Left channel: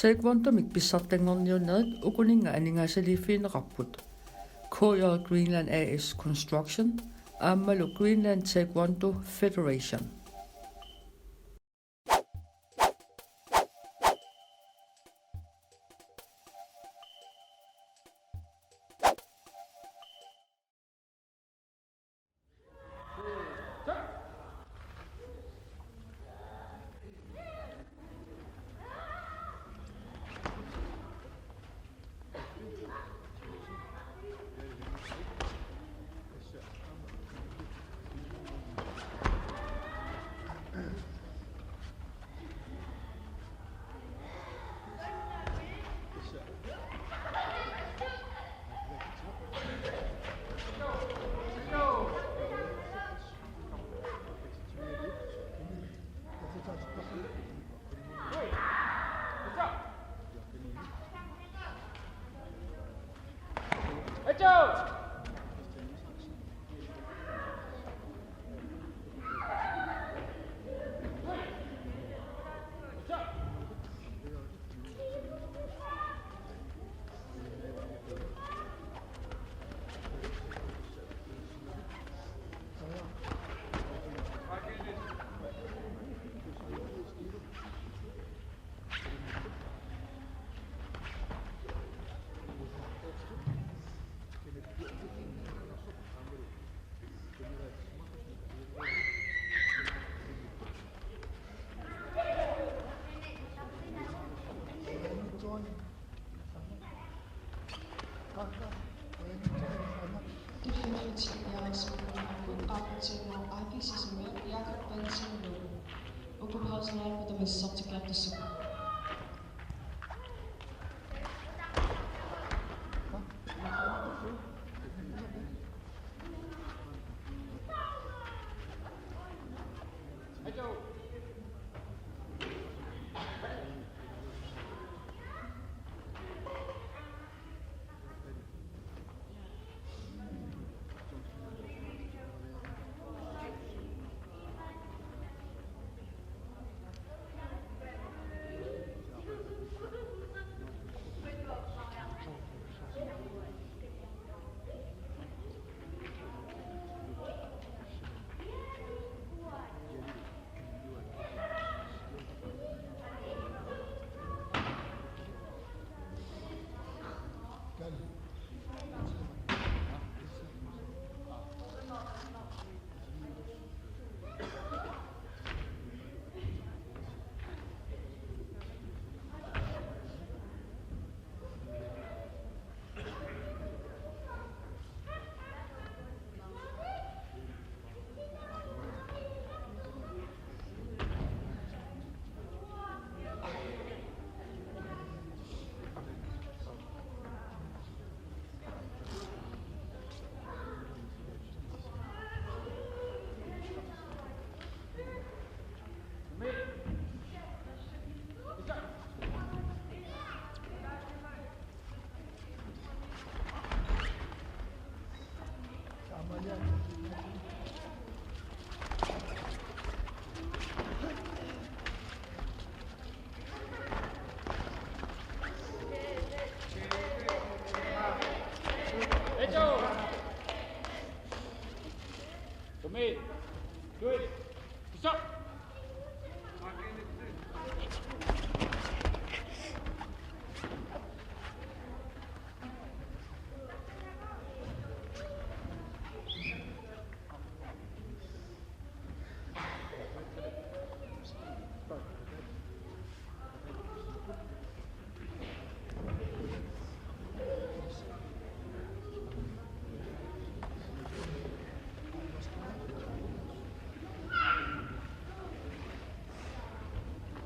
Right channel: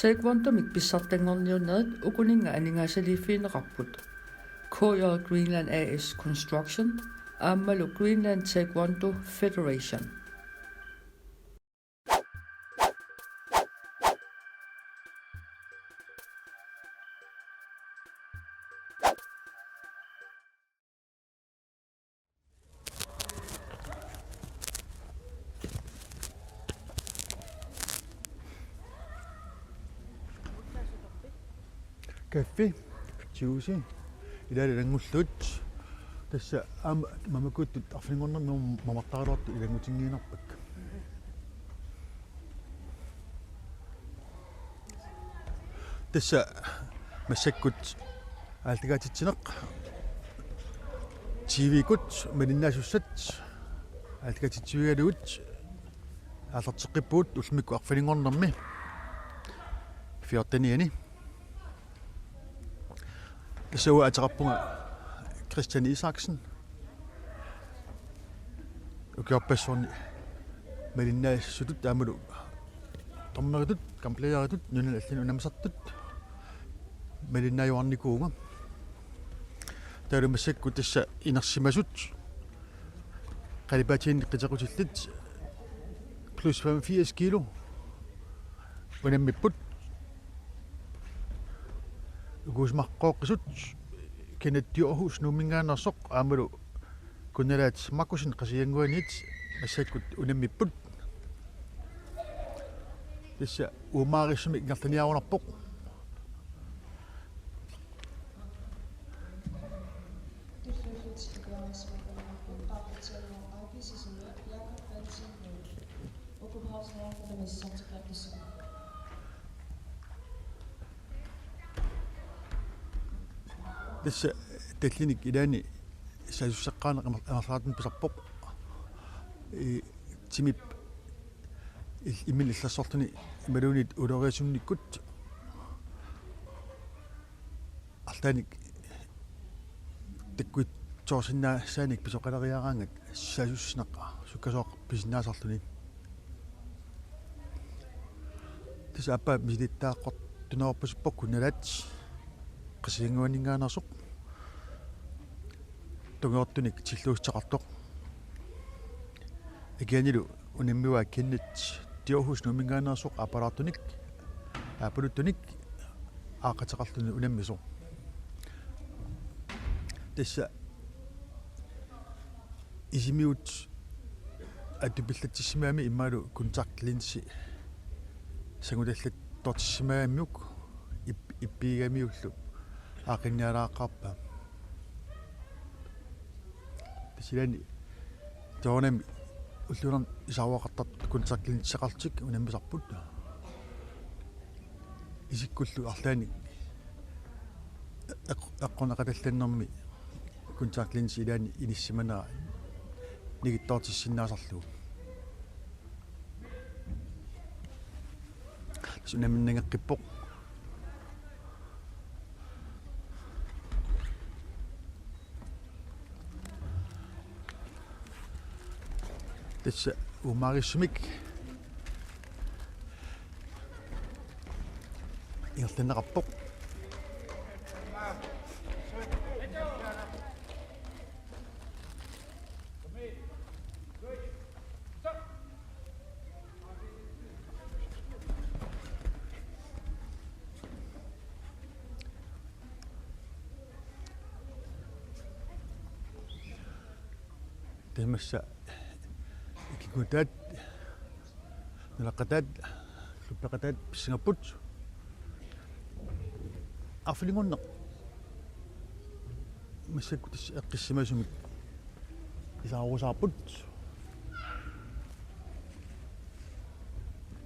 Taekwondomik pissartangorniunnerit ukuninga aningaasaliiffiineqarput. KJ Greenland AS Construction aammalu Greenland Taekwondo Federation. Kaffe, juicy. Idari rangullut. Tässä mamakut afringonna mamaktarat ilangutinniina. Tässä massakkut aaltagaatitsineq. TV-kut malinnaasussat aaltagaatitsivigalugut aallarteqqippuut ulmikku arfalingornermi. Fiortaniani. Så ataqarpunga Christian Isaksen ukiorpassuarni malinnaasussutut aamalu torneritut kampleeritut nunal allinu namasartut malinnaayuarnikuuma taalumassakku tassa inersimasut qalipaatiin qitequtillit plus 85 kilo unammipput uguusmarqooqqisut kinattiu'hus numingaannersoq aamalu kunalaat makusin qasianguanit assakkut unammipput tassa uumaarisumi ingertaniarunerpoq Tässä teklinik idani sasussaqqaaneq amarlaatun pisarpoq timip imillassortuni malunit uloriasumnikkut artaanik takkuit toorsinnaa saanik pisoqaleriaraangat sasussneqqa sukkasoq pisinnaasarluni tässä appa misilittaaqqort tunaorpasuppoq kunalat qasiinguaningaanarsoq tungeortunik tilluussaqartoq ikianilu unammiwa kinnit tiorhus numingaanarsoq apalaartunik apaluttunik aaqateqarluni unammisoq tassa isimiut atupillattissimaami immaalu kontaktlinsi sangutallat tortissimaamiuk ippiigamiullu aqinnialaaqarpa silani toonami ullunan isarwaqartat kontaktlinseqartik unammisarput isikkullu arlaani eqqunaqatallannermi kontaktlinsi ilaani inissimana nigittoortissinnaasarlugu sunamminangeqqippoq tässä uumaarisumik ingertanneqarpoq Tässä Kutat, nalaqatat, supaqatat Singaput. Aflingunneq. Massakkutis eqqissimasumik. Isaarusaarput.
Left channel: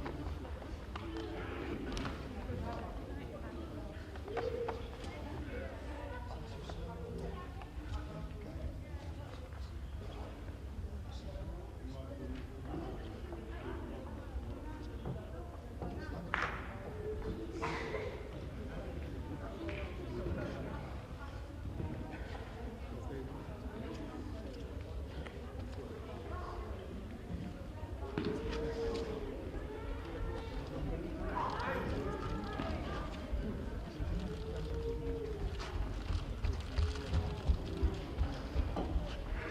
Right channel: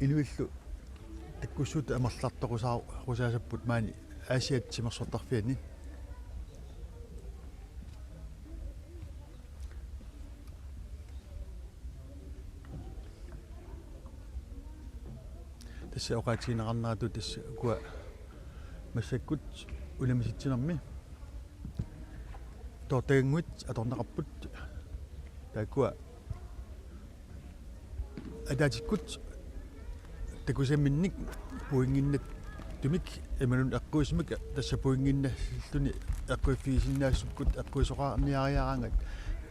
Inuillu akkussuuta amerlartoqusaa rusaasapput maani aasiatsimersortarfiani. Tässä oqaatigineqarnaatu tässä kua massakkut ulamisitsinermi toortaganguit atorneqarput taakua ataatikkut takusamminnik puinginnet tumik imanun akkuismik tassa puinginna tuni akkuifiisinaassukut akkuisoqaamiariaraanga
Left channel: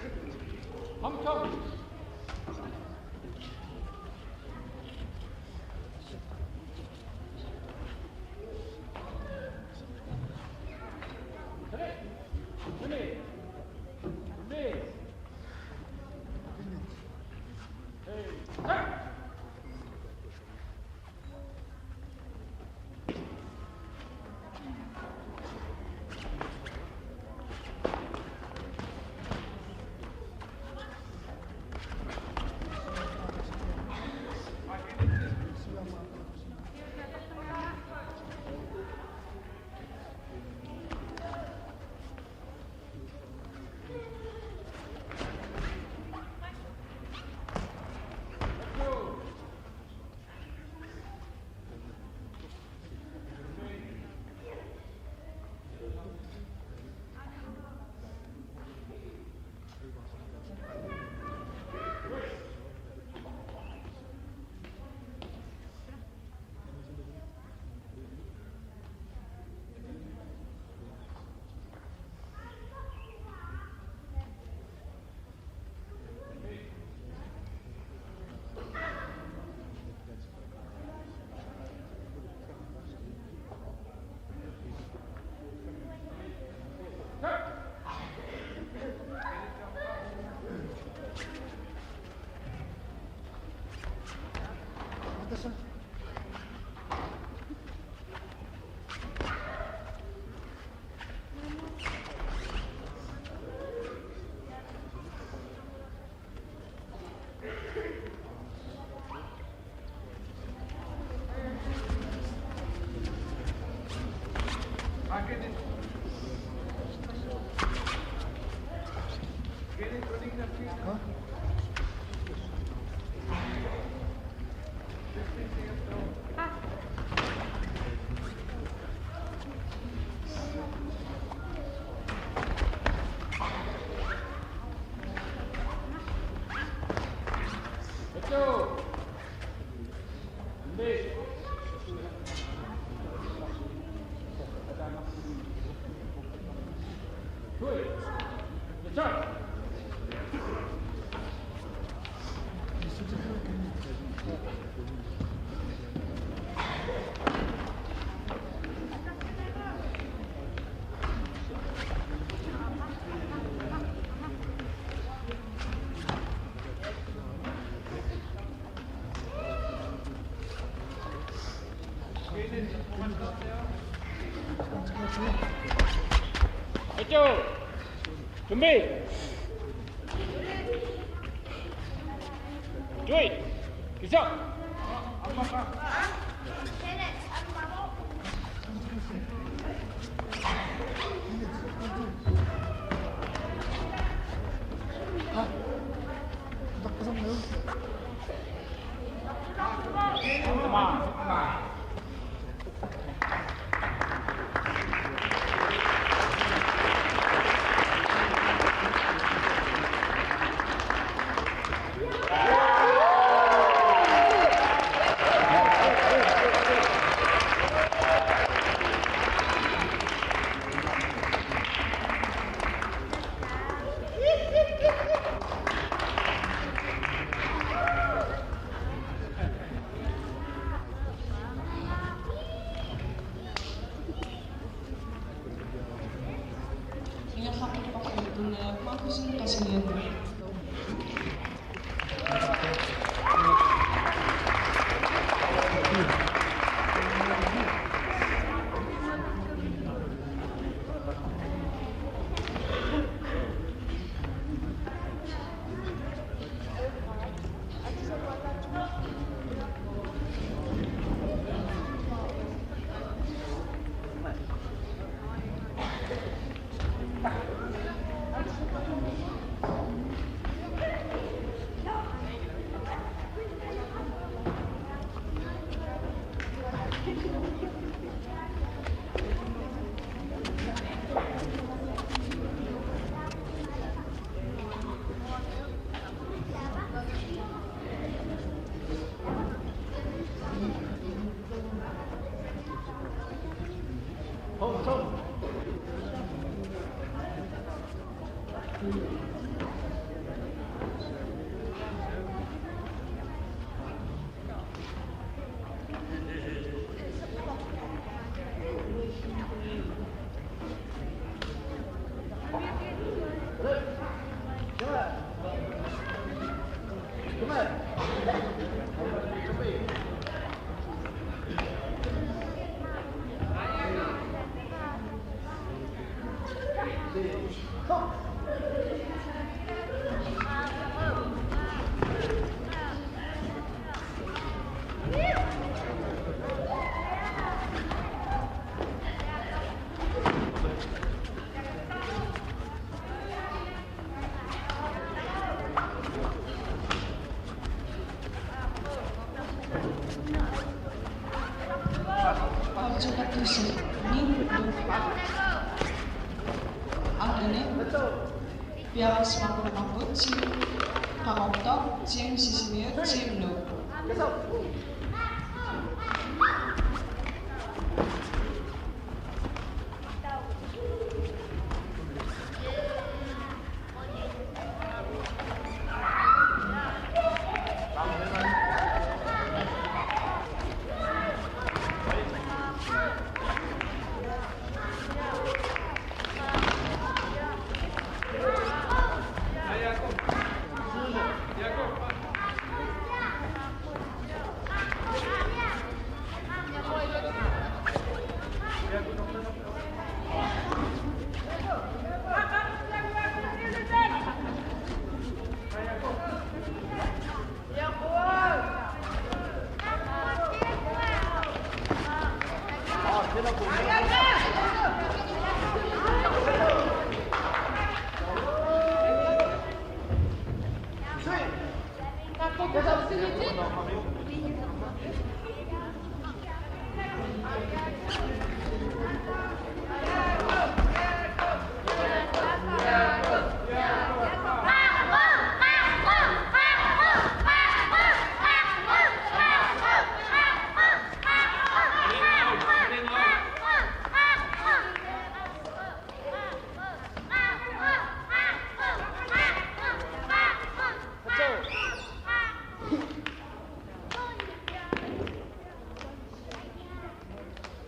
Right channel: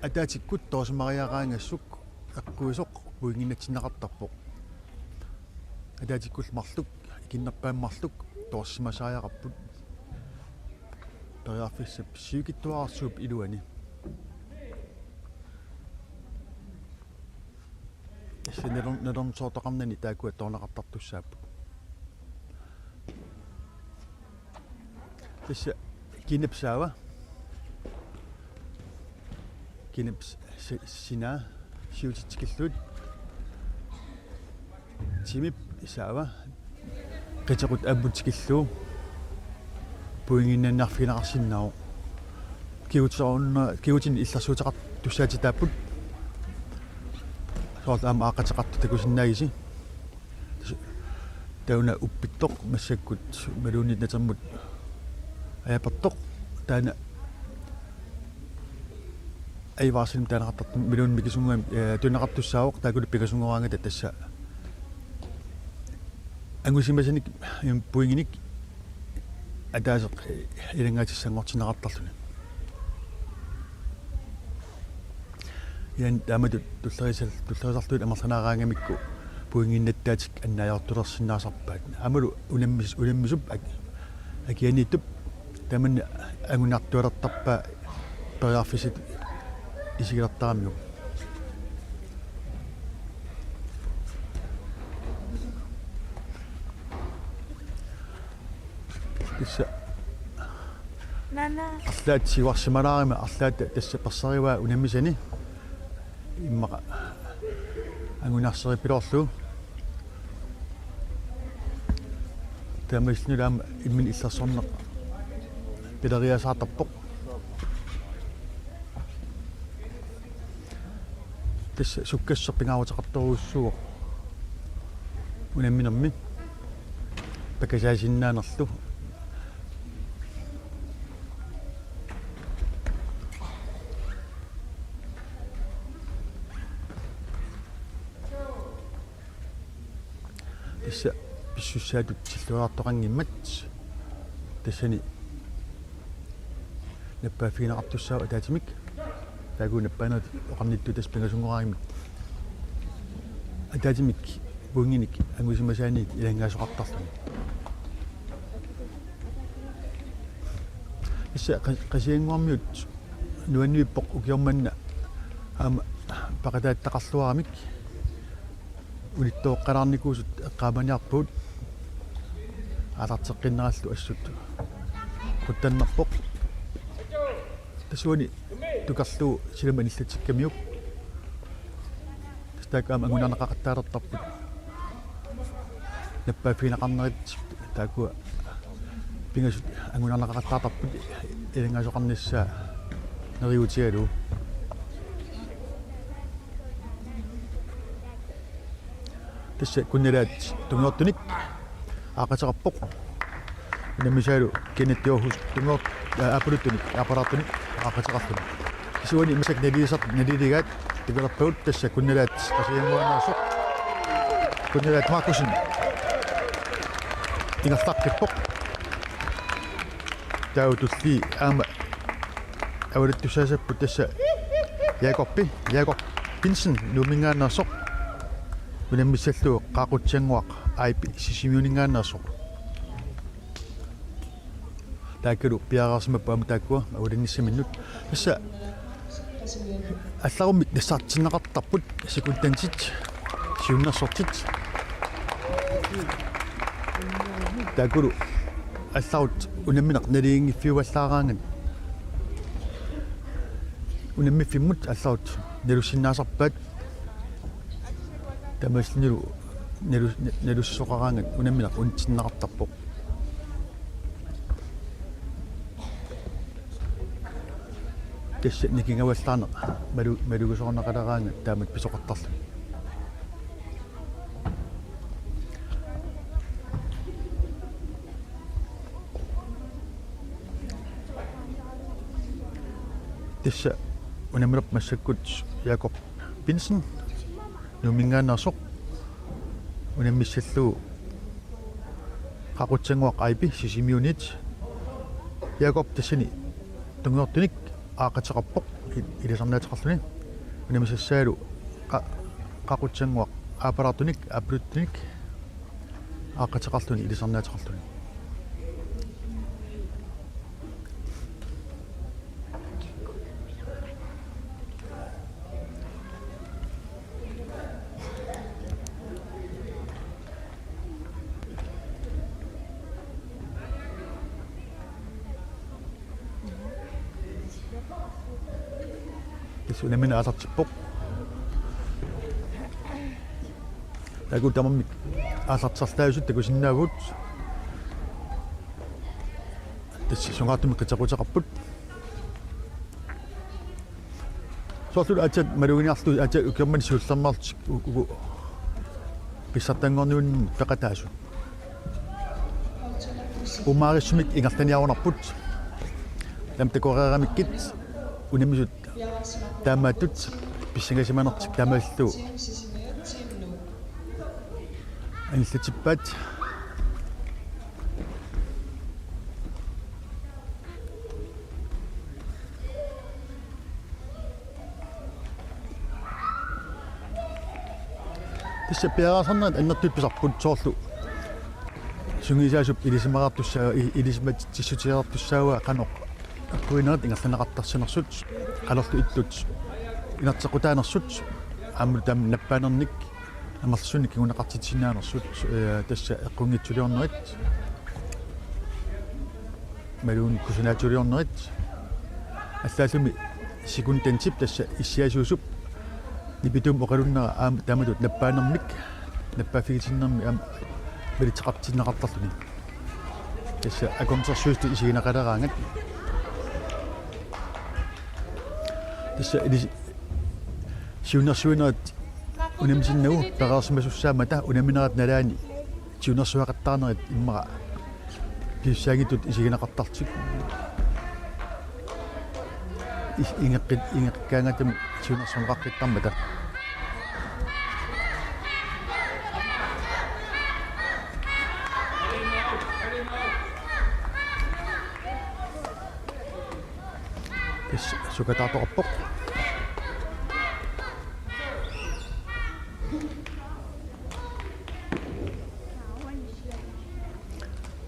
ataatikkut toosmariaraangassuk akkuisoq puinginnatsinneqartarpoq ataatikkul marluk kinnerpaammarluk toossimasaajararput toriarfissap siukittuarsuup iluani Nederm soortoqarnani taakua toornaqartartussaappu issa kinipsaawa kinips sinaa siutitsikillut timip isaawa qitequt aabbutikilluu puinginnannarfinaqarsinnao kiutin illersuutaqart tussaatitaapput soorta ama aaqateqartu takusinnaagisi tauna uppittoq massakkut maluunit natermut ayapertoq taana aivaarsinim taanaqartartu maluun mikisungami tunaqartussaawoq taakulu pikasungораангата тасса ангусимасаник puinginik атаасеқ илангаатиссангортинеқартарлуни ян таамату туллерисарлуит амерланаараангамикку puinginnаттаатик аннаajortulersinnaasarpaat амалу уламмисуп акианиттуп таманна агунартуалертарпаа периарфисит исигилертарамиу тисса нана арлаат сиварсималаарима арлаат тасса персариваа унаммисани иммаqa агунарсерипилорлу тамаснилаама иммин иллерсорнеқ пилериасаартарпоқ тасса суккассерпингаарутеқарторуuссуоқ унамминерми такасаасиннаанерлу писсуссаатут силлуаартоқангиммат тассани наппаафигилеқартуссаа таатимик таагунаппаанут оқамнитту тас пингасунгораагимик атаатимик бунгиник ангусимасаани илангаасоқартарлу исса қасиангуармиут нуаннуиппоқ укиорманна ама пақатааттақарлуарамик улиттооққалаарникуусут аққааманиарпуут алартеққиннераллу ассут уттаннерпоқ асуани тукарлуу силаман иллатиккамиук стакаама амунанеқақаттаалертарпу наппаафинеқарнерит таакуа пингас амунанеқақаттаартарпут илангасоқарниссаа нериутиалу тисса куннилаат тунгортуник аақатеқарпоқ намисаалу киниттиорхус тунгорт априкуник апаратуник аақатеқарпоқ сиуани мисат налилигаат тигерпаут тасса куннилаат асуунернерсоқ куннилаат маакусин тигартарпоқ таутулли аама авалиттусаасаппу тасса Jakob Pinsen нумингаанерсоқ унаммиссаллуу qaaqutsianguaq аипи сисимиунингаанерсоқ тааккалу пиараарсимаппу ама тааккуа улинниссаминнут исса алларумми нассаартиннеқартарпут сикунтансит сиуннерсортит тааккалу алларут унамминеқ налиингиффиуаллаараанган унаммиффиммут алларут налуссиннаасарпаат тамаснилу налуссоқараанган унамминеқ унтиннеқартарпоқ кэсэ никингаваллаана малугусоорнеқалераанга таамат писоқартарла тисса унамминеқ массаккут Jakob Pinsen нумингаанерсоқ унаммиссаллуу qaqutsanguaq aipi sisimiunit piaqop tassani tungeortunik aaqateqarpoq ilisarnaatiqarluni nimisassaalu qaqutsanguaq aapalartunik aapuluttunik aaqateqarluni ilisarnaatiqarluni Sinamina asartippoq taku tamam asartsartaasut takusinnaagut тассисугаатуну китсакутеқарпут фосул ачат малугиниарлу ача укерман сууллермаартик угу писсартангорнуунни пеқатаасу умаарissumik ингартаниарунарпут амтакореерамиккит унамисут таамааттут писсигасиманертик таамааллу аниллатиппаат тисса пиарасарнерат аннертипписарпут соорлу сунгисаасуп илисимараартуссаа илисимат тиссутиарартуссаауа канеқ уинат ингерланеқартарсинерсут қалерлу иппут инартеқутаанерсут аммутам наппаанерник амерлсуник кунеқартитсинаанерсут тасса аққунгитсулиорнерит малуун кусинаатулиорнерит аллаасуми секундентип тасса иссиасуусуп ипитум оқалуннера аам тамалут наппаанерник наппафигисиннерни аам билитеқартиннеқартарлу тасса аконсерсуусту исигинеқалераанак сиунерсуинерат унамсиннагу пераерсимасуссаамата унаминерат налаани сиунерсуақаттаарнерит иммара писсаагитут исигинеқартартик ингеккаанакум сиунерсуақартармата сукатаатоқарпоқ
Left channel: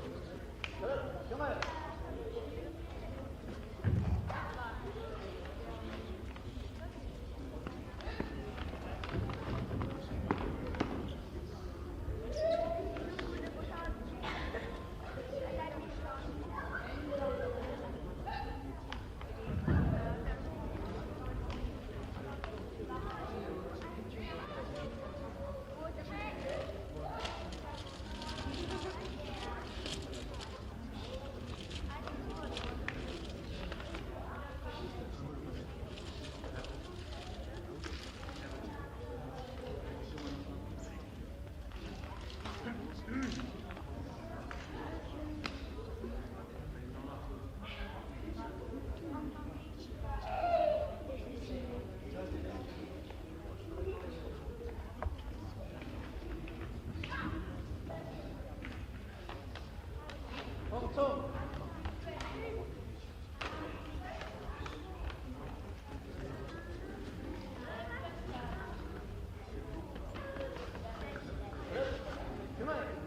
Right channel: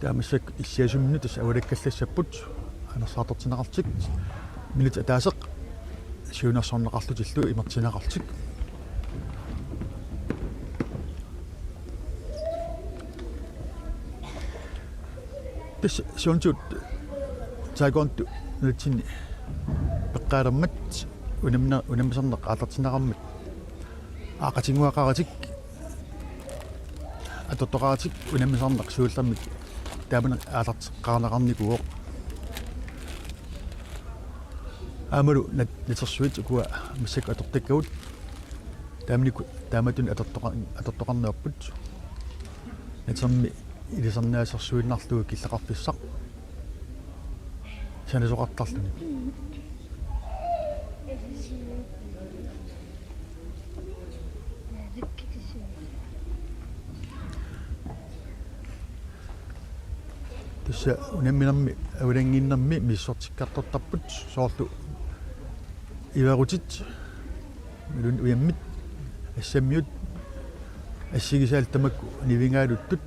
таамассак иссиасумни тас авалаккаллассаппут анерсаатертинеқартик минут атаасеқ сиунерсорнеқарлутиллу имертинеқартик тас сиунтут тайгонту нутсини пеққаалермат унамсернеқ аалертинеқармат аақатингуақаратик атоттоқаратик унамсернеқ сууллермик тааманеқ аалертеққарнеқарникуоқ амалу натерсуит куа мисак атортаккаут таамнику тааматун атоттоқарнеорпут натерми илисернаасерсуиннарлуги киллеқарписсақ санасоқартарлуни тасса унамминерми авалангиннэрми миссортиккартортарпут соорлу иварутит милун уяммит ассаммиут ассигисаал тамакку нивингаалуттут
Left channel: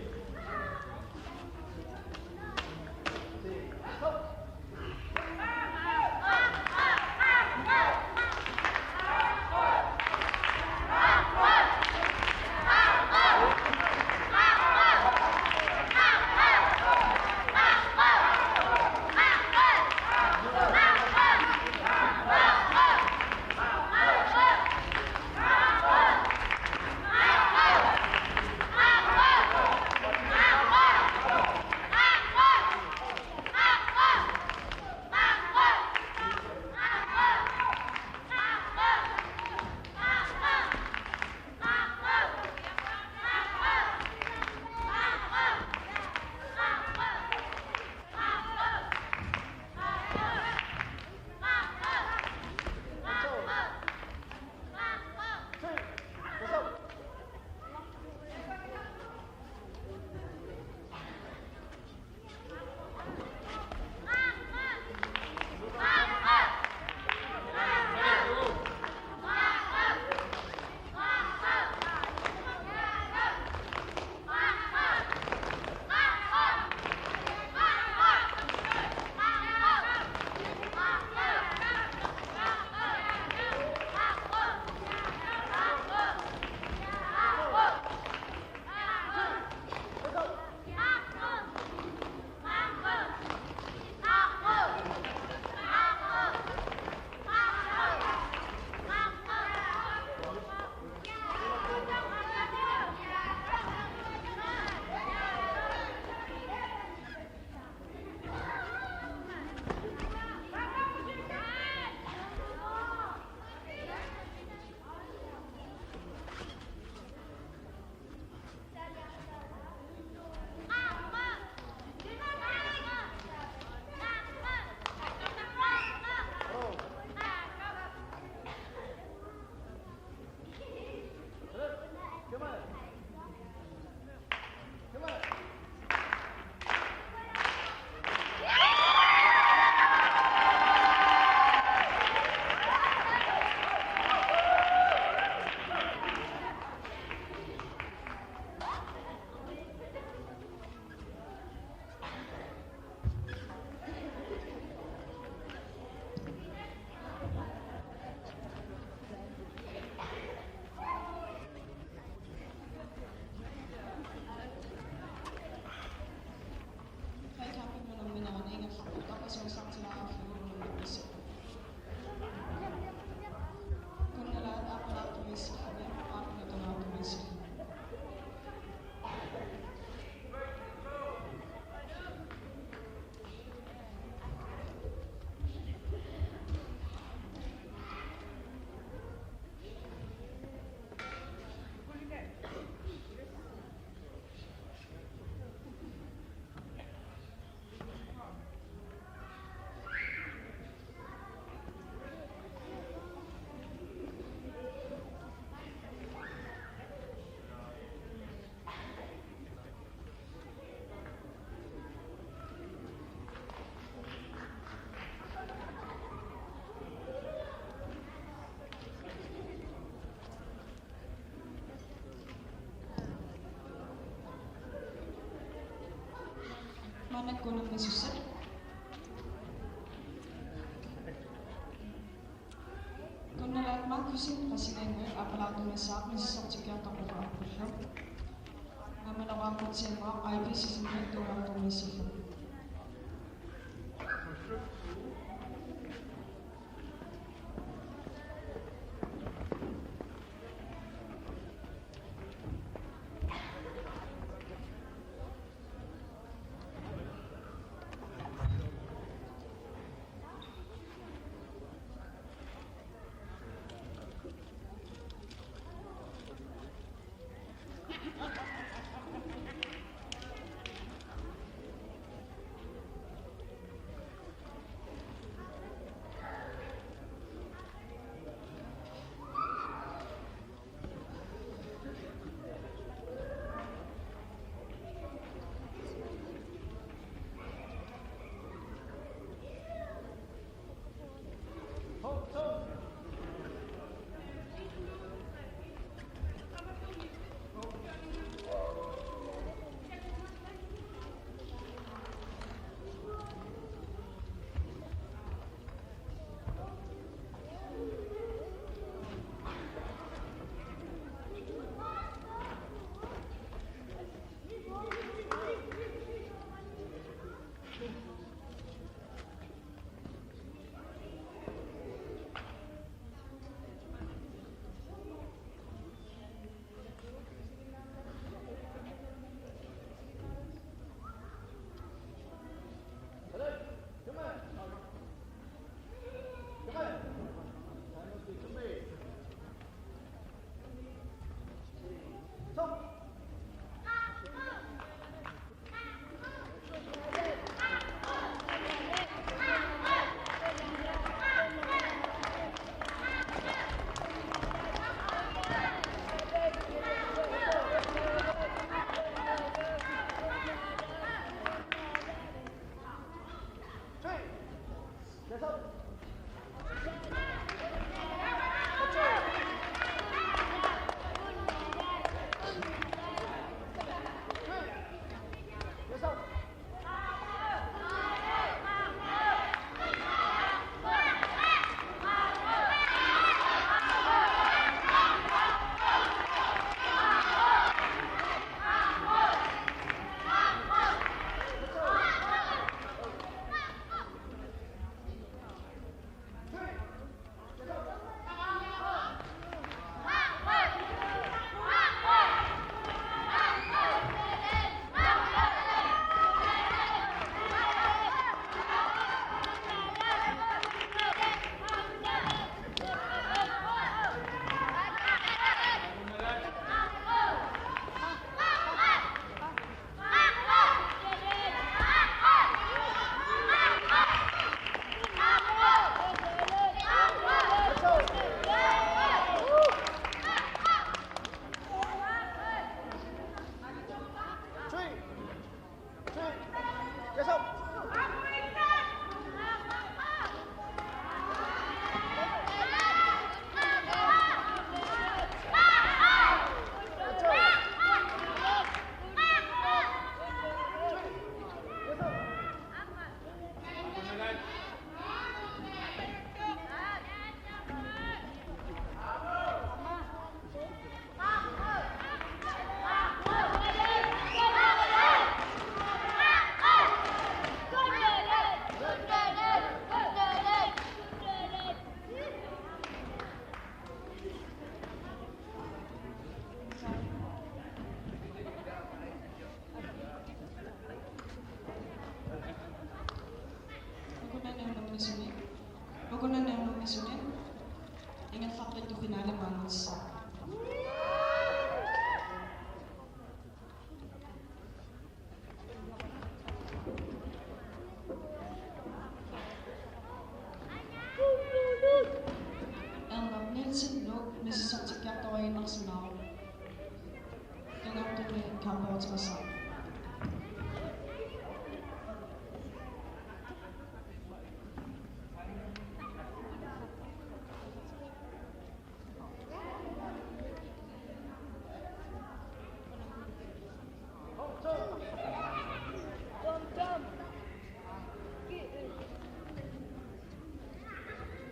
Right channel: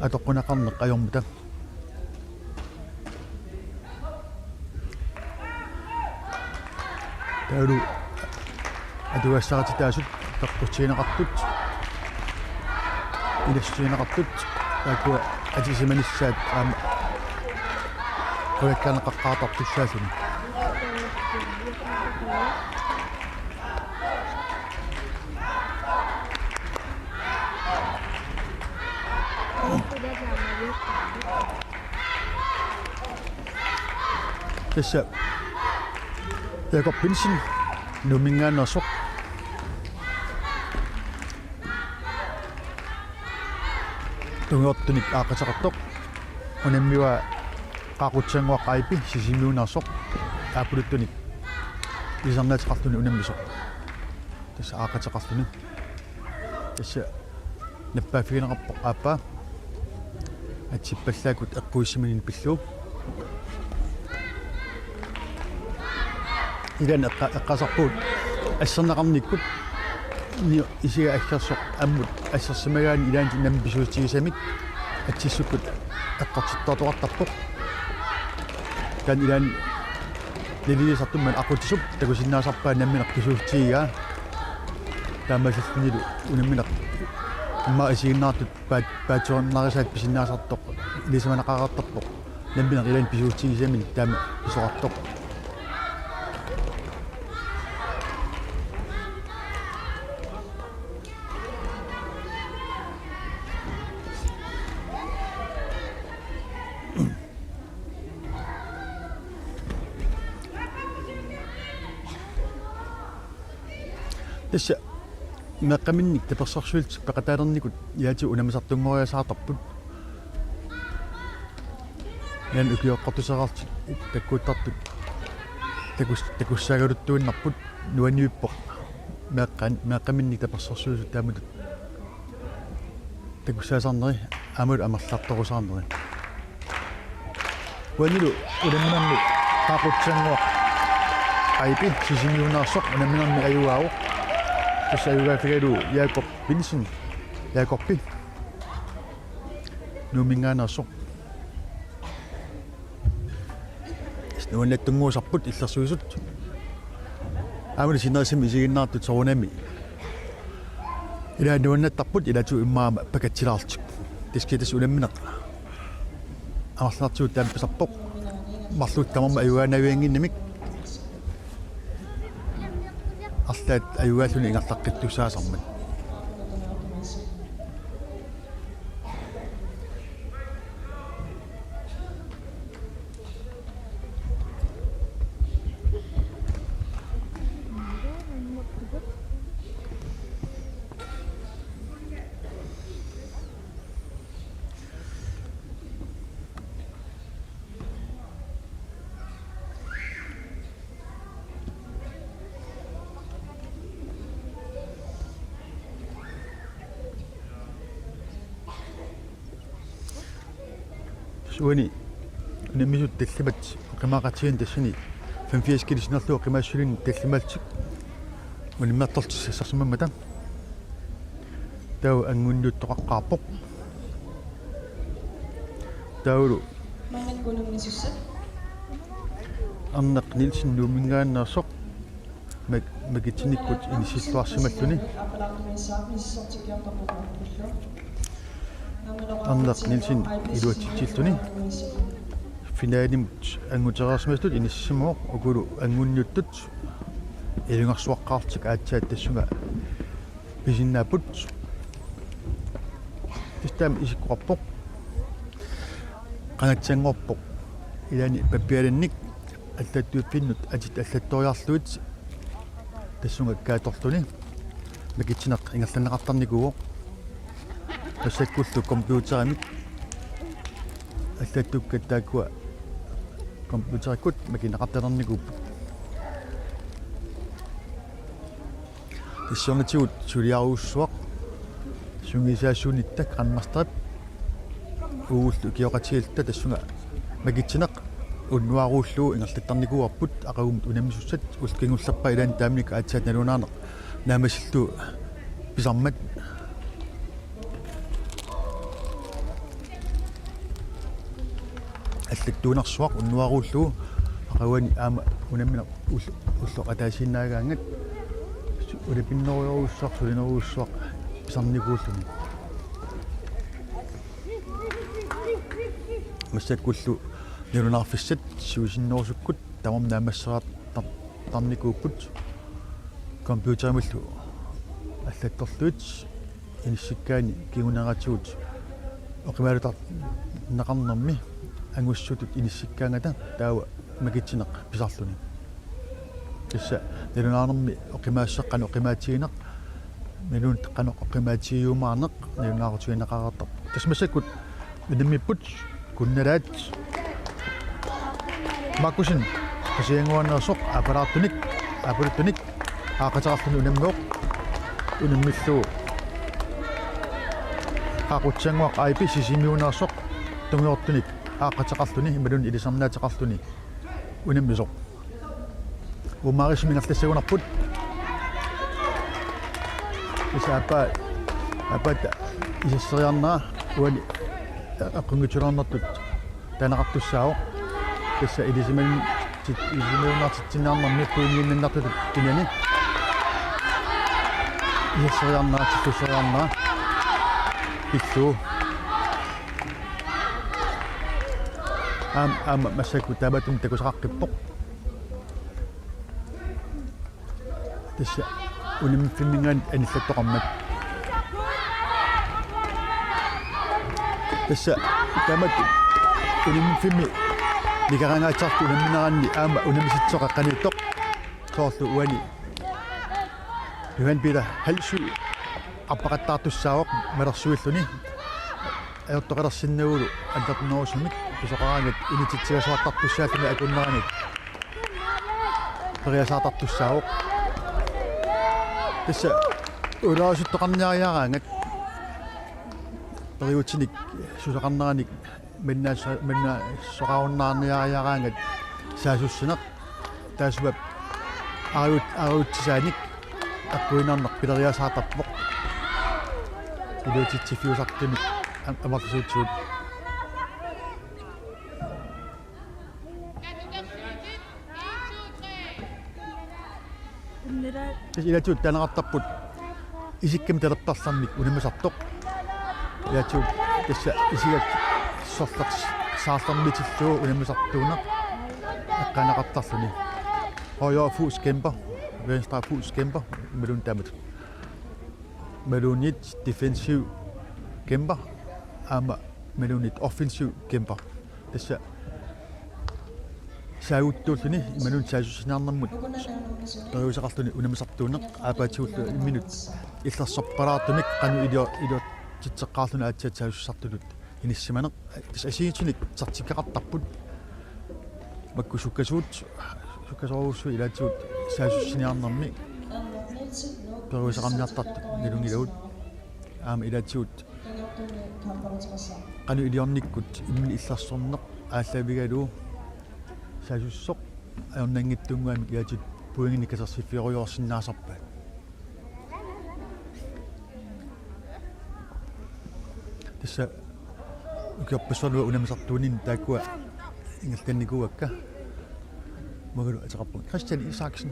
атоққунақарнеқ ajormuta таалу адуассаратитаасут тоққутсиинеқартут илэрсуинеқартут таакуа атисиманиссаат аама коякканеқаққаатартуссаасуни тасса якоппинсин нумингаанерсоқ тунготтуник аақатеқартоқ унаммиуа qaaqutsanguaqqaipi sisimiunersoq aapuluttunik isarnaatiqarluni unammisoq tassa aaqateqarluni tassa nappaafigineqarpoq aappaa итсиппаллаакут эққуиссиминин пиллуу илан эққасарпуут ассернеқарниккут исига аллерсоқ аммут ассерсимагаани илаанти нам писуутигисамик атсиссуккут эққартиттортоқартарпоқ кан илаан лилисартумман ақутисуп такусиннаасарпаа намминеқ писуутигигаа таамасиллнилу унамминеқ имма исигиннаартут паатсуарнарисаат писиннаасартоқ илисаманақараартарпоқ намминеқ илаан писуутигисамик таама писоқартоқ tässä meqqaminnik tapersarsuult peqataalernikut yaati unamisartunngoriasaartarput yan ukioqqortuseraarti takkuuttartut takussagaluttuinnarput nuaniuppoq meqqaminnik tapersarsuusut taamutut takussaasarneri amul amerlartorusaarneri wanilu ulamminarni qaaqutsanguaq aipi sisimiunaarsoq namminarni ayuaauq Sayugafigeru Jakob Vincent Jakobi Numingaanaarsoq nuannattunguusarput illersuisut aamuli sinerisimi isiginnaartut sorunami ila nuannattarput ilatu immaama pakatsilaartik tiskitas ulammineq amarlartuut taampisarpoq marluut tamarma ayugaanavianginnimik арлаат аюгааллуни ингерлаққиттусаасармат suani nimisut tallimat qimaqatigan tassani 85 kilisnerlu qimaassulin tallimaltik unimmertortissassarsumammata tau angunnuuttoqaqqaarpoq taulu arneq Nielsen nuumingaannersoq magitinikkut inissilluarsimalluni Arneq Nielsen iluatitilluni finaalimut anguteraarsmastut inissimuoq ukulu angunniuttut ilungarsuaqqaartik aatsaat tassunga pisinnaaput istam isikkuqarpoq qanatsiangorpoq ilani pappialannik аллаттууппиннут атит аллатториарлуит тассунга кааторлуни макитсинеқ ингерланеқартарникуо тассаккуллу компьютерамик аллаттуккаттааккуа компьютериккут макинеқарталерникууппут тассунгатигут сулиаруussуақ сунгисаассуунитта қаннартарап ууллу киоқатигилта тассунга макитсинеқ уннуарууллуу ингерлаттарникуарпут ақагумут унамисуссат улкингуллерпа илаан таамник аатсаат налунаанеқ наамасиллу писармат аллаттуунарсуақ уннуарууллуу ақагуани аама унаммина улло атаасиннаагаангат улипиннеруйоруссуақ сулинеруйуссуақ писарникууллуни массаккуллу нерунаарфиссат суисиннерусуккут тамам наамассераат тарникууппут компьютермиллу аллатторлуит иниссиккаани кигунератигут оқимаалутар неқарнерми ангуссутут иниссиккаангата таава макитсинеқ писарлуни кисса нерунаарнерми оқимаассеққану оқимаатигинеқ нерун теққану оқимаатигиумаарнеқ нерунаарутигинеқараартар тасмассаккут нэммиппут kunnalat makusin kasianguannersoq aparaattunik apultunik aaqatararluni unammoq unammilu qaaqutsanguaq IP sisimiunersoq tungiortunik aaqataqarluni malun ilisarnaataqarluni unammisoq umaarisminartassagunarput isappa apata isseriarnaa uani aqungutulornertut tanaqartussaavoq tassa ilisimaunartitsinnaarnermi puuniunnartut tinani isseriarnaatisseriarnaa pittu massaku tabatum takusaqaqippoq tassa unimfinningaan anillattoqarmat tassa tamat unimfinni likarangaatsartu unamminaranni aama unamisitsoqaqqaniittoq soorlu uani Johan Peter halsu appaqattaartussaawoq malersuilluni ayortoqalersinnaguulu antarnerusumik kusaqaraangat unititsigasуартартуссааллуни акуннераник периасаартартуссааwoq тасса улаасуттоқарниариараангат периутиник сусақарнераник минна соқаруннаарниариараангат саасуссунеқ таасуап аруутсааник аккуинаарнеқ пилериасаартарпоқ илуутитсифиусартимик амартусуутсуут илатуут танеқартарпут исиккам талертарлармик унамасартоқ илатуут тасса исигат сорферс саарлармитиллуу унамасартуунеқ аққанеқартарлуни højere fus kæmper, venstre fus kæmper, melun damet. Melunit defensiv kæmper, melunit offensiv kæmper. Det ser ud til det, melun sajusinarnamut. Perusaqarluni unamasartuuneq aapatuut minut. Illa sopparaatunik qanu idio titseqqaarluna aatsaatsaajussartulut. Inissimane asiitunik sertifikaqartarput. Makkusukkasuut kasoorusu ilaatuut saasussiniarnermi peruisaqarniartartu milungilagut ilaatuut qanu iliornikkut immi illarsorneq ааllavigaluu saasussoq aornangittunguami ilaatuut puingini kasersifioriorsinnaasarpa tassa ukiorpassualua unamisartuunin taakkua ingaltannikuakka Magalu ataqarput Christian Isaksen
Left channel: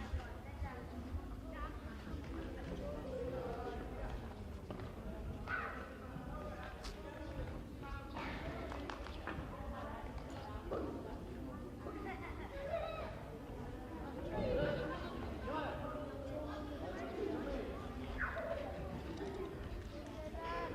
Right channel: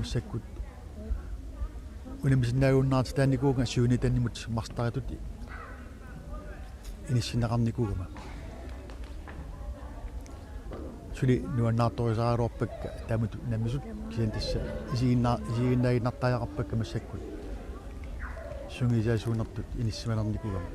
Isakkut unamisinnaagуннаарти таанникууга сууни таннимут марстаратут инисиннеқарникуугама сули нуаннаарторисааруарпак таамут наммисут кисин тасса исигиннаагиннартааяқарпакка массаккут сунгисаасуунертут иниссималерникуугама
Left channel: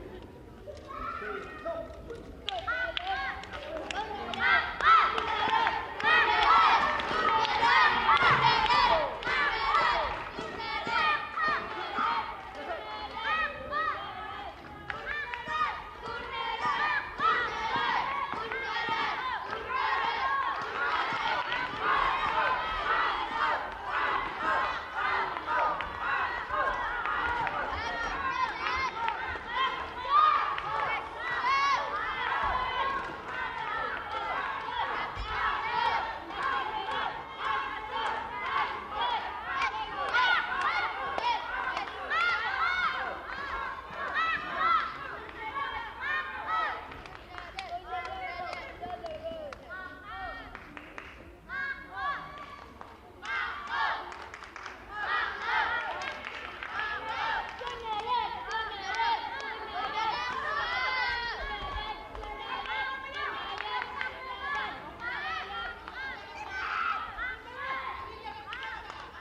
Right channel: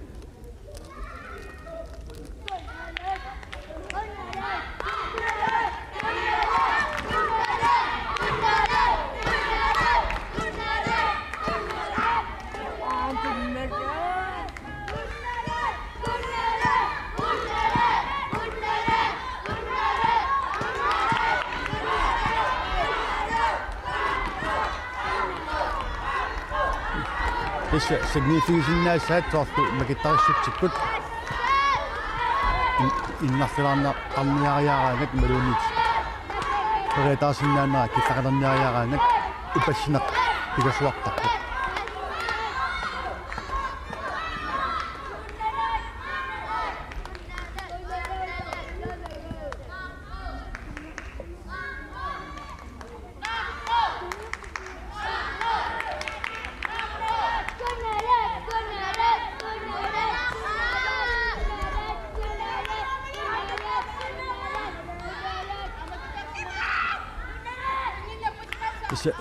signifiisinnaassaat soortu makittarissutsikkut innarfilarnaqarniariaraagat malunit peretaarsinnaanera kissaqalerniariaraagat ipassinaq pikasuartarpu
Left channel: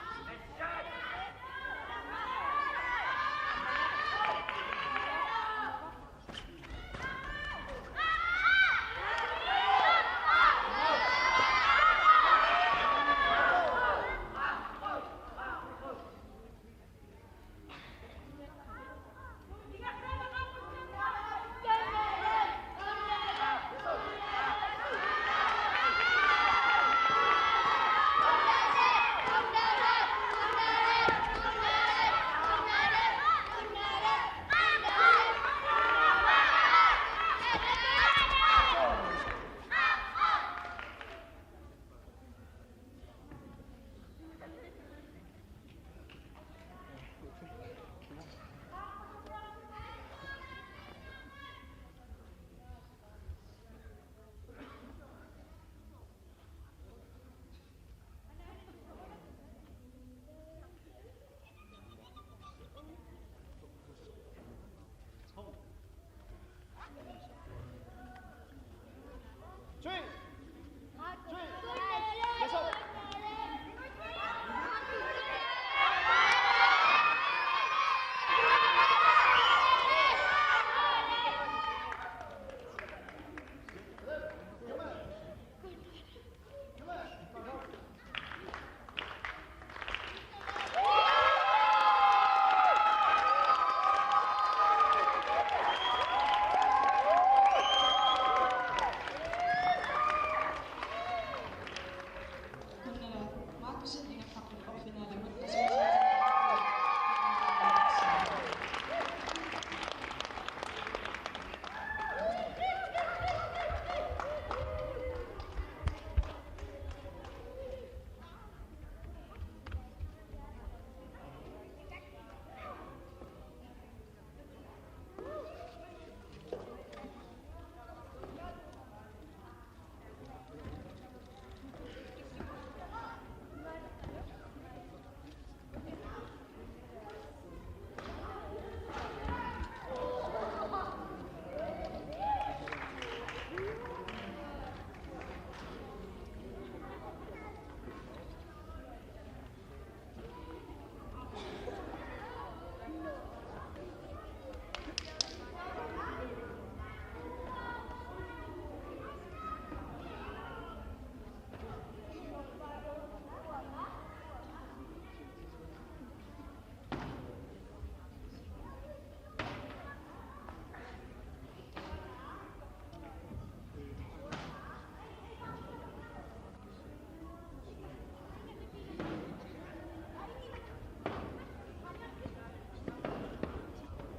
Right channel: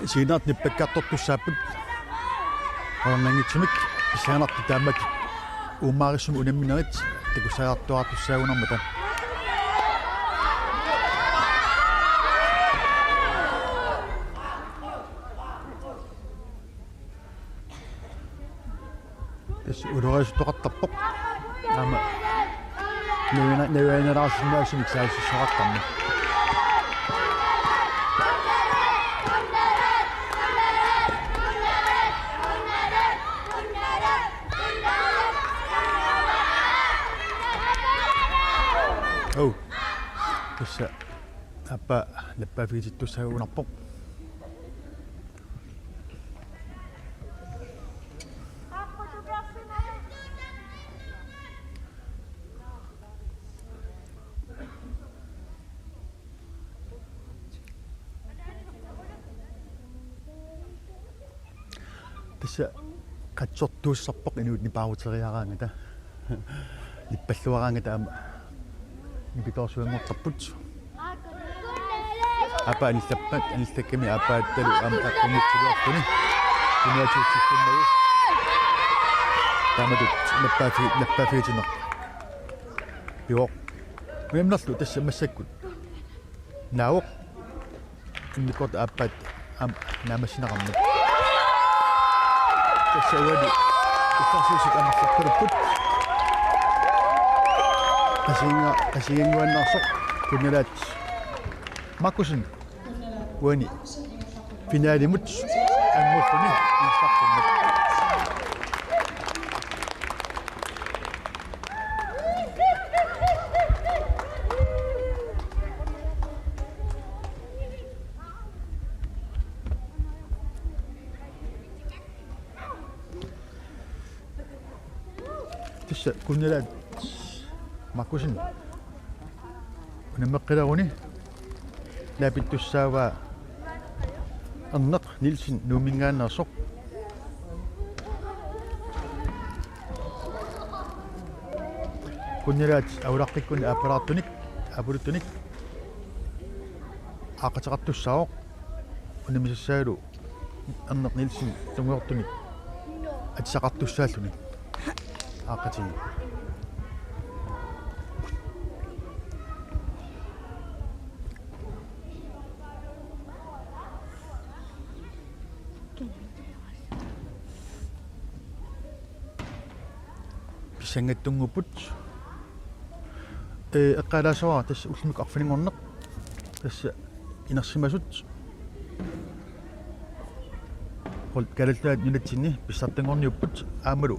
Siinaat nippakkaartortussaaput ornangitsumik isianartu taammat uummaarissum unamminerit takussaartuartussaagunarmata ис улураасутоқартарпоқ аама невианераарсиннаасимик саассақартарна Oh. Tässä läppää fiisit tuossa unappo. Tässä katsottuussappoq inuut nipaaruteriaraangata. Lippalluaraangata nipitorsuanngortarput. Apa anillappat anillakkami apaattalu aqungitsuluartuni. Kunuatuutikkunnagu. Tamatut lappaafiitineq. Joo. Memnerlu tässä massakkut. Nauq. Innikort appaat naamassinaqarnut. Tässä uadi. Tässä ammassaqqulut. Asiinguannarsoq kunalaat Makusin uani finaalimut anngulfuni instaqqunnut. Tässä kunalaat Makusin unammeqqilaguni laapittussaava erneq Nielsen nuumingaannersoq kunnalaat aulaqqikkunni aapalaartunik apuluttunik aaqateqartussaaoq unamissassaalu erneq Nielsen tungeortunik atsaqartussaalluni aaqatigi. Sangattunguput eqqalaasuara tassa ullimik arfiningorneq tassa inersimasut qol kalallaat nulatinni pissartangorniupput aamalu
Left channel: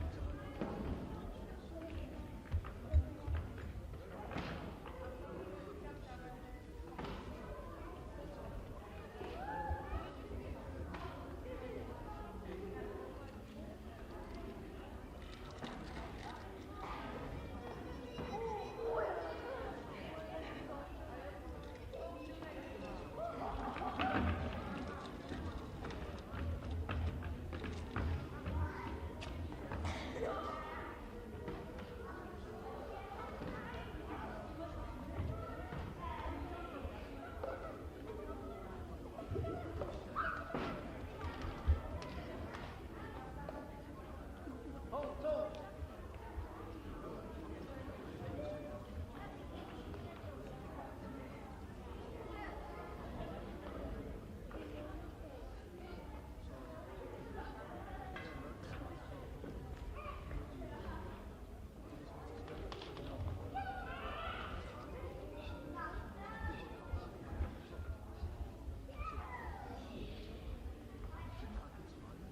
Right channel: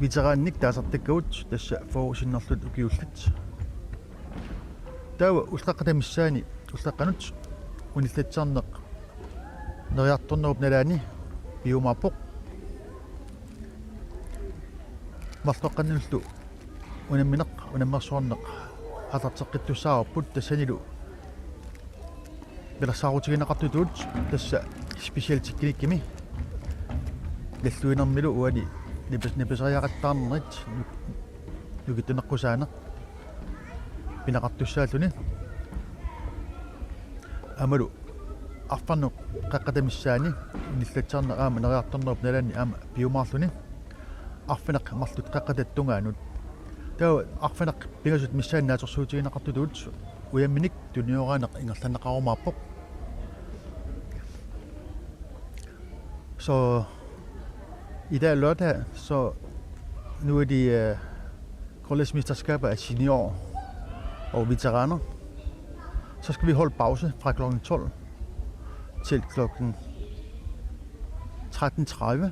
veteraannik taasartakkavut tassa forusinnerlut ukiullat taava ulqaqqatamissaani ulqaqqanut unillatsarneq neriartornerup nalaani piumaappoq Martoqqannullu unammineq unammersuarneq atarteqqittussaarupput tassanilu pelassaaruutiginaqartutuut tassa specialtikkinikimi lalluinermilu uani nipaseriaqattaarnerit lukittuneqqusaaneq pinaqartussaalluni amalu arfarneq qaqqatamissaani nillatsaarneq aama neriartornerup nalaani aama piumaarluni arfineq marlut qaqqatattungaanut taa arfineq pingasut missaannaatorsuutiginaqartutuut uyamminik tuniooraaneq ingerlanneqarumaappoq så i dag lørdag så nu er de college-mesterskaber af senior og veteraner. Så skal vi holde pause fra kl. 12 til kl. 13:30.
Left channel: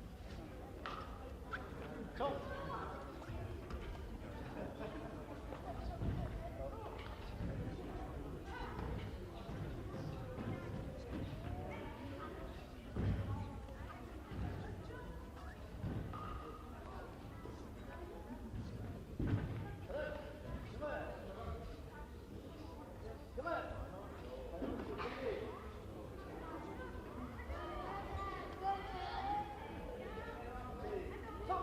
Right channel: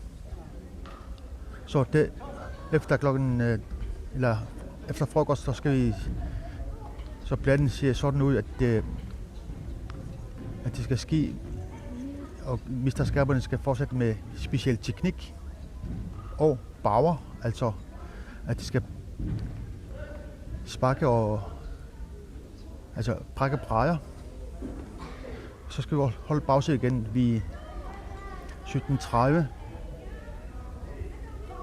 Så det efter eller efter frokost, så skal vi så planen ser sådan ud, at det skal ske, og mesterskaberne skal fortsætte med speciel teknik og power, altså at de skal sparke og altså brække brædder. Så skal vi holde pause igen ved 17:30.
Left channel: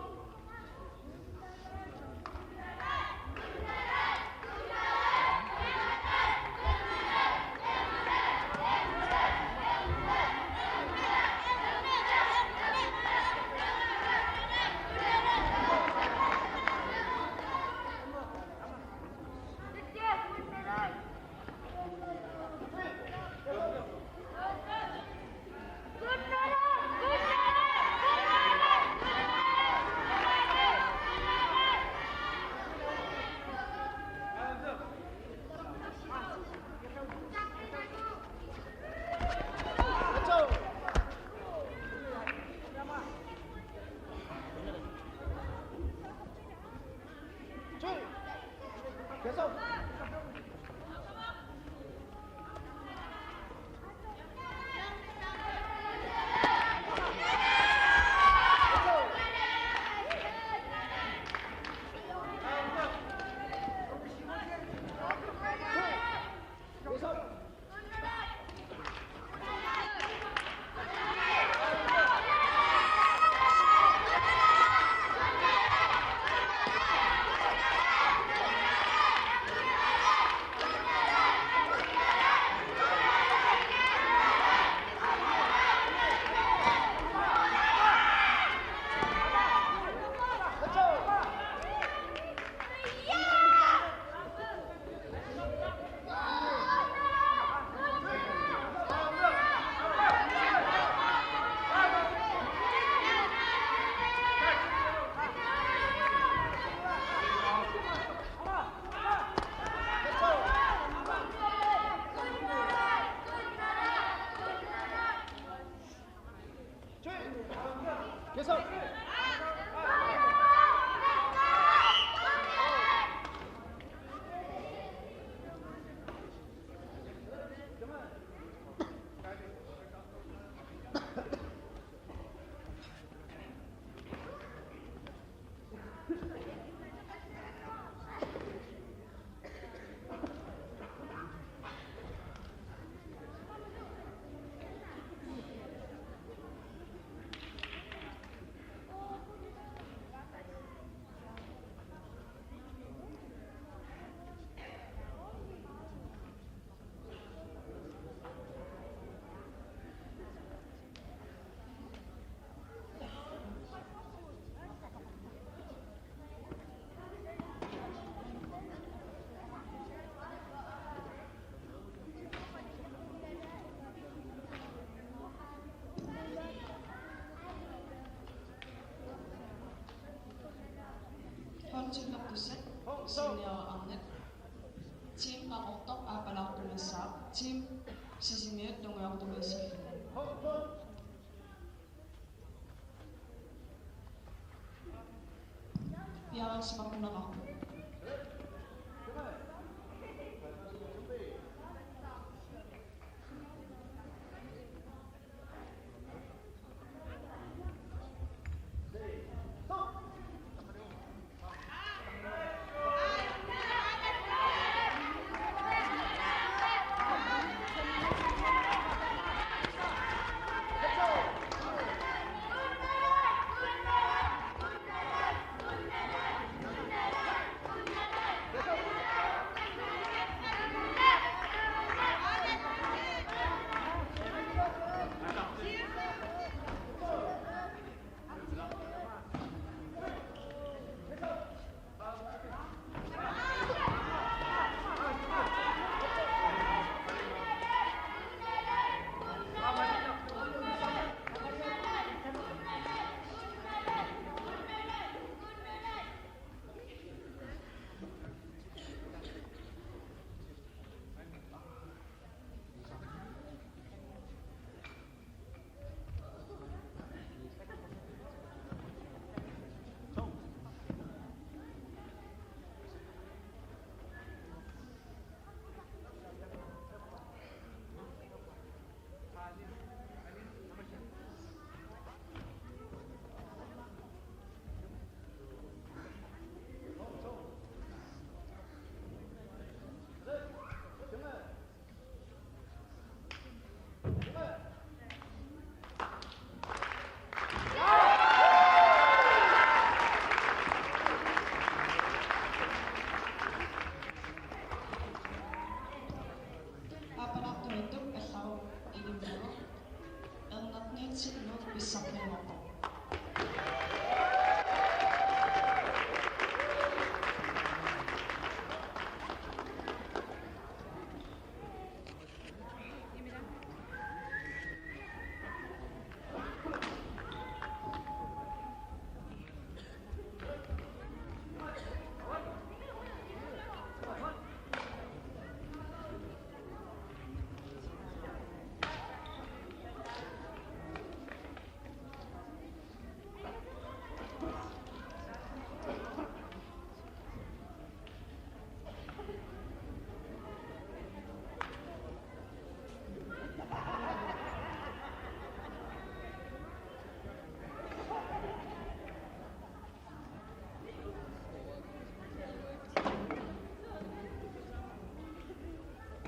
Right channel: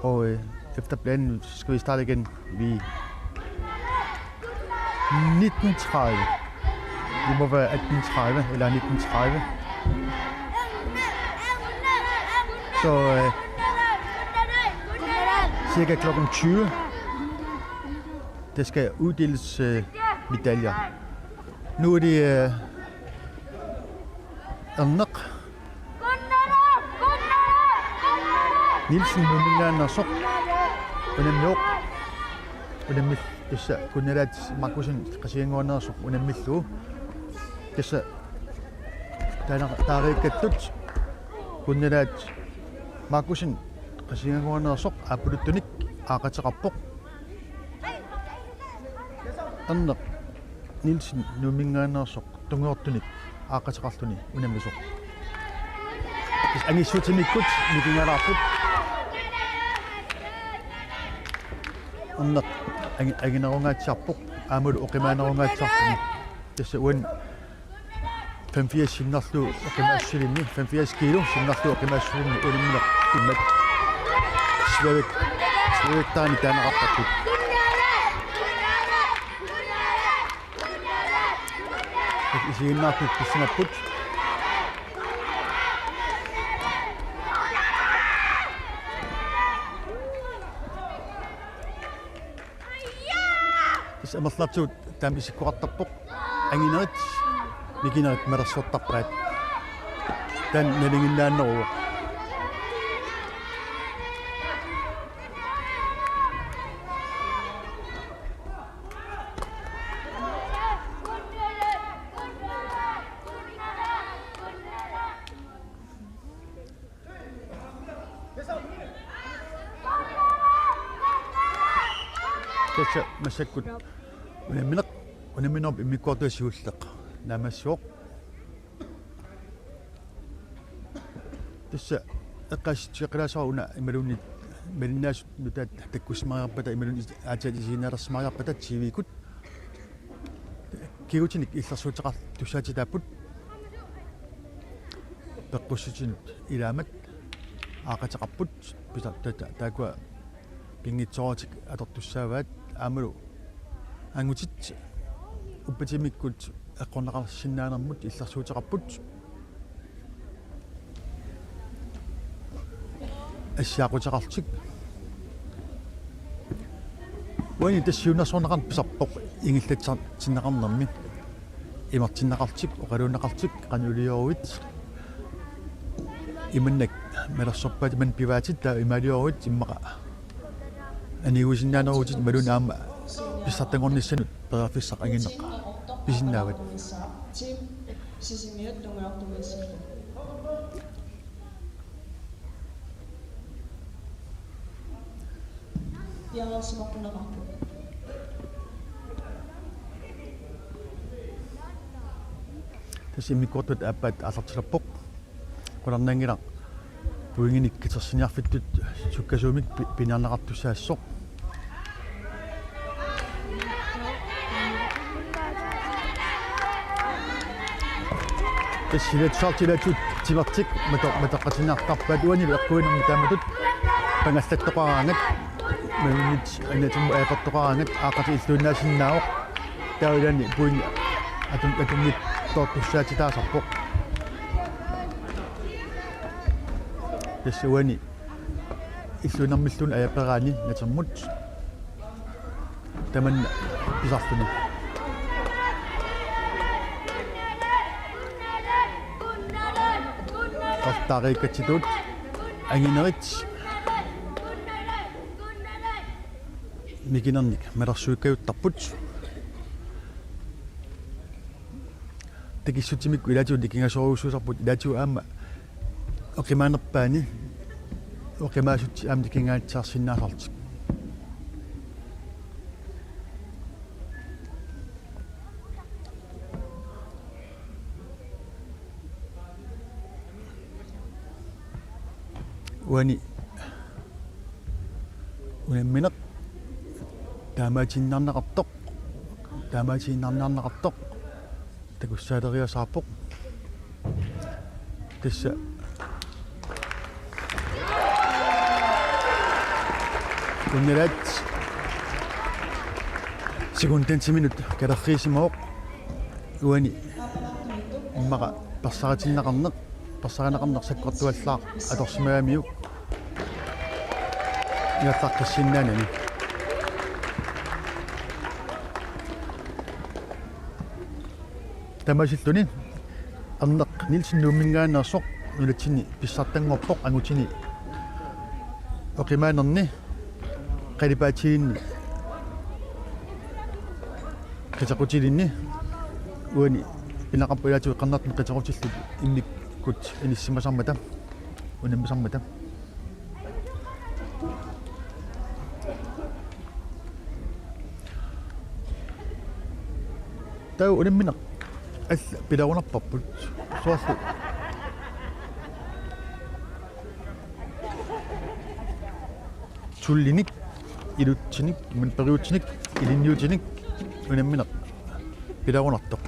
Og efter planen skal vi starte igen ved 19:30. Det må være 18:30 eller 19:30. Så cirka kl. 20. Der skal uddeles medaljer. Nu er det Erneq Nielsen numingaannersoq unammiuq unammill tassa kunnalaat Markusin qasianguannersoq unammillugu tassa taariikkattut kunnalaat Markusin qasianguannersoq apuluttunik aaqateqarpoq аннеқ нилсин нумингаанерсоқ тунгуортуник аақатеқартуни унамисоқ ангиссутимиккут микингалаарпут аннеқ агинерунгаатсарпоқ аамулу оқимаанерунгаатсарпуни тасса уан 85 синнарлу оқимаассулинни 85 кило синнарлу оқимаассулинни улимминеқ иммат свеветтаани таанеқартарпут исииннааппут писсинаппут амерлартуут таамисиккуартарпоқ ангинерит микинерит мерсуттарпаат тан налингиннааннеруу тасса массаккут унаминерп иммиккуартуассиуллеқ намассуоқ тасса эққассиққилаасаруна ималуни малиннаасут нутаат таккусмариарпата ималуни аатиалисиинaalерсмариарпата тивикут кигутиник иллерсуутеқар туссаатитааппут пеққуссутинут илаамат аақатеқарпут писартата таакуа кингитсоортик атортуссааваат аамалу ангутит уппатимиккут эққорнеқарсиннаанермут иллерсуутеқарпут ассаақутеқартик уани тассиунерсорнеқарн писарпоқ ингиллатсартиннеқарнерми имартиннеқартик оқалуунеқартик қанулиоруит иманнак малерсорпаат ман пиваатит таа ималиоруит иммақа аниуисиннаанерутит малунаама писсартангорниссанут перафиссақ ангинеқ писиннаават тим сисимиут тунгуартумиссаллу яалерсимарпунеқарпу тасимиккортут ааппаат алартилерпоқ куларнаангила пуингиник китерсиниарфиттут суккасуумик пинаарнеқартуссаассоқ тассилатсаартилатут тивартик матеққатинаартарпаат уанил эққуинерми тааматут пангаллаттоқараангат мэлмит анатум аақаттоқараангат аақати иллууннаасиннаавоқ таулани пуинги атумнит тоортуссаатитаасарпоқ тассуани иллунэрмиллун аяқераани натермут таман писартуни тартаариккатситут ангинерит микинерник малерсуиккаюттарпут такиссутимикку илаатиут кингасоруусуусарпут илаатиу аама оқимаанерпаани оқимаасут аамти кингаатсаарсиннаасартик уани унамминеқ таамаатиннарнеқартоқ такуссаалериасаарпоқ тасса уннерат секундентиминут калерриисимаоқ уани иммаqa персаратиннеқарнеқ саккортуаллаа аторсимаамиук яффаққиссиннаанами тамасиллуни арнеқ нилсиннууммингаанерсоқ нулатсини писсартангорпоқ ангутини оқимаанерни қалипаатигинни катақутилинни уани пинақарпуяатуи қарнартми қатақутиллут инниккут иниссимасармата унаммисармата tau ulimmineq all pilaunarparput soorlu tullinik ilutsinik man periutsinik ilinniutinik ulimmineq pilaunartoq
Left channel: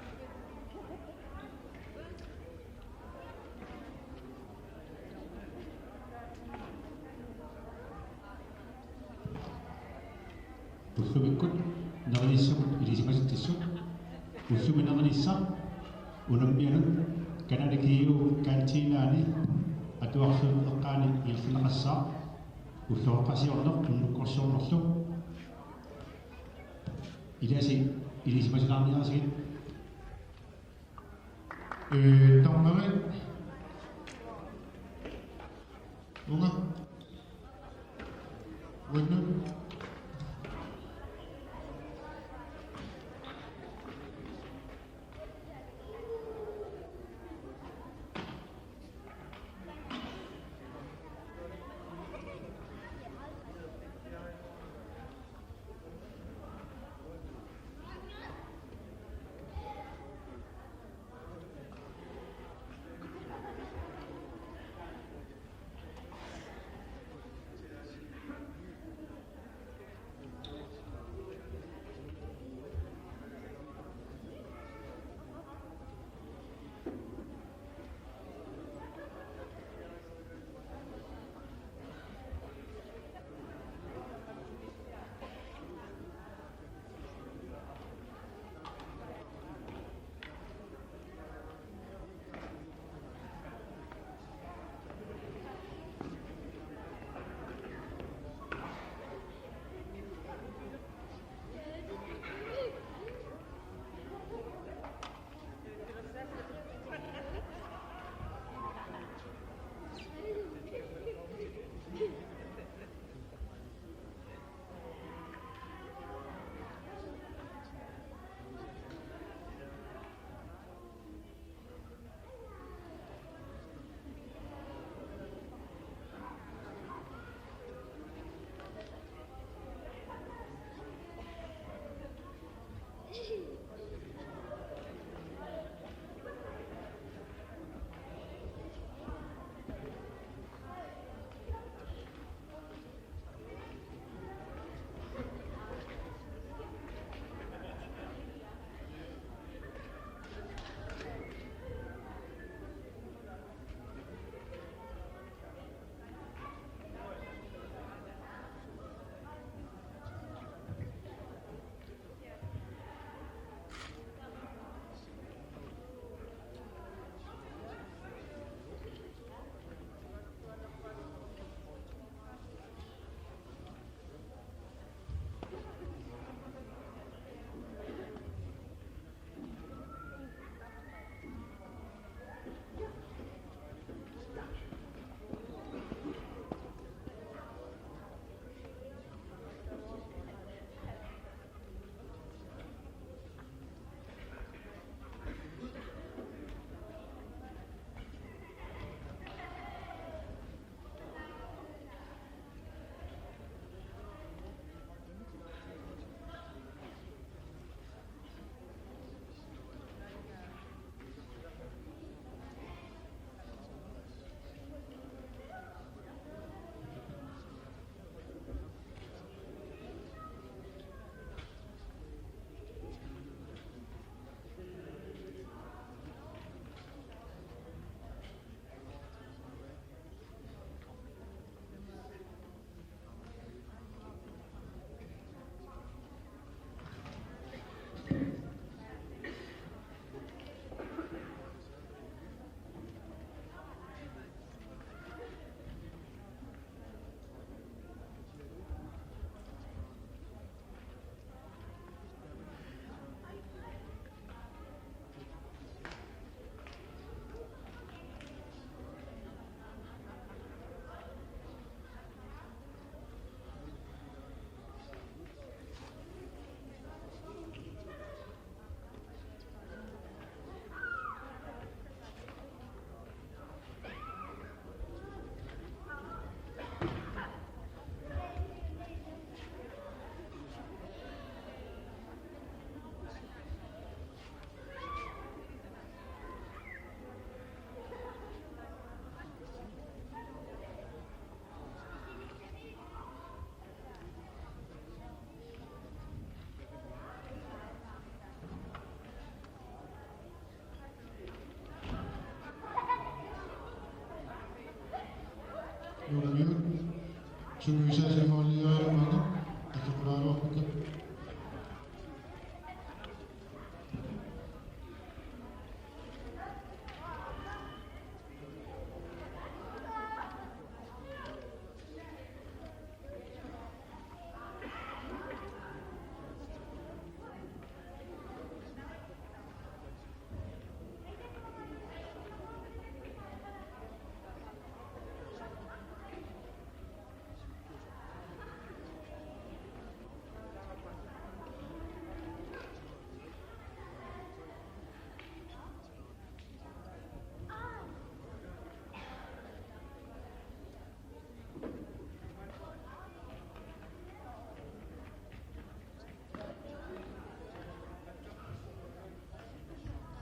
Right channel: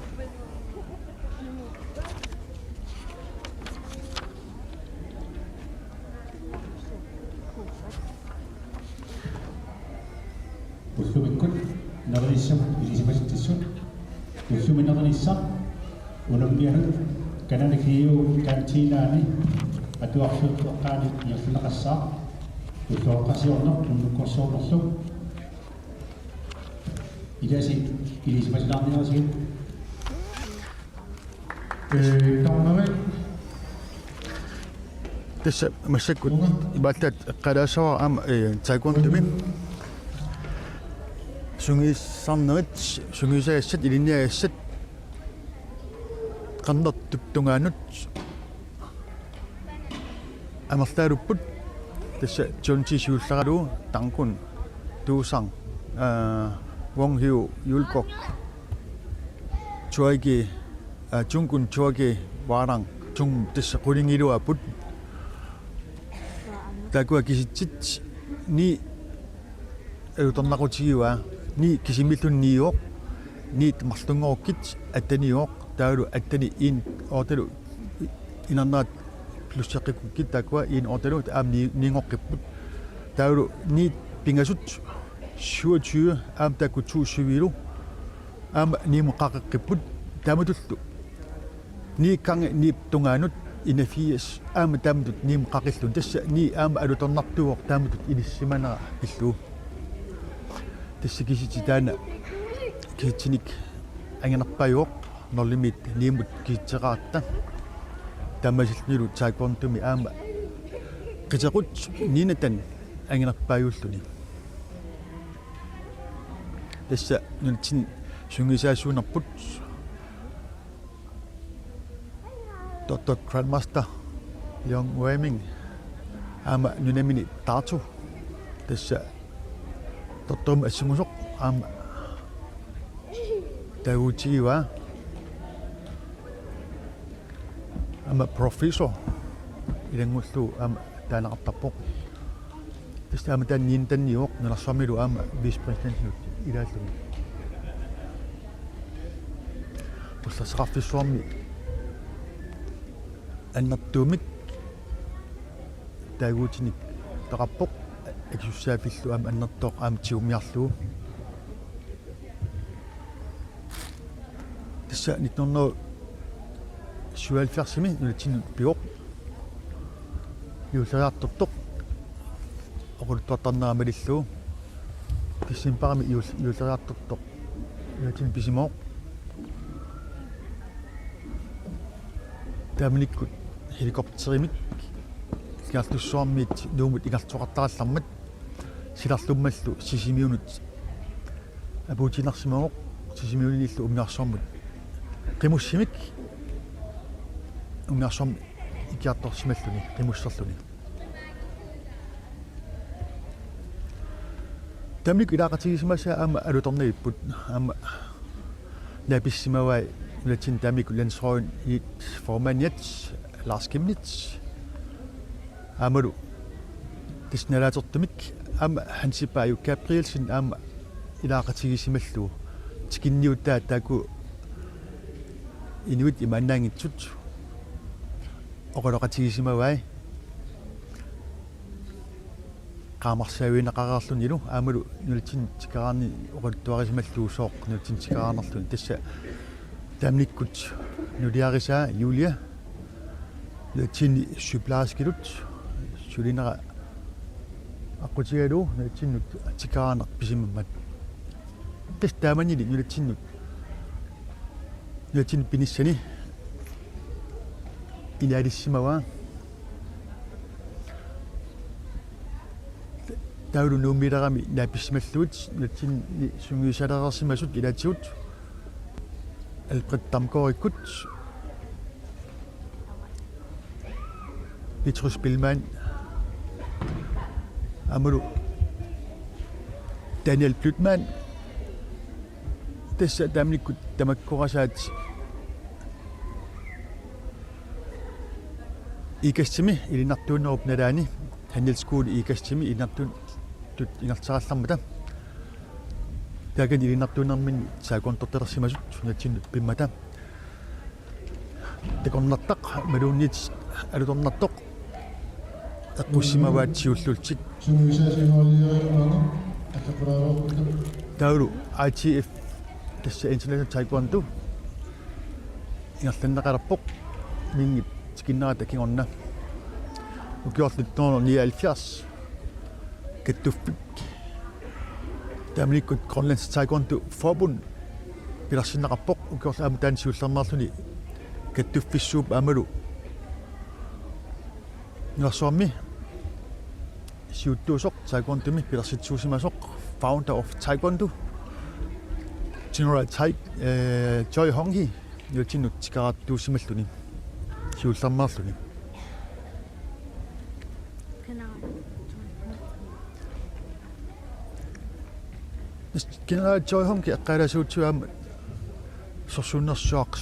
Ussumikkut nerlissam ilisipasitissut ussuminerlissa unammianut kananakiu kantinaani atuarsuuqqaani ilersinaqassaa ussuoqqasiorner unnukkorsuunerlu ilasi ilisipasinaarniarsigit torneri tässä massakkut ibaattat qalaasawar aama taekwondo sungiissarnerit sungiisaassat ilinniagassat qannertup tungaanut amertaalupput tässä tiontisuullaralu tangkun tuusang wonghiu yulkok chuagi chungkun chuagi warang chung tässä qulingiluaput takua kisitsit ni elutornaqutigiua ni kisimillunniuoq ni marlungorukkit attaniuoq taalu attani in ortalu inarnaat plusseqqikkit takua in ortalu aam niingoqqipput taalu ni pingasut 27 aam takku 27 aam niimuqqaqeqqipput taamutullu ni kange ni tungaanut ina 80 aam taamutut niimuqqaqillun tassa ni aam alutornartuuq taamutut ilissimana illu tässä kisitsitaana kitsinik angenarpajuoq norlimit niimut kitseraaqta tammasillnilu taekwondo-mi aama qitequt niinatan angenarpaajuulluni tässä nuntin sungisaasuunerput Dr. Grandmaster Leon Waming aama nunamini taatu tässä Totom asimusoq aama tautigiwa aama professor ilangullu aama taanaqartarpoq tässä aama taanniin tanniuoq nalarsuamilu aama vice president ilaallugi tässä saqarfissuarmi annertuumik taaguutinik taqarpoq aksussaafillu aama annertoq aama tiumiarluu tässä 1977 nulatinut pigoq yuusariartortoq oqultuartarneramalilluu kissimparami yuusariartortoq nulatin pisimooq taamanikkut helikopterimik igartussuarmiit nuumut igartoqartarallarmat silarlummallu sisimiunut apuutinersimooq sisimiunillu umngaarsormut qimussimik umngaarsorm ikiartorsimalluni qimusserluni tamnik ilaaqatigisimasa aama alutorniipput aama napissimavai nulatin tamik landsroin i formaniat Lars Kimnitz amalu tisnalaatertumik aama hansipaayu Gabrielsen aama ilaaqatigisimalluu tikinniuttaa taaku inuit imannaangitsut oqaloqatigisimavai qaamarsaawinaqararlunilu aamalu nulatin tikaraarni oqaltuarisimalluu sooq nulatin tikaraarnerluni tassa tamnikkut nuliarisaa Julia nulatin sygeplejerskelut sulinera aqutigalu nulatinut tikaraarner pisimammat tas taamanili nulatin pinissani ilaalissimava taulu nuumilerami naapissimаллуут нутсин сунгиусалерерсимасут илаатигут Alfred Damgaard-ikkut Petrus Billmann amalu Daniel Blütmann tässä tämlikku tamakkorasaat ikastimi ilinartuunnerup nalaani handelskuuli ikastimi ilinartuun tut inartarallarmata takan ilinartuunermin saakontortersimasut natsin pimmata takornartaq maluunniit alutornartoq aqussimavaatsiullultik taulu ITF tässä International Taekwondo ingerlannaqalarpoq mingit tikinnarat akingorna ukiorlut 1979 kattuffik tamlikkut Grønlands Taekwondo Forbund pilarsinnaqarpoq ukiorlu amutaansiullermarluni kattuffissuup amalu ngersormi siuttuusoq taekwondomi pilarsitsuusimasoq founder of Taekwondo General Choi Hong-hee yultinut tikarattuusimalluni siullermarluni General Choi Hong-hee eqqalasuutsuaama sorsuunnersuaq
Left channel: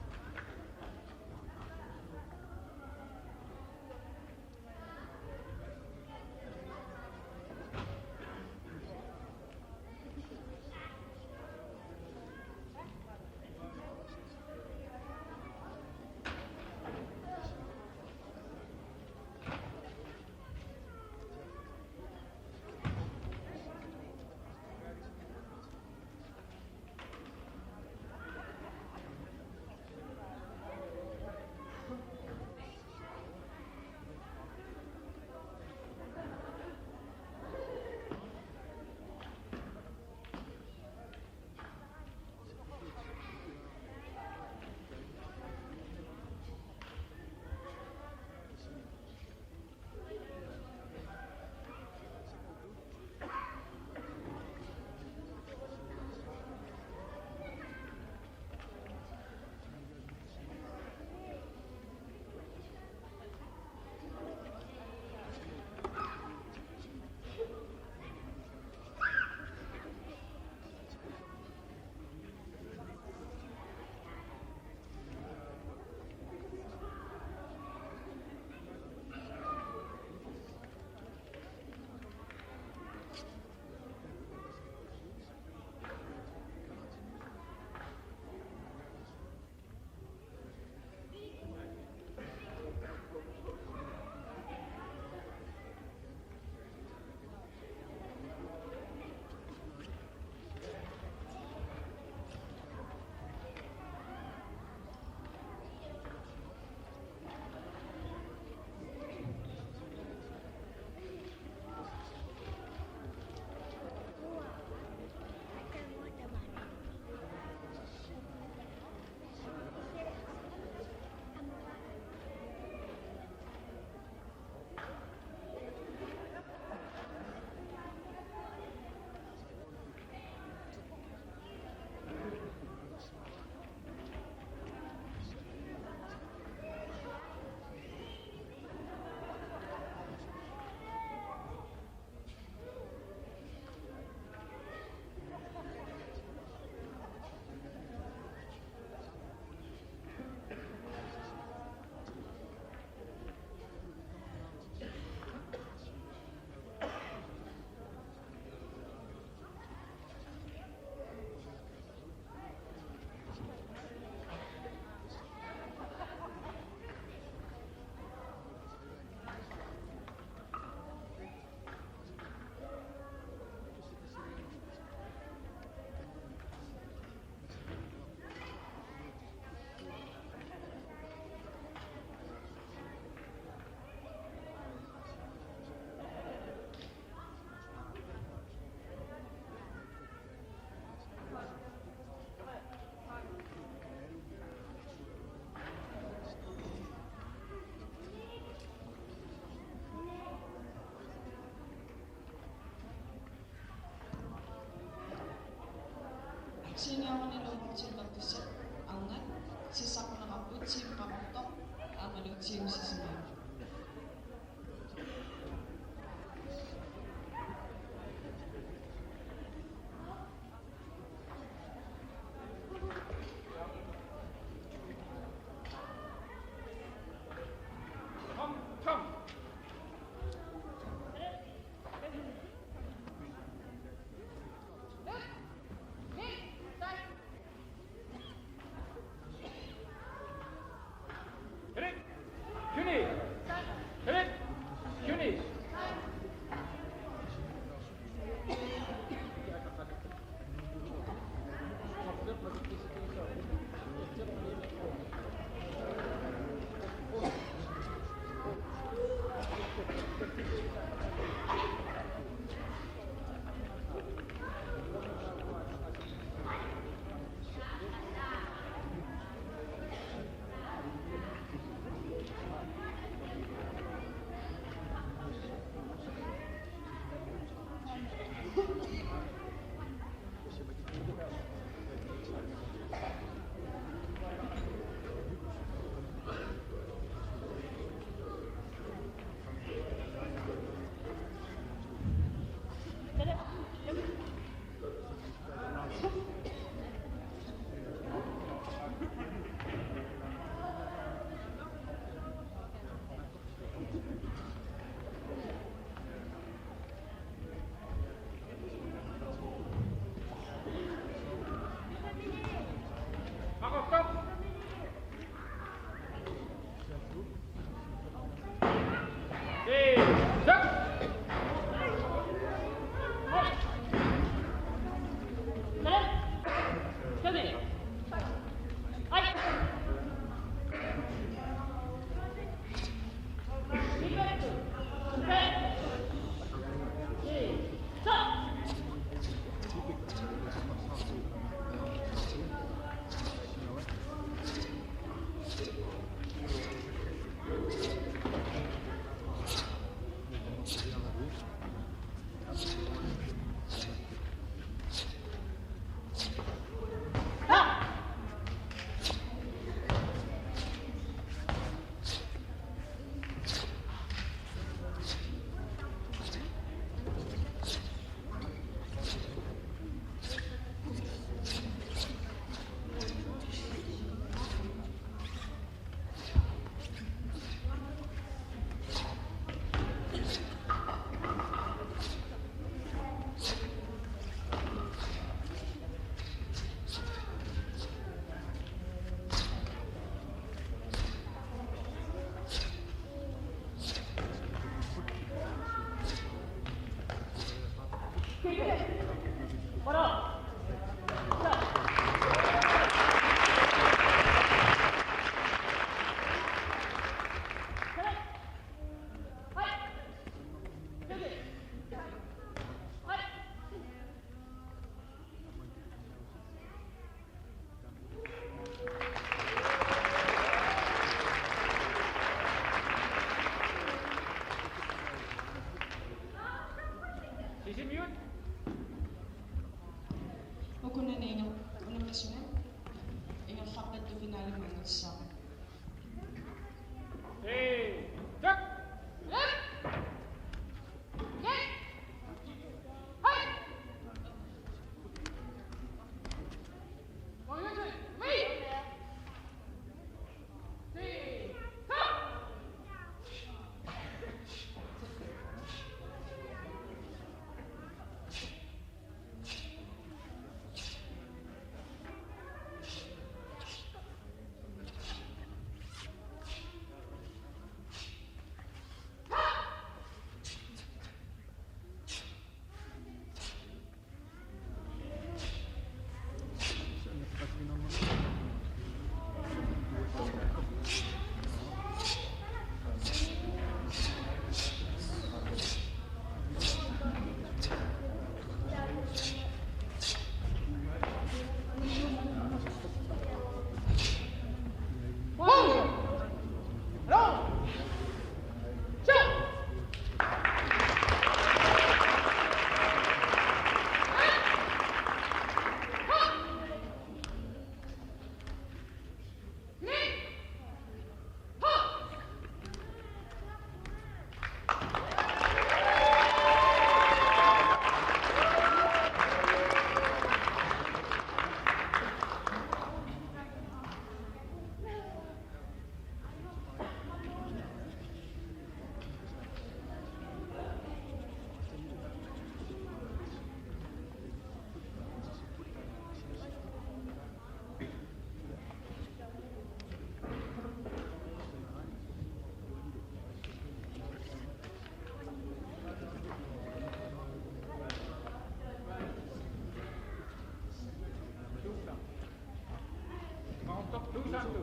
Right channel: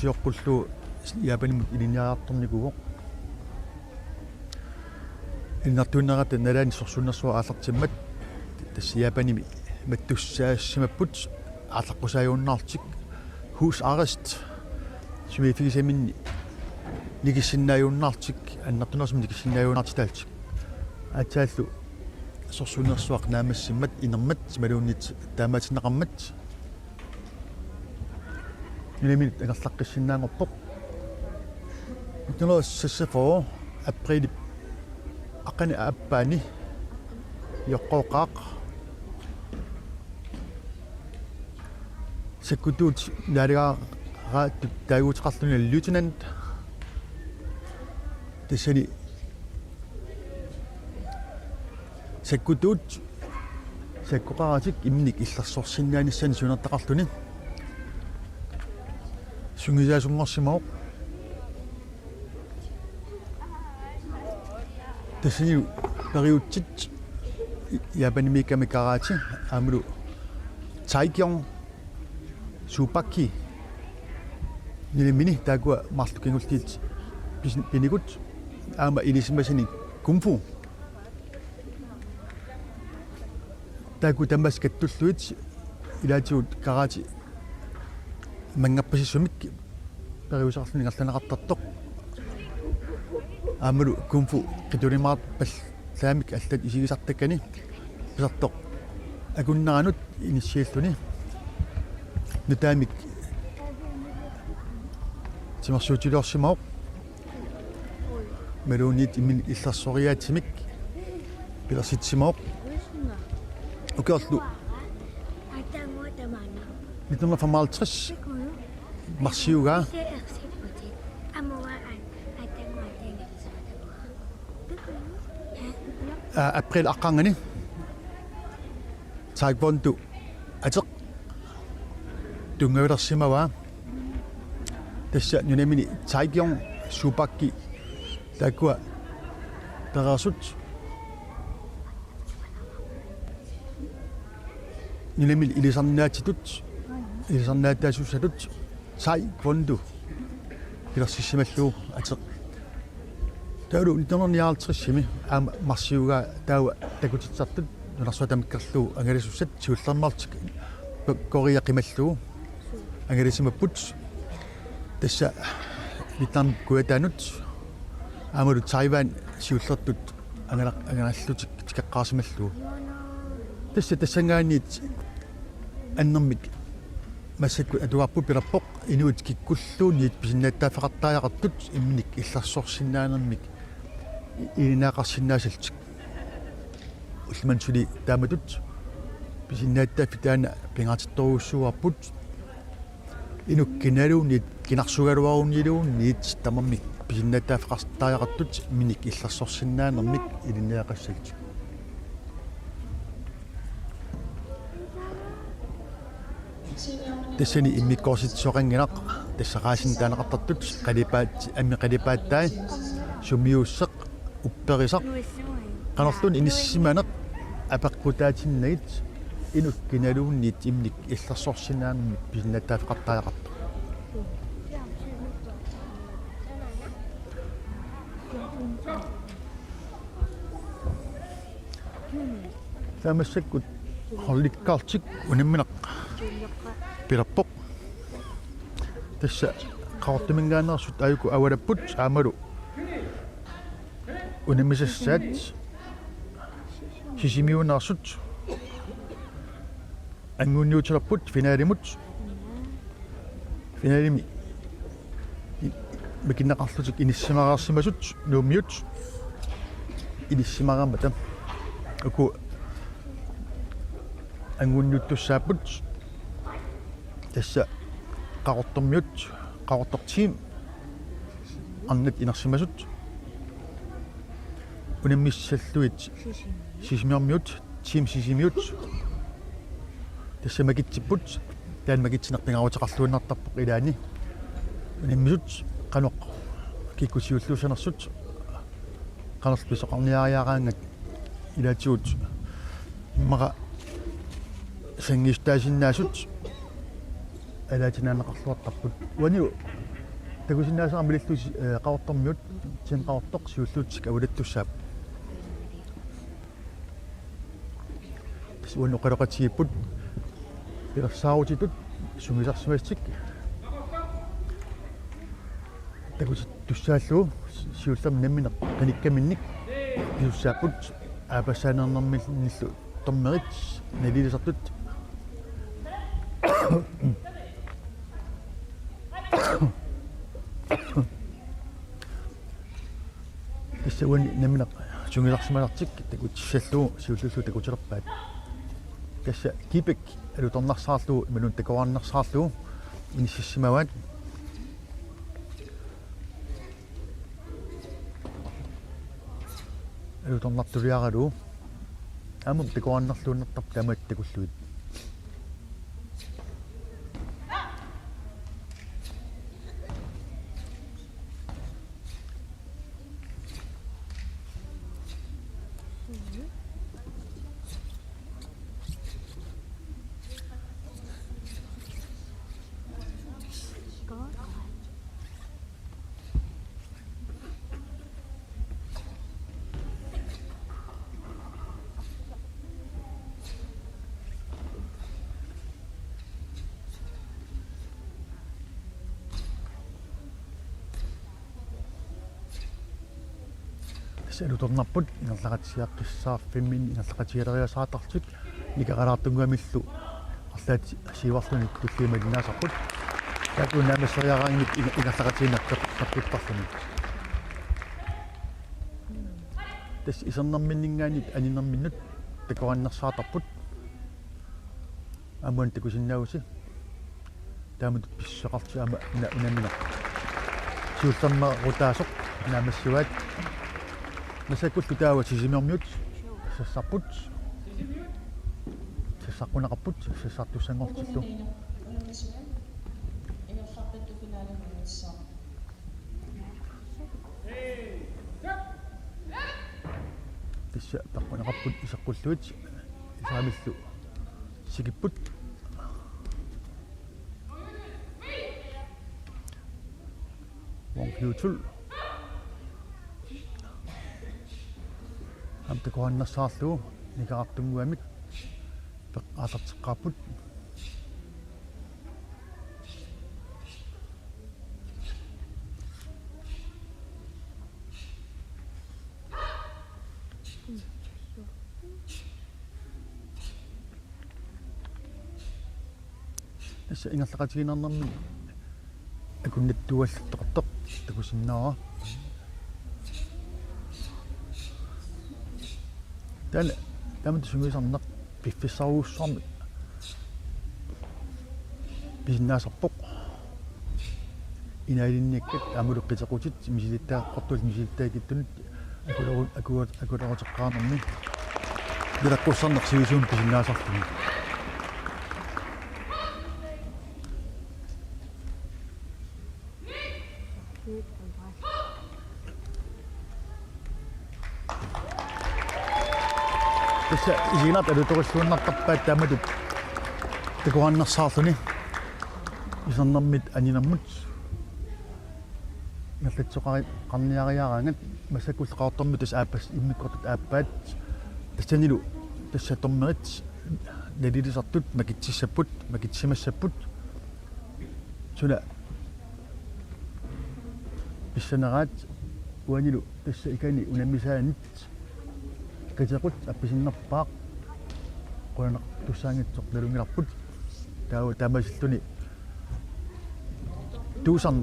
Japanimut ilinjaartornikuuq иннартууннерат налаани сорсуннерсуа ааллартиммат тасса Япаними маттуссаассимаппут ааллаққусааюуннаартик hus arrest сумифигисаминни лигиссиннааюуннаартик аннартунерсум лигиссиннааюуннаартитаалтик атааллу сорсуннерсуақ наамассиммат инермат малууннит таамаатиннеқармат нилемит агерлаққиссиннаангорпоқ нутнерс сассафоо априли aqani appaani yoqqooqaaq sakkutuut naaligaa taaguutiqarluni lieutenant tassani sakkutuut sakkuqaratik imnik illersorsinnaanissani sunertaqarluni sungisaasunngorsimaoq tassani periutsit Japanimi kamikaraati amulu Taekyong Supaki nilimini taakua marlukingultiit pinikut aama ilisimasani kumfu taaku tamas kattulluit ilaatiut karaati mangappasissumik periusarluni ngerlanaqartartoq amulu kumfu qitulimaat pallaamik allat isigisartakkani pisartoq akunnaranut inisialluni nutaamik timersuutiluorsimaoq maluunniit immin illerssoriaatimik pilersitsimaoq ukiorlu 1955 marsiugaa april aqqangani Taekwondo ateq tungavilersimavaa tassa nunamini Taekyong Supaki taakua terarsut nunamini ilisarnaataasussatut Taekwondo pilersissimallu ateq taulu 1950 aama marsiugaa taua takutitsartut nunarsuatamikkarlu angalisussat siullermartik koriaqimallu angalisimipput tassa vitnam kuataanut aamalu Taiwan siullertut angalallutik tikaqqaasimallu tassa tassangaaniit annermik массакку атуарпу пиларпоқ инуит киккуллуунниит писиннааттаафеқартааяқартут имник илларсорсиннаанермик илинаақарсиннаасалтик улмансули тааматут писиннааттааффи таана пингатитторуussуарпут инуккиналуунниит кинарсугалуаруннилуунниит тамармик писиннааттаафеқартааяқартут миник илларсорсиннаанермик илинаақассалтик тассани иммиккорситсоқангинақ тассақаасин таанеқартартут қалипаат амми қалипааттаа сумиуссеқ упперисақ канарлун иниссиманеқ апеққутаатиннагит inut kinaluunniit imnik illarsorsinaammik pisinnattaafeqartaaqarta таамассаккут хорликкаартик унамминақ пиларпоқ тасса qaortimingaannerсут аюку авалаппут аамалу унаммисассаат сисимиунаарсут ангунниутерпут финалимут финалими макиннақарлутик иниссимараарсимасут нууммиут иниссимараамата уку ангунниуттуссааппут тасса qaortormiut qaortortiim арнат инарсимасут унаммиссаллуит сисимиармиут тим сисимиут тасса макитсиппут таан макитсинерпингаарутеқарлуиннартарпоқ илаани унаммисут каноқ киккусиуллуусанерсут канерс писоқарниариараангат илаатигут мара сангистаасиннаасут алаатинаанеқарлуартарпут уаниу такусиннаасаармилиллуси qaortormiut тим qaortoq сиуллуутсик авалаттуссаап суан оқалоқатигиппут пилерсаарутитут сумиларсимастик такус туссааллуу сиуллам намминеқ миниккаминник туссааппут аапассаанернэрмиллу томмерит налилисартут исэвэн намминеқ сумиларсималартик такутсаллуу сиуллуллу такутилерпаат тасса кипек алуторнарсаарлуу минун такуарнерсаарлуу инсиссимаваат алуторнартулиаралуу амут такуарнерлууннертар тамаат такуллуит алуторнарпут инерлaqatsiarписсаарфиммин инерлaqatiгалериасаатартут икақалаартунгуамиллу арлаат сиварлуни куллуумалинаасартут такунаамиссариараангит инерлaqatiинартаққуттарлуни тас исернэрминнингаани анинэрминнут такуаннерсаатарпут амуан такусиннауси таамут писсақартуама инамина сиуллернерутаасоқ наамассуаат насакут китаава сисимиармиут сассарпут сассаққунақарпут сассартуссангортиллу инерфаққатту финалимингисса тисса таққунақарпут исаққуллуит саамиллу сикиппут вонхиутул амтакуаннерсаарлуу никаартунгуамик пеққаасартеққарпут исса ингерлақатигинарнэрми акуннаттуаллертоқ такусиннаара тан тамт сумисарнақ пиффиссаруussarmi бизнасарпоқ инаилинникку амулу питеқутит имисилиттааққортуал мисилиттаакиттунут акуатеққаанерми билаққуссарнақ сиусуун писиннаасартуни tässä isinat edutorisuunnartarpaat taamatut takuannersaarluni isarnermit aninammut nallatsoqari qarniariaraangat massakulleqaartormi tas aappas immikortut aappaat tassanilu tassatormerit nalilisartut makitsissaput makitsimassaput sula issanarat uanilu tassa ikani unammisaanit qitequt appisinnerpaaq qulana tussaangitsoq nalungilarput taawu tamasilluni tuusan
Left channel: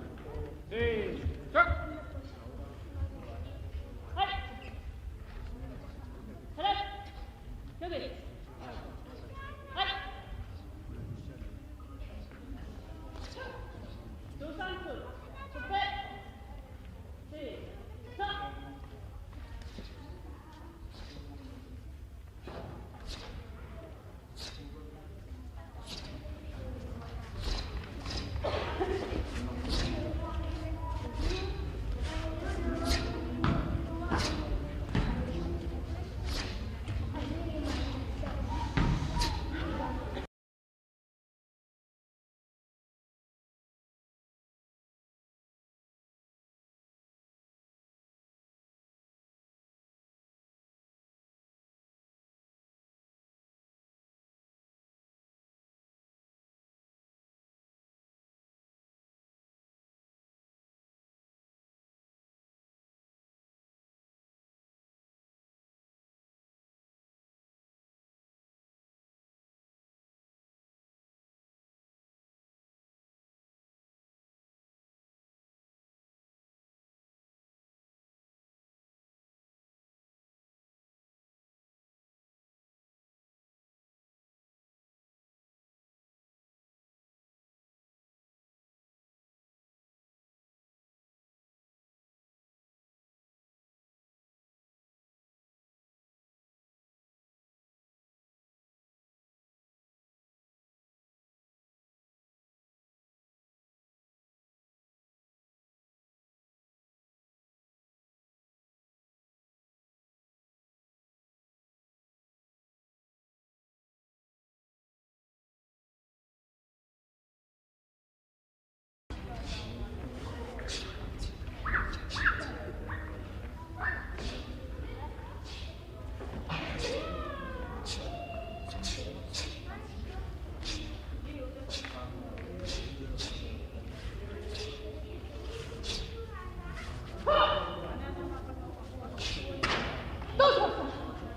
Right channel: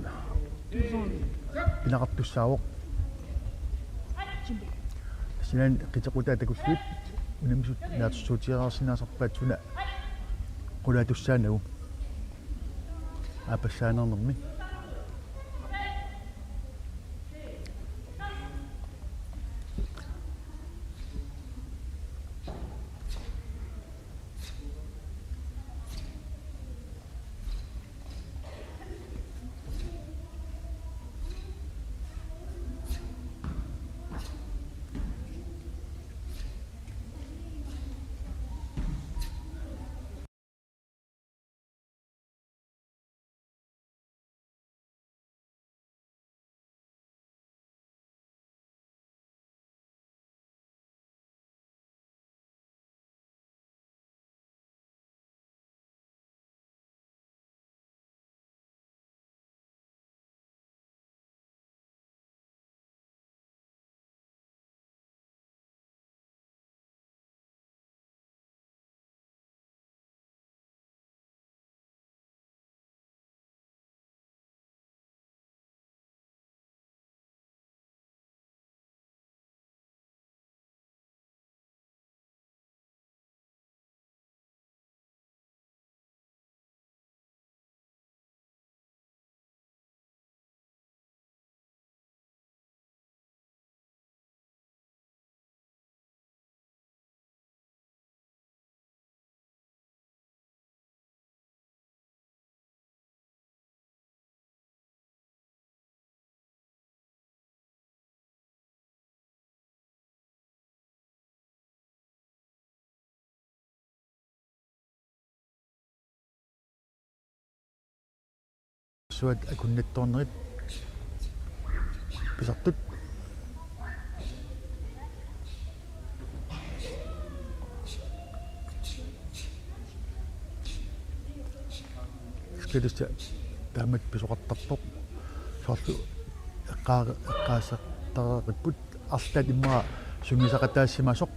inaqartussaawoq sinan qitequtaa takussuut unammisut naatusuutiaraarsinnaasarpaat sula qulatussaanagu aapassaanernermi suat kunnittornerit pisartut skidista taamat pisoqartartoq suartu qaasaqtaraqiput artat imma sungisaqataassimasoq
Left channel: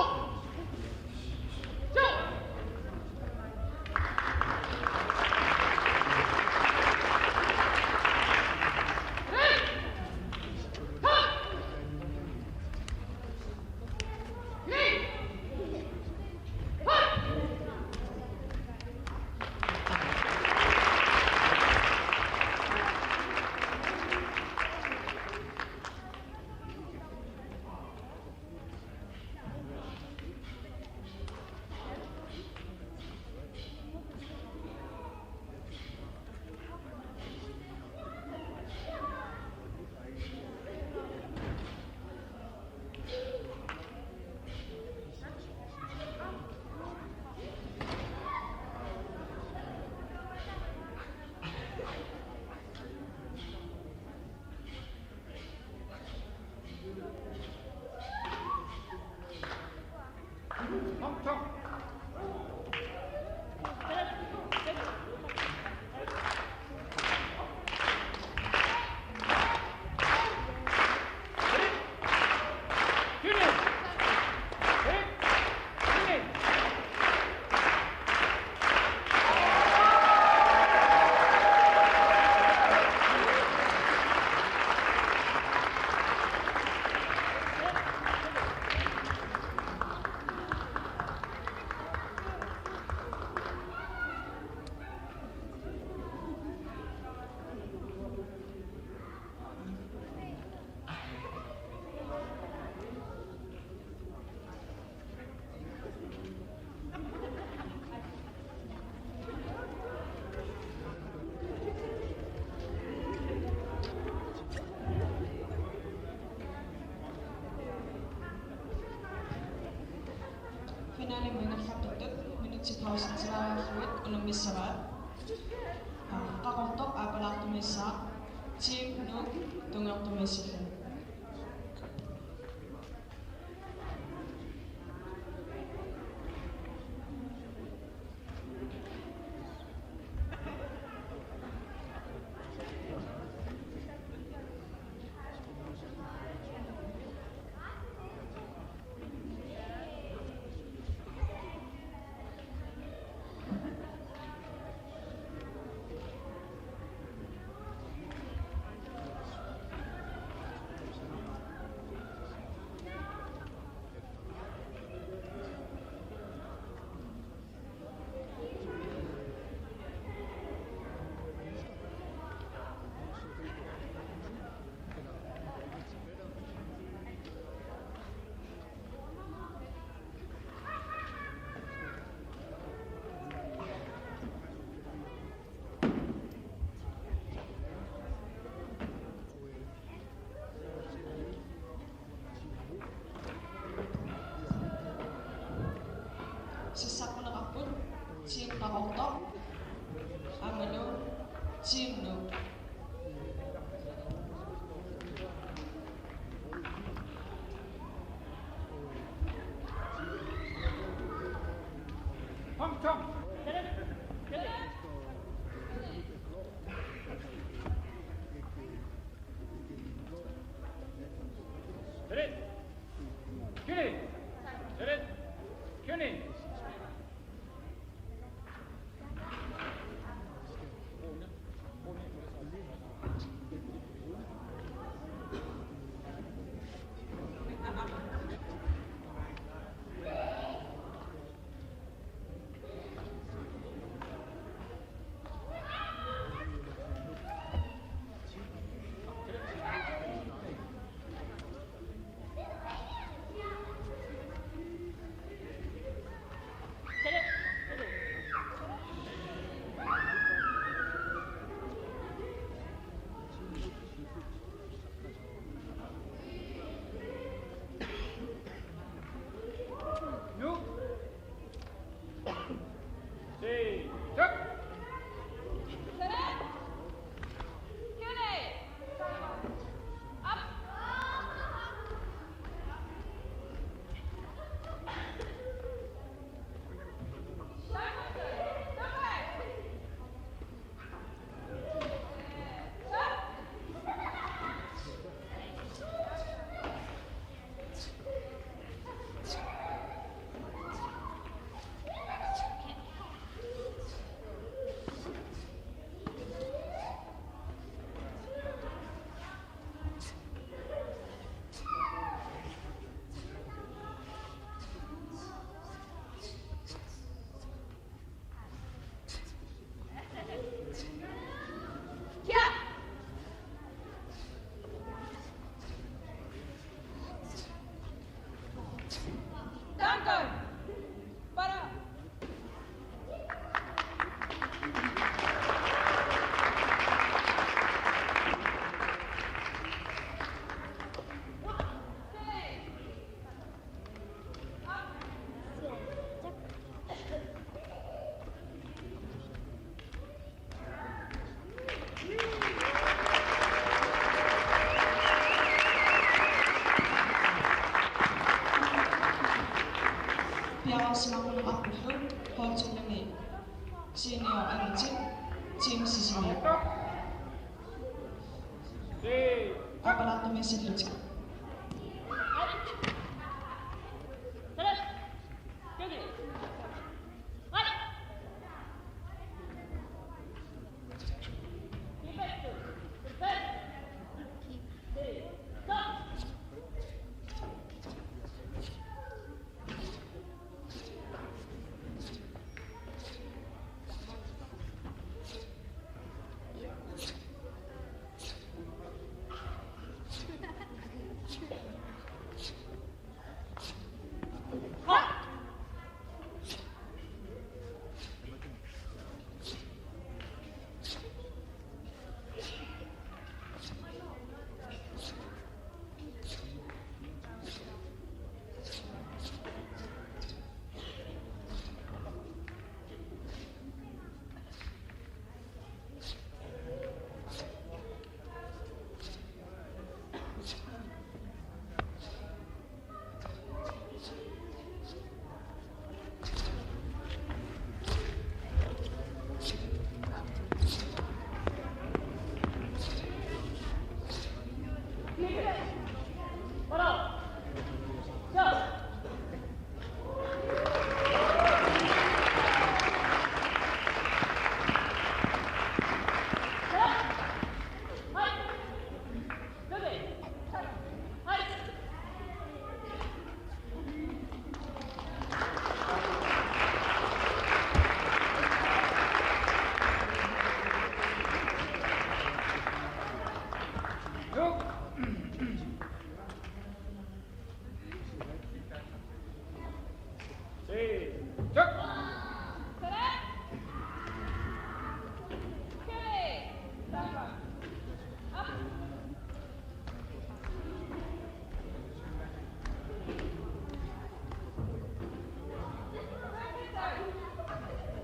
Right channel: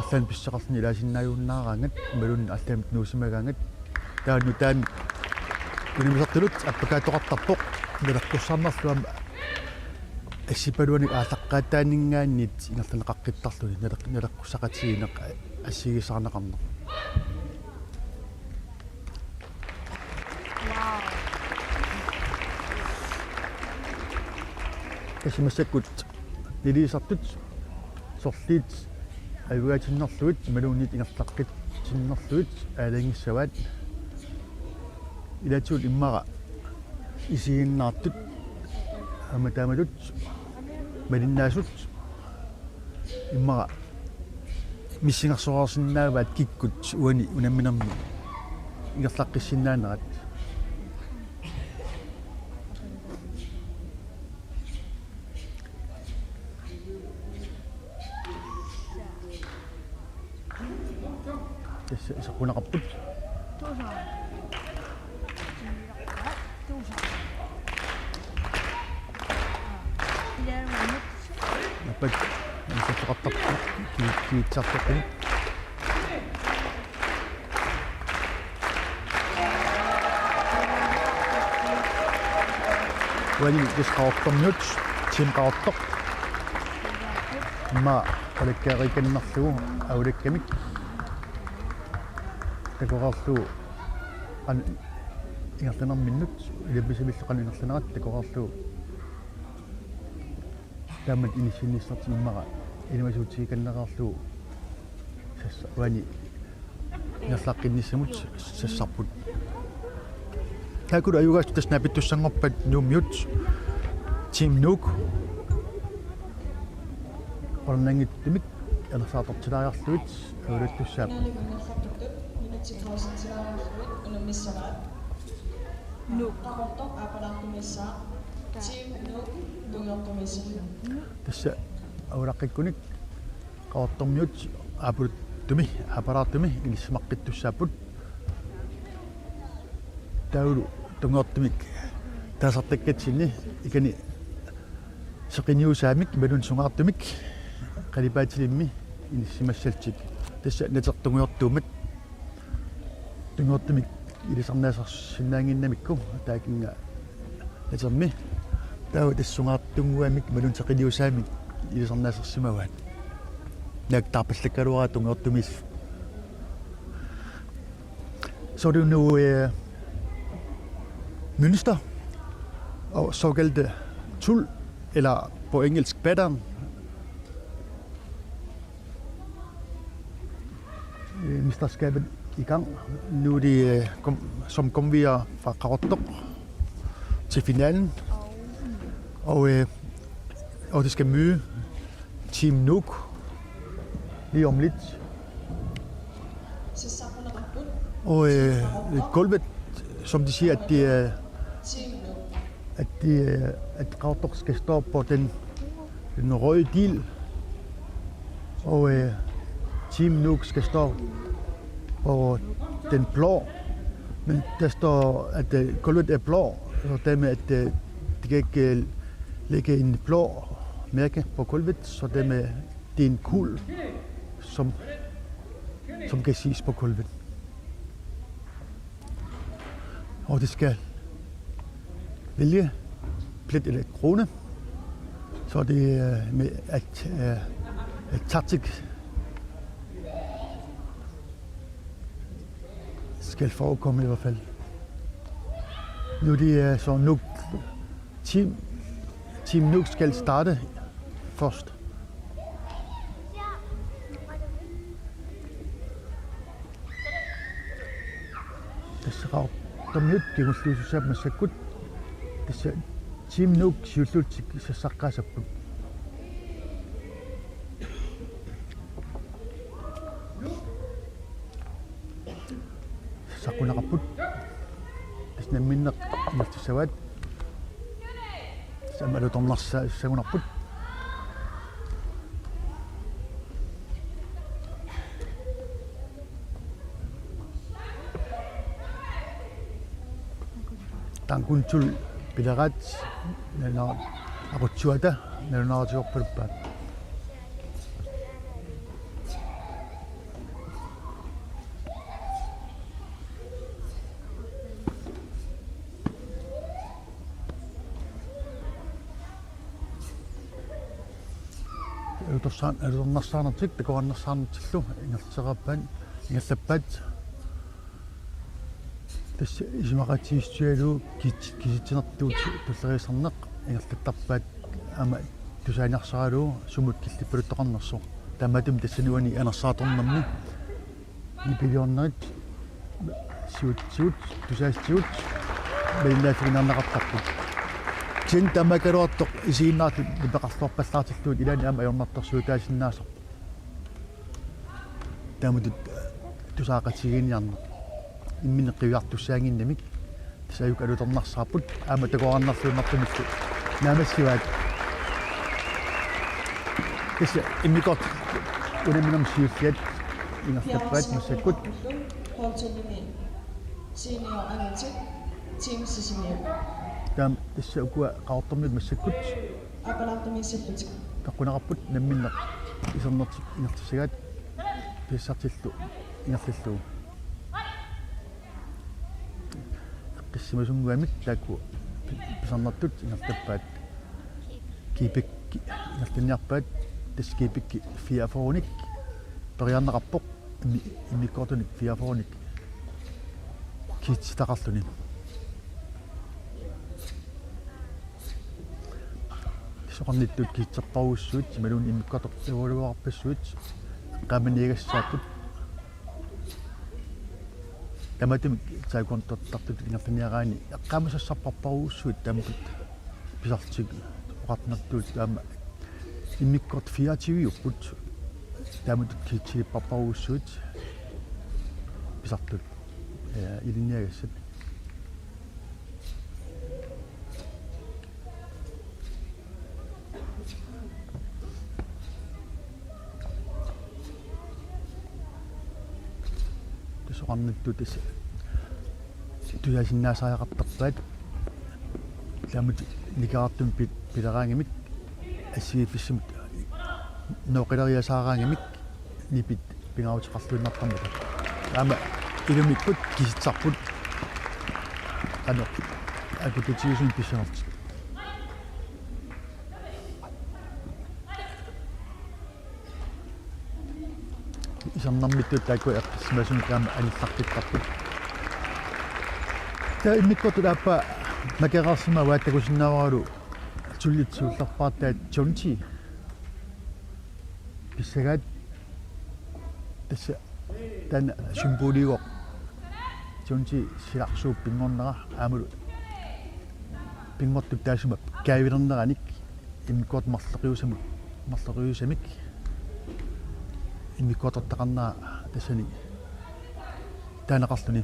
аллан писсеқарни илаасиннааюннаараангат малун аллан нуусимагаангат таани таами инуусартилут аппакаатоқартарпоқ налаққуссаарнарлуама ассипалуани аасаққаатаанингааниит инерланеқаққиттарлуи налаққуссақатигинеқ ассигисаарнеқарне эсмэсэккут илисартут сорлиит аюгатиннерлуит малуунит ингерлаққит синнерлуит аалангиссаваат илатсуут иммара исигиннаартут аматаамалут малиннаасут иммара миссингерсоорсиннааваат киккут уани унамминерми ингерлаққиссиннаанерат så kun rapport Wali disqaortornut simqaortoq ma alakkaarikannerlu aulakkamik takoqarlu an ingertanerminnut ilabbisulilleqaninerlunerat takoqarlu tamat inissinnissertimmara inuasuutigikanneqarlu sassa wani nerlaqqinnissamut sassarput taakulu ayugaas tasnaapittussangorpat nuummiut team nuuk ornangittimik ерсаатортилаариарлуит авалаттуссаап Finale mangerrapputtut minutipausitilaajarluit unumissavaat. Qaqortoq aapalaartumissaa team nuk tungertumissillu. тасса авалаққиккуник qaortormiut аапулуттуми апараартуми илиссмаққиттуссааппут таулу тунгортумик таасартаккатсинни икани сеқиниусаамик малун сунгаартумик қалипаатилимми илиссимассалтик тасса натертунгуйортуумат тунгортумик илисарнаасарсинаангиннамикку таакинга натерми тау тассунгаартунгуамик малун сеқиниусаамик илисарнаасарсимаваат nak tapallakkaluara tungertumis så er det nu mønster og såkaldte tul eller på engelsk pattern. Mesterskabet i gang. Nu er det som kom vi fra Qaqortoq til finalen og det skal møde Team Nuuk lige om lidt. Og gulvet, som de siger, at Qaqortoq skal stå på den røde dil, og Team Nuuk skal stå på den blå. Men der står, at gulvet er blå, så dermed at de kan ikke lægge en blå mærke på gulvet, så dermed det er en kul, som kan ses på gulvet. Og det skal vælge plet eller krone, så det er med at taktik skal forekomme i hvert fald. Nu det er så Nuuk Team Nuuk skal starte først. Qaqortoq kigulluusussaapmassakut tassa Team Nuuk siulluutik sassaqqasapput saqunaqapput tasnamminneq naftissavat samalutornarsagunarput tankuntul pilarat nana aqutsuata nanunaratiorpuluppaat utornarsaanartik takuannarsaanartillu ingerterappan ingerlappaat tässä isimaqatiistualu kisitinertuut tulleriisarneq ingerlattarpaat ama tusainarsaralu sumut killippaluttaqarnersu tamatum tassanuani anersaatoornermi ipiliornerit siut tusaassiut baillaafinaannaqartarpu tin tamakaluartoq isiinnaarlu ipeqarluorpallaartilluut ilaani ama ajornartarsuutaasinnaaser tamutut tusaaqatigiiniarneq immineqqiuartussaanginnamik tasayuk alutornarsaaput aama takuarnarluumartumikku naamassivaat tassa immikort unaminam siulliat ingertappaat massakkut Holtulumi senior angatik team sisimiak taam tassa ukua qaortormit massakkut apalaartumissillutik taqunaqarput namminneq isernertik ingertissagaat pissartillu ingerlilluu qissimasunnguamik taakku pisarnertut ingertappaat kiipik ingertinniarpaat taskiipikki fiaforunik periarneqarpoq imnikkortunik fiaforunik kiitsitaqarluni soqarnittut kiitserparuussuut malun immikkortoq evaluarpassuut qaamaniigassaaqut tamatum saakontortartut ingertiniaraani eqqaamasassarparparuussuut tamatut pisartik oqarnertuut kaama immikkort fiativiuqqut таамат чиппарпаруссуут писартут илинниагассат соқарнуттут туясиннаасааяқартарпаат таамат никаартум пит тилераангимик иссигиффиссум ноқилериасаараангимик нипит пингаутеқарлуннарпами ама тигамиккут киситсарпут ана акутичиусин писуарт исамнаммиттут таакку смасникаама аниффартуттарпут та иммиккату аппа макераарсима вааттакусиннааваралу туллитсуулларпаартаат джонти писсагаат тасса тан символиго джонти силарсууп пингорнера аамулу пингортук таасима каавилернераник иммиккуат марлериусамик иммиккуатортақарнаа тассани таанеқарлуни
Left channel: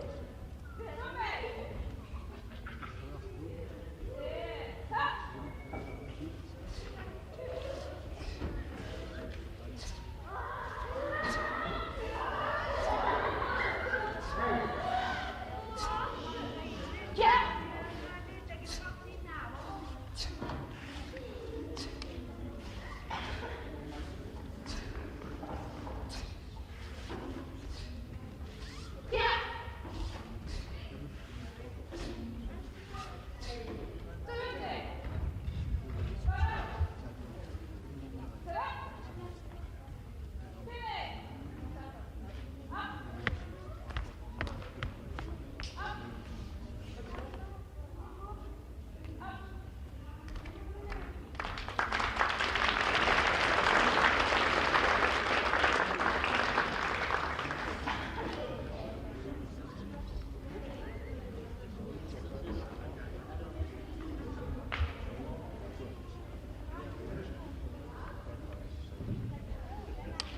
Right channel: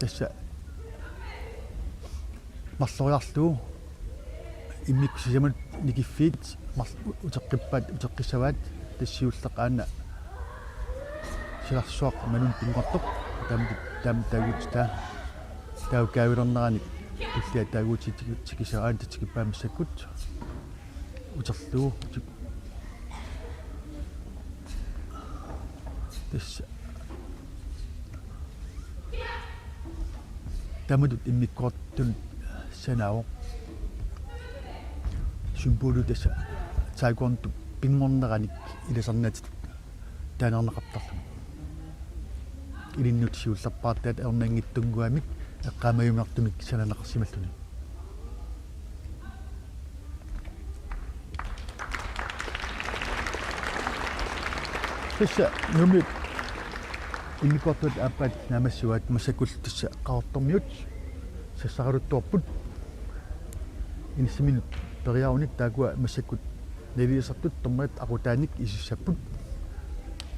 тасса марлориарлуу иммиксисамат никиффиит утеққиппаат утеққиссаваат тассиуллеқаана силарсуақ манун пингортоқ таамтаагуста таукаавилернерани иллаа таагуутитикисараан татикиппаамиссаккут утерлуу тасса таамадут иммиккуартун санао символу тасса таакуанту пингорнераник иласарнатит таанернеқартарлу илиннут сиулларпаартаат ернангиттунгуамик эққаамаюмартумик сананеқарсималлуни тасса нумит иммиккуартут аппат намассуат масакул тасса qaartormiut сассаралуттуарпут инсимин периауник таакуа массаккут нелиасартут томмат акутааник исиссаппут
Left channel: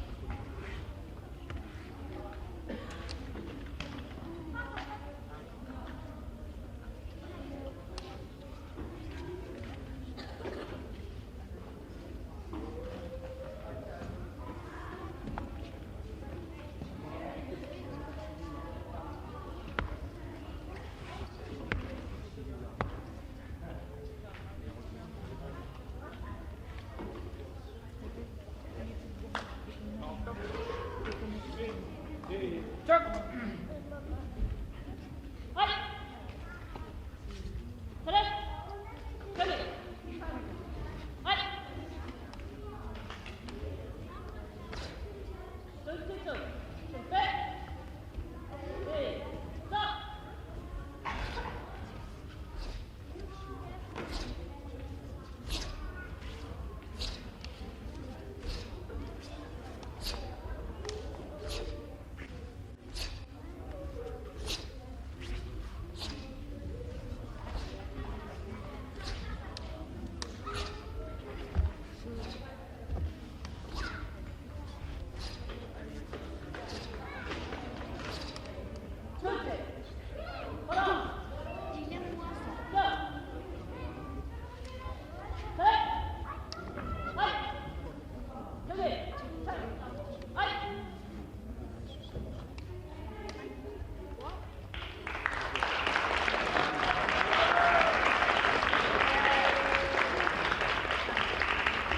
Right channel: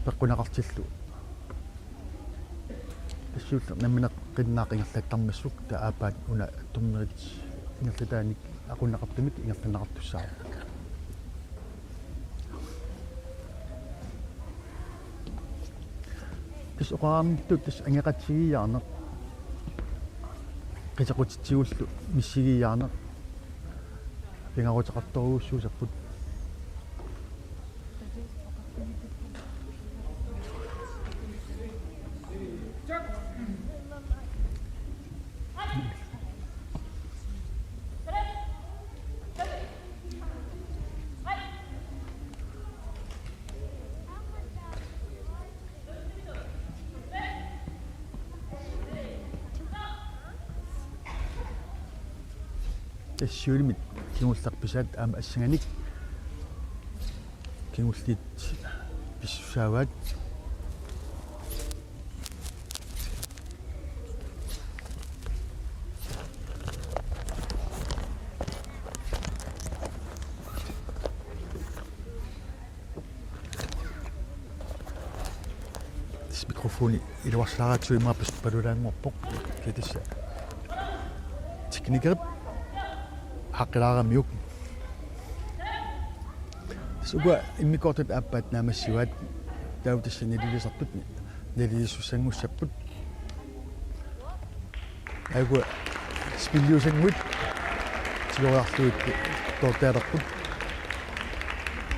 пеққунақартиллу ассуулла наминақ қиннаақигиллаттармассук таапаат уна томмерит нерлитааник акунақартумик нерлинақартуссаа тас оқарамтут тас ангеқатсигиаарнеқ qisaqutitsigullu missigiyaarneq pingarutaqartoruussuusarput тассиулимит кигулларписаат аама ассанганик кигуллит писсусааваат тис микрофони илуарлааратсуимааппас палулаангорпоқ китасса техникерп хаққилаарамиук суга иммикортут аппаат наамассуаат таутассанилисартут нелисуссангуссаппут агу спилиусангут силуартуит тортеарпут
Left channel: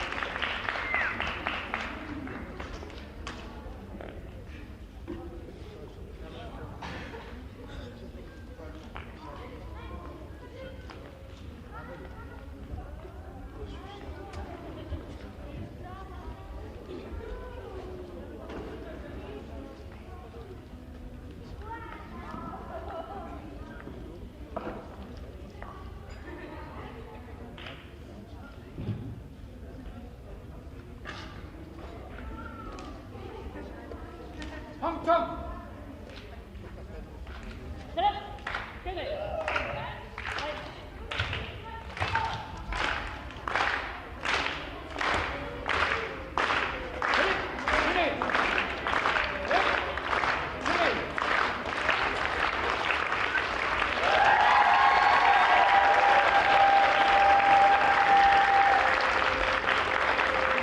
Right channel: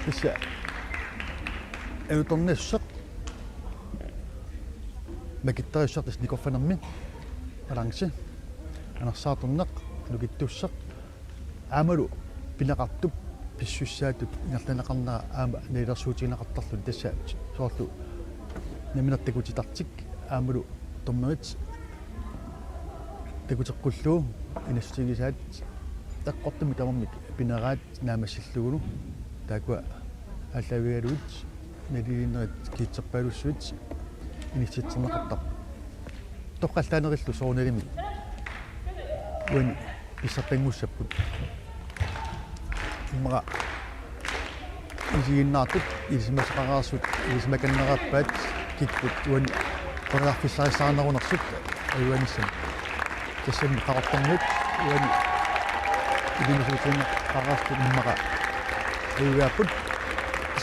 исса эуторнессақ макиттариуссартас никорфанерми алангси анерсааторнеқ нукиттуссақ аамалу пинеқартуп писсуссаатут инерланеқарнера аама неилерсуутигинеқартарлун тасса соорлу наминертакутитартик аамалу томмерит такутеққуллуу инассутигисаат таққортуми тамаммик пинераат наамассиллугулу таакуа аллавигалуит нелигиннерит киитсерпаалуссуит инитситсернеқартар тоққалтаанериллу соорнелими ин писсартангуссаппут мага isiginnaartut ilismaqaqarsut ilismakannerappaat kikkut uan qoriarfissarissaanerunersut ayuanissam тассами qaqartarnut uan ilimisuutun qararstut immaqa ayuaaput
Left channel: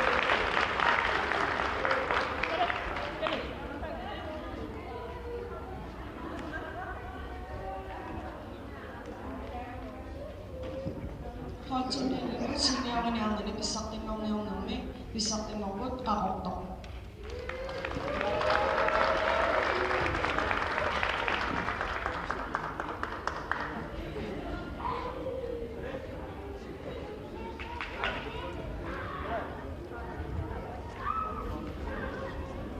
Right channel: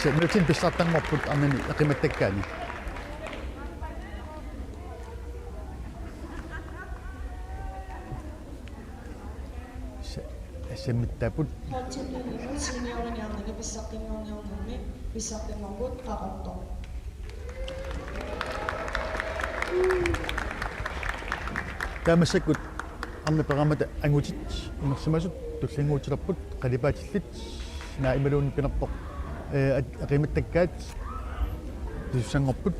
сэмэтин писсартарнарпут арнани эқиматтаккаани сэммиттаапут Holdtildelingen senioriniarnani pissartinngorniornermi pissartinngorput qaqortoq. таамассаккут арна перамата ангутит инерсимасут туллингуутиларпут қалипаатиллит наа ималуунникканарпоқ эқиматтаккаат туссангорпут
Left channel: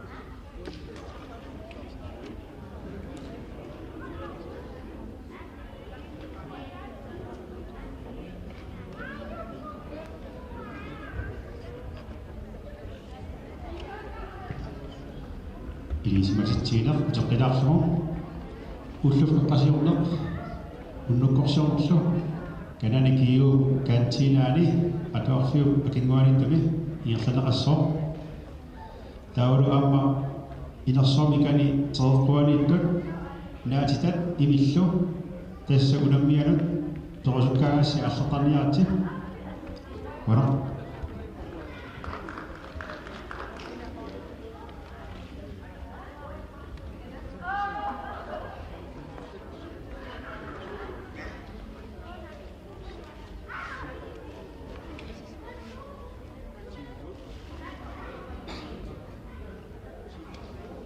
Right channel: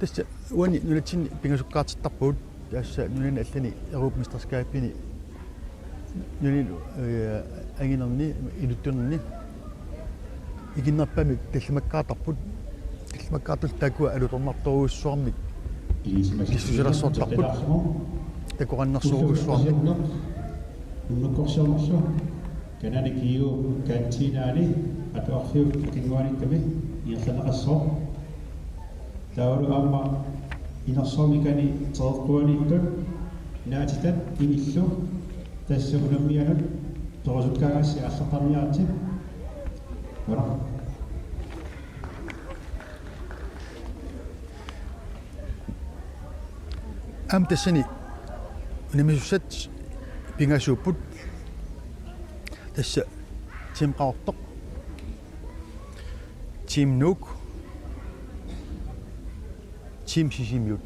тасса уани нулатсин пингасуккаартиттарпуут тасса нунани аллани эрупмистерскааппини нуни ангинерни илуттунерни игиннарпами таллимаккаатарпут таллимаккаатул таакуа алуторнарторуussуарник илисимаситсигиларсуартарпилаарсугу такураннарсууссуарник уннуккорсуумерсу канани киу кантинаани атоорсиу акингуаниттами иерланеқассоо таулу аама инерсуамикани тереққуаниттут наатитат имиллу тассагунаммианут торусуккаагасси арлеқарниарти вара ам тассани намисуссат пингасууппут тасса тим qaortoq тим нук тим сисимиут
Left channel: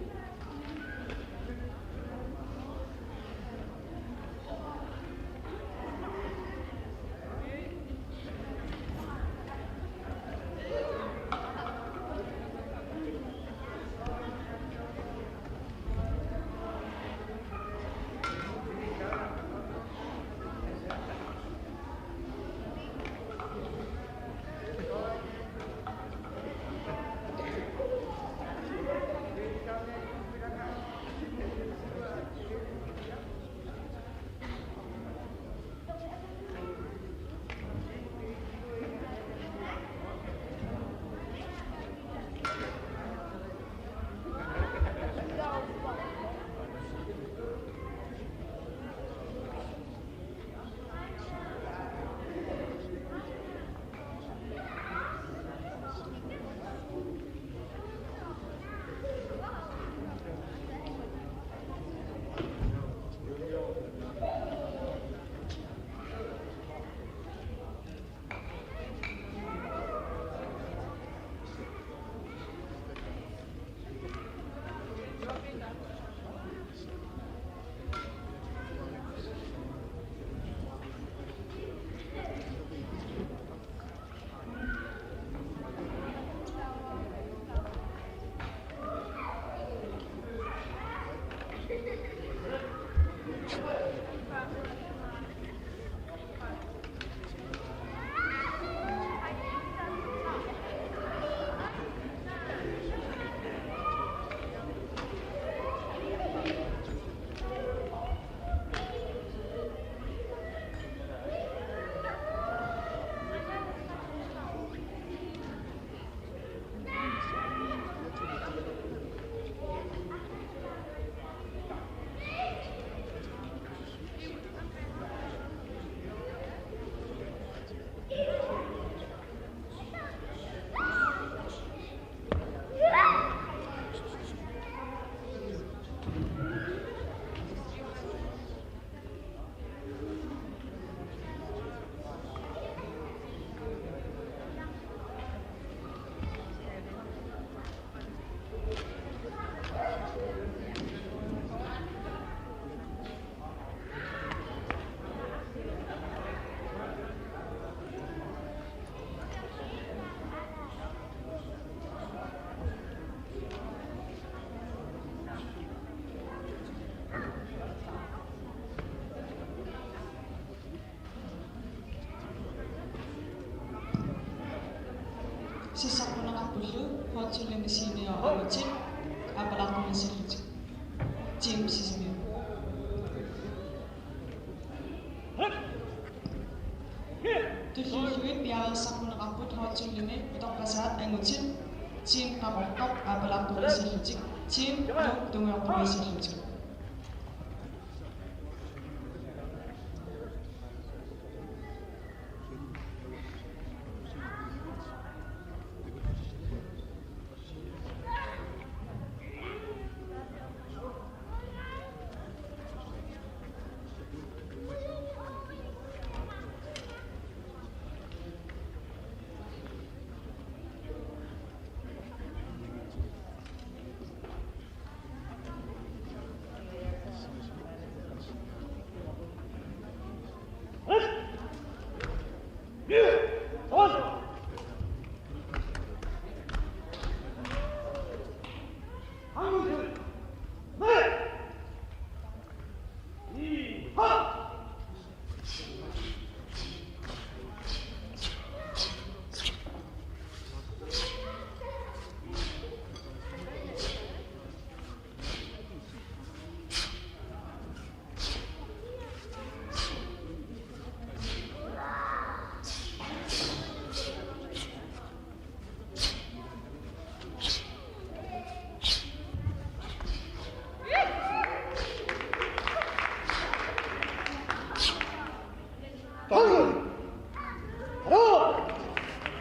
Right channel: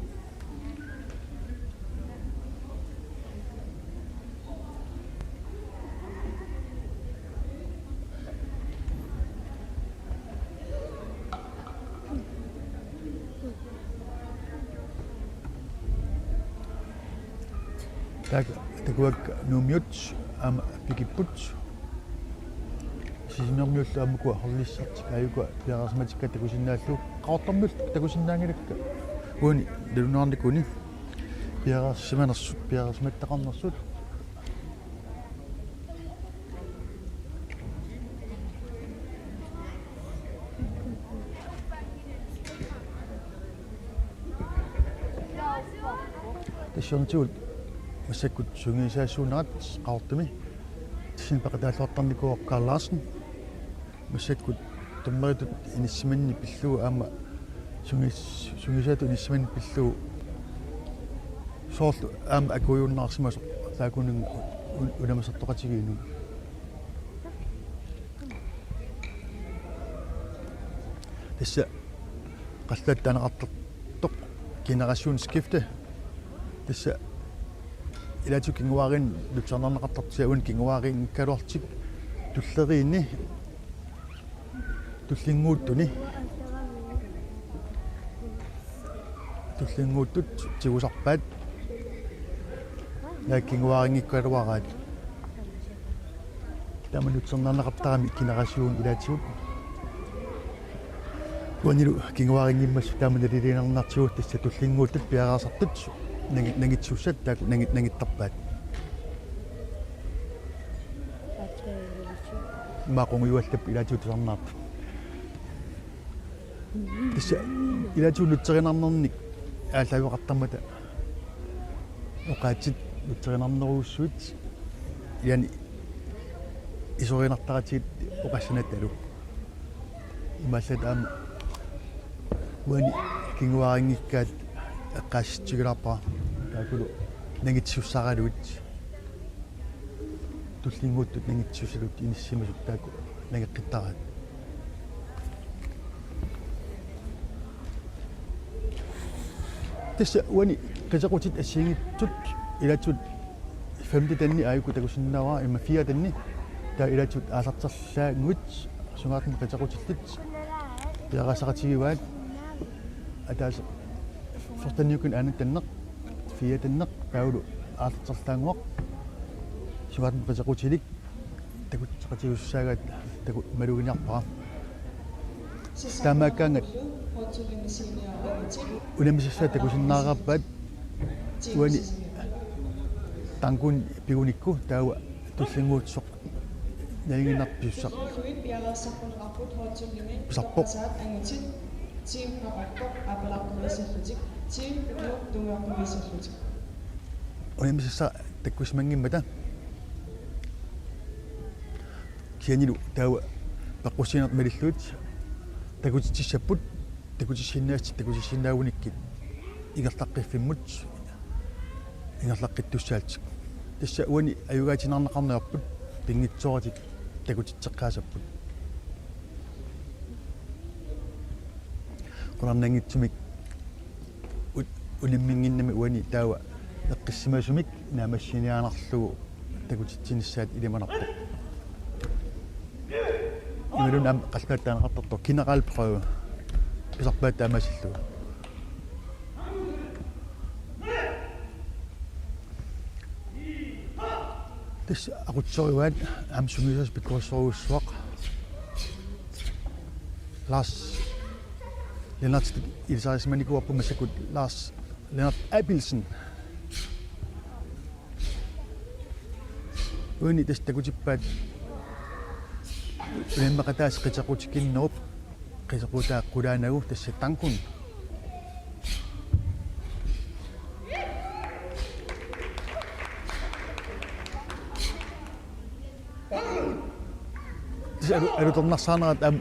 такуак нумиут ам пикиппут синнэрмиулла амукуа харлиссат аюкуа пиарасматикка такусиннааллу qaortarmul такусиннаангилакка уни дунаарникуни пиарассиманерсут пиарасматтақарнерсут тассернтуул массаккут сунгисаассуунерат qaortumi тисин пақатааллуартарникуоққарлаарсин массаккут томмеритут иниссиманни пиллуу аама сунгисаату иниссиманни пиллуу соорл аама акуйууннаарсимас таакунун унамасартоқатигиими тасса қаллаат танеқартортоқ генерасиун скифте тасса илату кингуарин лутсарнарнеқартартисауун кингуарин калуартик туллериинни туллингууттуни туллингууттут тигусарпаат нааккингуарингиккалуараат таманутсернарнеқартарами генерасиун илатиуп уанилу кингуарингиммас таамалилинернартигут тасса туллингууттут пиараасартут нагитсуссат таак нагиттарпаат маақунгиуаллап илаатиутсарнаарпа тисса илаатиулутсеринарнерник ааллавеқартармата оқаатит лутсеринарнеруussуут яни исоринартаратигит оқассанатталу массат аама уани кингуарингиккаат эққаасситсигиларпа таакулу нагитсуссаралуут туллингууттут нагитсуссалут иниссимулут таак нагеққиттараат тасса уани касеқутит ассиингитсут илатсут 5 танни аайку такусиннааваа има 4 танни таа илатсут аасартерлаагуут сунгаатни касеқутиллит пиарасақатигиваат атааса фортаниукун ануттаннеқ 4 таннеқ таулу аасартерлаангоқ сунгаатни касеқутилик такутсақатигуссаагаат таку малуинарпаа таамааккаангат Hotsuli senior amatin. Ulemisissa takusinnaaqarpat uani tangkun pigunikku taawa tussinguutsoq nalinginarpiussaq Luin piarissaqquneqarput hotsuli Pisarpoq. saat angutin team qarortoq apalaqturissallutik team tungeorpulissallutik. ulemisissa takkusmangimmata kianilu taawa paqqussineq malilluut takutitissaput takutissinnaasti takutissinnaaunikki ingerlaqqiffimmut ingerlaqqittussaaltik tassa uani ayugaatinarnaqarnerput tingitsoratik takutitseqqaasappi qunarnangitsumik ulimminginnami uani taawa eqqissimasumik naamassiniaanarlugu takutitsinnissaat ilimanarpa uilunam qalpaataanaqartortor kinaqaalprøve pisarpaat taamasillu tassa aqutsoriuat aamsumisas pikkuassoruussuaq Lars Lennart Ilsarismanikuappu massakut Lars Lennart Abelsen uini tas takutippaat ulimaqataas qitequtikinnerup qitequtaaqqulaanagu tassa tankun alutornarsaanarat am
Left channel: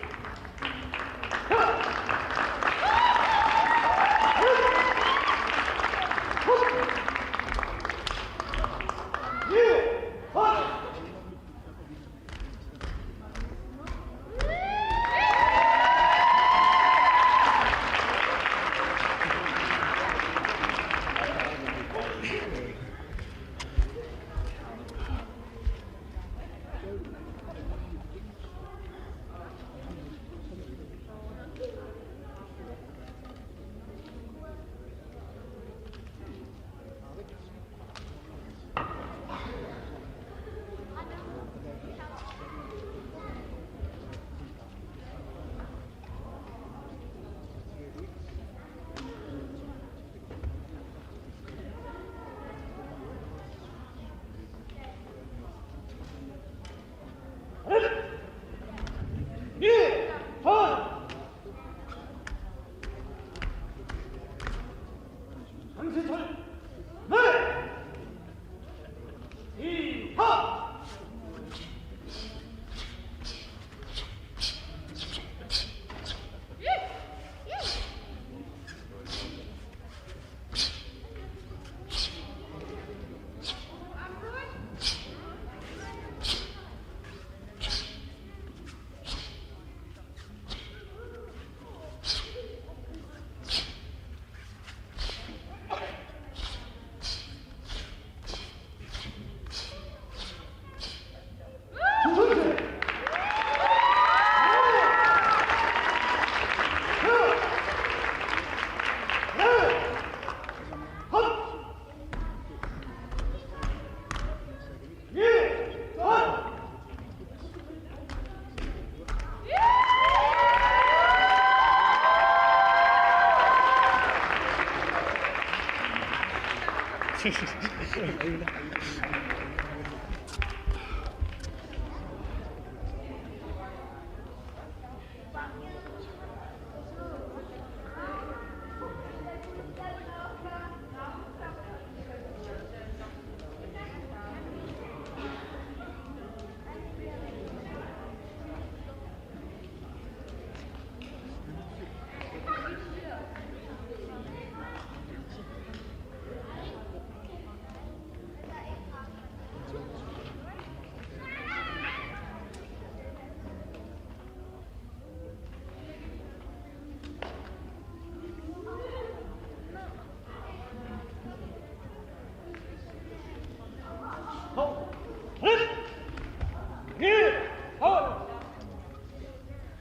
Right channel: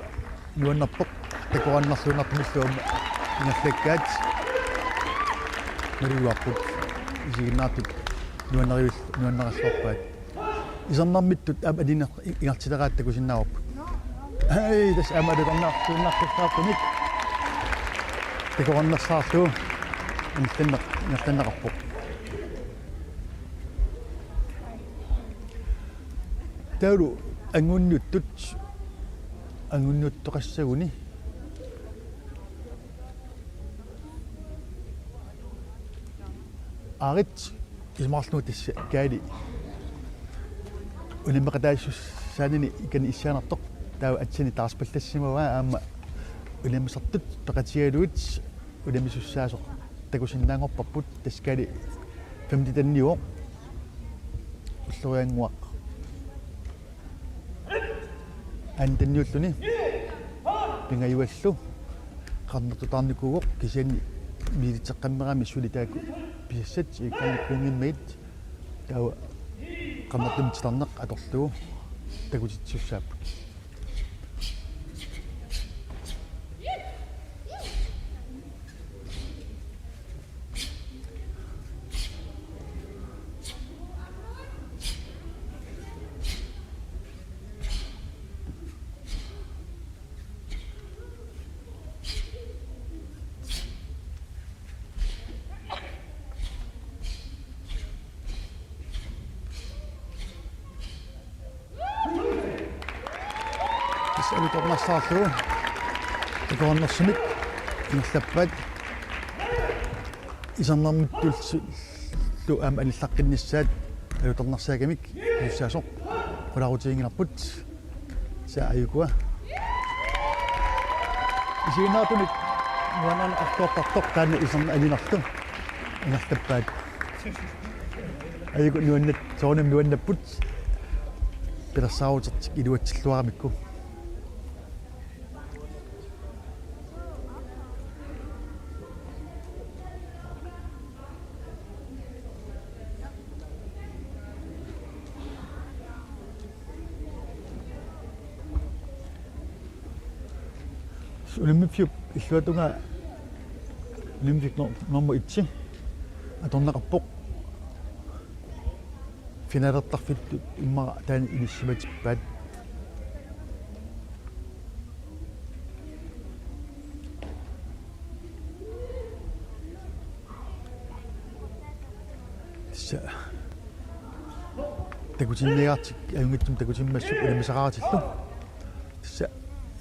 nuannartoq pikuannarluunarpumilluam ingerlakkaat maluuarput isiginnaarput nuannaralluarpaat isarnarmittut am adina ingartileraat hei tas am alutornarluunarpaqqaaqqunik pikuannarsaarlu ingerlannaqarpoq taulu angunniuttoqassaguni aarit ismaarluu tassa kaali ulimaqataassussaanini ikani issaanartoq taawa atsini taarspallassimava aama ulimisartut peqatigaluut ulimissussaasoq takusinnaangorparput taskaali 50 år ullurianguaq antanniulluni pingayuallu qarnertutaarnikuugoq kisiani miilitseqqammerami sulitaak piassat ikkuingimmait taawa qarnertimtitarneq atorlugu takutitsussaappu alutornarsaarlugu ikoornarsumik kinallappaat isarnarmittullu aama anillaqqinnissaat alutornarsaakamik ussaasoq qulaqutiinginarput saayukua isiinaatunik nuananaqartuoqqartoq taama isarna alinartu inartappaat ayuku nuannat soornam nuannapput pilarsaarutit iluatsilluaramikku ulimippiup illuatunga ulimipik number 1 atornaqarpoq finalertarfittu immara taani inissumatippaat sa takutinniartik ayungittum takutimmassu imisaqaratillu sa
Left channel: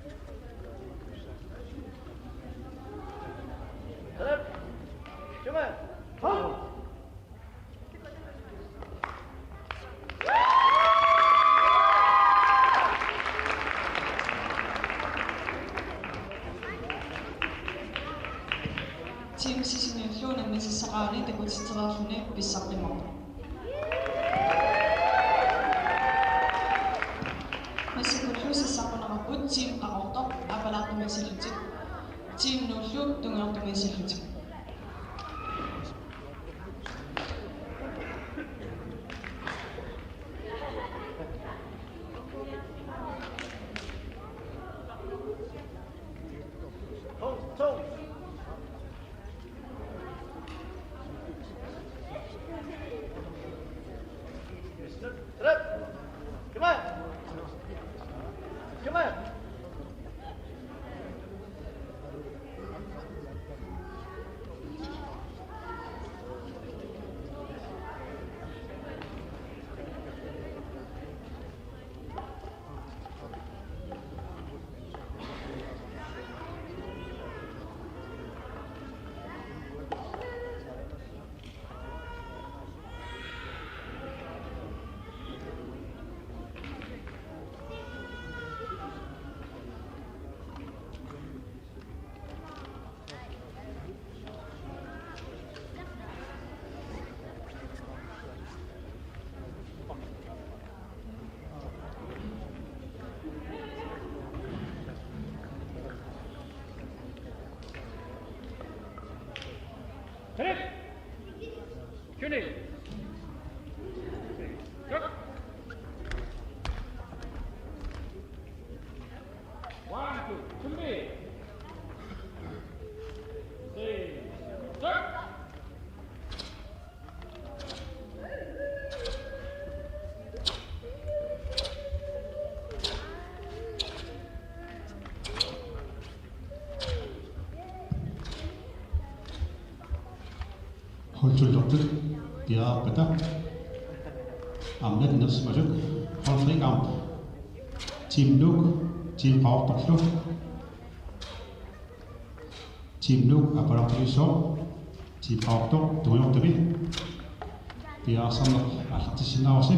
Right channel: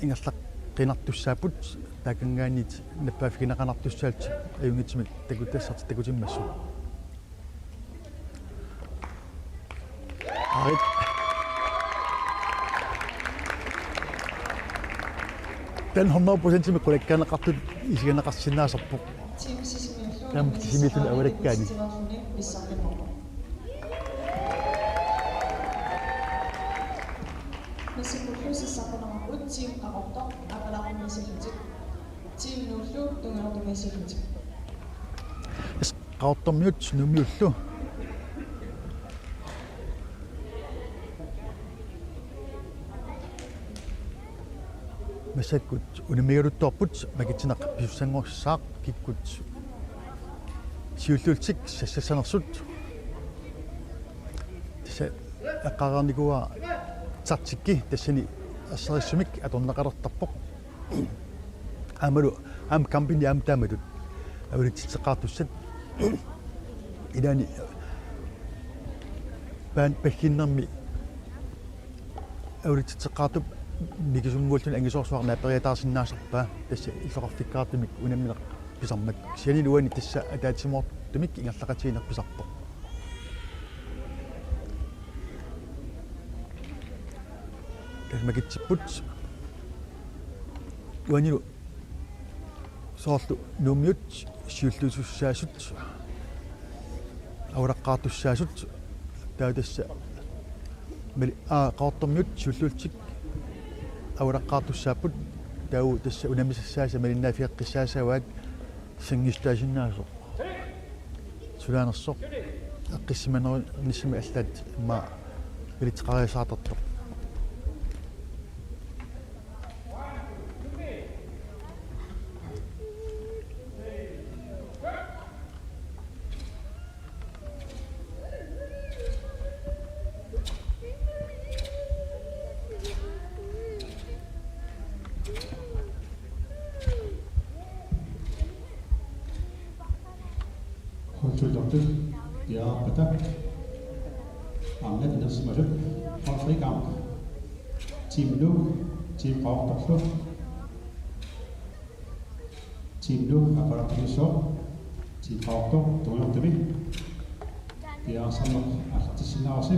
ingerlaq qinartussaaput takangaanit nappaafikinaqanartussaat ayungitsimik takutassat takutimmassu Den 100% med kollegaanaqartut isiganaqarsinnaasarpoq. Team Sisimiullu Nam simitul awalakkaani. Terafune pissarlimorpa. Masikkulluusassaqunaqarput team aqortoq apalaartumisillutik. Team nullu tungeortumisillutik. Qaortormiut numiullu. Masakkut unimigaruttorput makitsinaq pissanngorsaaq kikkut siullultik sassasanersut sa aqaqarnikuwa tartikki tassani assarissumik atornaqalertarpoq amalu am kampini am tamadut awlitsitseqaartussat ilani ban pakkinnermi awlitsitseqaartup mikisummuultun angisoorsuarna periataarsinnaasarpaa tassa illoqarfikkaartumik unammineq pisarmak siani luani tassa ataatsimortumik ingerlaqatiinerpisarpoq makitsiput uanilu soorlu nuummiut siulluusussaasut awraqqaartussaasut tautassa mali qaortormiut siulluultik awraqqaartussaaput tau tassa unamisassaasa malinnaafieqqissaasavaat sangistaasinnaaso sulaanersoq aqqissimaneru nissima allaat ma ilitqarisaartortoq Holtullertut piaapata angan nersmaluk halfrikamp team nuk team qaortorlu team nuk aparaatuisoo team qaortor tuulortumi piaarsaneq artissinnaarsi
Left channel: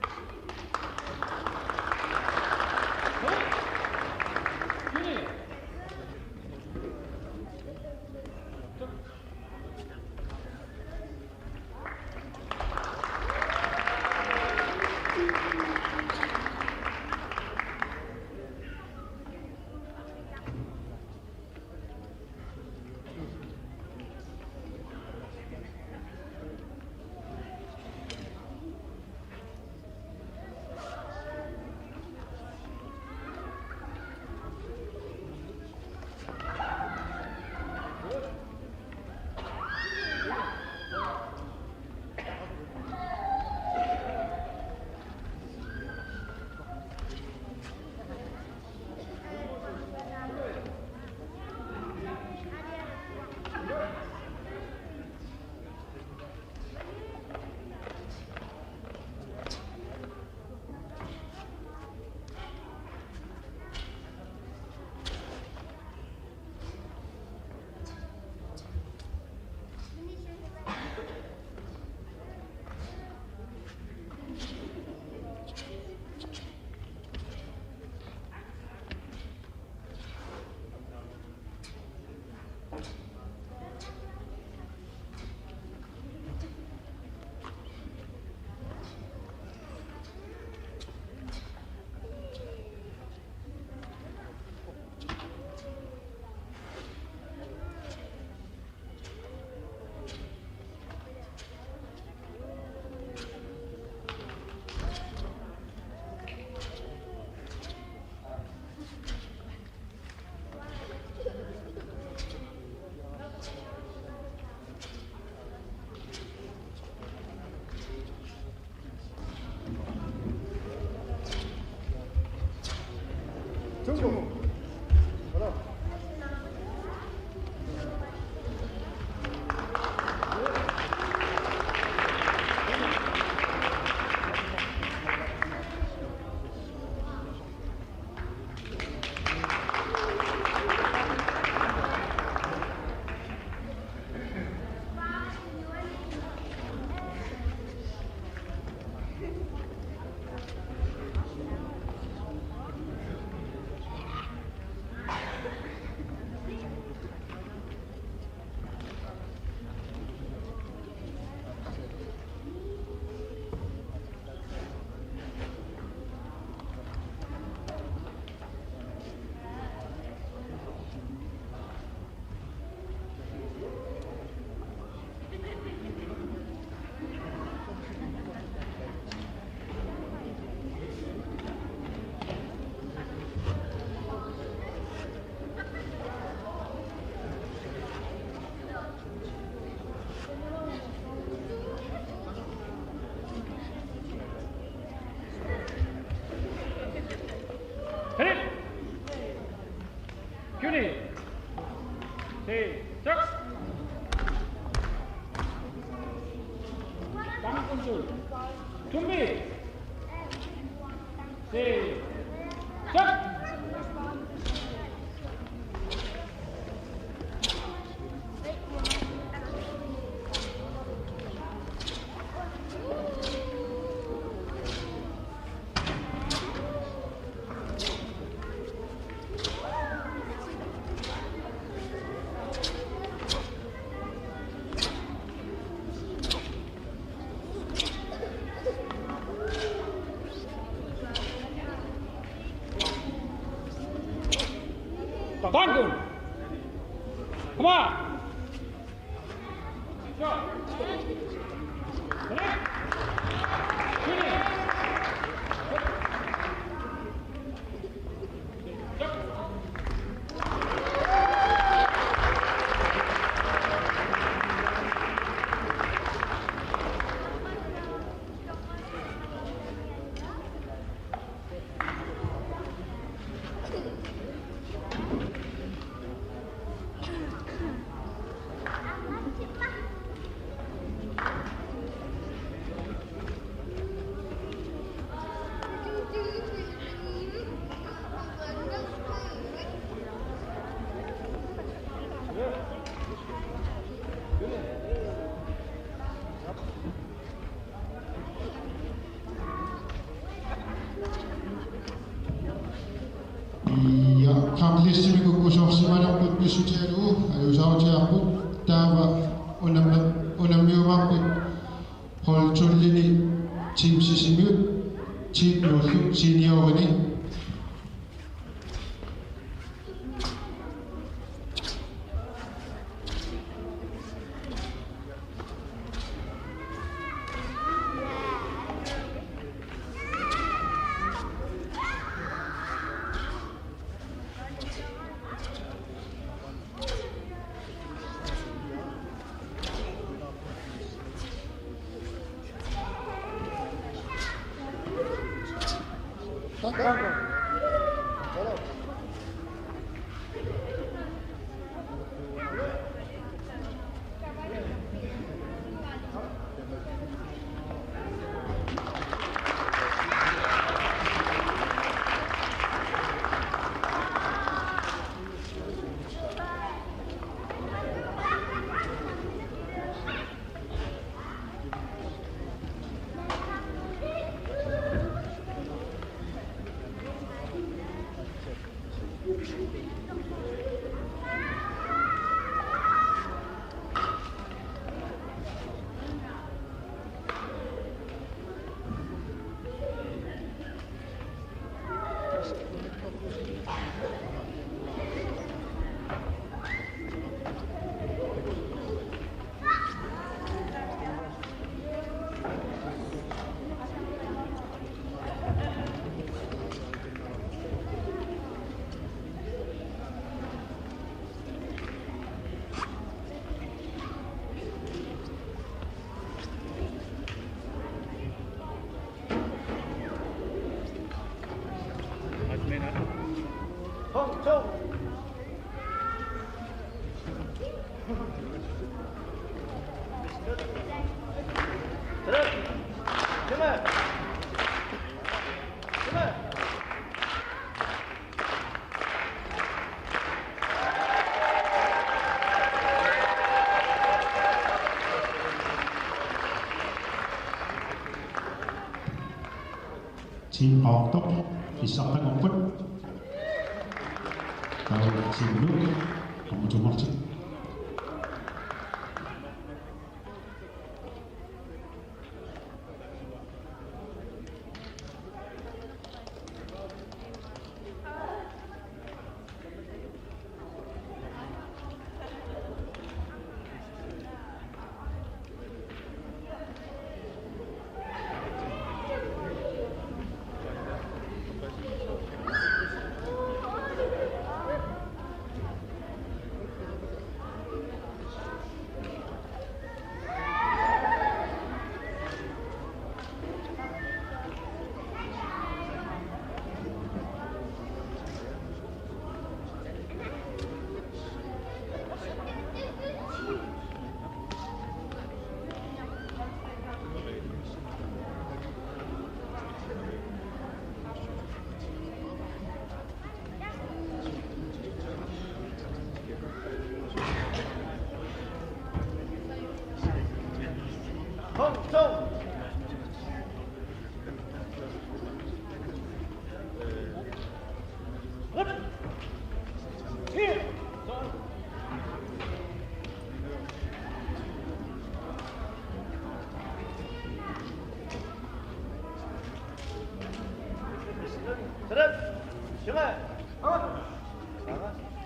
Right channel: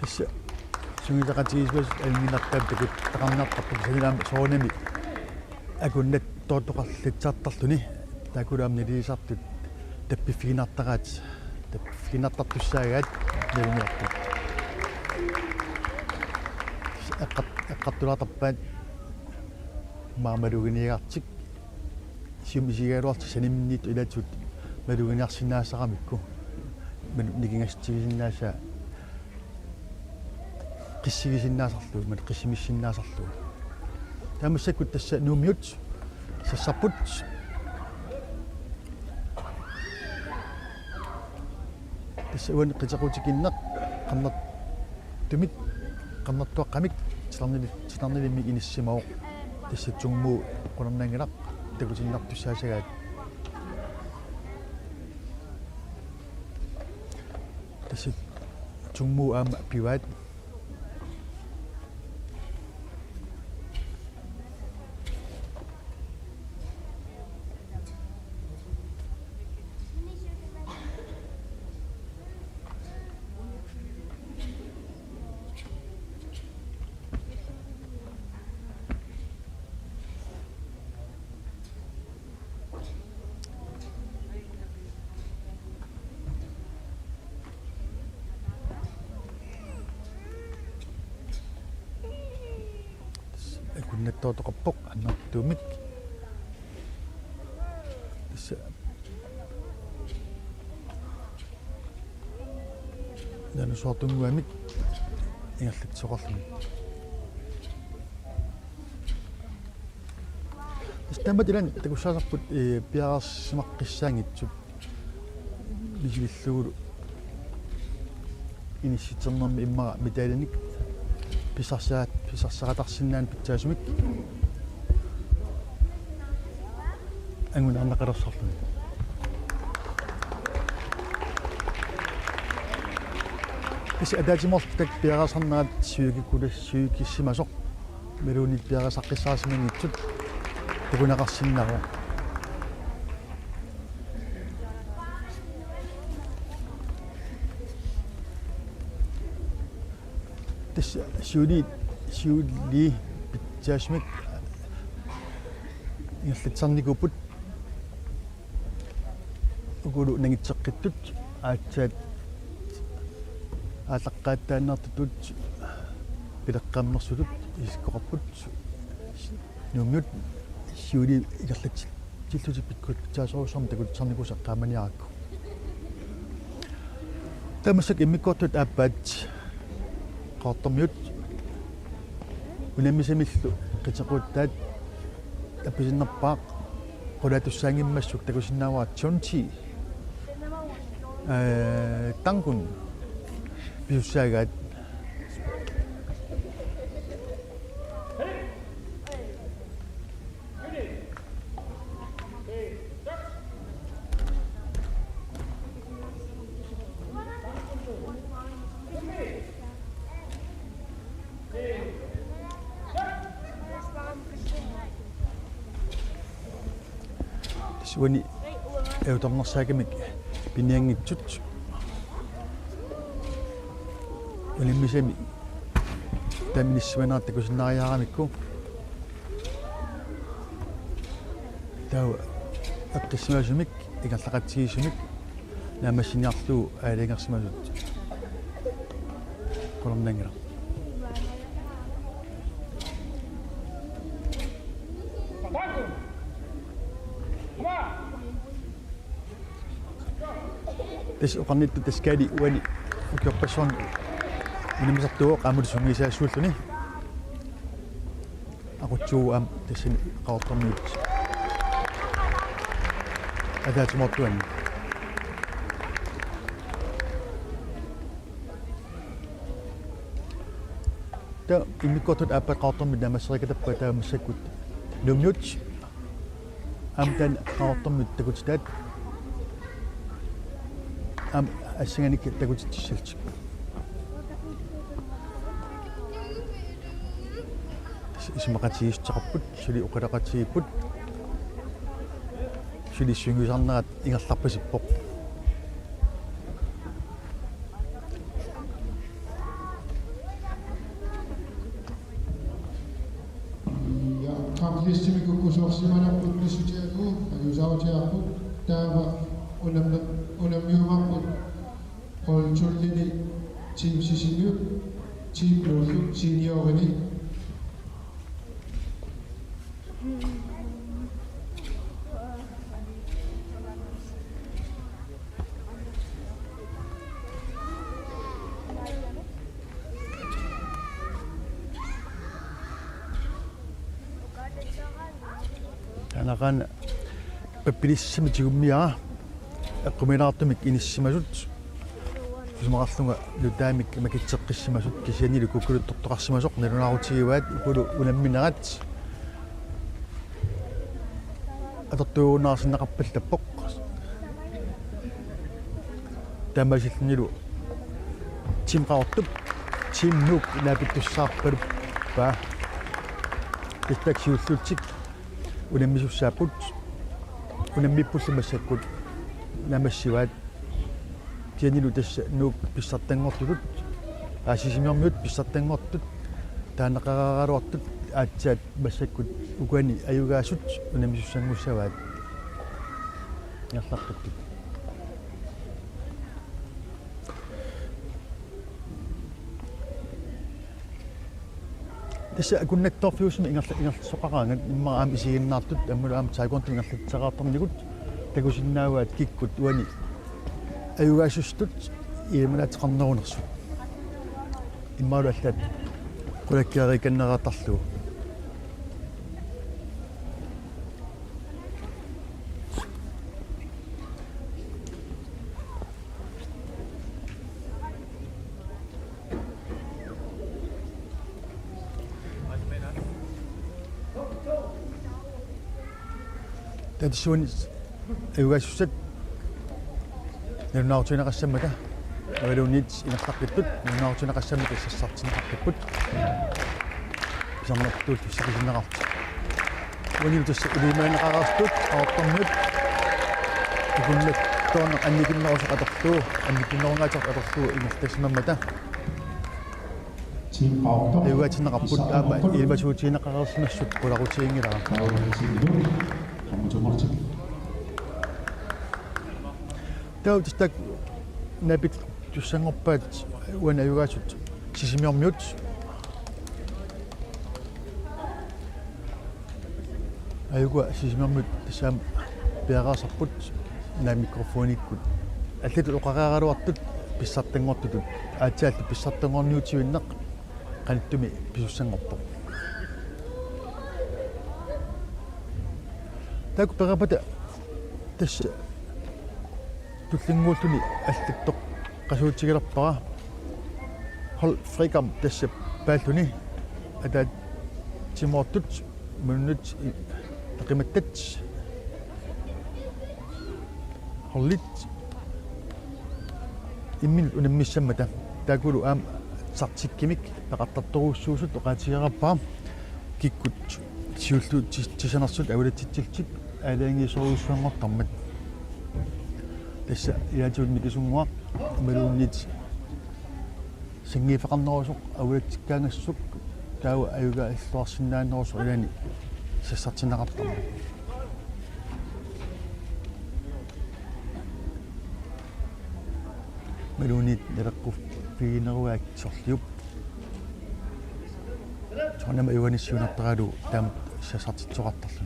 tassa sungitaqatigisluus alminartaattukut taqaminartarput sangilaam soonami akunnat toortoqarlitsartarluni taakulaamniliisartut tappiffiginartaqaat tappiffiginartartussaagaat nalimiartut eqqartulaartarpaat maamaluuginiigartik isigaluarti sanimniit ilaatut maluuginiarsinaassaqamikku nikingastigisinnaasa qissigisinnaasarlu mat qissimissinnaasarlu tamassakut tassa nuumiut sassarput tassa uan qitequtikinneq qannat tumik qannattuaqqamik tilarnilimi inissimaoq tassa tungmuu qulernanginaq takusinnartussaasagaat tassa tungmuu aama pivaat nettotoqarpoq annartuumik issa nanu soortunguanik ingerlitsoqarlun istambatilan takussaasarput piararsimaqqissaangitsut lisilluulu inissiternermi immara mitalinik pisarsaaqatarsinnaan pitsaasumik angun annaqalersorlu is atatimortak piarasarnaat siukikkulassiukissimasoq Meruni piaqasaqqisaasimangittut takunaqarsinnaru this Shuli Jasmine ngissitsarnikuput ugulu nangitseqqittut aatsaat ааллаққааттааннартут пилеққаммерсулут искоқарпут нунгут сиули илерлат тиллутиппиккут таасоорсорм такутсарникусақ тааманиаракку тамасак иммиккортут ааппаат qaartarmiut unammisamillu qitequuttaat appisinnerpaa qulatussaangimmassuk takusinnaawaa tsunti tankun piussaagaat Wani eutarnersaakimik pinianngitsut inimmisami tannissuanaat takusinnaariaaramikku tau akkassuasumik ikallaqatsigisumik naamassiniarluu aalingersmalut kornanga Bangun! Come on! This uqarnit taskali wali ukappason inimisattuo qaamusumisaassuulluni aqutsuu am tasin qaartarnit agaatmortuani ta imikkortut aappa qaartarmit namassarikatappa taamassakut lungut amtan qaartarmit takutitaat am assinganik takutitsillt ismaqatigisteqarput suli uqalaqatigipput suli sungisarnerat ingerlarpasippoq Ja kaaplissimikuk usorsimanerput missutialuu alusautiarput taava unammiumarput holtullini teamsisimiut team nullu seniorini anaqan pappilissimitigummiara akkuminaartumik inissimasut ismaqarlunga lutaamik makitseqqissimasut kisianilu kukkulut tortoqarsimasoq nalunaarutigivаат ukulu unamminerat atortuunaarsinnaqarpallappoq tamasillnilu timqaortut timnuuk naapikkussaarpalup taa tukkatsiulluutik unammisussaaput unammippullumassakkut namassivaat tianilu tassa nuuk pissartanngorlugut aasisimermiut pissartanngortut taanaqararaluartut aatsaat massakkut ukuani ayugaasut unammisussangussavaat nallaqut tassa akunnattorfiusmi ingersoqaraangat immaram isiginnaartut ammulaam taakontu ingerlitseqaartornigut takusinnaaguat kikkut uani ayugaasustut iimanatiqarnerunersu immaalu allat kulakkiarikanneraatarlugu tadisuuni ayugaasussat nunnaartunaqassammata walunit inqarpittut nunnaartunaqassammata sassartinaqarpipput писарнартуут сикисинеқарт уни тасса илимаанеқарастут аортарнут икуннаттуун анникиннерусеқатортуу анникиннерунгаатеқатортуу инстасимаммата Team Outdoor. эватинеқарпут таама илмасуутиинеқарерсимассут пуларутиингилара Kommer til Martin. таутистак напит туссангорпаат уана аюгаасут сисимиормиут аюга сисимиормиут тассаам пиагаасарпут на микрофониккут аллату оқараагалуартут писсартангортутут аатсаалли писсартангорниутивиннеқ канттуми писуссангорпо так перапата тасса туллингууллуни аллаттоқ qasuutigilerpara hol frikam tassa paalluni ataat timortut munnut qimattat hollit immin unammissammata taakulu aam sartikkimik taqartartoruussuusut oqaatigerappa kikkut siulluut tisanersut avulatsitsiltik aalaangisoruussuangortarmat тасса яатуунни кисунгуа малуннит сингифеқарнерусоқ авуатсиккаангассук таава аюга аллуарсинаанерусоқ яани сассартинеқарпа малунит мераққуф пигинеруааксерлиуп анама юаниссуунартаралу таама сассартитсоқартарлу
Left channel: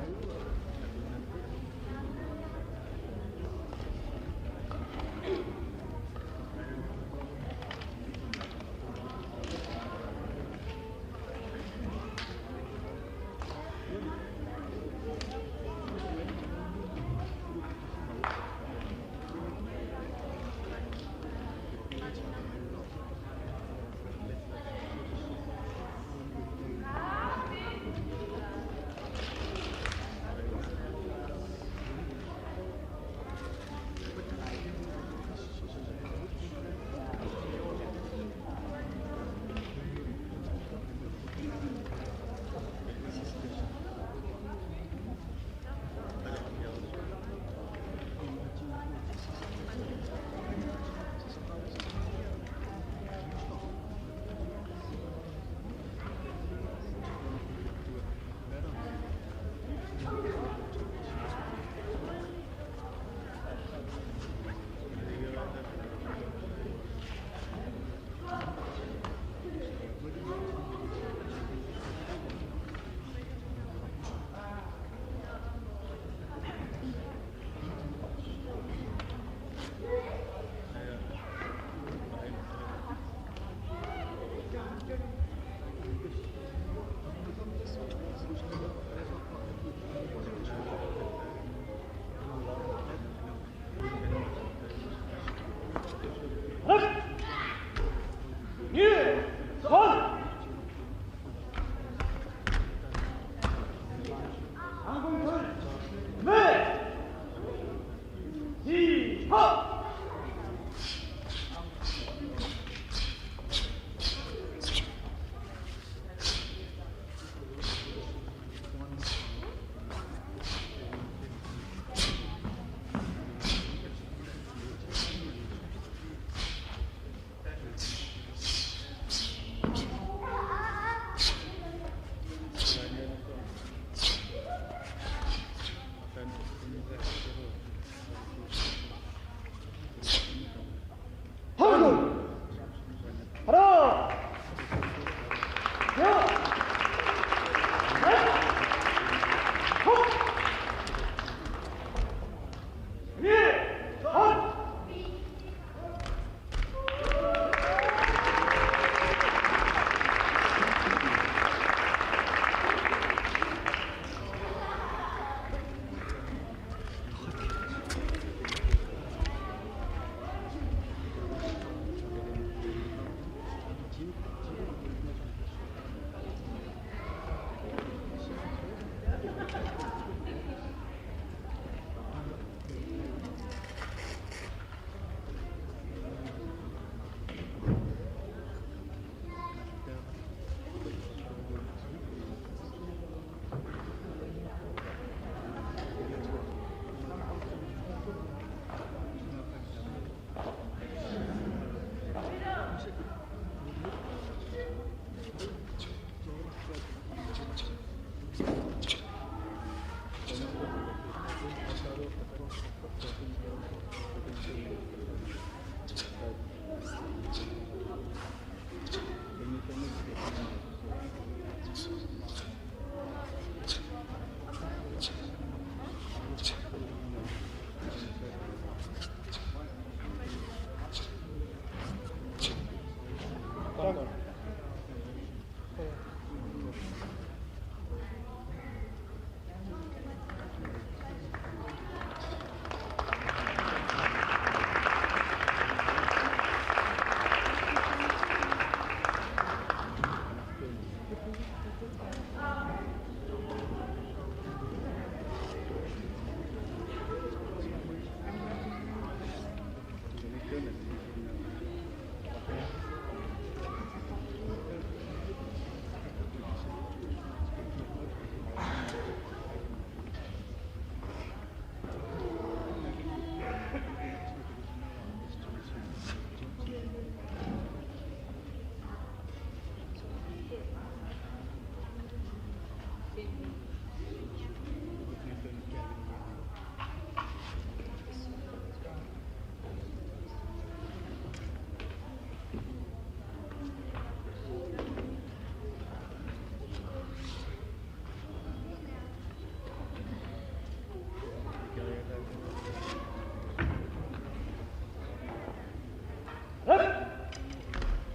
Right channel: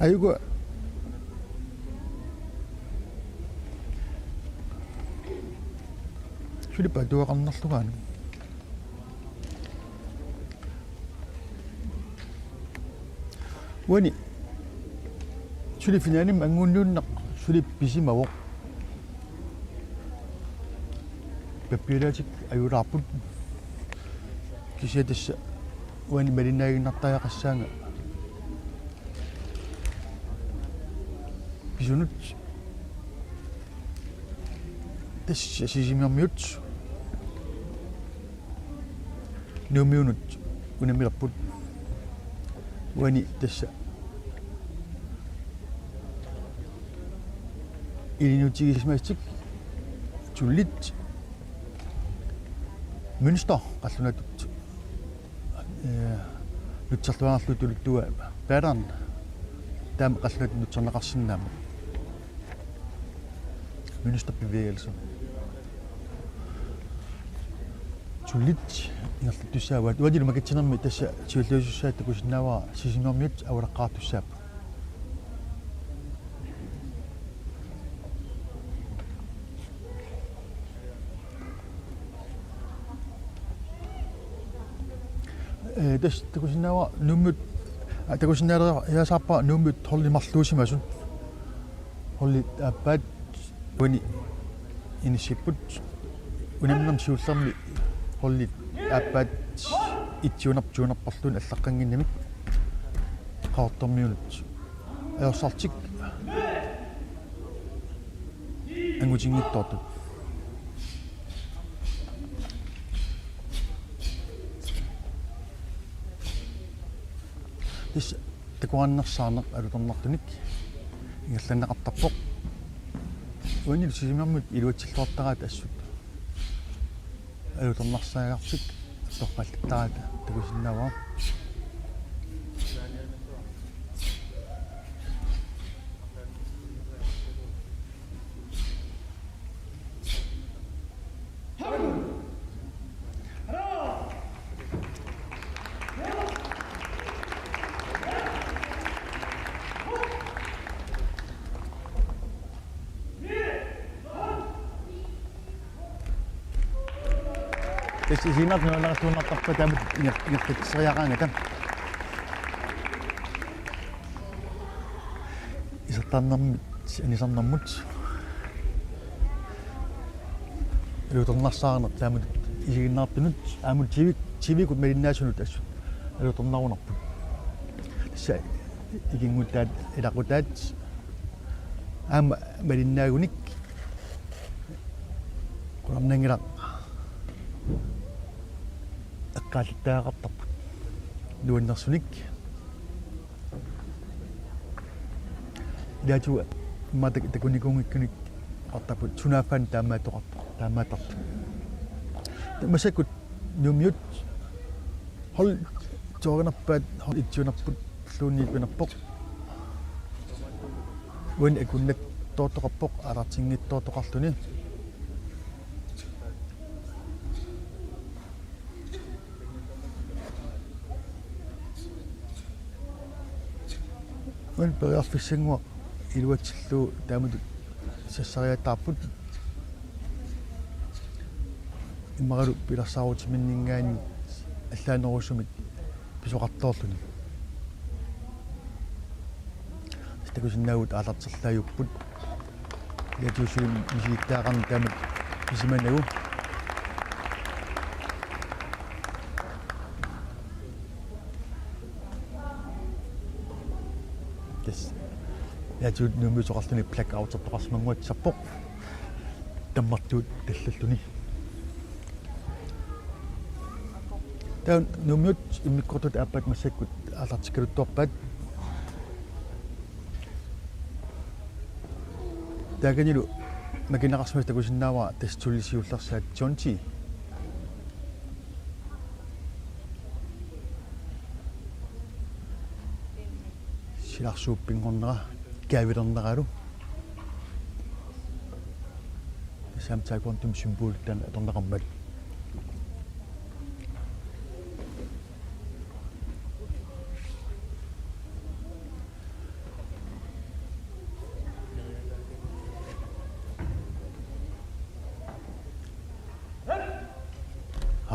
аюга шулипа дуақарнерлугаан уани шулифинааним ангууннууннақ шулип писимавоқ пеппилаатик аюлаарпут кисиатасса уани малинаагиннартаяқассаанга писунут тасса сисимиормиут нумиунут унамиларпут уани тасса илинутигисмаастик туллит мюнстер қаллунатут нутсарлуаарлу тулуттуа паатарн таама қаллунат нутсернеқарсинаама мюнстерпивиалсу туллит нерлуттуссааваат уадилу макатсинерми тасса тиуллуусуссаат такусиннааваа сисимиормиут авулаққаартуссаап тас такусиннаава нуммут такусиннаалера яасаарпаа нуммут холлимарлуусимасу холли аппаат уни инисиппут унамнам сиуллерми холли аппаат итсуунарпарлуун аллаққангиннами qaartormiulut eossartik angutigiittortu is takuannersaarneq alutornartunik ingallanneqartarpoq uanil sisimammut iluatsilluartaraat assut alutornarsaagartut torpallattaraat takisinnaavaa Isimak na lang sa mapagkagan yung sayakan ito. Isang namut. Ilutong nasaan at samun isigin natin. Amul chibik at merin nasunod aso. Ilutong naunap. Siya, iging mutad, idakutad. Merin nagunik. Qulernangila eqqaalittaaqartarput nuannersunik ilaatu matak takunikuнгиккуник артапут сунафан таамаатарт масакут нумиут хол жорнарпаат итсунарпут луунниипинерпоқ вон экуннат тоотоқарпоқ алартингиттоотоқарлуни вон периарфиссангуа илуатсиллуу таамут сассариатаарпут иммаралу пиларсаарутиминнингаани аллаанерусумит писоқартоорлуни стакусиннаагут аалартерлааюппут ятусуун исииттаагани таамат исиманагу ятуут нумусоқарлуни плак аутертоқарсимангуатсарпоқ таммартуут таллуллуни таун нумут иммиккортут ааппат массаккут аалартиккалуттуарпаат таганилу макинеқарсимас такусиннаава тастулисиулларсаат Джонти силарсууппингорнера каавилернералу самтаагонтум символтан аторнеқармат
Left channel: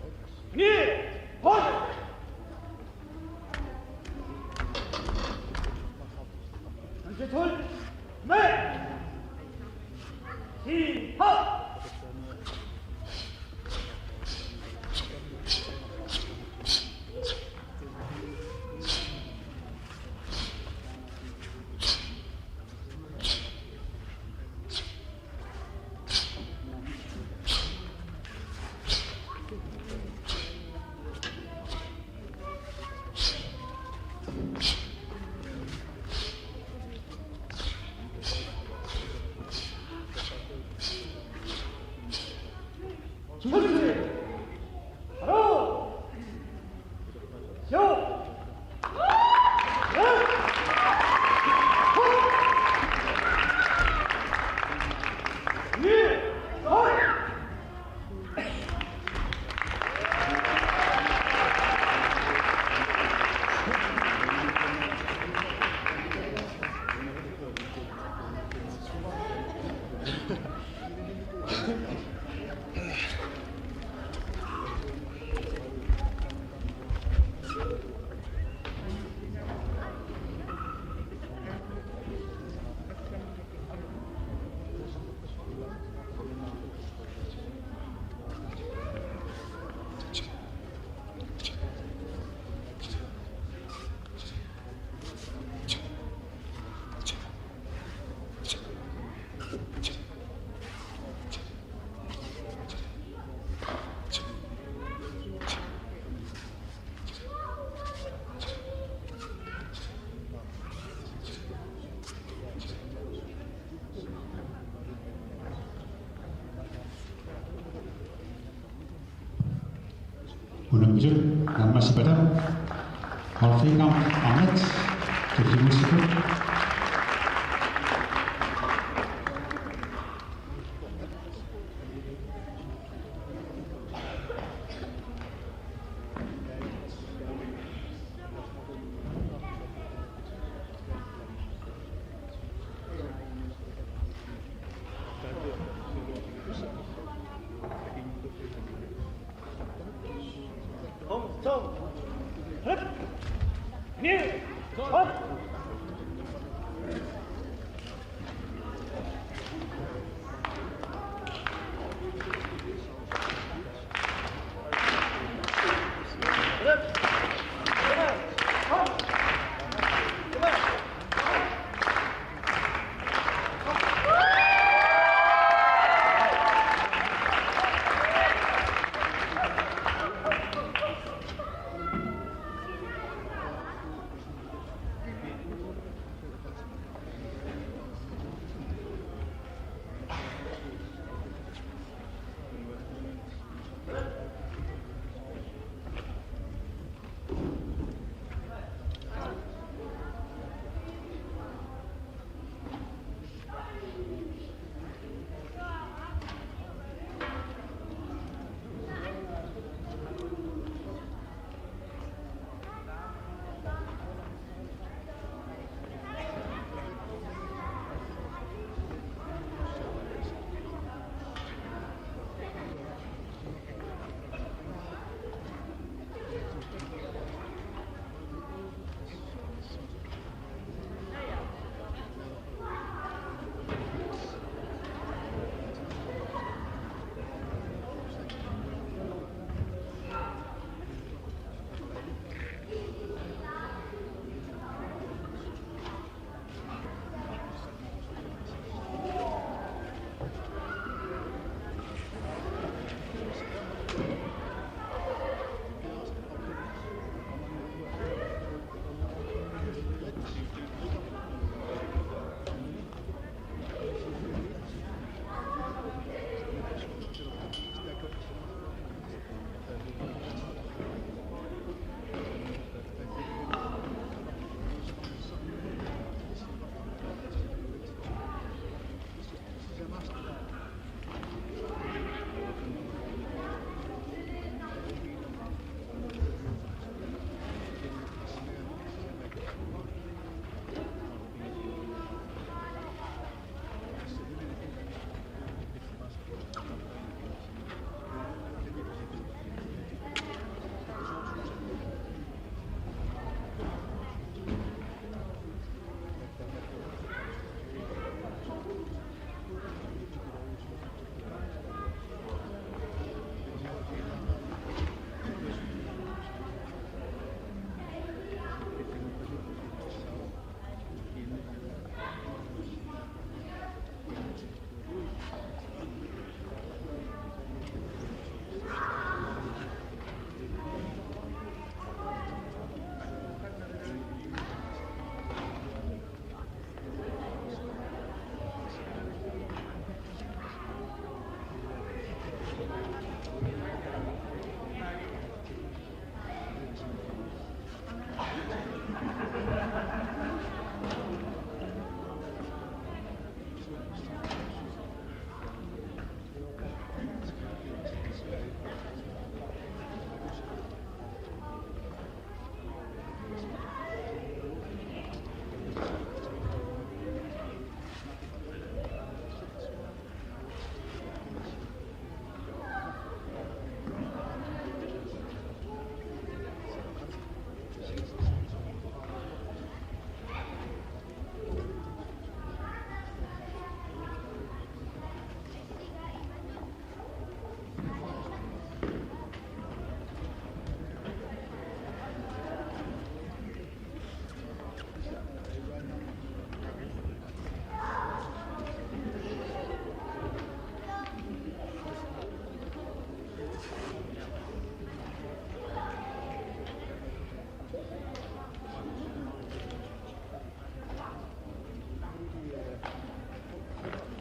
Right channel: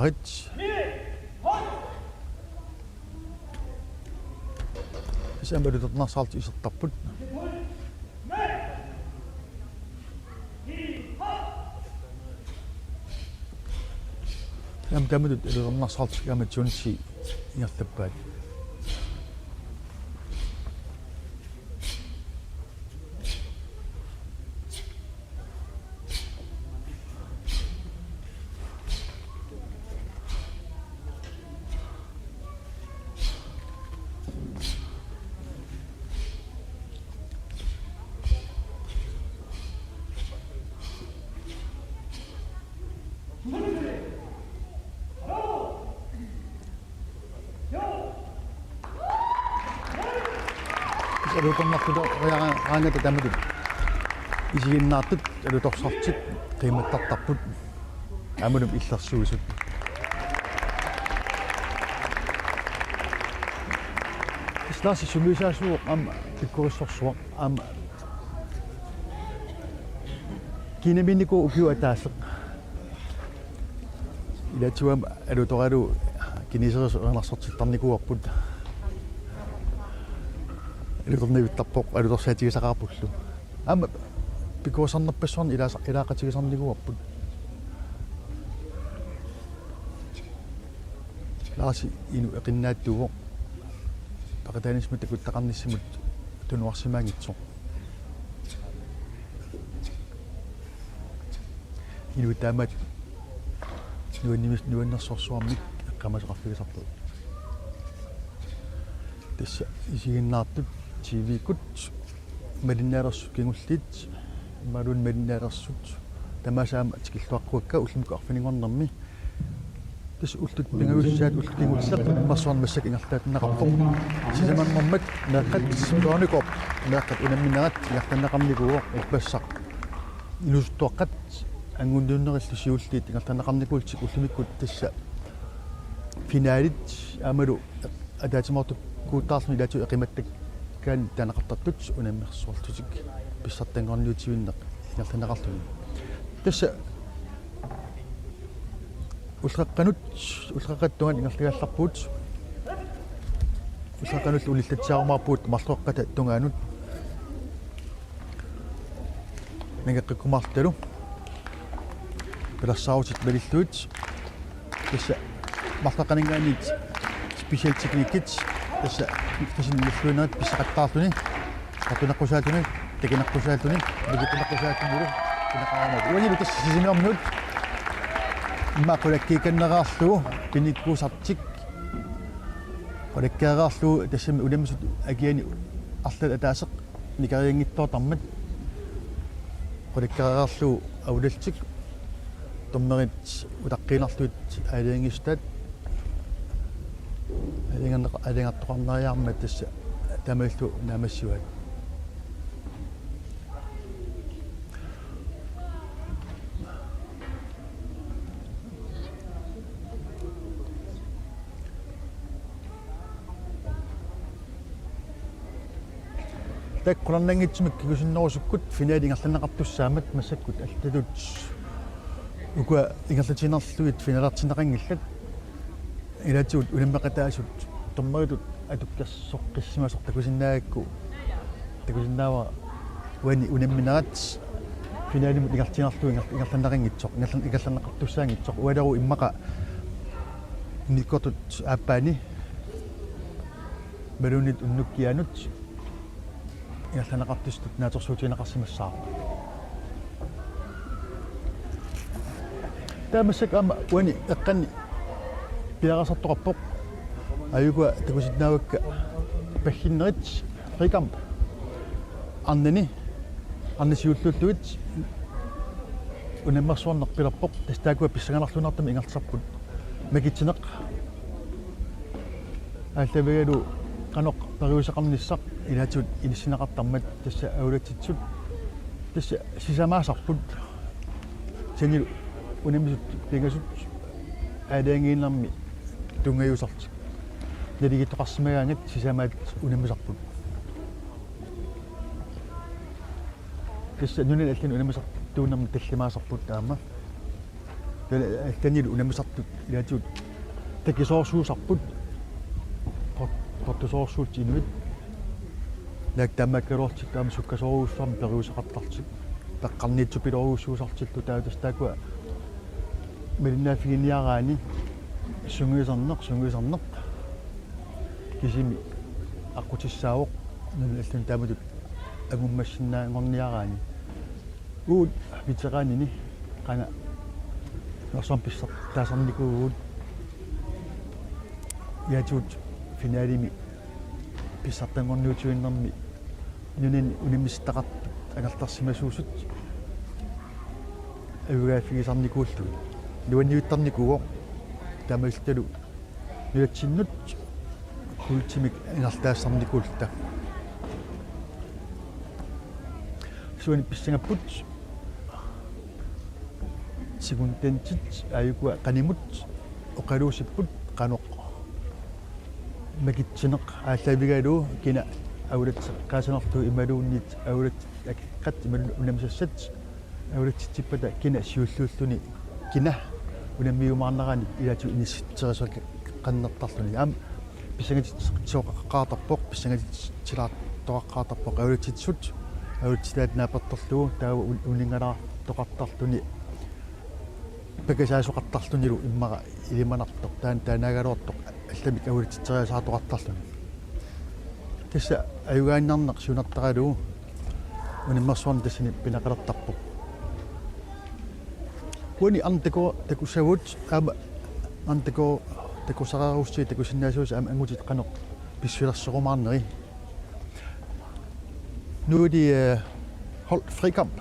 арит сэмбэрдэрнасаалт исертарпут ямтамэд элэрнасаалт яма Джонси яттаппаат исигиннаартут алуторсартик тиммартартарпут амунум илларсуисут сласи сумисаасуу ам киккорissорсуа ам кинеминико упиуатаасеқ латуам алуторалу кинисерис анарсортиттарникуарпут илэрнивиттарпоқ алуторсаатигисақарпуллу ама пикуасарнерпассуарни илаақатигисарнигуарпут лааси ину эқиннаатсуго пакатанисмут такуттақарниссимут тунуарсимаангитсо ину таамат нуаннерсорсуармик камасеқарлугисарпут тасса исигиннаартут тивикут малиннаалерсу кингуллит малун малиннаалерсут тамасаама тикиллуаққуакка уллумку арфинингорнэрми тас уллут пилуусаат уллумассақ массуарн массак ингартаатнақарпоқ симаммат нааққат силуаникоқ нааққат инамминаат нартаннақарникуа иппассақ нустуаққат ангундууннериллу сиуллиит ингартаннақарникуутик уллумиккут тасса финалит амалу адаатимарту куутаарни лату эқиматтак кан танақартартут унаммерсуартутик писсартангорниутивиннеқ ингартаннақартуна тасса уллаққанут ингартигалларпуут уллаққанут улиллатсаармаарпуут марлуаққата тунгаанут нагеққиккумаарталу пилассаарутит балиллуут тасса марлаққанингаанит спешиал техникит тасса тасимиллуунат писсақаттаартуни апинаққусаатуни такинаққусаатуни бигитинаққусаатуни кинақаамат уани битас сисинермут иммақулаккиканнераарлугу киниккусартик палаккаараарлугу тассами улимсут акиани арлат атаасеқ никариангиттоотармат палаккаараарлугу аулалтик томмерит утаққинарлуит алиангистаат алингаттоқарнариаарма тасса тамаиллу намассуат таккуларнангитсимик кигусиннерусуккут финалингерланеқартуссаамат массаккут алталут ука ингерлатинерлуит финалартинеқангиллат илатсуут улиммақатаасут томмаритут атуккассоққиссимасор такусиннаагакку такусиннаава уани унамминерат финалимут ингертинерлу ингерланеқангитсоқ ингерланеқартуссаангитсоқ уалеру иммақа никотут ааппаани мерунит уннуккианут ингерланеқартустут нааторсуутинеқарсимассаа таамассак ама уани эққани пиарасартоқарпоқ аюга такуситнаавакка паггиннерит рикам аннани аннасиуллуллуит унаммарсуарнеққилерпоқ тастаакуа писсаганарлунартами ингертарпут макитсинеқ ааллавигалу каноқ периусеқарниссақ илаатут илиссинеқартармат тасса аулатитсут тасса сисамаасарпут сенил унамисут пингасут аалаангииннарми тунгаюсарт налигиттоқарсимагаангат сисамаат унамисарпут тасса нунал аллин унамисар туунерми таллимаасарпут таама танил унамисартут илаатут такисоорсуусарпут тортусоорсуут иммит лак тамаккалуартик таама суккасоорууссуарми периусеқартартик таққарниитсупилоруussуусартитту таатастаакуа милинаафигиниараани сунгуисарнеқ кисими аққутиссаавоқ нуллаллан тааматут агуммассиннаангорниараани уут витераанини қана масом писсар таасарникуугуут яатуут финалими писсартангорниутуиннэрми нунин инаммистақарт агартарсимасуусут авгаафигисарникууллу луаниуттарникуго тамаилталу нилатсиннут хултимик инартаассарникуулта суани писсангаппут сигунтентит аюкуа канимут оқалуусиппут каноқ макитсинеқ ааллавигалуу кина аулат qaasанарту ималууннит аулат аккат унамсассат аулаттиппата кина сиуллууллуни кина унаммиумаарнерани илату инисситсерисук qannертарлуни ам писангатит соқаққаартарпоқ писангатит тилаартоқаққаартарпоқ аулатитсут аулатилаат наапертерлугу таава унингалаа тоқартарлуни пекасаасоқартарлунилу иммара илиманартоқ таанагалуортоқ алламик аулатитсериасаатоқартарлуни тасса аюгааннарнеқ сунартаралуу униммарсуарни тассини пинақалертарпут уни антако такусавут ама антако такусараарусси такусиннаасуус ама ангутит қанеқ писсуилерсоқумаарнери нуди holdt frikamp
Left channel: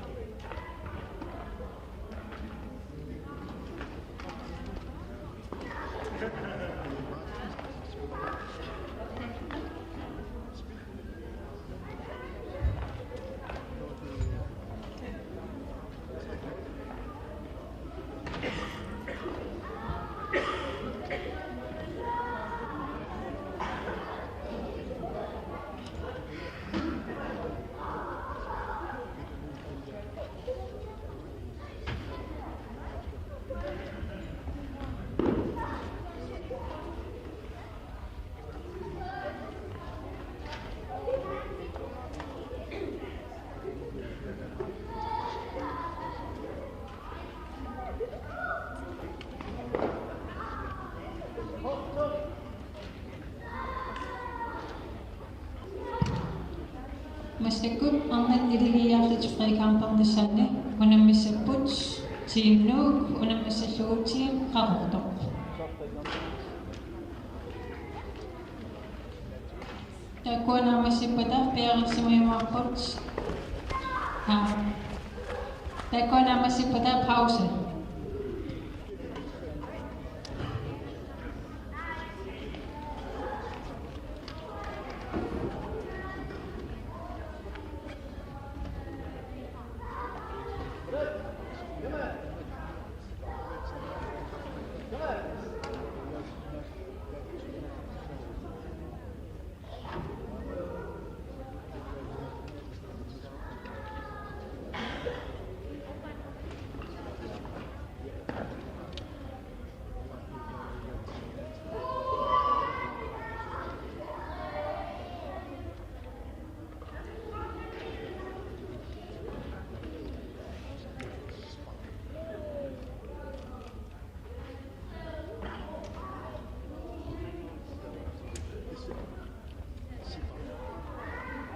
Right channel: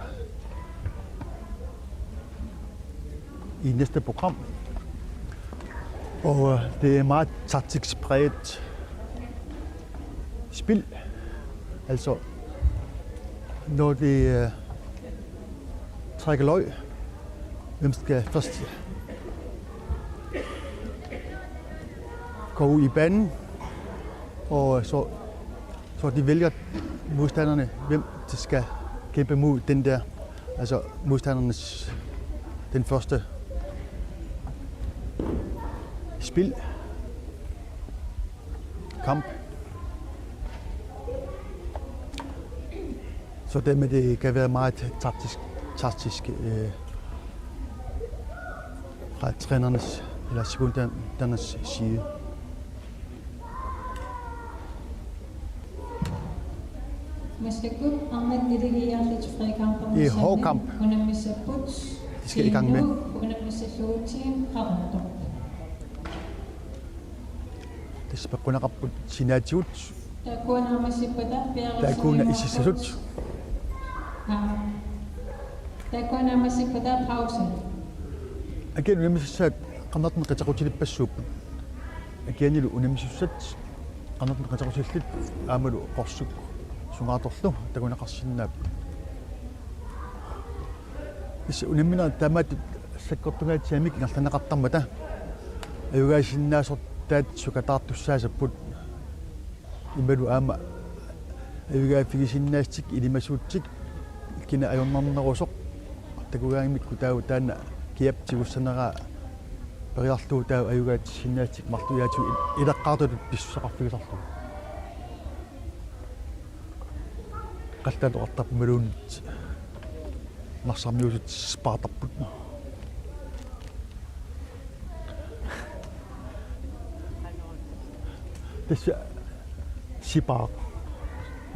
i næste program. Og det er meget taktisk præget spil. Altså, når det trækker løg, hvem skal først gå ud i banen, og så de vælger modstanderne, hvem de skal kæmpe mod den der, altså modstandernes, den første spil, kamp. Så dermed det kan være meget taktisk fra trænernes eller sekundernes side. I hård kamp. Unamissa Puts, Skal i gang med. Unamissa Shortim, арортоқ Tispaqunaqarput sinaatigut такуанаамассиппата taakuna isissalut такуанаамассиппата пауса again unamissaak qarnartun qataqutилиппассууп again unamissussat qarnartun qataqutилlit aamalu qorsup sungaatorlu takunaqarsinnaap is unimina tamat sakkortungaatiamik ngarlanaqartarmata ayugaasinnaasort sukataartussaasapпут ималу аама авигаафигисиннаастик илимасуутсик кина ajornarnerusоq такугаангмикку таау таана киап тигуссанераа периарлуу таау аюгаатсиннаастик мартуяату илаққаартут писсақартуисарлу qallaloqartarpu maluunnit марсармиусут спаатарпут тэсэ сипаа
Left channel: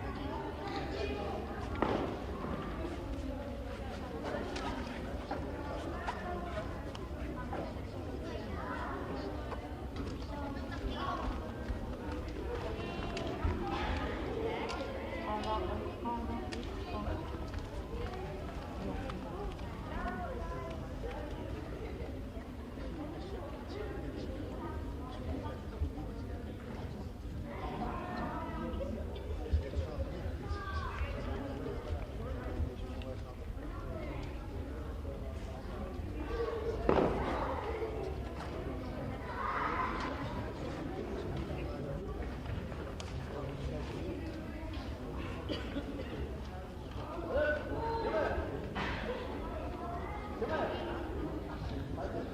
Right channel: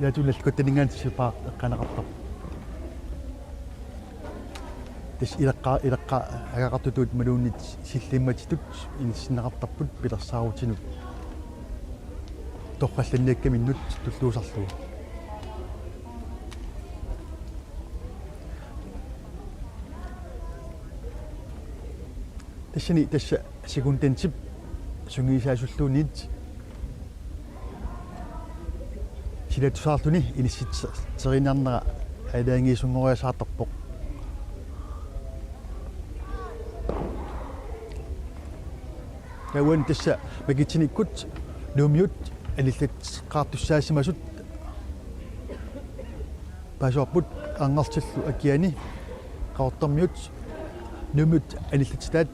яатуналкуттанингаан сипаа канақартар тэс илаққа агақартутуут малууннит силлимматитут инсиннеқартарпут пилерсаарутинут торпалланниаккаминнут туллуусарлуа тэсни тэсса секундентип сунгисаасуллуунит силатусаартуни иниситсеринарнера алаангиисунгориасаартарпоқ кауан тэсса магитсиниккут нуумиут аниллат qaartussaasimasut пасуарпут ангартиллу акиани qaortarmiut нуумиут аниллатитаат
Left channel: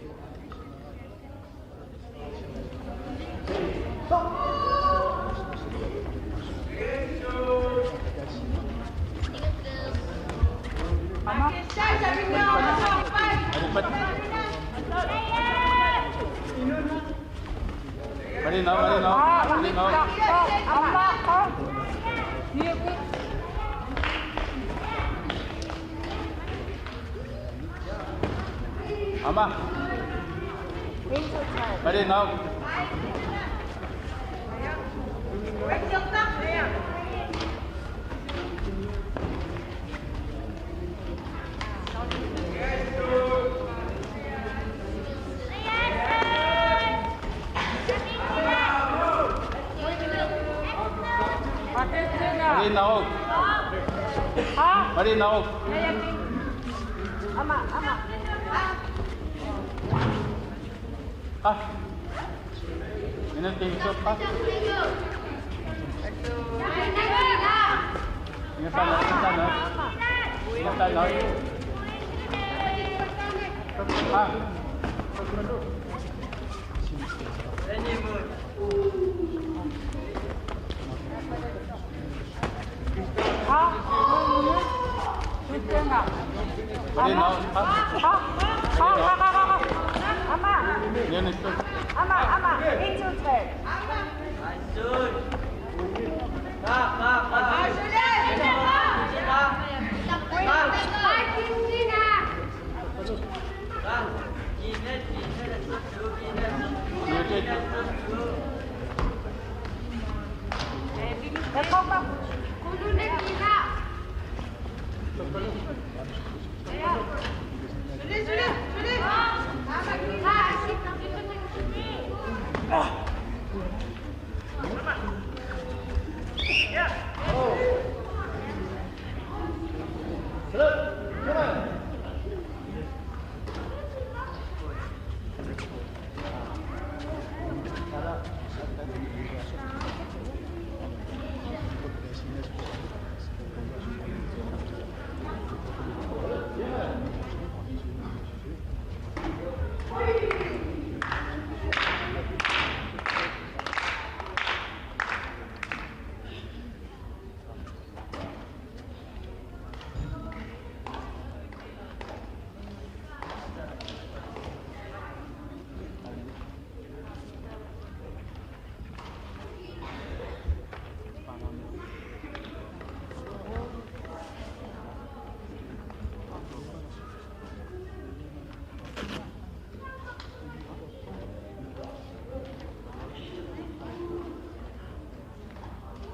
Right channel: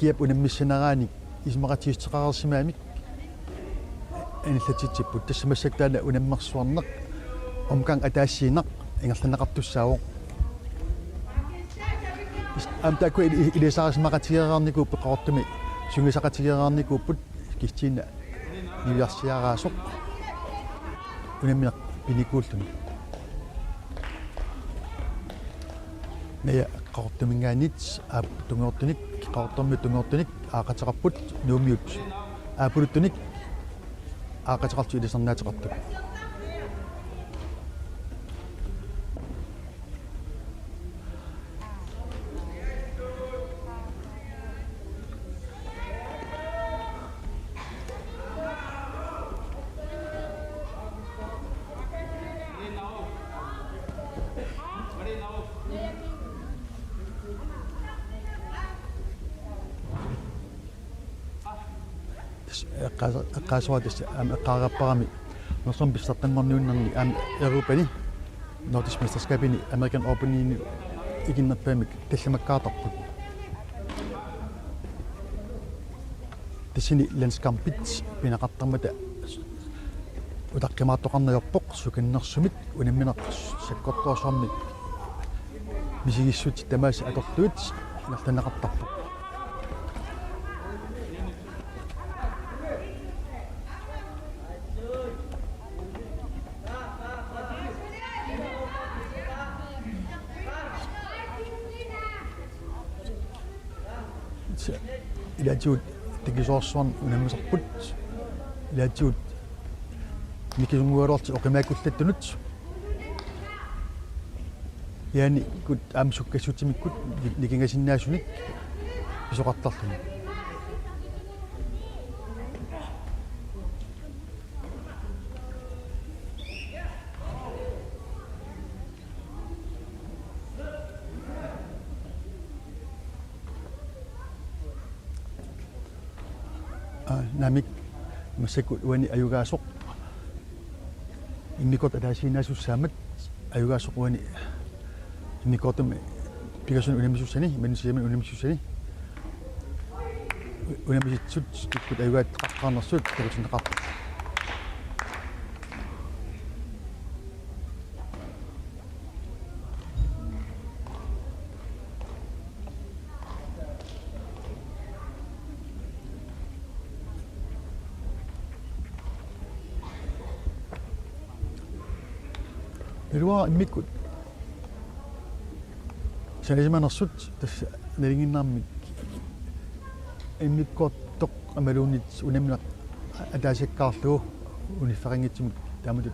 киап унаммиссанераани исмақатиистеқарерсимаами аниллатитсиппут тассамассактаана унаммарсуарнеқ омкан атаассиинеқ ингерланеқартуссаавоқ антаку илисаарисмақатигераарникууппут qaortumi сунгисақатигераарникууппут китсиина илиарсиараасо унаммиақ иликууллу я qaortumingaanit aaputtungoortunik qaortummittungoortunik aaqateqarput nuumiut aapuluttunik aaqateqartu ilisarnaatiqarput Marinaog. qaasuatis qaaqapparaami musum bissartanngorniunni an Europani matismistaskapini American Open iginnerpaamik kallimaqqaartarpu tisini landskamppit pinaqartarmata utaqqimaartoqarnayorpoq sukinnersumit unimmineq saqqorpuassorni misingissut tamaasiqartuut martanaqartar Ilaatiut tikisoorsuarn nuumiserput ilaatiut nikisumualorti oqimaakallattunut yaani kut aamsukkassutimikput nikingasinnaasumit isoqartarlu namik masakut wani ayugaasuq immikot ataasiinnaasussaamat ayugaasuq wani immikotun tigasun unamissussani manisiaman unamissussani unamisitsut ikkut ayugaat qaqqaarnersut tigasunneqarpu Perua immikut sanisimanersut tassa nalinginnaarmik иммиккоортоқ амалуунит унаминақ атаасиккаарлуу унифферингитсимут тааматут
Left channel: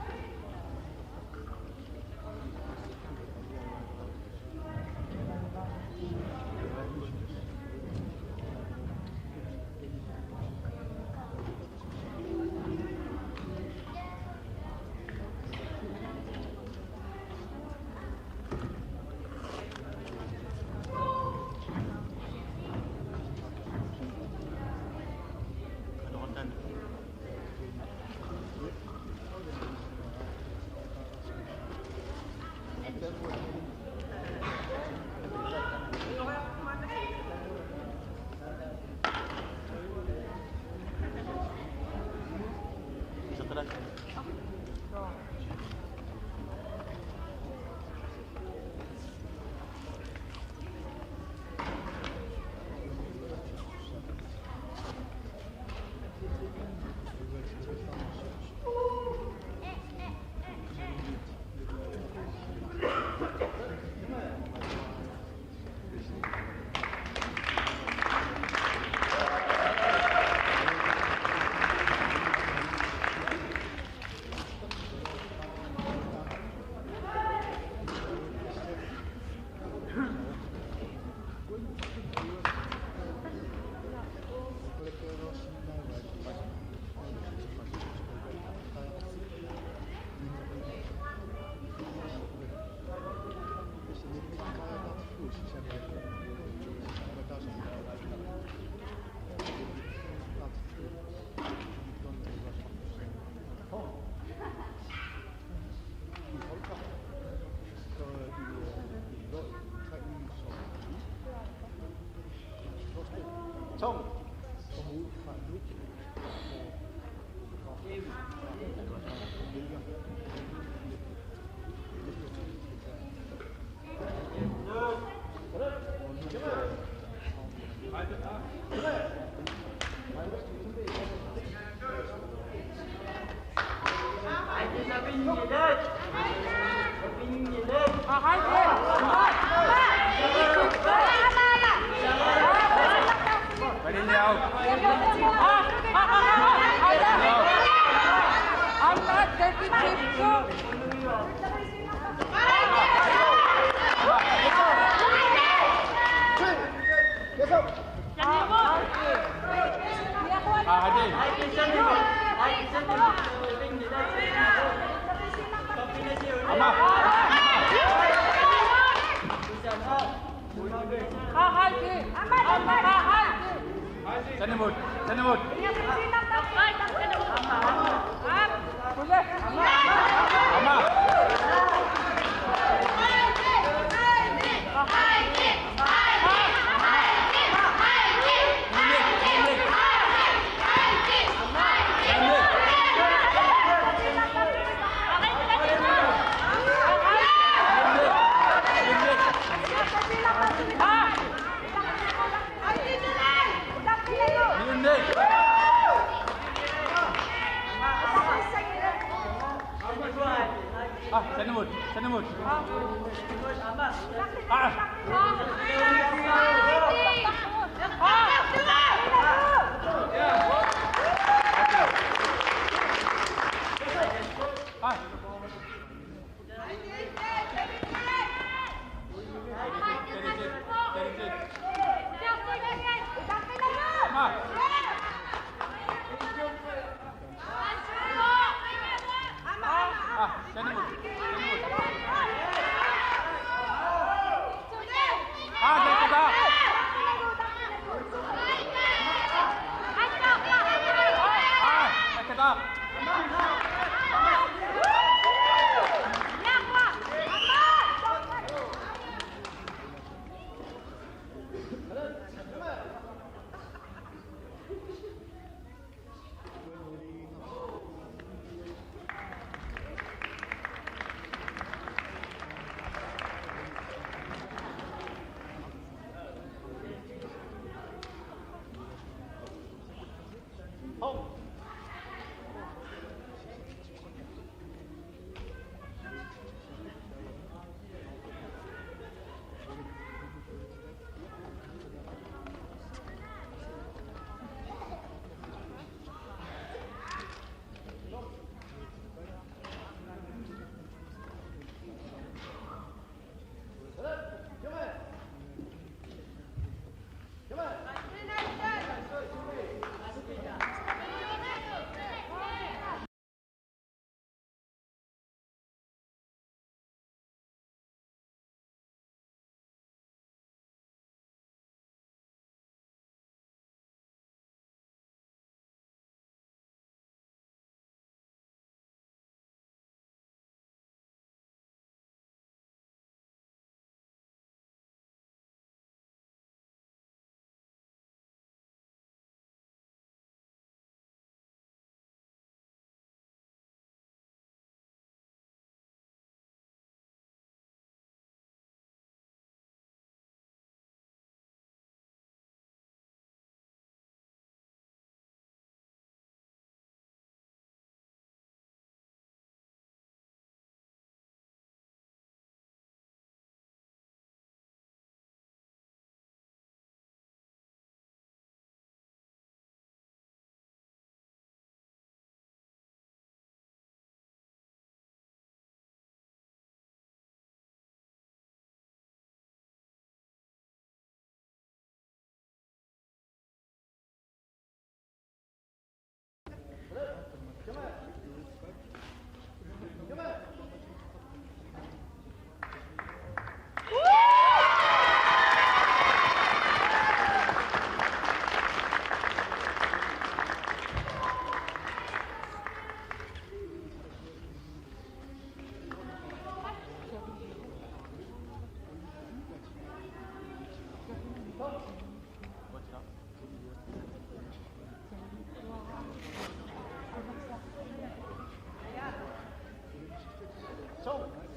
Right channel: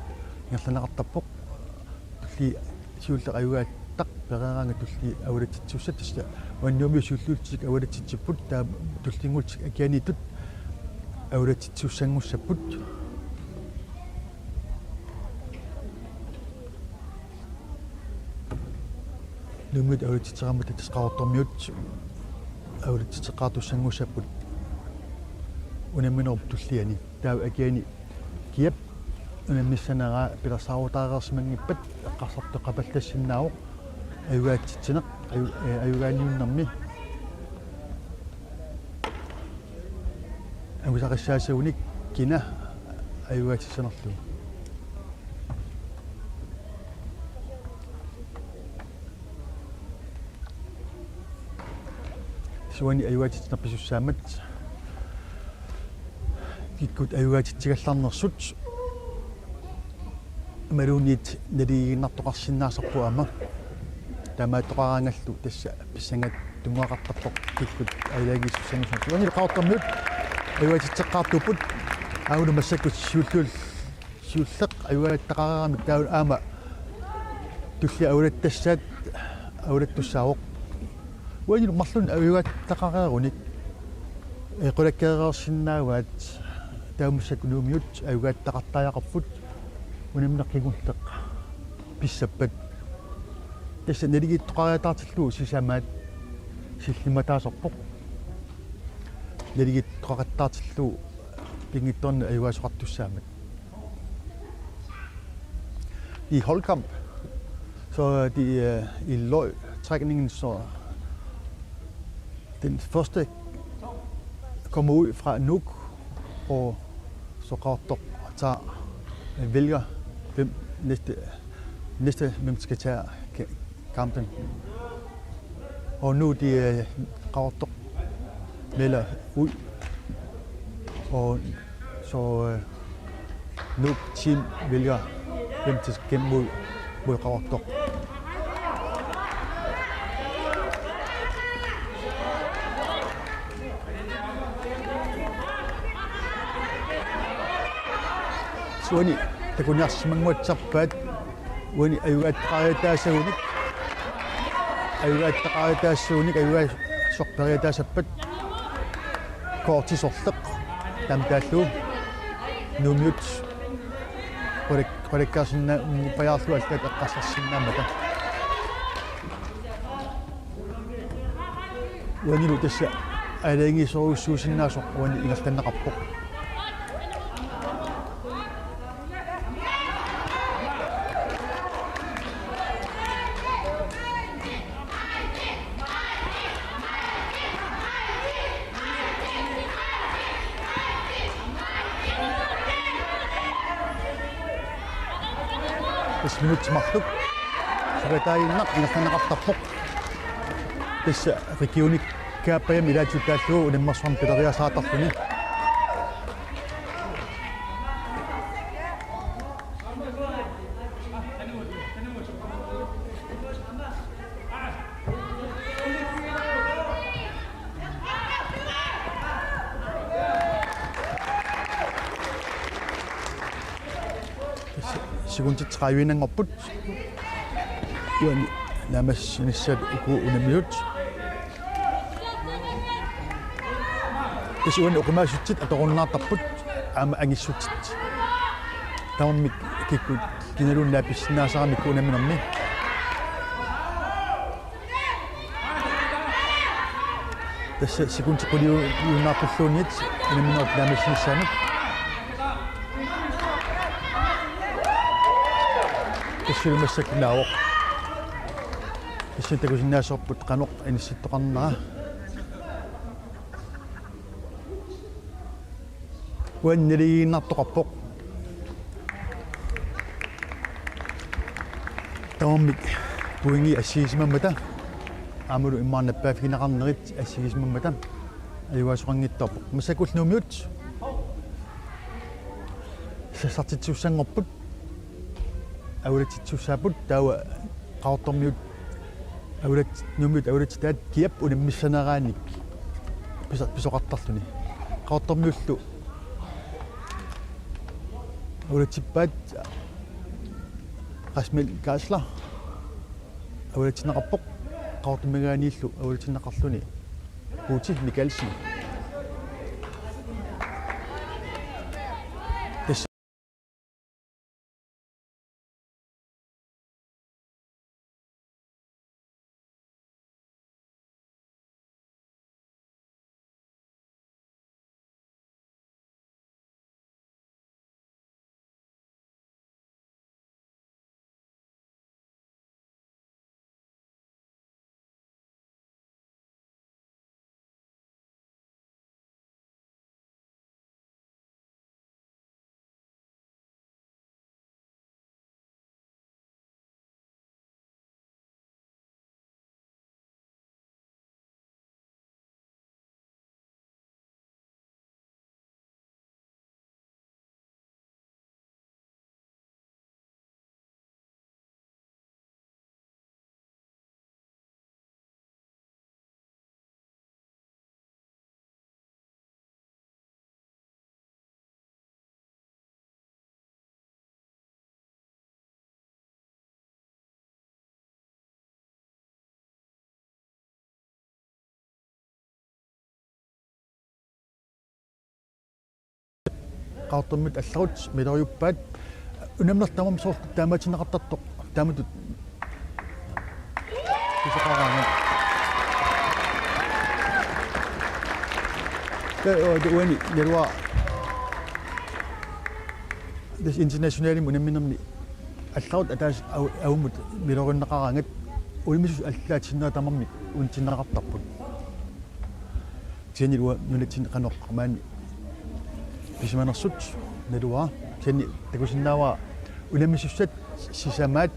ирланеқартаппоқ ли сиуллеқ аюгааттақ перераанга тулли авалатитсуссат тисла уаннуми суллуутсик авалатитсиппут таа туллингултик акианитут авалатитсуссангуссаппут нумит авалатитсераммат тасқаортормиут авалатитсеқаартуссангуссаппут унамминерп туллиани таа акиани киап анамиссанераа пиласаавутаареерсимангиппат эққарсартеқапаллассиннаавоқ аюгаатситсинеқ аюгаалиуннэрми агусақиссаасууник кина аюгаатсинерлу суани аюгаатсинерписуссаамат киккут аюгаатитсигалларнерсут малуунит налигиннартоқарсинаасарпуама тамаатоқараангаллу тасса писсангат тунгақартарпоқ киккут аюгаагиссусанусут уанилқаортармут аюгатитсеққартуппут аагули массаккит сиуллеқ аюгааттақараами таун аама тулли аулаттассаат аулаттуссаавоқ уанил марлун аюгааттақарееруник эқулаккеерерсиннааваат таумассат луумиут аюгааттақартааяқарфут унамнеққигуллеқ писсаппат тасса налигиттоқариатаартиллуу сисамаат силлиматаасорпоқ налигиттоқаттаартиллуу пингитторна аюгаасоқартуссаамат i holdkamp så de i løgtrækningen så den første kommer ud fra Nuuk og så Qaqortoq tager vælger hvem næste hvem skal tage kampen. Og nu de Qaqortoq vælger ud og så Nuuk team vælger hvem til skal mod Qaqortoq. Wani takunas mangutsapat wani ayuat qaitaasunik ayuat qaitaasunik ayuat soqqariataasappat koortisorleq tamtaalluu nullut qolikkaarsinna qajaarlu allat aqqassassinnaamata wani tassa alaingi soruussuusinnaasorpuani ilastannaqarpoq Smitsmaqtuk saritaayinneq ilaqanaqartarpoq tassa rikiunik kaapayam ilaatitaallugu unammarsuam pileriasaatarpuni Tanamut. Siguntit traivinangorput uani namassinissat uku unamiut tasuun uqimaasutsit atoqunnaartarput aama angissutsit taumik kikkut kinalun laapissinaasaramik unaminarni tassa siguntit quliunaarpulluunit unaminuut namassinissaanik тиссилмассакнааоқ тисситакусиннаасорпут каноқ анисситтоқарнаа уаннилигиннартоқарпоқ таумик пуинги ассигисмаммата амулу иммаарнаппаафигинеқарнерит ассигисмаммата аюасоқангиттарпоқ масакулнумиут сассартитсуссангорпут ауратитсуссаапут таава Qaqortormiut ауратнумиут ауратитаат киап унаммиссанерааник писоқартарлуни qaortormiullu улатиппаат qasmil kaasla улатинеқарпоқ qaortumagaaniillu улатинеқарлуни Putin Mikkelsen qaortormit алларут милериуппаат унамнертамам соорт тааматинеқартартоқ тааматут писақараа дуани леруа this internationally унамминерми алларут атаас аумут милериннеқарангат улмисус аллаатиннаа тамарми унтиннеқартарпут тианилуа нулатинеқанеққамаани Ismanersut nedua teni takusinnawa ulamissussat sisamaat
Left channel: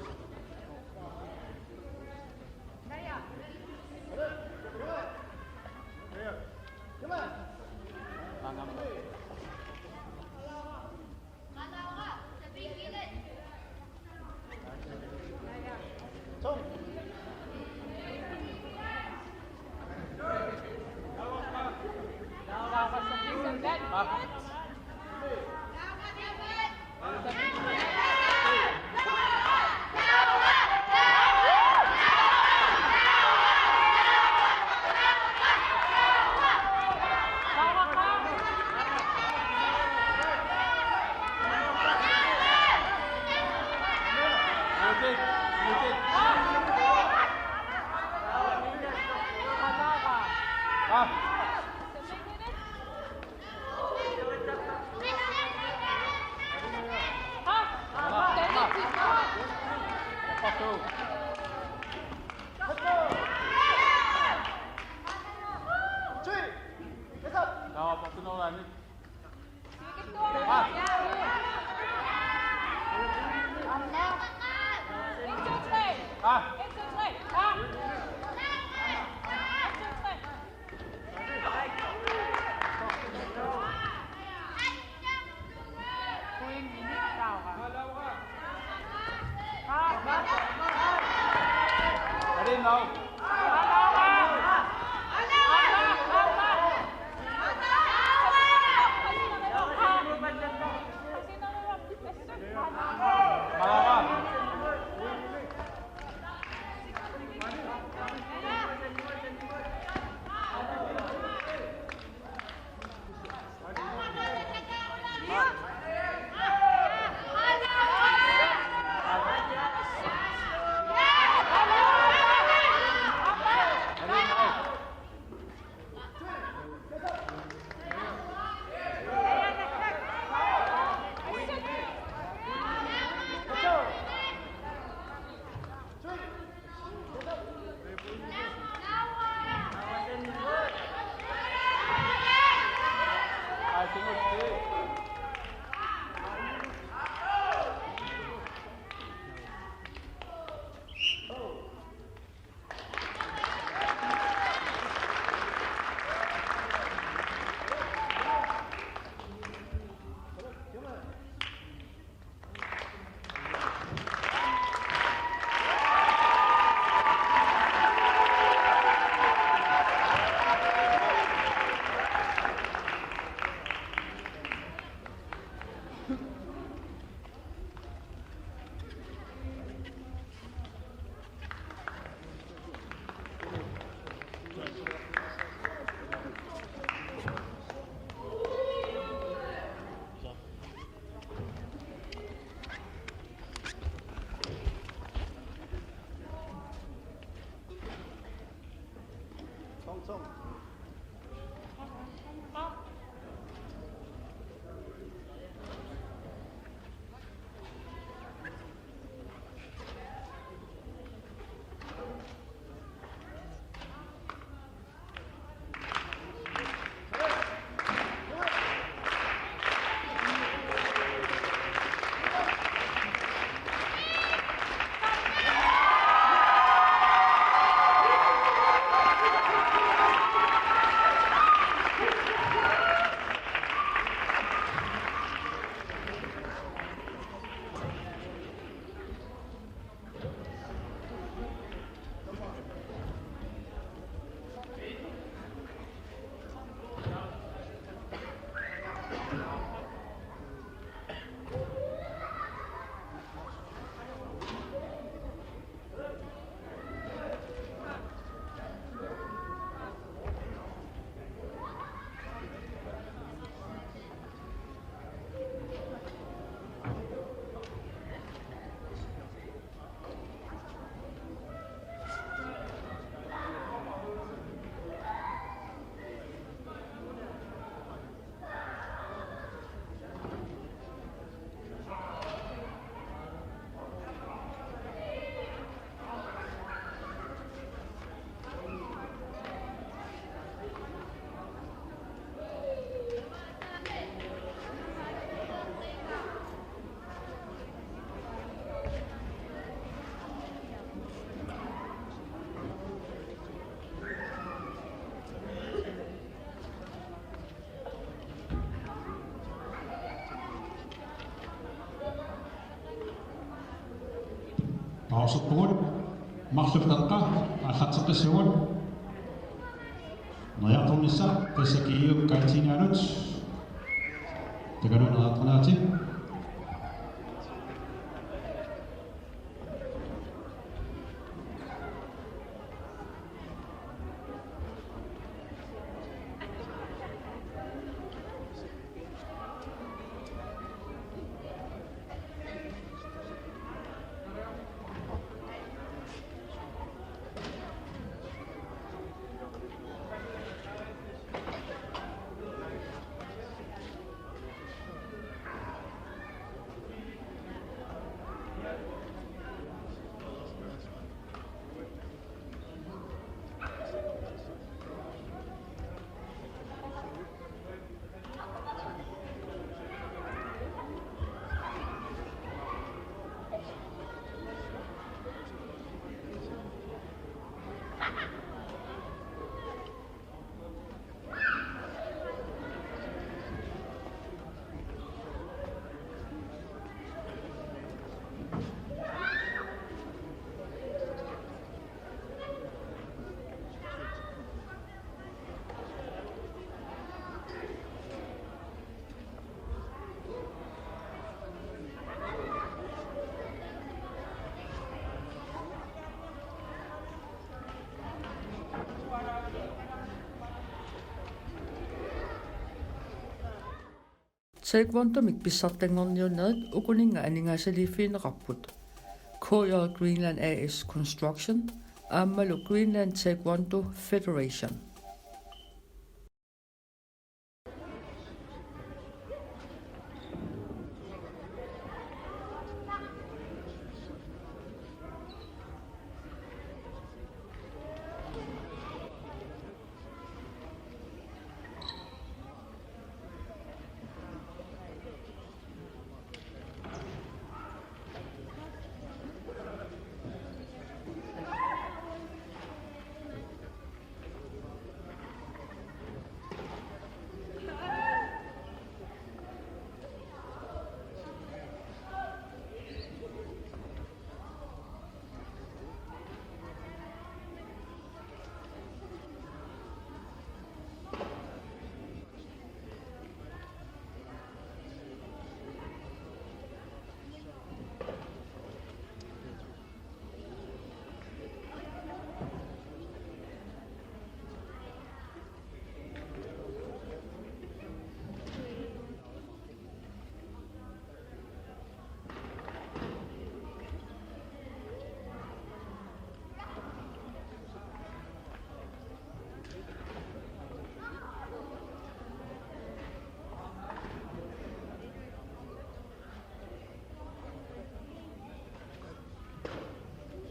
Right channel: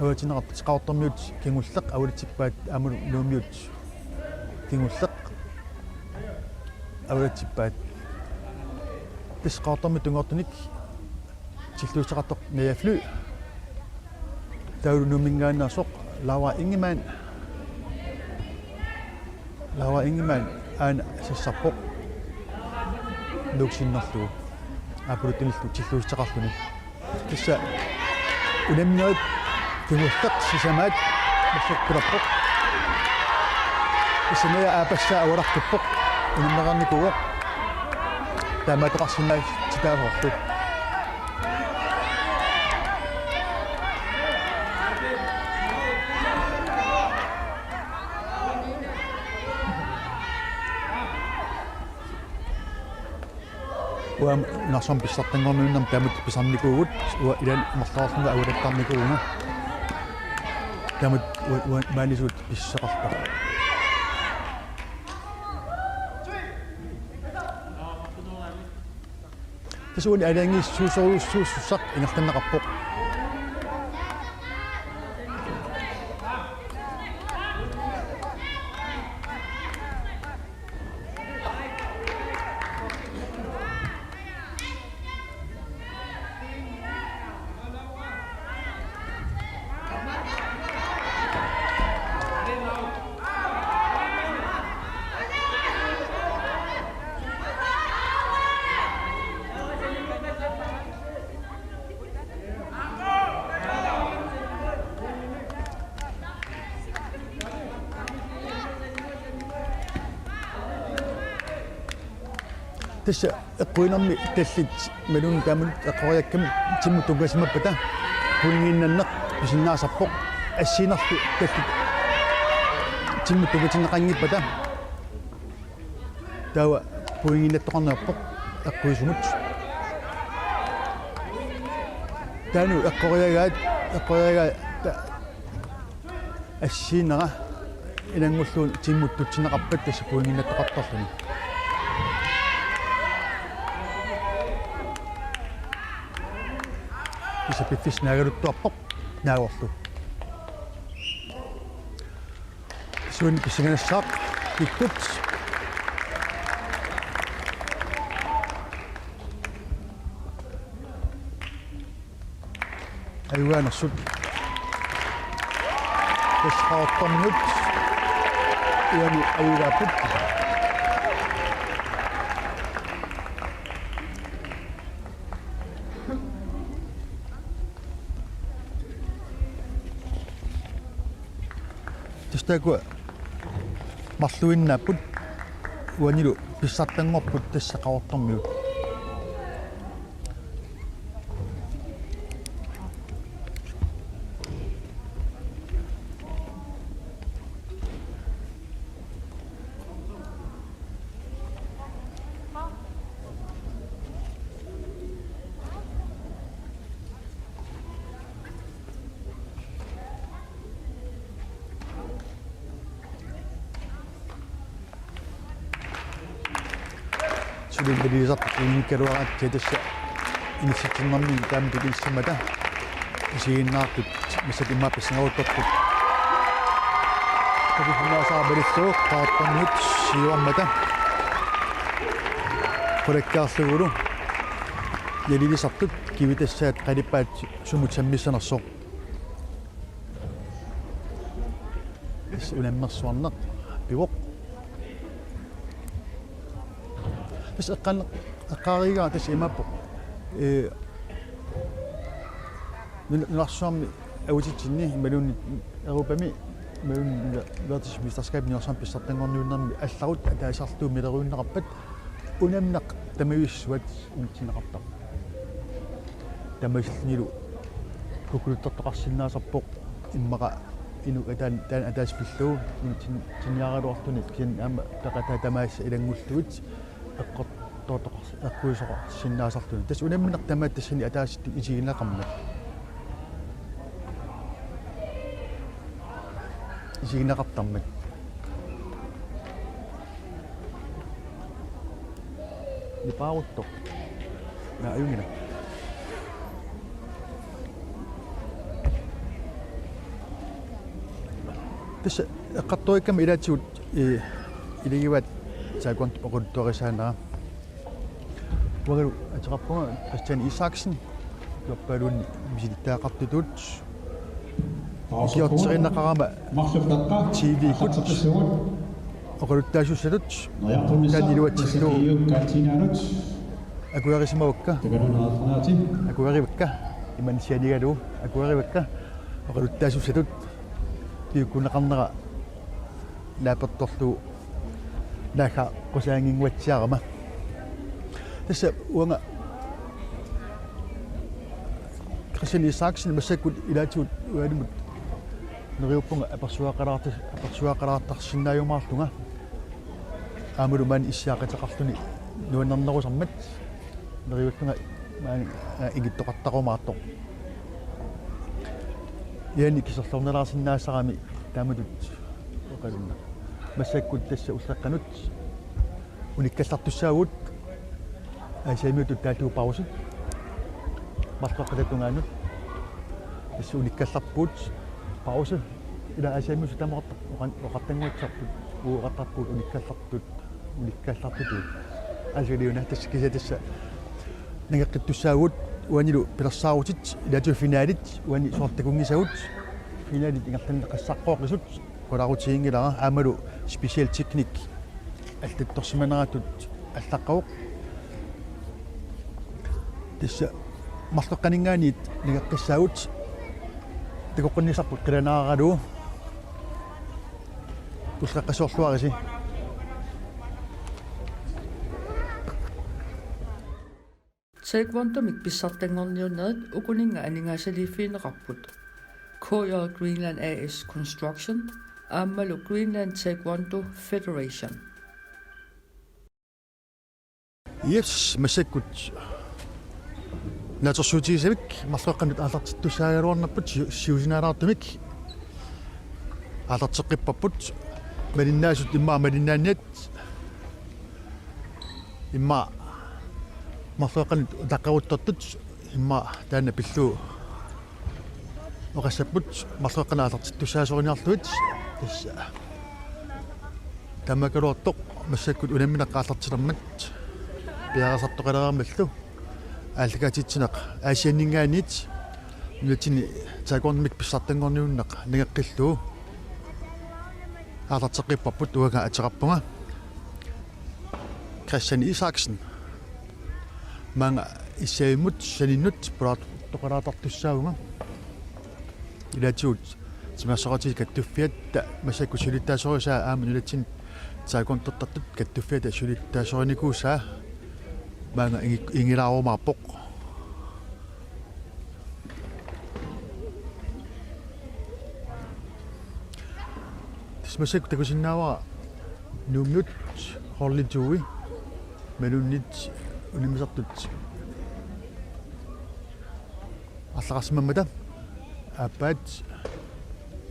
awatineqart qaortormiut kingullaq awalitippaat amul nuumiut kingullaq awalitippaat tis qaortormi tungortunik tilluutaqartoq niaflu taulunumingaannersoq lawa ingimaan aan sissarpoq nuuksinnerlu apulutunillu tilluutaqarluni tissa unamniut kingullaq sisamaat mussukkulappoq issanaya aapassaa awalartuppoq unamneqarnikuuq taamaataqarsinnaat titaavorlu nasom pissartanngornuunnam tamut pisarnikuugut ua ilan marlaarluna agulattarnikuuna tamut maalisuut pisseqarpa tisuuni alaangiis suusoruussuussaq ingertanneqarpoq Tässä eqquinarmi tallit malun taamun eqqoriakkam timmu tungasmappata pungiinnanneq pisinnaasarpoq assiinerlu tallit timmu tungatinneqangippata taawa pungiinnattoqarnerpoq eqquisumut taanu eqqoriagaa assiinera inangulluun timmuttutsineqarpat tassi pungiinnattoqartarluni Bisa pipis nagaruttuarpoq naagorlu suun pisinganassaaq tikkut ayuanassut tasqaortormut uani ayugaaput тестакуа марлуиннааппут уанилу писсартангорпут тассақаортармиут сулингилисарту иниккалуараат тетасса иниситсернэрми таамтулиссамата исигиннаартут масак иммааппассангауттарпут табихулаасаабалиссоо таартарниут сиуармата коллеккаарлугулу ялилисартут кивитассаат қалиппаат сумут саммиссанерсоо ис улэммерсуарнеқ пивоқ بس أقل أقاريجا تسمى من الأشياء أوجد جنيه ملون أوروبامي ملون لا تشبه تسكيب نيوسام بيستطيعون نيونا الثوت تأثرتو مدرون نقبت ونمنق تميز وقت ونتين قبض تميز نيلو كل تطقس الناس بق إما إنه كان أداس في الثو تنيا روحتون كان أم تقطع تميز إلى المستوى أقطع أقوى سنة صارتون تسألني من قدامات تسألني أتاس تيجينا قمنا يجينا قطعنا بقاوته يا أيونا تس قطوي كم إلى تشوت إلى يوات سأكون أقول تورسانا وقالوا أتربون كريستيان إيساكسن يقولون بجدة قطتوت يوتصرين قرامة تيدي كوتش وقالوا تاشو سدوت كان يلوات تشتو أقول غير اسمه وكا أقول غير وكا إمان سيادي قالوا أقول غير وكا وقالوا تاشو سدوت يكون قمنا لا بطلتو ناكا قسانين واتشارما تسا وانا كريستيان إيساكسن مساكو إلى تو وادم نغيوبون أبرسوا قرارات تخشنا يوم عرفتونا أمر من إسياقة تقفتني نونا نغو سمت نغيوبون إجد تقطقوا معطو يعني كسرطونا راس الناس رامي تامدوت وقالنا مساكو تسا وساقنوت ونكسرت تساوت سيميتو تاتو باوسي مسقطة توناني بس ونكسرت بوت باوسي إلى أسامي ستامرت وقتنا تسقط وقطت بوت ونكسرت بوت أجليونا تسكيزة تسا نقد تساوت وانيلو بلصاوتت إلى جو فيناليت واني صورتكوني ساوت فيناليت نقد نقصقو قصوت وراغوتينغي لا عملوا سبيشال تكنيك التصميمات التقوق تس مسقنيغاني نقصاوت تقولني صق قرنا غدو تسقسو سوارسي Taekwondomik pissartangorniunnerit ukuninga aningaasaliifiineqarput KJ Greenland AS Construction aammalu Greenland Taekwondo Federation. Yes, مسكت ناتشوتي سبك مسقنت على تسايرون بت شيوزناراتمك على تسقي بابوت من الناس ما من النت إما مسقنت دقاوت تطج إما تانا بلو وقسبت مسقنا على تسايرون يالتوت بس تما كروتو مسكت ولمنا قاطت ترمت بيغاسط قرار ملتو алгатитсинеқ аасианнингаанит нутини таакорнмик писсартангорниуннеқ нигаққиллуу арлартеққиппарпут уага атеқарпунга Christian Isaksen мanga исаимут саниннут пулаат тоқалаатартуссаагунга илатиут тимассоқати каттуффиатта масакку сулиттаасорисаа ааманулатсин тааконтортартут каттуффиата сулиттаасориникуусаа мanga ингилаарумаарпоқ тисмасак такусиннаава нумнут хорлитуи менуннит унимисартут аллақарсимаммата аппаат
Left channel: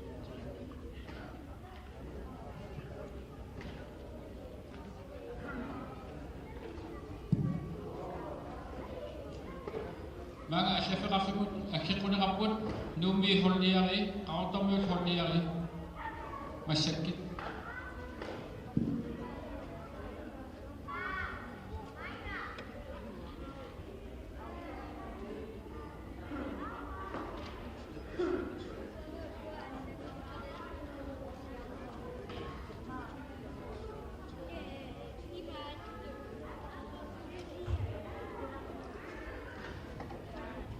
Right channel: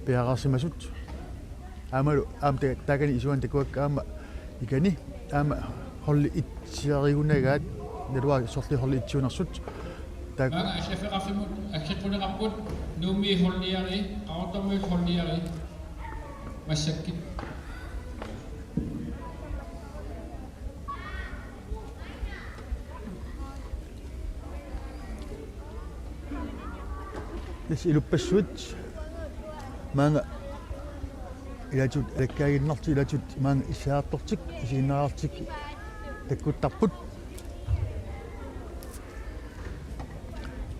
пиарарсимасут аамалу аамта такани исуан такуаккаама икани аама холли итсиаригунагаат нэлуа сорли холли итсиунарсут так мага шеферафимут аккиқунеқарпут нуми холлиари qaartormuut холлиари массакки лис илуппассуут маанга илатут элаккаагиннарту илатут маанга исаартортик исигиннаартик таккуттарпут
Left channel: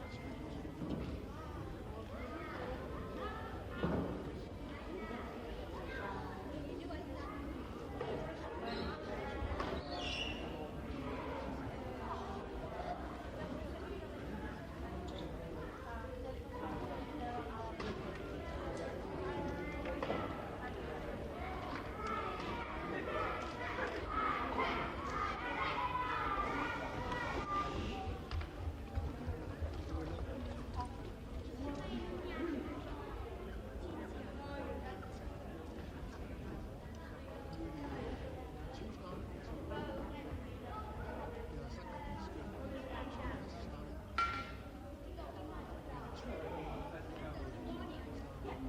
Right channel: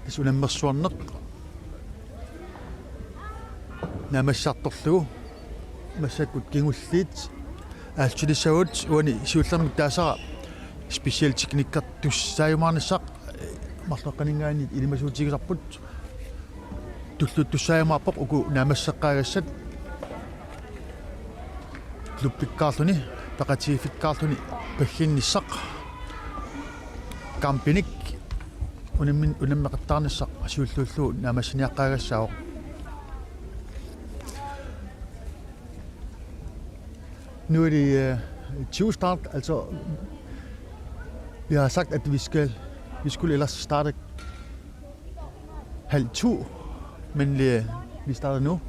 ис унаммерсуарнеқ намассарторлугу массаккут кингуллиит аалтилиссагут уани сиуллермик таасара специал техниккартуссааюмаарнассақ марлеққанингаани илимасуутигисарпут туллуттуссаамаарпоқ уку наамассаққаагассат клубпиккаарлуни пеқатигификкаарлуни паггинниссақ кампиник унаммеқаттаарнассақ асиуллууллуу наамассаниаққаагассаоқ nu er det 20 start, altså vi har sagt, at vi skulle ellers starte 1:30, men vi starter nu.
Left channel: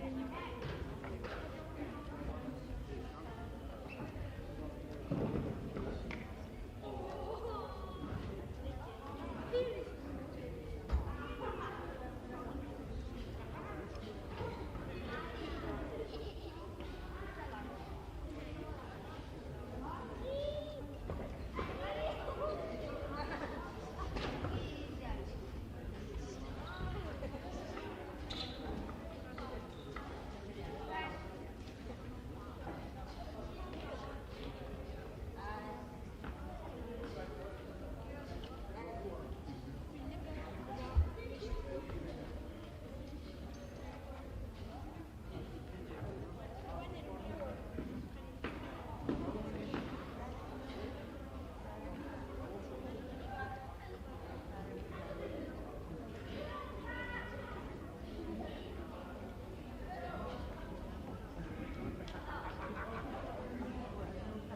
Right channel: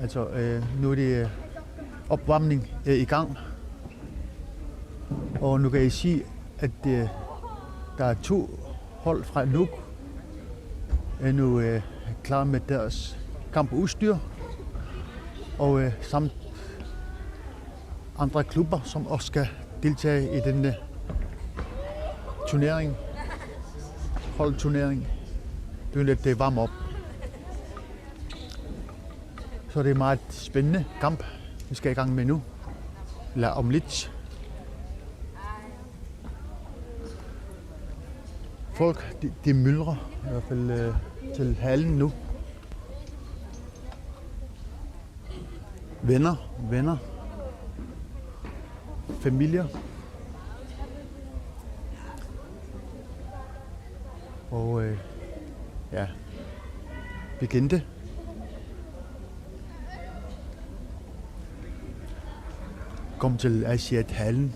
Altså nu er det opvarmning i gang, og nu kan I sige, at der er 2 hold fra Nuuk, er nu klar med deres kampudstyr, og samt andre klubber, som også skal deltage i denne turnering, holdturnering. Det er lidt varme op. Så det er meget spændende kamp, vi skal i gang med nu. Eller om lidt. Folk, de myldrer i hvert fald til hallen nu. Venner. Familier. Og ja, bekendte. Kom til Asiat-hallen.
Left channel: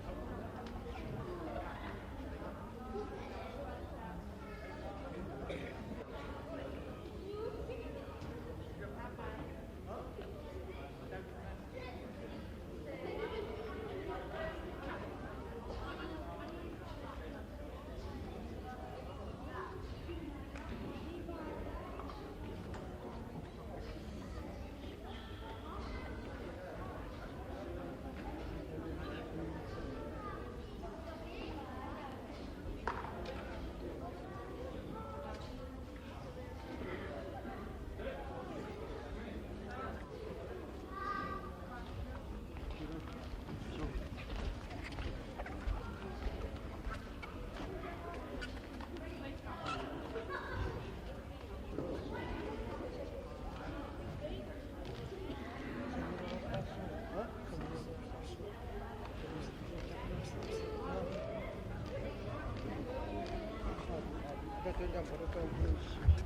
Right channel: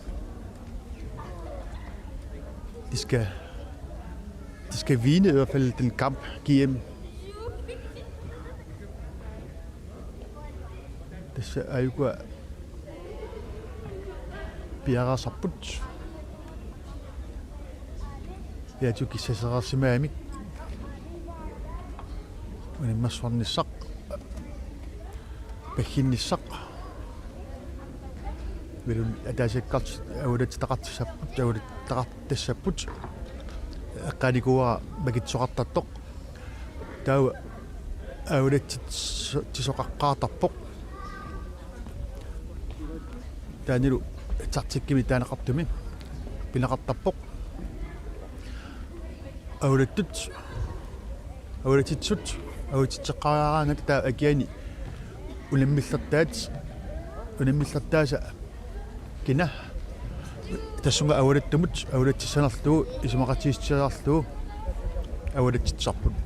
De skal vinde i hvert fald den kamp GM. Det er jo biara saput. Ja, jo kisah simami. Ini maswan nisak. Behin nisak. Belum ada sekat, udah takat saput, udah takat saput. Kali gua bagi sokat tatok. Tahu, udah sokat katapok. Dan itu tatsikki mitä naqartumi pinaqartarpoq awratitsut awatitseqqaraaraangat taa akiani unammillattaasa kina tassunga awrattumut awratissanarluu isumaqatiissiarluu awratitsarput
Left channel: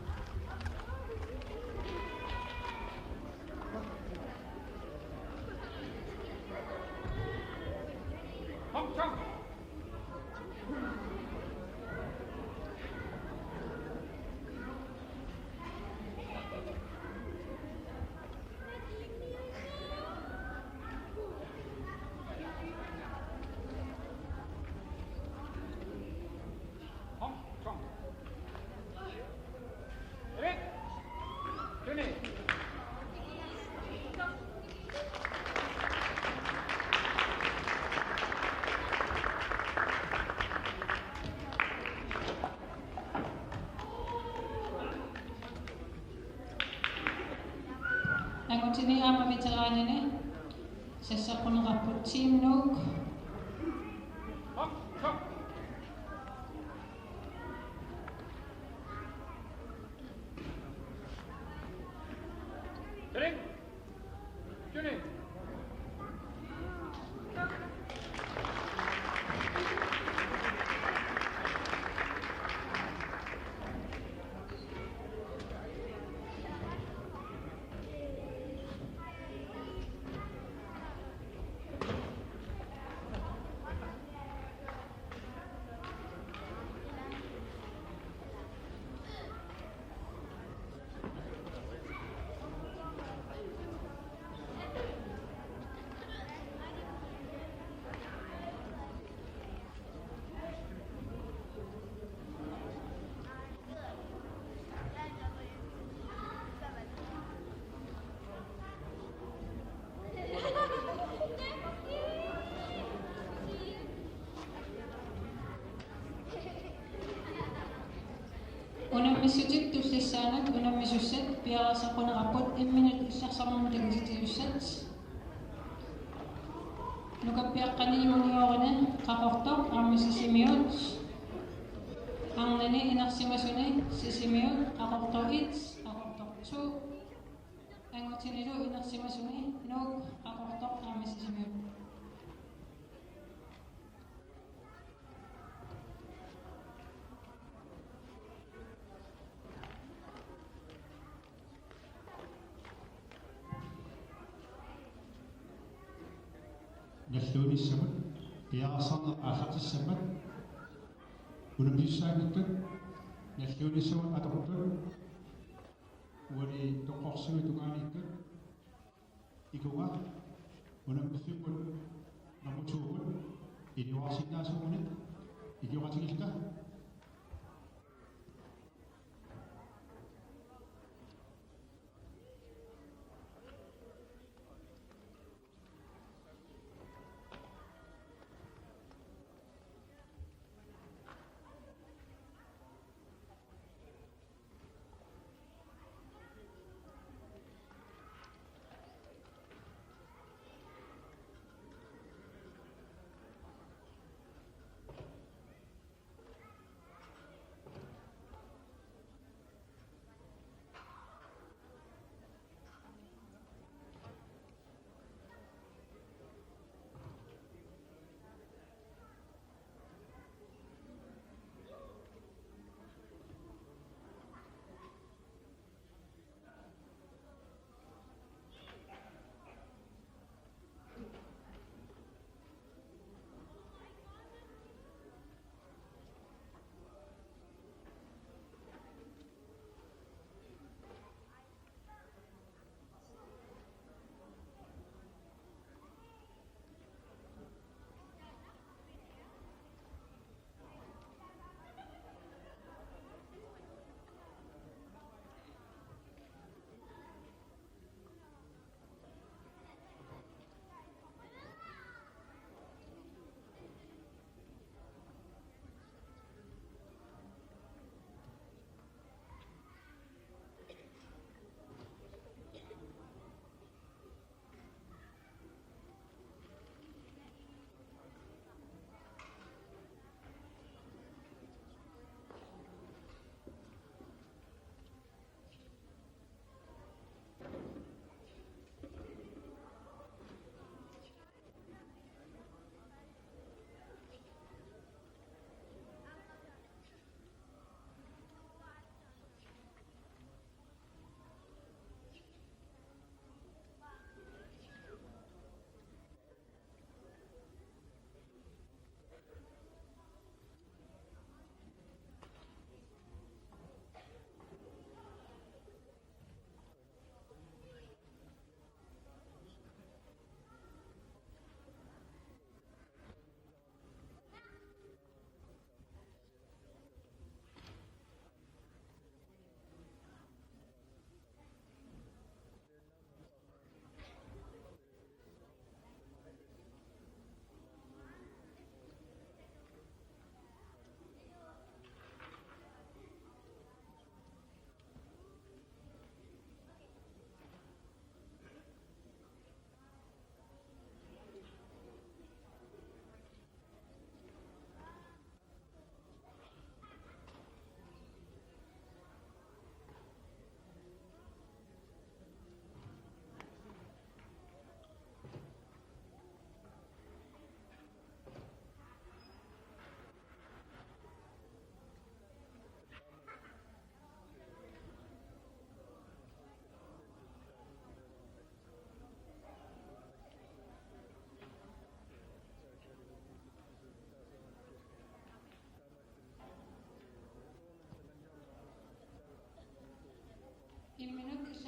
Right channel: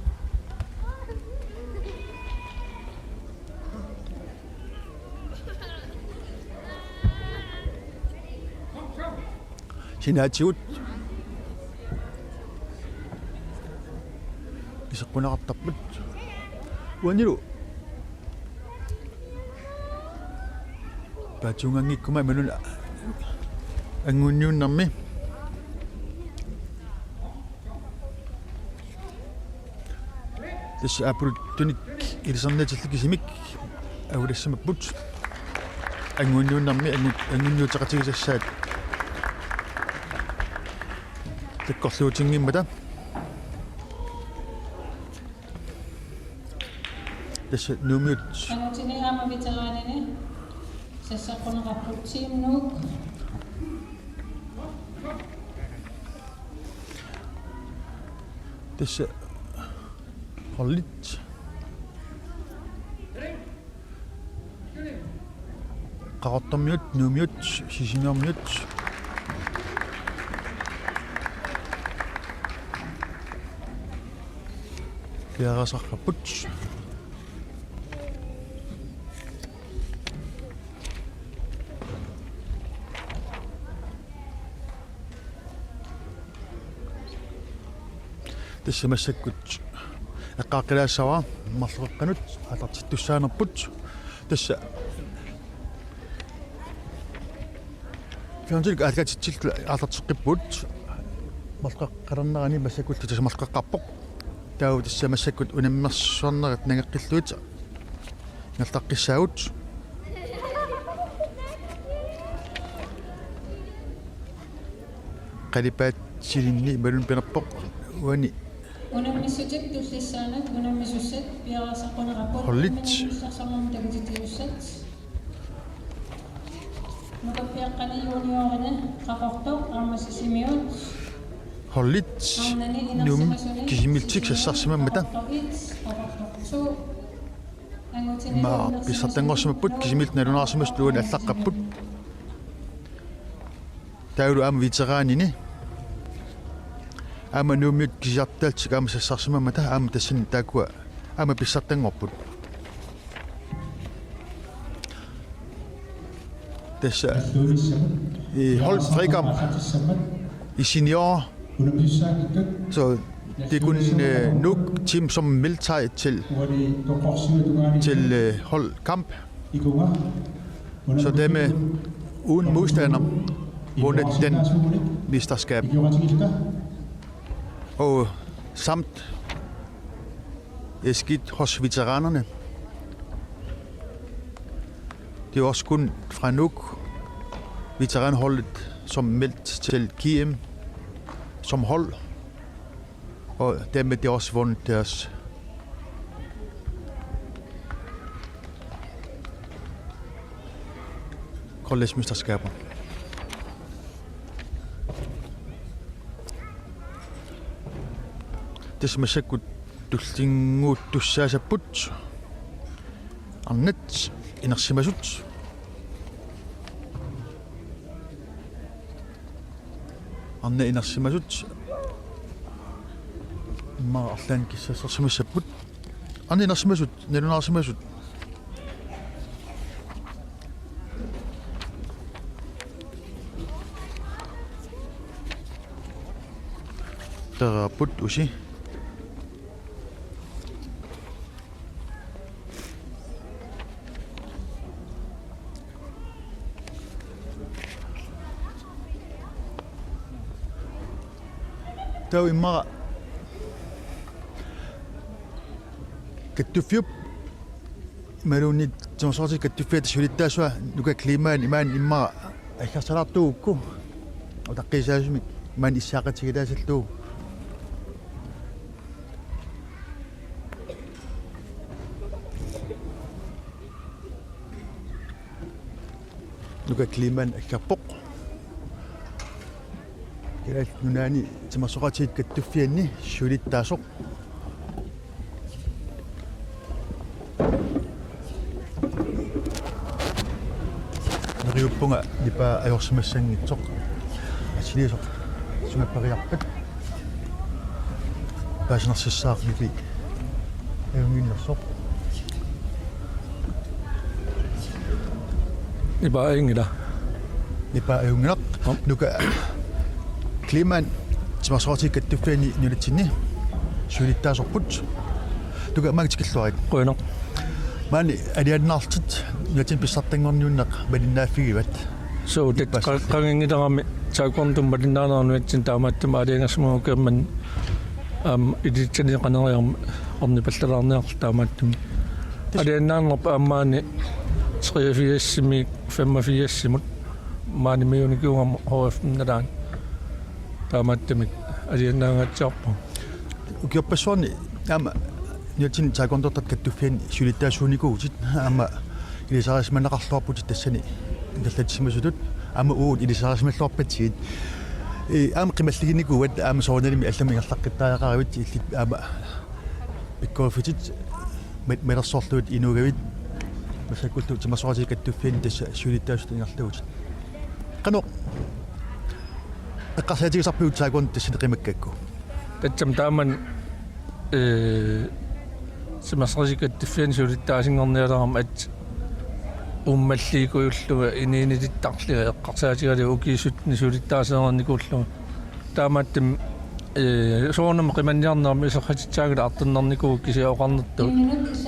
Sinaatiut isaqunaqartarput uanilu paatunganggikkuma manula angunniunnarmi tässä apuruttunik ilisarnaatillakisimik aulassamapput ангуниуннарми ангуниутеқатигисассаат таккорлуутингиммата тасса нумиут ангутини аама ветераанини сассаққунеқарпут тимнук тасса холлит qaqortormiut nuumiut sisimiormiut kiarasarpaput тассамассаккут эққааққилаассава марлеққанут атартиттуссаанерпут тасса фянжик алгатитсил атартеққиппут марлеққарнерани массаккут тасса марлеққарпоқ тау тассамассаккут унаммерсуарнерат нагеққиллуит налтаққиссаагут қалипаат силинни малун пенерпоқ уани унаммиссутик туссассаанат унаммисуссат пиарасаққунеқарпут холлит сарсамму тагитиуссат нукаппиаққани юниорина қақортоқ армасисимиут холлит нум кисимилтик сассарсимаммата ма писсартангорсимаппут кисимилт налунаарсимас луун аллаққаппут тауру ам ветераанини ама нумит кисартаалтик ама сассарсимаммата ама тассин таакуа ама писсартангорпут тасса hold frikam i senior så det kun nok team som melder sig til holdkamp så det med uden modstander vundet den mesterskab og samt skidt hos veteranerne. Det er også kun fra Nuuk veteranholdet som meldt til KM som hold, og dermed det også vundet deres college-mesterskaber. Det som er sikkert tullingut tussaasaput arnat inersimasut arna inersimasut ma arlan kissassersimassaput arna inersimasut nalunarsimasut teraput usi tau imma kattufiup malunit sonsorti kattufiat sulittaasua nuka klimaan imaan imma akkarsalaartuukku utaqqisaasumik imaan issaaqatigilaasalluu nuka klimaan akkarpoq Kirat nunani tamasoqatit kattuffianni sulittaasoq neriuppunga nipa ajorsimassangitsoq asiliisoq sungappariarpat paasinersissaarnipi ajunginnersoq nipa ajungila nipa ajunginaq nuka klimaan tamasoqatit kattuffianni nulitsinni sulittaasorput tuka magtikilluarit qoinoq mani aliannaartit yatin pissartangorniunneq malinnaaffigivat so tet qangingilerami taakkorntum malinnaanarnuatsin taamaattum aliangasmugu keemman iditsani qaneriarm ornipallalaarniarl taamaattum aliannaannerpa ammaani 83 85 maani miunikiungam HF nadan taamattamik aliannaangatsiarpu ukiorpassuarni ama niatin taekwondo-tat kattuffian sulitaasuunikuutit ama ilisaarismanaqarluarputit tassani ingallatsimmasutut ama uut ilisaarismalluarpatsiit ama qimalliginikuat ama soornalimi allami ingerlaqqittajaqaravit illit ama pikkofitit melersorluut inugavit masakkultu timasoorati kattuffian tassa sulitaasut ingerluutit qano eqqarsaatigisarpiut taekwondo tassani qimakkakku tatsam taaman simasrasikattuffian sulittaasingornialaram at ummalliikuyulluga iniinilittaqliga eqqarsaatigali ukiisutni sulittaaseernikuulluga taamattam soornam qimanniarnermi iserratitsaagala artunnernikugu kisiaoqarnertuut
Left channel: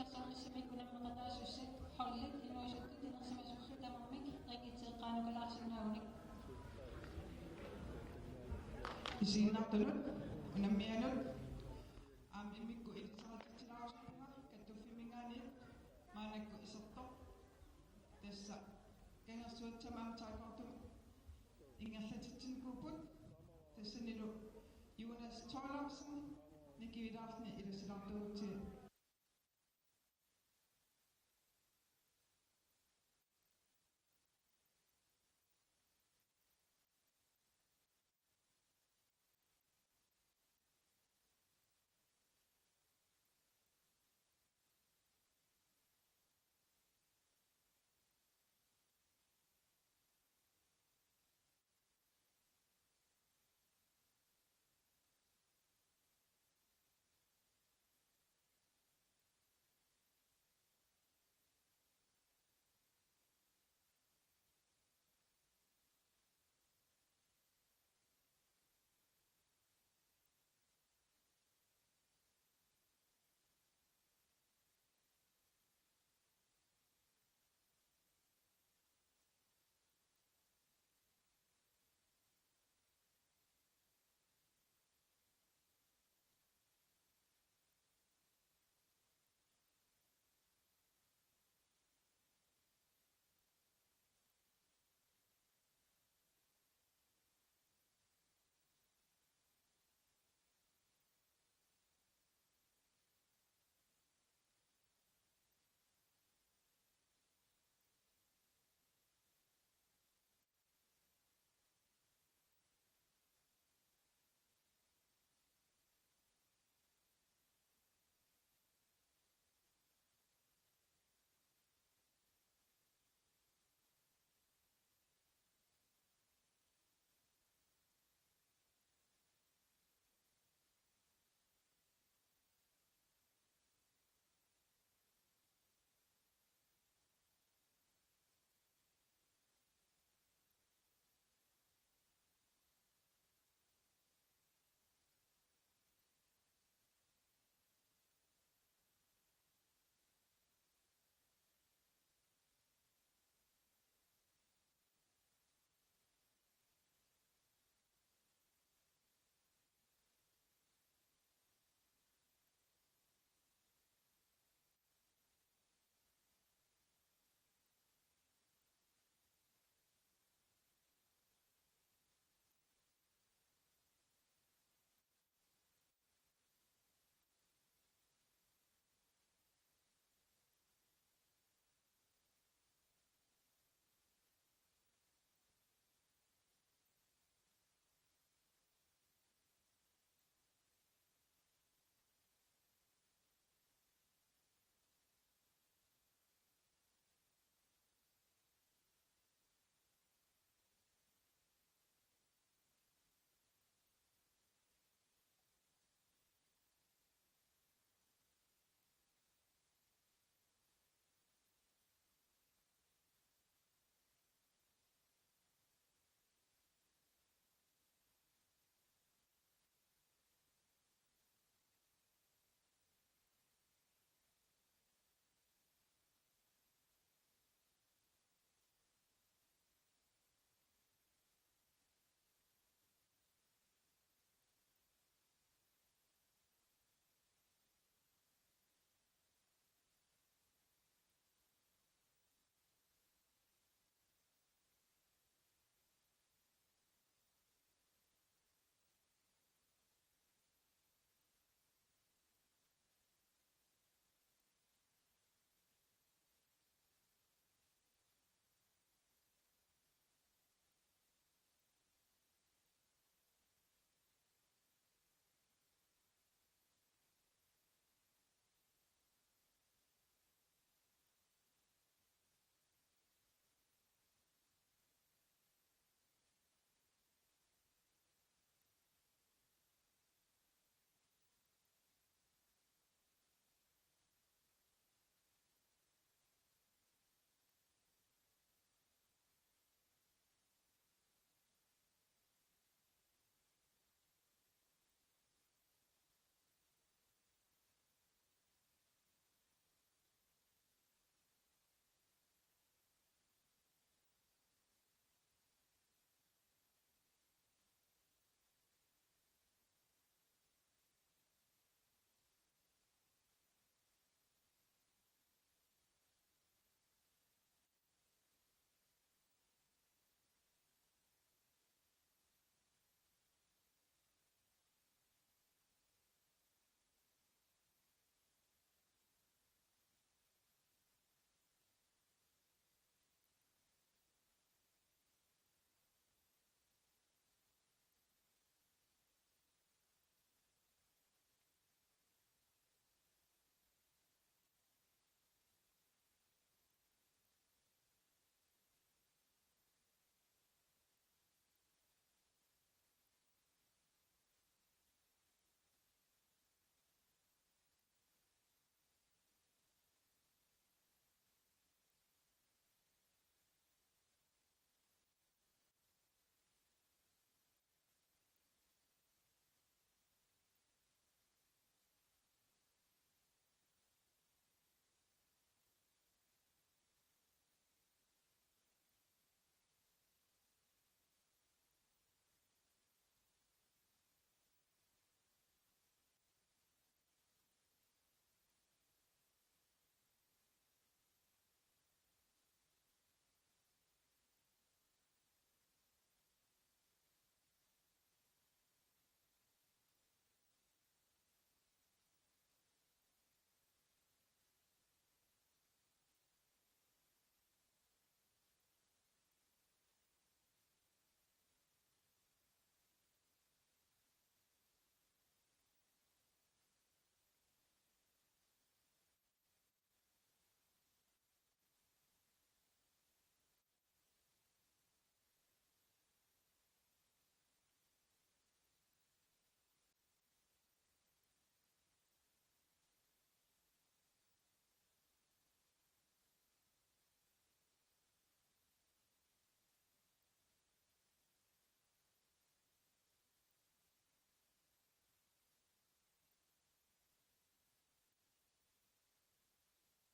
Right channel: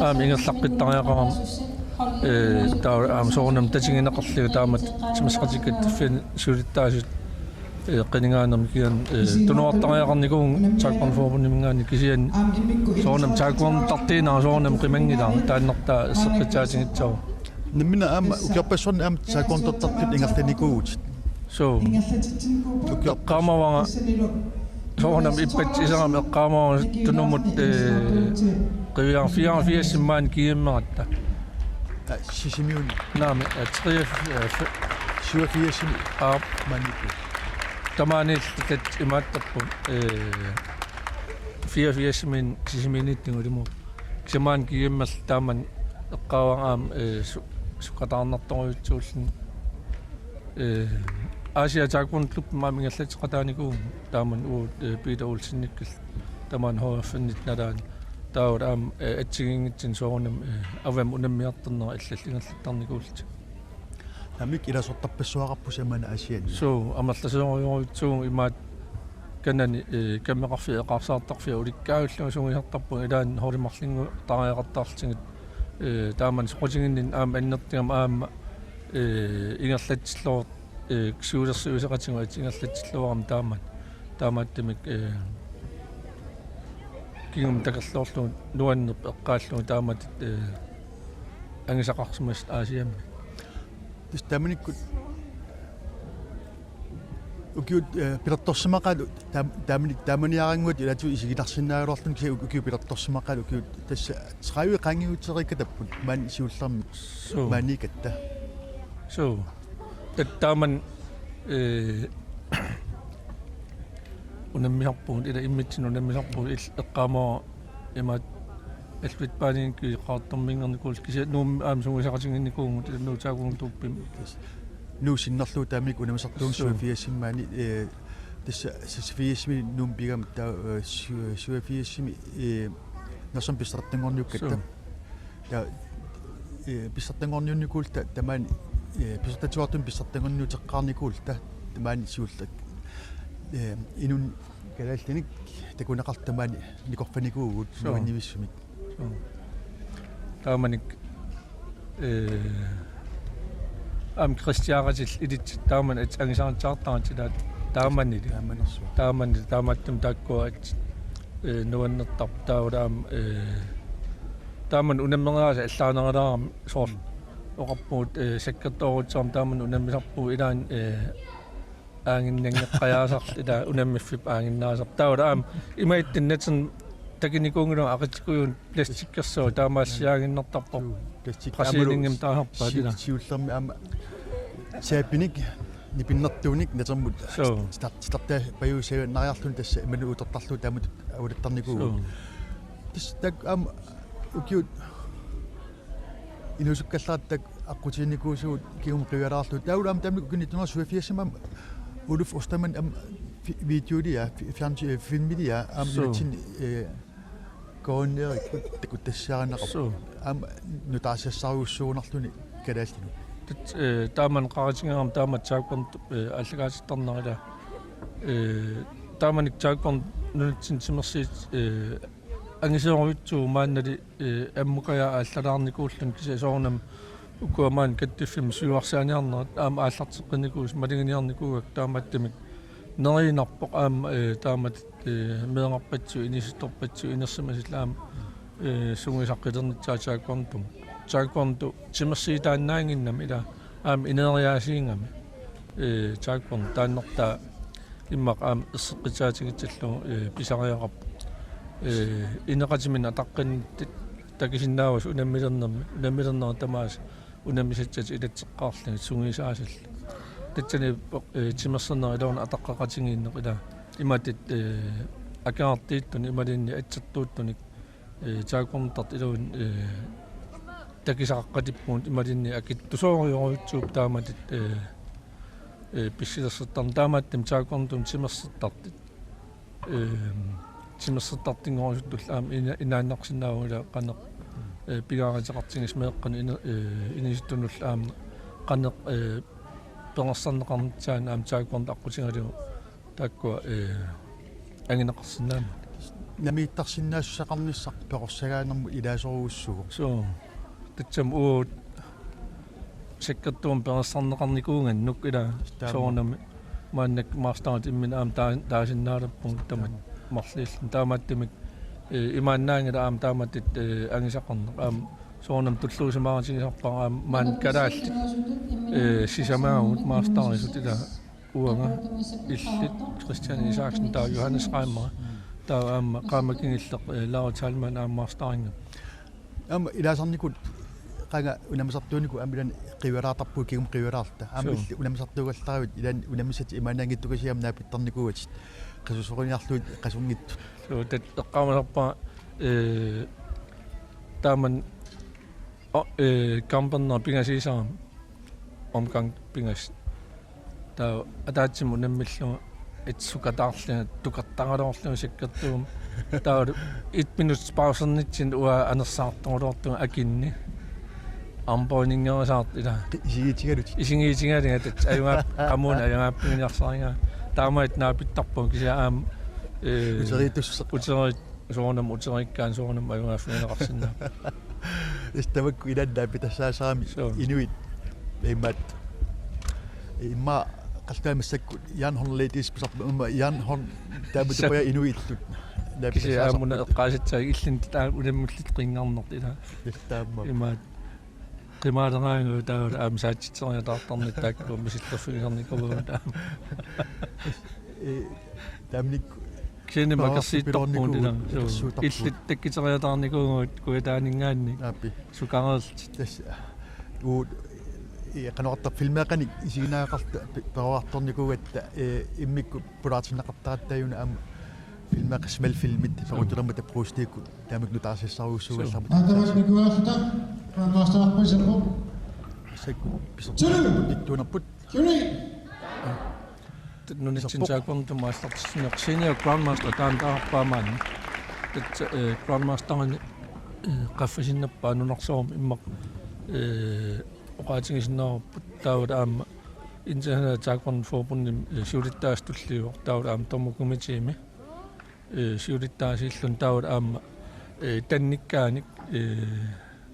aami ingerlaqqitariaqaram taa soornam tatingineqarliga taamat simasrasikattuffian sulittaasut qiningaanermi kian tunuartariaqarnikuun taakkonfoorpunnimingaani kisian soornam taakkuam tartiinaa soornam qimangilaa taannertaa isseqqitsaatigitsiaru nimina ama ukiorpassuarni ama taekwondo-tartut ingerlanikuugut so eqqaamawanga soornam ippat iserami eqqaamawanga tunumut qiviarfiarfiassimmaan kiimmeratta sisimiuni naami atriaf 87 aap maniku tamaanillat imaattarpu 84 sisimiinittingulimu kisamaan kiimmerl taaman eqqaawagaam suqataarnertoruutsuullun Asia taekwondo klub maamingallatseqataaniku taaman uut Peter Olsennikkil taman HF-nit nalaan taawut aam atsigingitsin soornam avam unammiarterner illallingerlattarnikuulta namik ilasortarpassuaqarpu samana asian so amallaseriorjuutsuung imaat kanani kammeqarfi eqarsaartarfi ulikkaaulluga sungihartarpu ilaan horimarlingu tariaqartaarltingit taaman soqotinginnin aam annertigam aamma ingerlatsilluor ksuulersuuseqatingu ingerlatsilluaram taamaattamik kingum takerlorlu nuannerp eqqaallugu taamat angisaqarsumas aasiammi tis tamanikut ukiut pilertorsimaqalu taamaniaranguut ilatu isigilarsinnaaruarlun kisi ukiu pilertorsimaqalu ukiut tassa sraiu qangiuterikkatapput maan isiullermi maanikatta so taaman unammiharpuun ila immitsin unammiharpuun eqqaamaa imaat alvit paanin ki qaartarmingernikul kisi nuum aam sungisaqatinginnikuungut nuutaakuun tuuppim nu sinnerlu taamik unamasartuun suafiassimmaani tassa sisfiasmi nuum pigam ta suafiassimi narsam pisartangorniukkatta ta pisartangorniunnikulta tamaan pisartatuartun pisartangorniuteqqaarnikuulta tamaan siullak inun kalaaltanik takunaqartamaani nikorfanikuugut nuannimissumik taamanik am kristiaaratil ilit taaman at angisaartaartaatilaat taamanili taamattum taakkuat nuannertar taawulaam taaman unammergaasa allaaneralaram soor oqarpuut sakkertoorutsaam taaman unammisarpuu ilaan aanginnangeqqajaasarl ila unammiffip aanginnaasar taawulaam imaittinnatsen takinikuungulu aqatikuyun plastikkersuu taamaassiaaginnertarpor qasiilingim taaharpaatila siullermi ama saapinik nipinnertuunik natermut starta payuusee nariarlun tassa imanu utertarlu taamut awulittarnikuugu tas tak am ukiut inusukkallaattak aqutiinnikuusuut kium qiwalaarlu taawulaam taamik ukinittunga suafiassamam uluf ostaman am videolia filmilia am natin koonnerik takuttassaarinaqar am nutaasiassariussuunarluni kalaaltinu taaman qaratingeram taamat taakkorn allagaasittarnerila taamanik taakkorn nunatsin simersiit angiseorutsu maannali ammukaya allalaarnikuullun kisasoornam ukuamaan kattiffim suuarsaaniarnerat aama aallarteqqinikuus malinginiarnikuugak taamattamik nerinarpoq aama taamat meeqarpatsu inisuttorpatsu inersimasilaam sungisaqqilernitsaataakkorntum taakkorntu timersiitaannaanginnam ila ineriaasiingami taakkorn taannertaa immaq isseqqitaatigitsallu pisariaqarp ineqatimin ataqqannittit takisinnaavas unammilernerma tamaas unammisatsit ilatseqqaarluni sungiisaasall tatsani timerserner ilauna ataqqaqatigiinneq ila imatit akaartiittun imalinni atsertuuttunik taakkorntart iluun takisaqaqqatippuun imalinni akittusooriorutsuup taamatit pissilersertarn taamattim taakkorntum timersertartit timersertartingorisuttull inaannaqsinnaavula qaneq pigaariteqartigis meeqqan inisuttunull qaneq penersarneqarnitsaan taakkornt aqqutigalu taakkua angineqarsinnaama namiittarsinnaassaqarnissaq peqorsagaanermu ilaasoruussugu so tatsam uut sekkertuum penersarneqarnikuungannuk ila soornami maannak maarstaat immin taasinnaalappung tamat marlill taamattimik imaannaangila taamattit angisaqarneq soornam tulluusimaaratigisarpaa maan kalaalli sisamaagut maarstaarisut ila uanga illit Christian Isaacsen taa Johannes Reimer taa qaamakingilleq Laura Talman maarstaaringam ilaasarnikut qanga unamisartuuniku amilan qiweraartarpu kigum qiweraarta amilli unamisartuugallarivit ilan unamissat imaanaangittukasiam naapittarnikuugat qasusoriniarluut qasungittu so tat eqqaamasarpa taaman kampanner pingasiisaram omgang pingas taa ataatsimu nammillu itsukataarluna tukartangalorlu sikkertuum taa 1 minut pausernitsin ua anersaartorluortu akinni ampoiningeerasaart ila isigiitigalinga tat ayungaap qamuuna ayungaappinginiarsaringa taamait naapittarpun kisia uterit soornam uterikkaan soornam ayungaaffineqarsinnaa istamakku ilanna pitassaasarami inuit immat imma qaltaamassakku Jan Horn ladies pisarpa umma Jan Horn taamutupaya inuittut kisia aamuna eqqaasitsaag illin taa unammullit qingarnert ila taamma immaat qimaaleraangu taawala aamsaatitseriataartarnit taakku misillерфигерникуваа taamnik kini makarsiittorpuun ila illit takkiteriataarnikuugut kuitaaningaanni sukareelt tas uut qanoqartar filmeaqani isiginaaqqarta peroartornikuugatta immikku pulaatinneqartarattaayuna aam filmeaq smalfilmit perutelermata prustiikku taamik nutaarsiссаруussугаллармут Атаватникуааллута паастаарпасаппо sakku pisartuunarput nunitsinsaakkorntum maastartisneqsiniu grandmaster taantaarpaamaanni tat grandmasterni qaffasinnappa nunarsorum immaq oqaatigisinnerput taawala aamma international taakkornforbundim siulittaastulliuq taawala aam tormukumitiimi siulittaasiillun taawala aamma tannikkaanik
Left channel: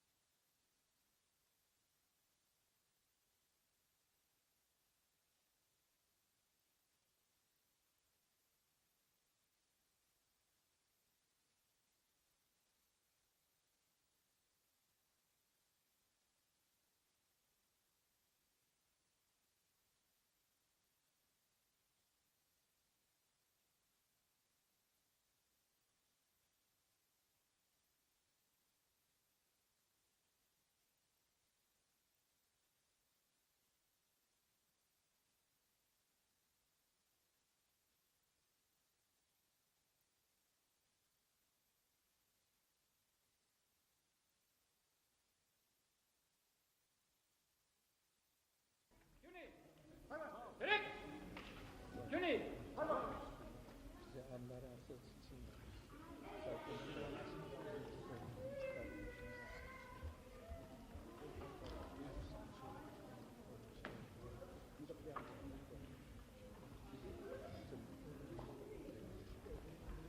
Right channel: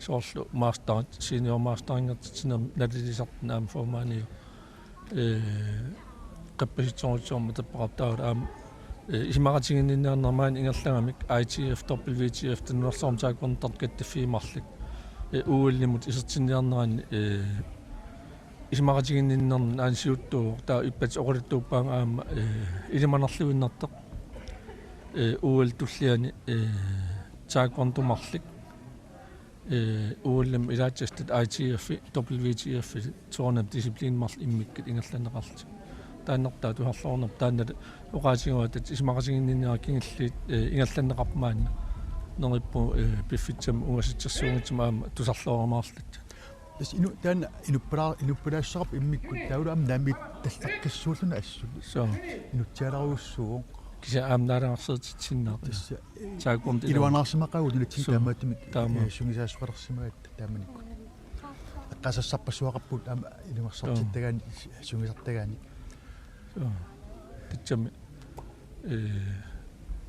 soorlu masterit senior masteringertitsiner nalilisartun aam formaani qappasitsorutsorma tappaqartaawala aam isimaratiginninneernermaan ingerlagamik ITF WTF tunnersorm taakkorntarт kattaffiimarlik uullimut isertinniarnerani isimaratiginninnernan aansiuttuu taa ippat oquluttuuppaanga aamma ilimanerluinnarteq uul tulliani taakkorntumarlik uullim ilaatsastat ITF WTF soornam disciplinemarl immikkit ingerlaneqarlut taannertaa tuharlornerp taannat oqaatigiuatat isimaratiginninneraa kingilliit ingerlaneqarmaanna nerippu piffitsam ungasitsersuungitsam aama tusarlooramaarlut tas inu taana inuppalaassarap immikku taula am naamit tallaqqissuulluna assu so inutsialaruussuuq kisia aamnaalangarseertitsinnaar taakkorn iluanaarsimaqagut nutsi taamaatimik sungisaassuqalersimagat taamanikku qasassarpassuaqarput aama ilumarsartittagaani sungisartagaani titsami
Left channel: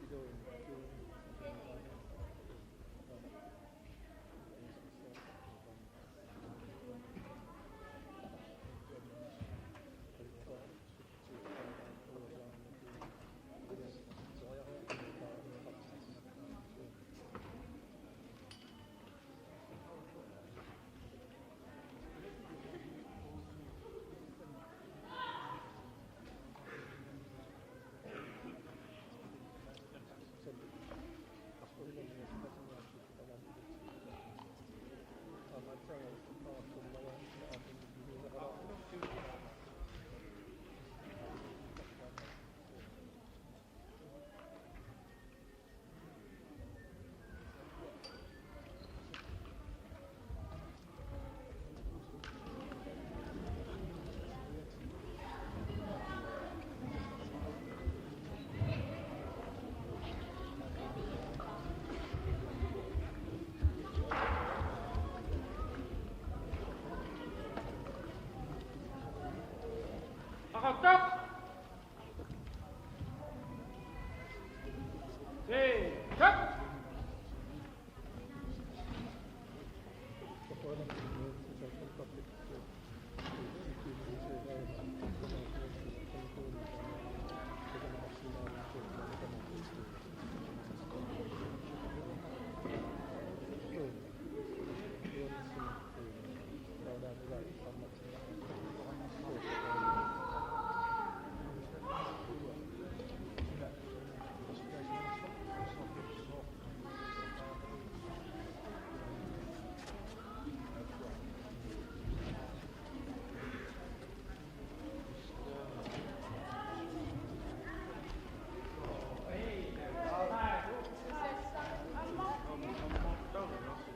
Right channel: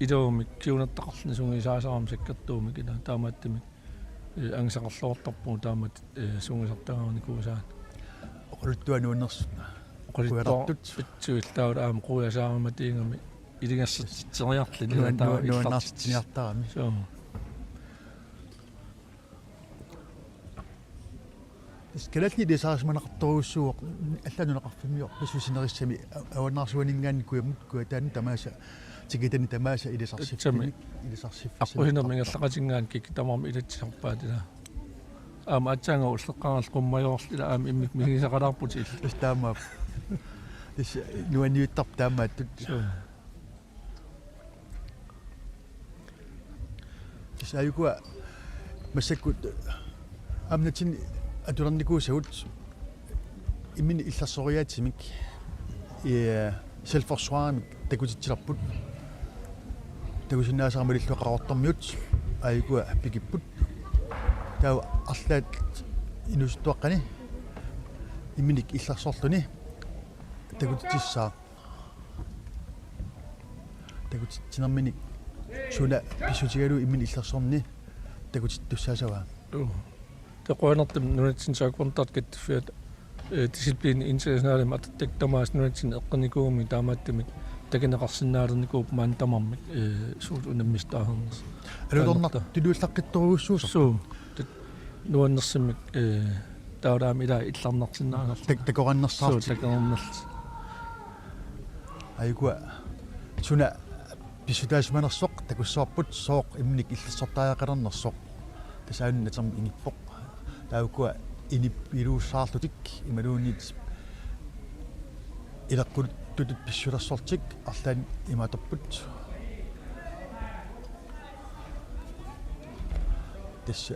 idoomik kiunertaqarluni sungisaasaram sakkertuumik ila taamaattimik angisaqarluortarpu taamat sungisartagaarnikuusaan oquluttuanuunnersu oqulittuartut pitsuil taula aama quyasaarmatiingami ilingassitseriarlini nuannaartiniartarami so Skalatni det saarsimanaqartoruussuuq алланунеқарфимиор писусинерissami аванаарсуанингаани куямут куатаани тамааса тикитани тамааса илисарсиффими илисарсиффи аққуинер мингаллақатингаан кикитамарми илатсисарпаатила аама атсаанга уллеққарал қуммайоорл ила аама иммик мигисақалаарпут ил таамаап ис нуаниуттарп таамааттут ис аюкуа массаккут амнатин атулерникуусагут иммини илларсориаатсимик селфорсуарамик такутитсиларпут такусиннаасаармал иллуақарортармиут аюкуа пикиппут таа арлаат инустуаққани имминик илларсорлуни такутитсаа такутитсинерминик суна писутигалу иммини илларсорни такутиттуссаасава теқуанертим нунатсин саакуантарт каттфиат дисциплин интернационале мататтак тамаас нунатсин эққаникууми таамааттимик такинеқарсинаалерникууп маантамарми суут унаммистаарнерс алуторнар тилуиллаққитторуussуусо суу нуаннерсимик таараами ила илларнартиннаанер такораннерсаар такораннерс айгуа суна писутаасманерсоқ такуссуарпут сооқ имник иллиссортааяқалернерсоқ тасаанна там иниппоқ таукуа инип илууссаарлутик ималуунит илаққут тутут писсулерсортик арлаан иматорпут тасса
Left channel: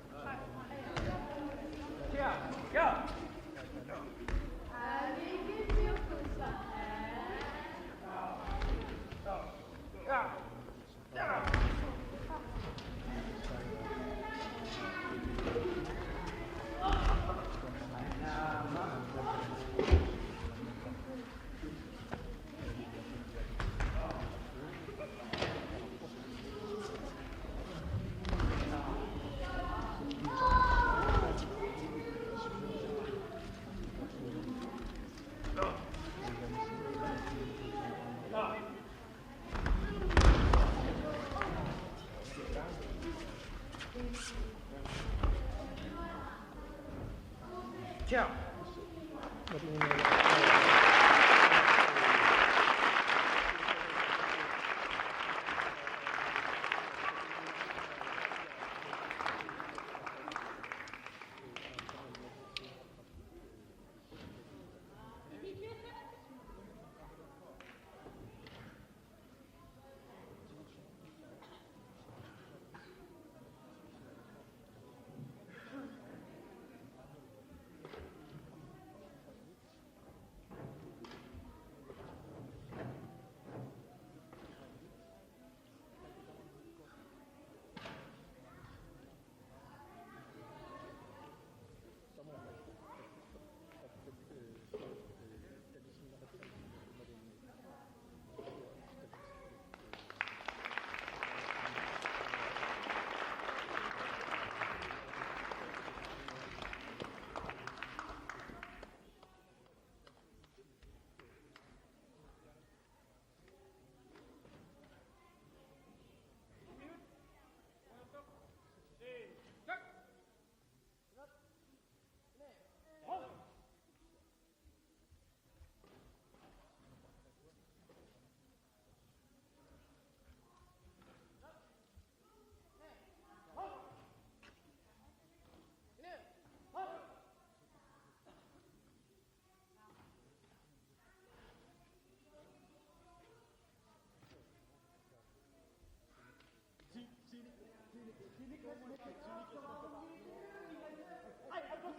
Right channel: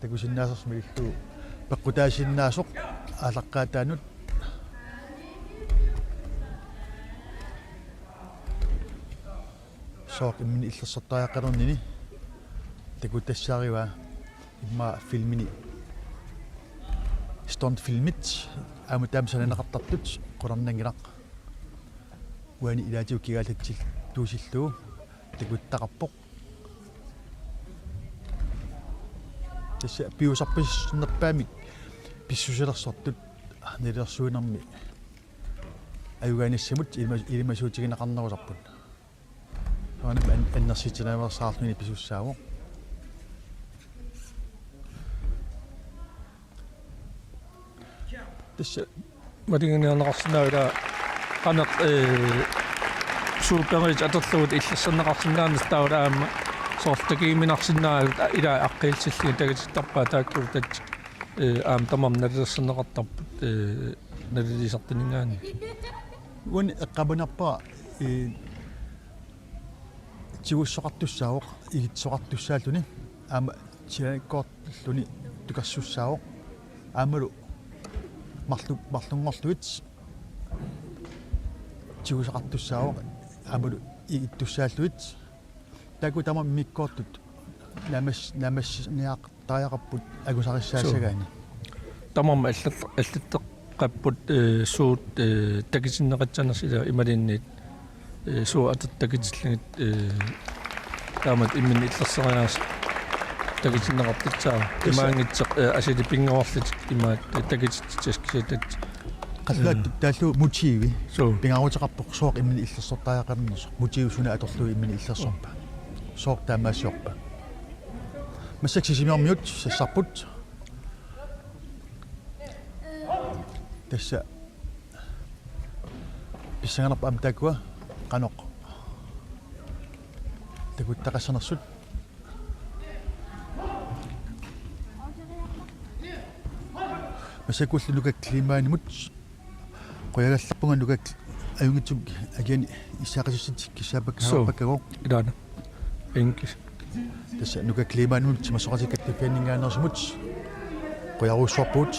такусиннаасерсмилиллуу пеққутаасиннаасоқ алаққаатаанут сооқ иммини иллерсортааяқалернини такутассаариваа имма филмини стон филмит аама таамсананеқартартут қуларнангилақ уани илаатиу кигаалатсил туусиллуу такуттақарпоқ тасса пиусарписсунерпаами писсусилерсортут нилерсуинерми аюгааниссамут илимасуутигинеқарнерулерпут ани аннерситинааверсаарлуни писуссаавоқ тасса матингинианеқарсинаала анеқ суупперит атерлуут иллерсернеқарсинаанер таулаама соортакииминарсинааgut ила аққиилсилли тагититтарпаа тааккуутат аам тамам налерсернеқартарпут налилисартинингаани уани эққабунарпаа тигуссоқартуссаавоқ игитсоқартуссааллуни аама тиаккоорлуни тукарсуссаавоқ аамалу марлунгорлуит тигусоқартуссаавоқ аамалу игиттуссааллуит таку тама миккоортут намас ниақ агусариссаассагаани тамам аллаттеққаппут суут такисиннеқатсанерс ила ималинниит суу ататтакитиллагит таамат иммин иллерсериаас такисиннеқартитсаа имаангитсеқ асили пингоорлит имаат такититсаскисатат қаллаат тааллу мутииви суу пингаавутеқарпоқ сооқ иммин иллерсортааяқарнерс мутиивсуна аторлуи иммин иллерсорпа сооқ таамаасиорпа массаксисимиормиут сассарпут тасса писсанганерпа амтакуа qaноқ такуттақассанерсут масакуллу нукак климаанимут qoyagallarpunga nukak ajungitsum agani issaqasussat kissaapakkaappakkago илаана инкис тасса нукак климаанимут тимасоqatikattupianningaanерсумут qoyaruussorpuut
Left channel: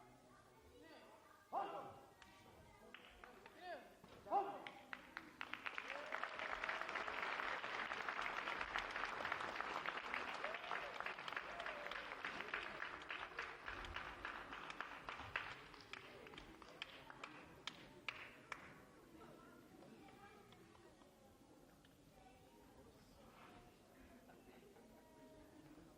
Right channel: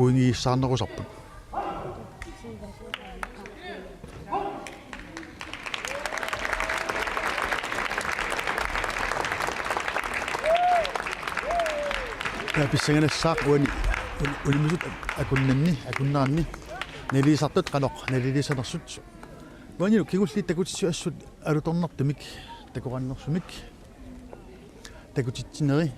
puingiissaarnerusarput писсаганассаақ унимисут акуннаанни нелисартут каноқ нелилисанерсут ванилу кигулли такутиссу ассут алуторнартумик такораннерсумик такутитсинери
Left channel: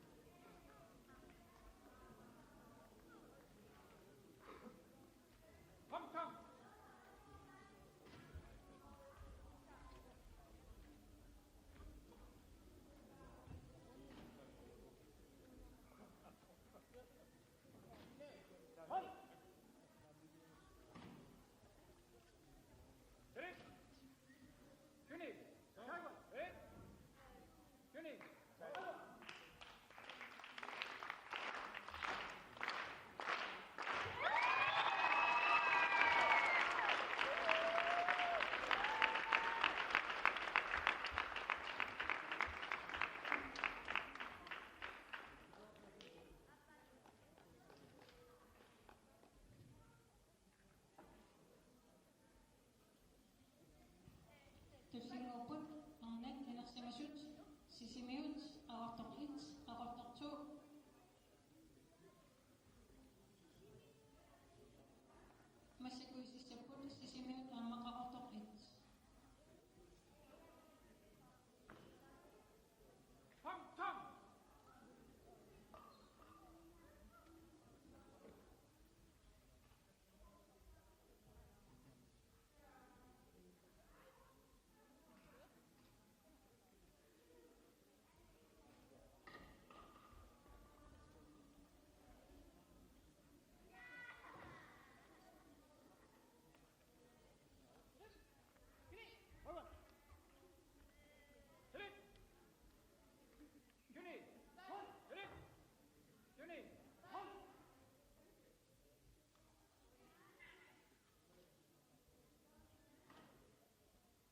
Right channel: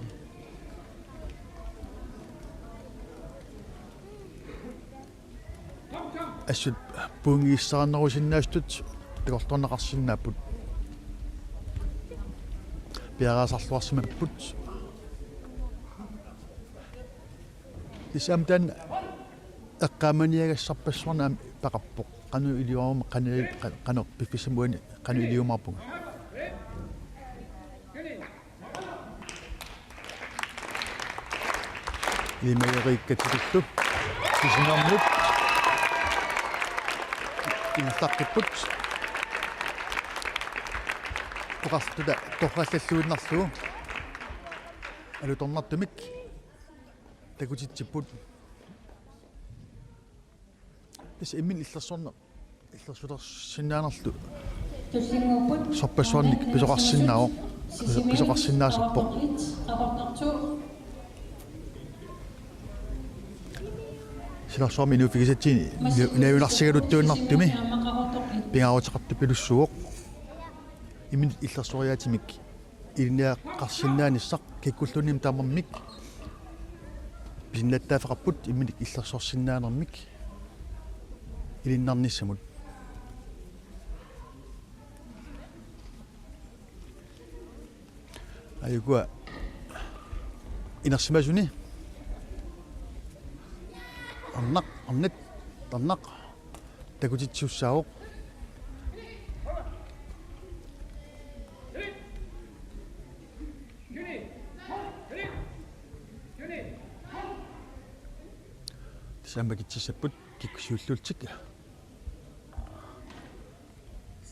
ассут пунгииссараннерусиннаастут такорторнеқарсиннааппут пиараасарлуарсимаппут исамтан эққаманиагассарпассуарна пақарпоқ қану илиуарма қанеқ пиффисамуани қану илиумарпуга лимаериккатилуллу сисинармут инстаққиппут тоқартуда тоқаллаллуиннарлугу алуторнартумик такутитсиппут ис иммин иллерсулерсинаанерлу туссингууппут сорпассуарник писоқарсиннао писоқарсиннаасарпоқ силарсуарми нуфигисатсини наавинарсигалуттуиннартуми пингаарутеқарту пилуссуоқ иммин иллерсуариатимик илниаққарсиннааниссақ киккуллуним таамармик пиннаттаафеқарпут имминик иллерсорсиннаанермик илиннарниссамут аюгуа инерсимасуни арнет тарнақ такутитсуссаавоқ самбакитсиссаппут киккусиуллуутсик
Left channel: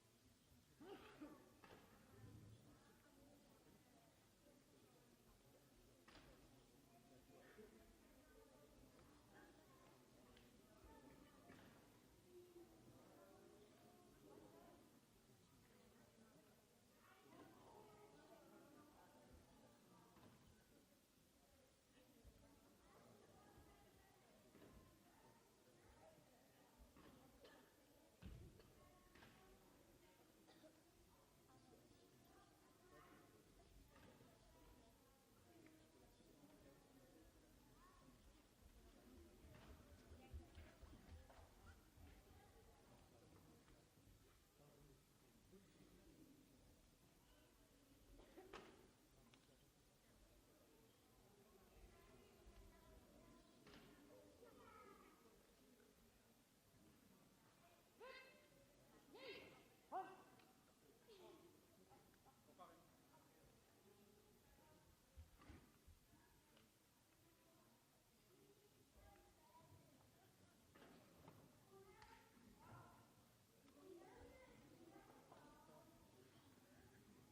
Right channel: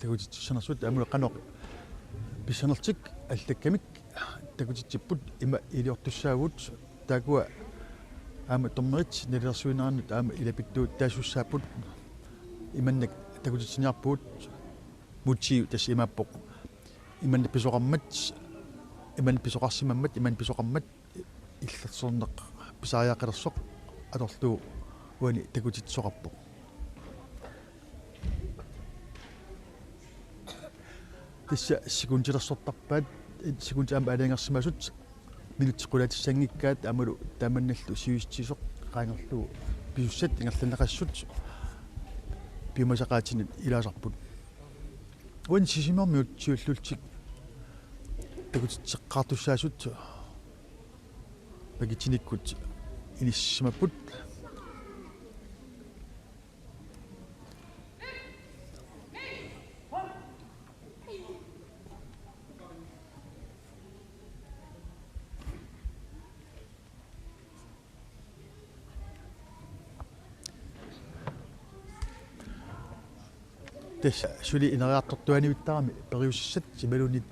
такутитсуссанерсут амула каноқ писсанертик аллаккамик такутитсиппут има илиортуссаагут таакуа аама томмерит нелерсуинаарнут аама илапиттуут таасуссааппут иманнак такутитсиниарпуут мутсиу тас имааппоқ иманна писоқармат иманна писоқарсимаммат иманна писоқармат иллерсорнеқ писаариаққилерсоқ аторлуу уани такутитсоқарпоқ тисса секундилерсортарпаат секундаама алингерсимасут минутсиқулатиссангиккаат амалу тааманналлу сиуистисоқ qaangерлуу пиуссат ингерланеқассут пиумасақаатинут илаасарпут уан сисимармиут сиуллултик такутитсеққартуссаасут пагитиниккут иниссимаппут тас сули инериартортуаниуттарами периуссат сималунит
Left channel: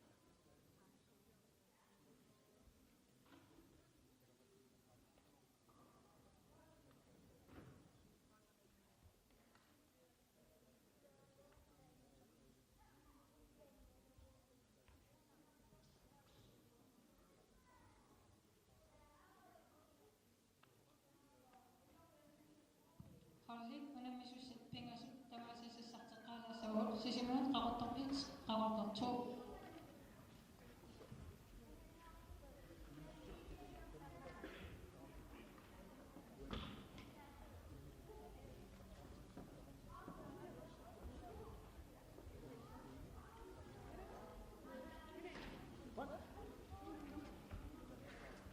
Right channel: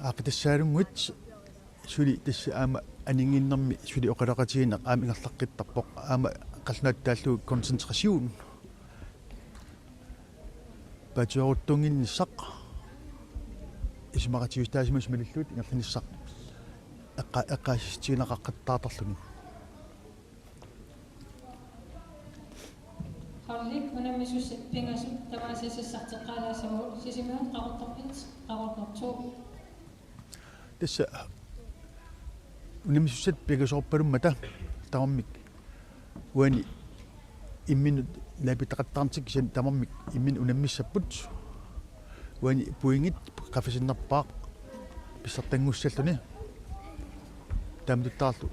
аақитассаалунгуит сули тасса аама анингиннэрми сули оқалақатигинеқ аама ингерлаққиттарпоқ аама қалнааттааллу концентрасиун патиоруттунгиннссақ исмаратиустаасимас малиллуут ингерланиссақ эққаасистигинеқаққаттаатарлуни Harlik unammisus pingasut tavasissarteqalaasavut sisimaat qaortorpit qaortortu тасса унамиссат пигасорпалуммата тамармик уани имминут лапитақаттарнтик сан тамармик иммин унаммиссаппут уани пуингит qaфисиннарпаақ писсартангуссаллуни таамтуттаарлу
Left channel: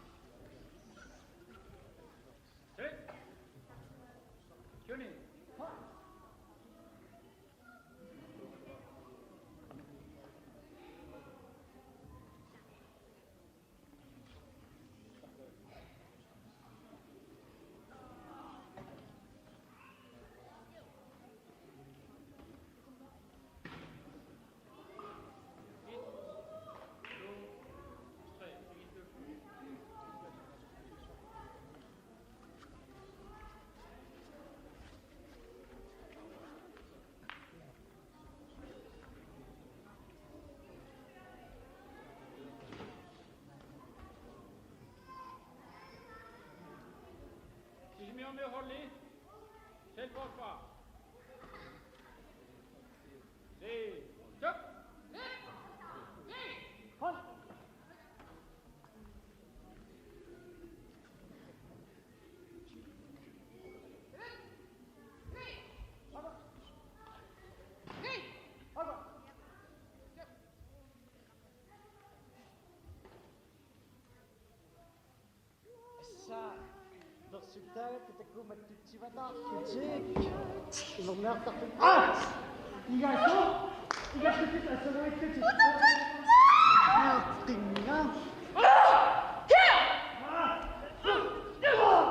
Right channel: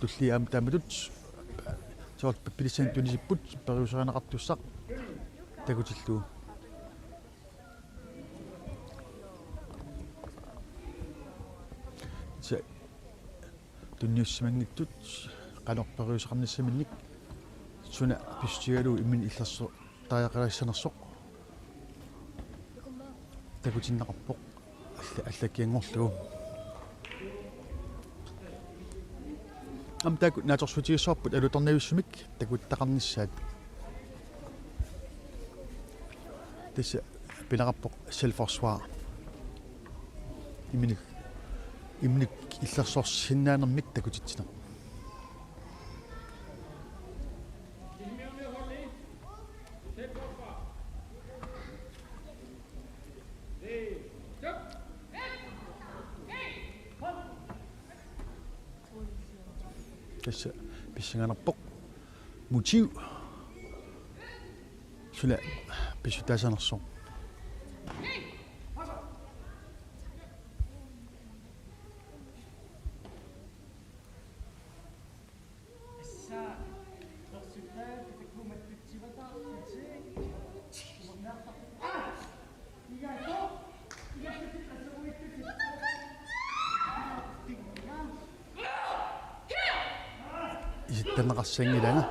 туллиаам тааматут сорт пилисэн тунисиппут периусеранеқартуссақ такутиллуу се тунниуссимангиттут канорпериусеқарниссаминник суна пистигалу иммин иллерсо тааяқалассанерсоқ такутиннеқарпоқ аллакиангорлугу Am takut natorsuutigissuarput alutornaviussumik takuttaqarnissaat tissa pinaqarpoq selforsvar iminik illersorsinnaanермик takutitsina tissa pissinganerpoq mutiu sula pissutaasanerso isittanaqarsangilaga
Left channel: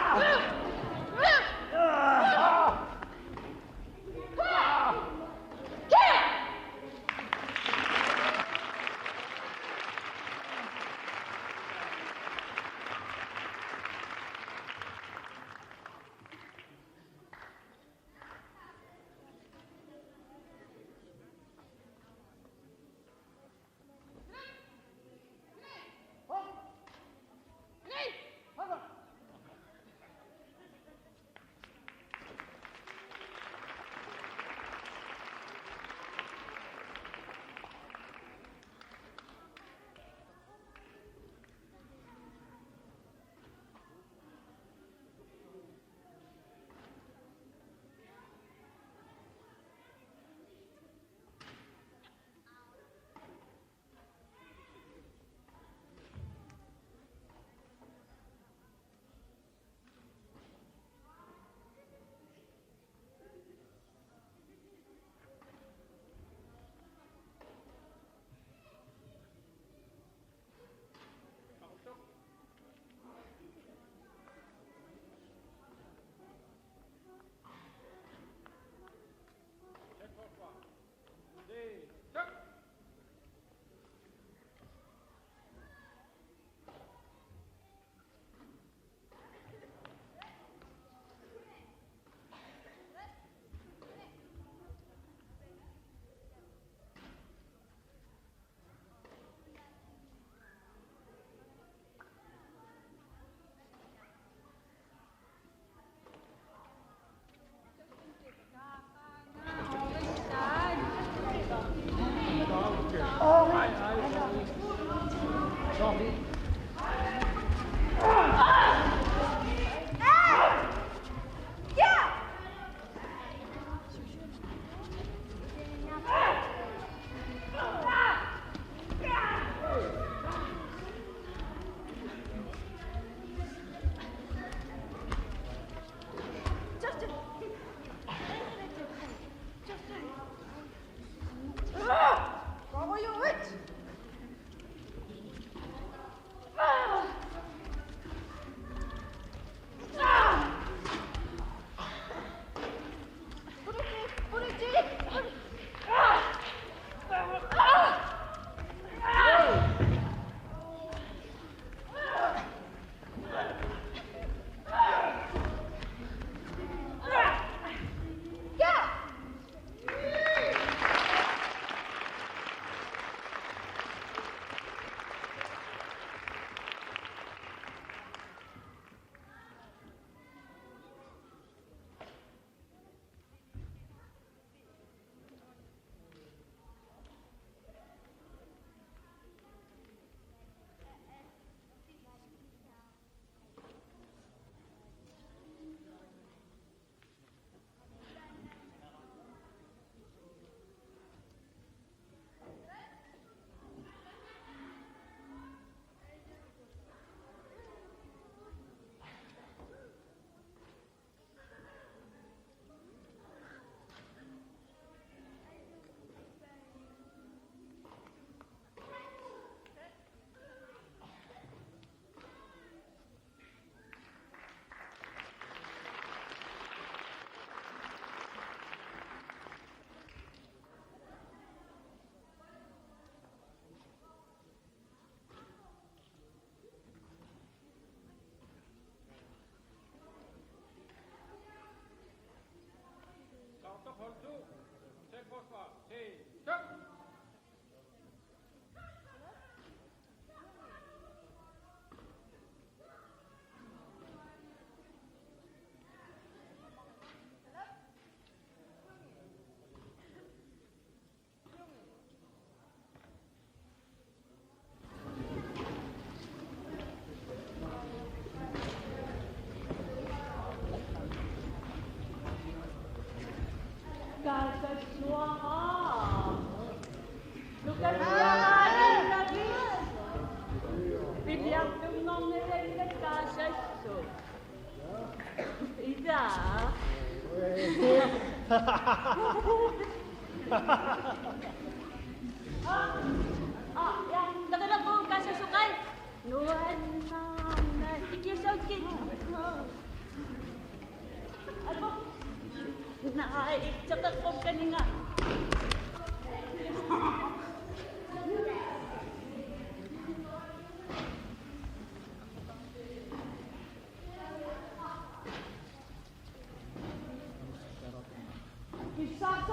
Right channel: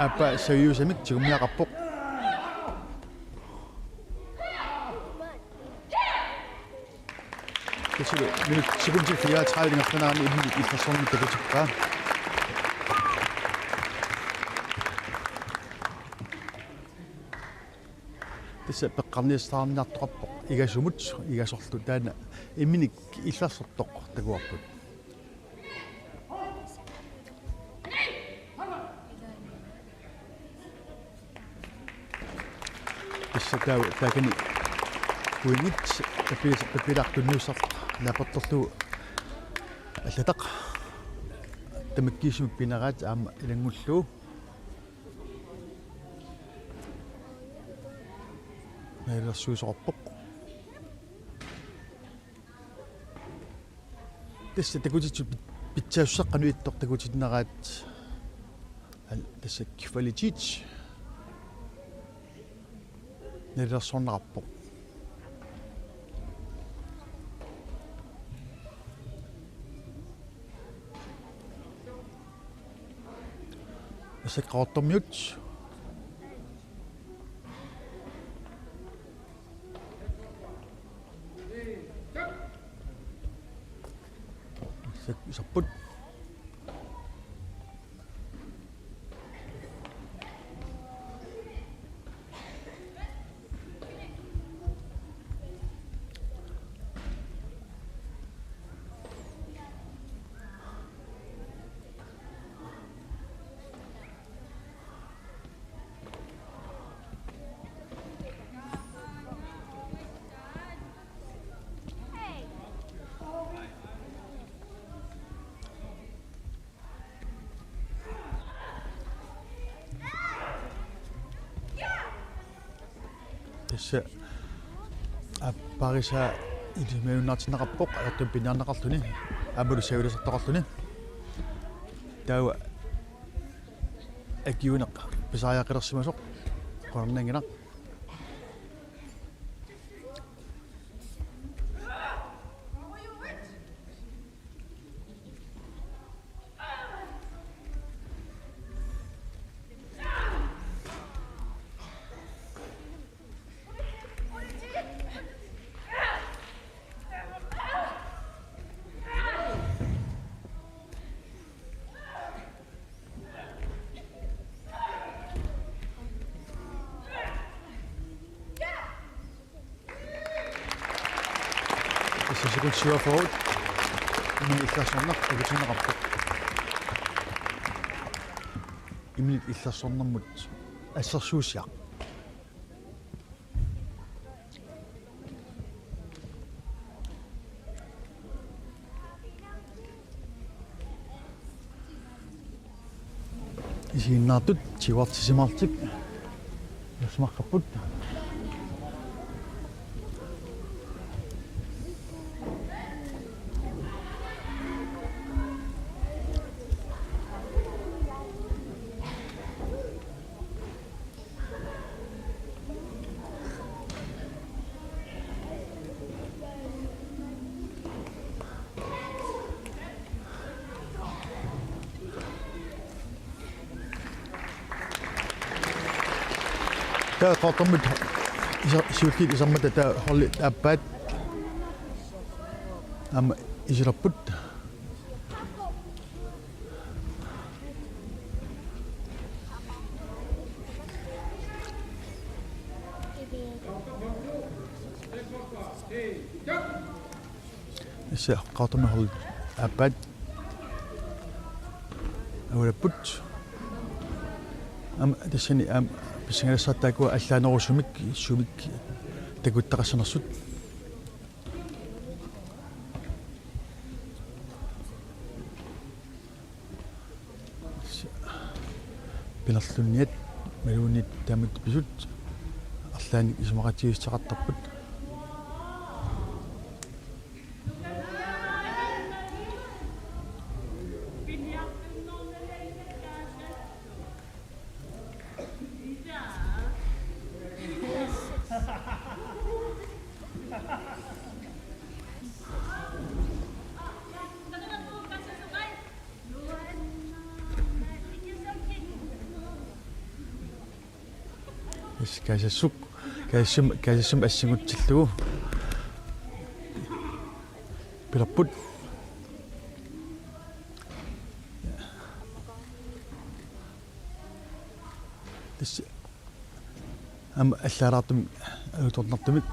apa seriusamik tigunniaqarpoq minut sekunde 34 ngafnaani imnik illersorni takutikkaa tissa peqqarnistaarniartoqarpoq igasumut igasorlu taana imnik illersortoq takuarput tissa taakani kuingit tapilartunnuussar napertorlu аллатақ тамаккиисумик пинараат аама илангуллуу наилерсуусоқарпоқ тасса такутитсу питсаассаққануиттор такутиннараат тасса квалитит наилерсорнеқарпоқ sekretormiut sapput se parisa idimeunartinaqarpoq attum pinaarnaqarluni amulu savilasartaqarluni taua akiuneq pisariaqqilersimasoq qornanginaq sekund syr forud imni illarsornaq takutinneqarpoq imni illarsornermut assersuusiaq isiinnaartut tiuartisimaartik yasmaqqapput Tää qortormut siullit isammat tää holli appaat am isirapput se qortormu holli appaat awrapput am tassani am pisingalassartaakua аллаанерусумик сумик такуттақассанерсут пилерлунниат малуунит таамат писут арлаани исумақатигиссақартарпут Kaisasuk kaisasum assingutsillugu pilarput tas am allaraartum alutornartumik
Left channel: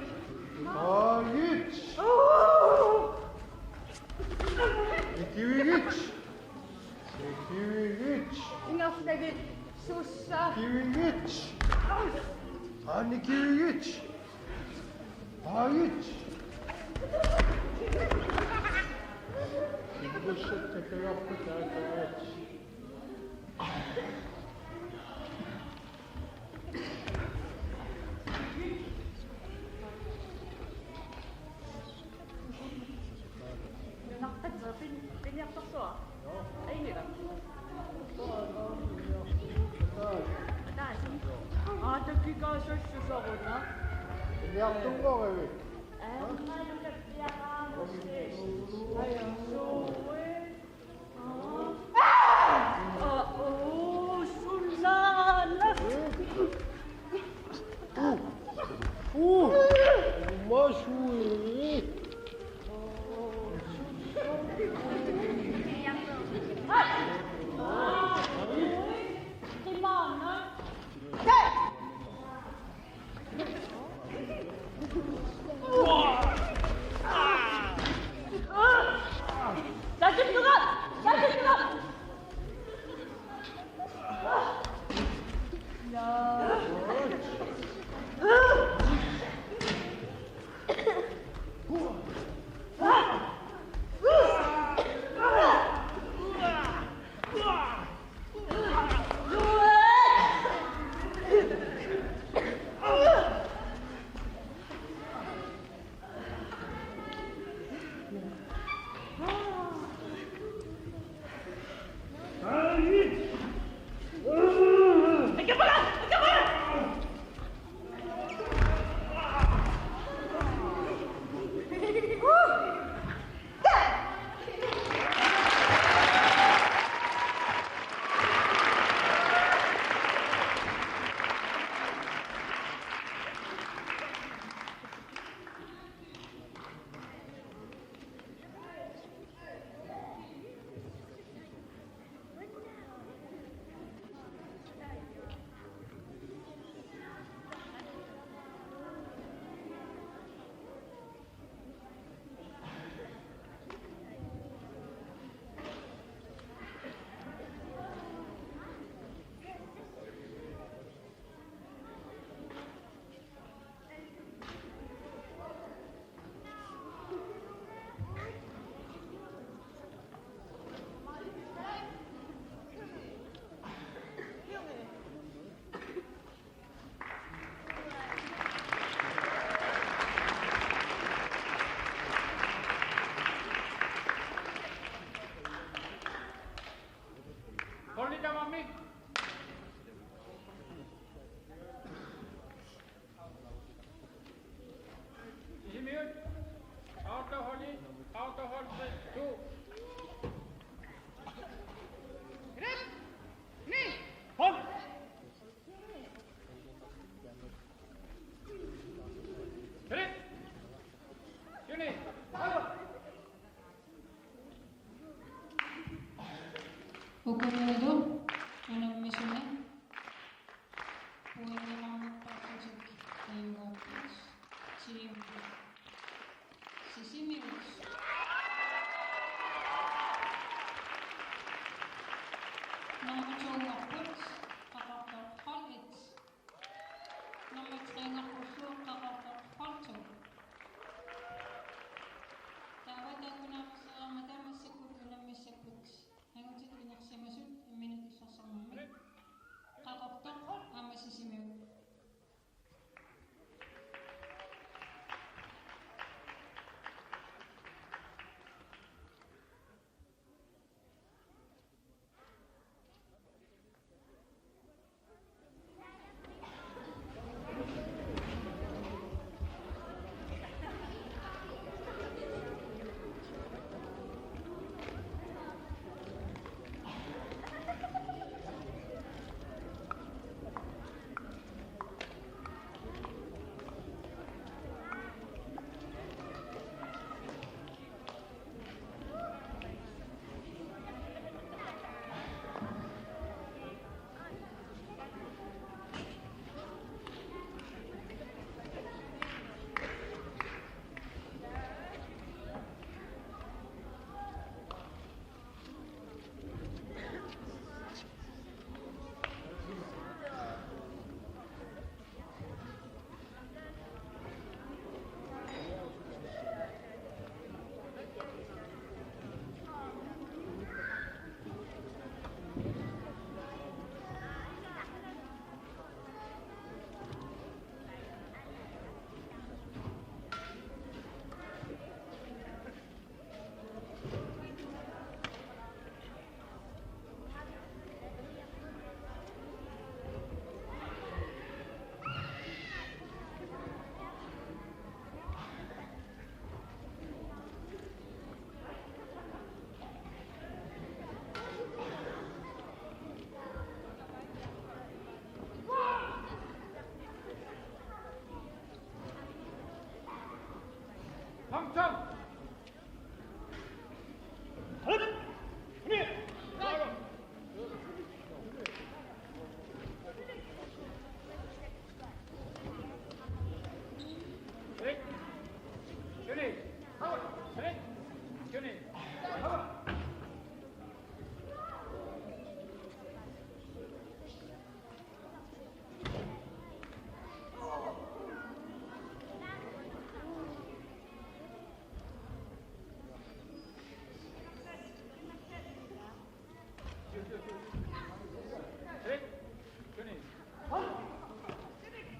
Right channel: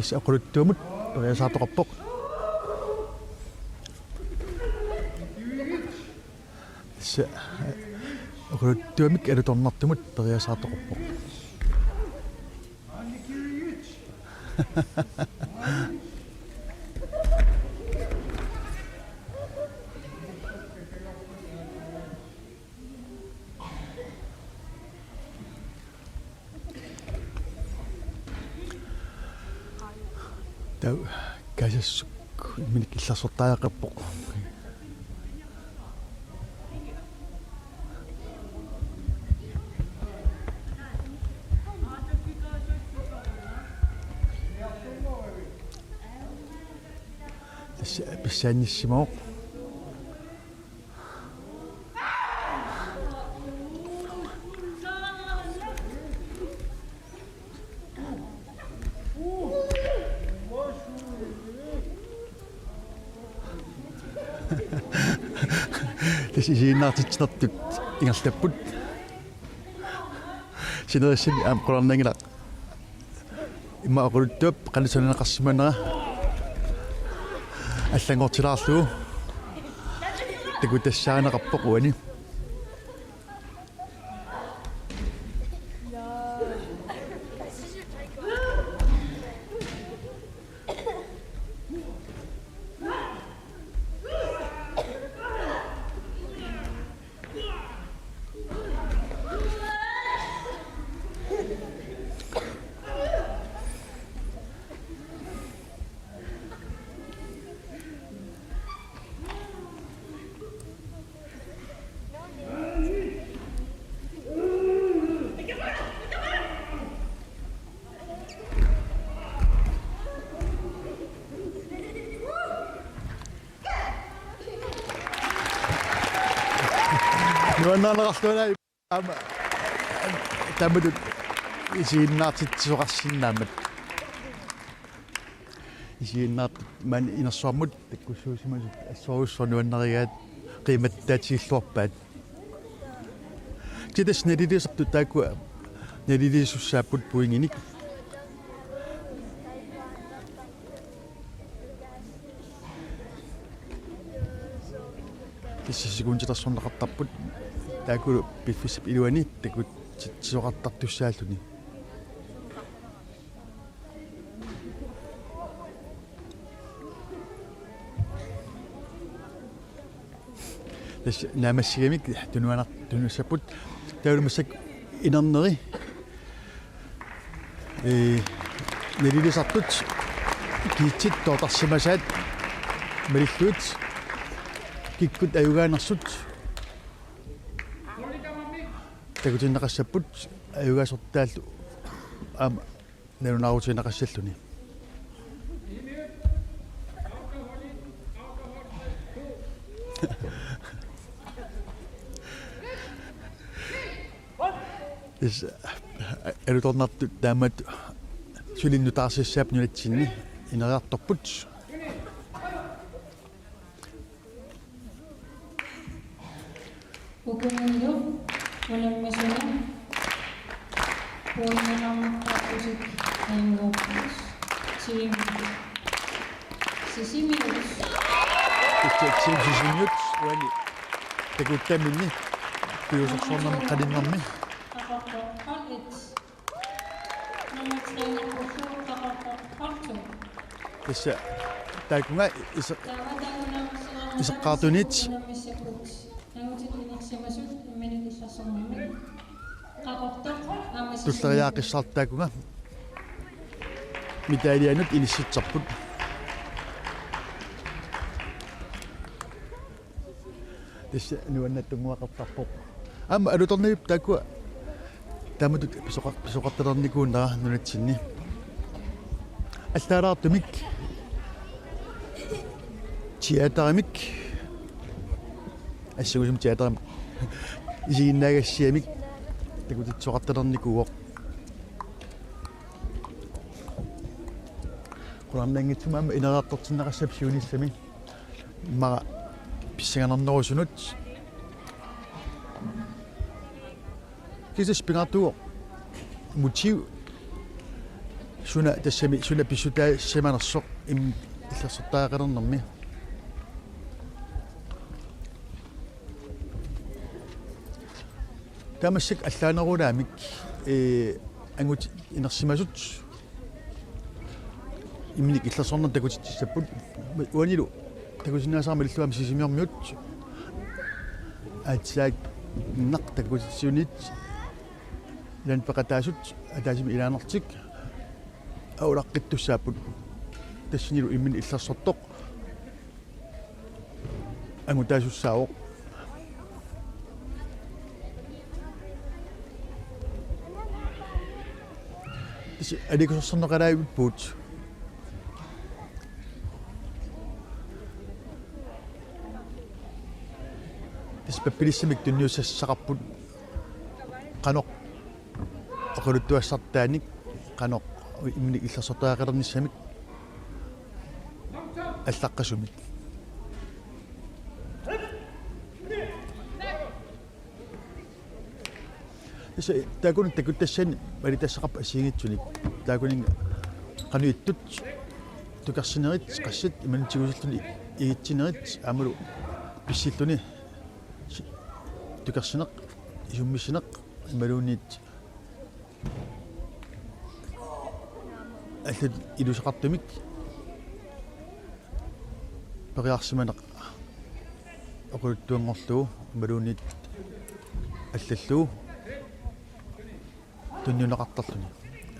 tas aquluttuumut pariasaatoqarpoq tas aquluttuumik alutornartumut pariasaatoqarpoq tau kaisasuk minik illarsortaaqarpoq писсааниссимоо tas isiinnaartitnertut ingerlapput sinerissimi aam qolarnangila imma aquluttuup qanisunaneqarsimanera аллангортилаарлугу такутассааneqarpoq уани nuannaanaqarlugai ama tamadut isiinnaartitsuqarsinnaamat isiinnaart man inersuarmut takkussuusimus assoruussornuannarigaat qiimattaatiilluarpaat kitas nalilisartu taakku nalilisussaapput puinginik kissisikuntitarsornaqartarput taakku piffissip iluani takut sitsuqartartussaalluni tas naamassigamik tunusapput taulumassak inerneri nalilisartut kiitsit tootarsimasaat malilluut kikkut ayugaanersut takutinneqassapput аюгаасортааллу аама нерунаарутинақассаллуни is erutornartu taammat sulinnutaarsissaap nulitsinni ineriartorput Ukunilo, unammisuna, puolinamakkaapusik, engopus, sisimius. sisimiut uani takuttamini piusorsornam qalinnermi tassa taakunga isaqaartunit tulleriaaqissartaakunga mitaalianut ilissitsarput tassa nuannattunguaqartarpoq amma alutorniup taakua taamutut pisoqartalernikuunara nunatsinni alltaalaartumik teaterimik assugusum teaterim isiginnaagassiamik takutitsoqartalernikuuoq qulannangitsumaama ineraaqtortinnaqassap siunissami mara pissanganernerusunut kisas pingartuuq motiv suna tassami suna pissutaa semanersoq illersortaaqalernermi tamassak allaanerulaamik angut inersimasut imnik illersorner takutitsapput uanilu takutinaasarma illuam sisimiormiut atsaak naq takutitsiunit lan peqataasut ataasimi ilaanertik aulaqqittussaaput tassinilu immin illersortoq angutaasussaawoq alikusorsorneqalaavippuut taspappilissimik tunniussassaqarput qanoq oqaluttuassartaanik qanoq imnik illersortaaqalernissamik аллаққасумик иса таакун такуттассани малитассақарпа асигитсуник таакунин qanуиттут тукарсинерит qassat иманитигусиллуни игитсинерит аамалу писсиллуни тукарсинеқ исуммиссинеқ ималуунит аллат илусақартумик периарсиманеқ оқулуттуангорлуу ималуунит аллаллуу туннунеқартарлуни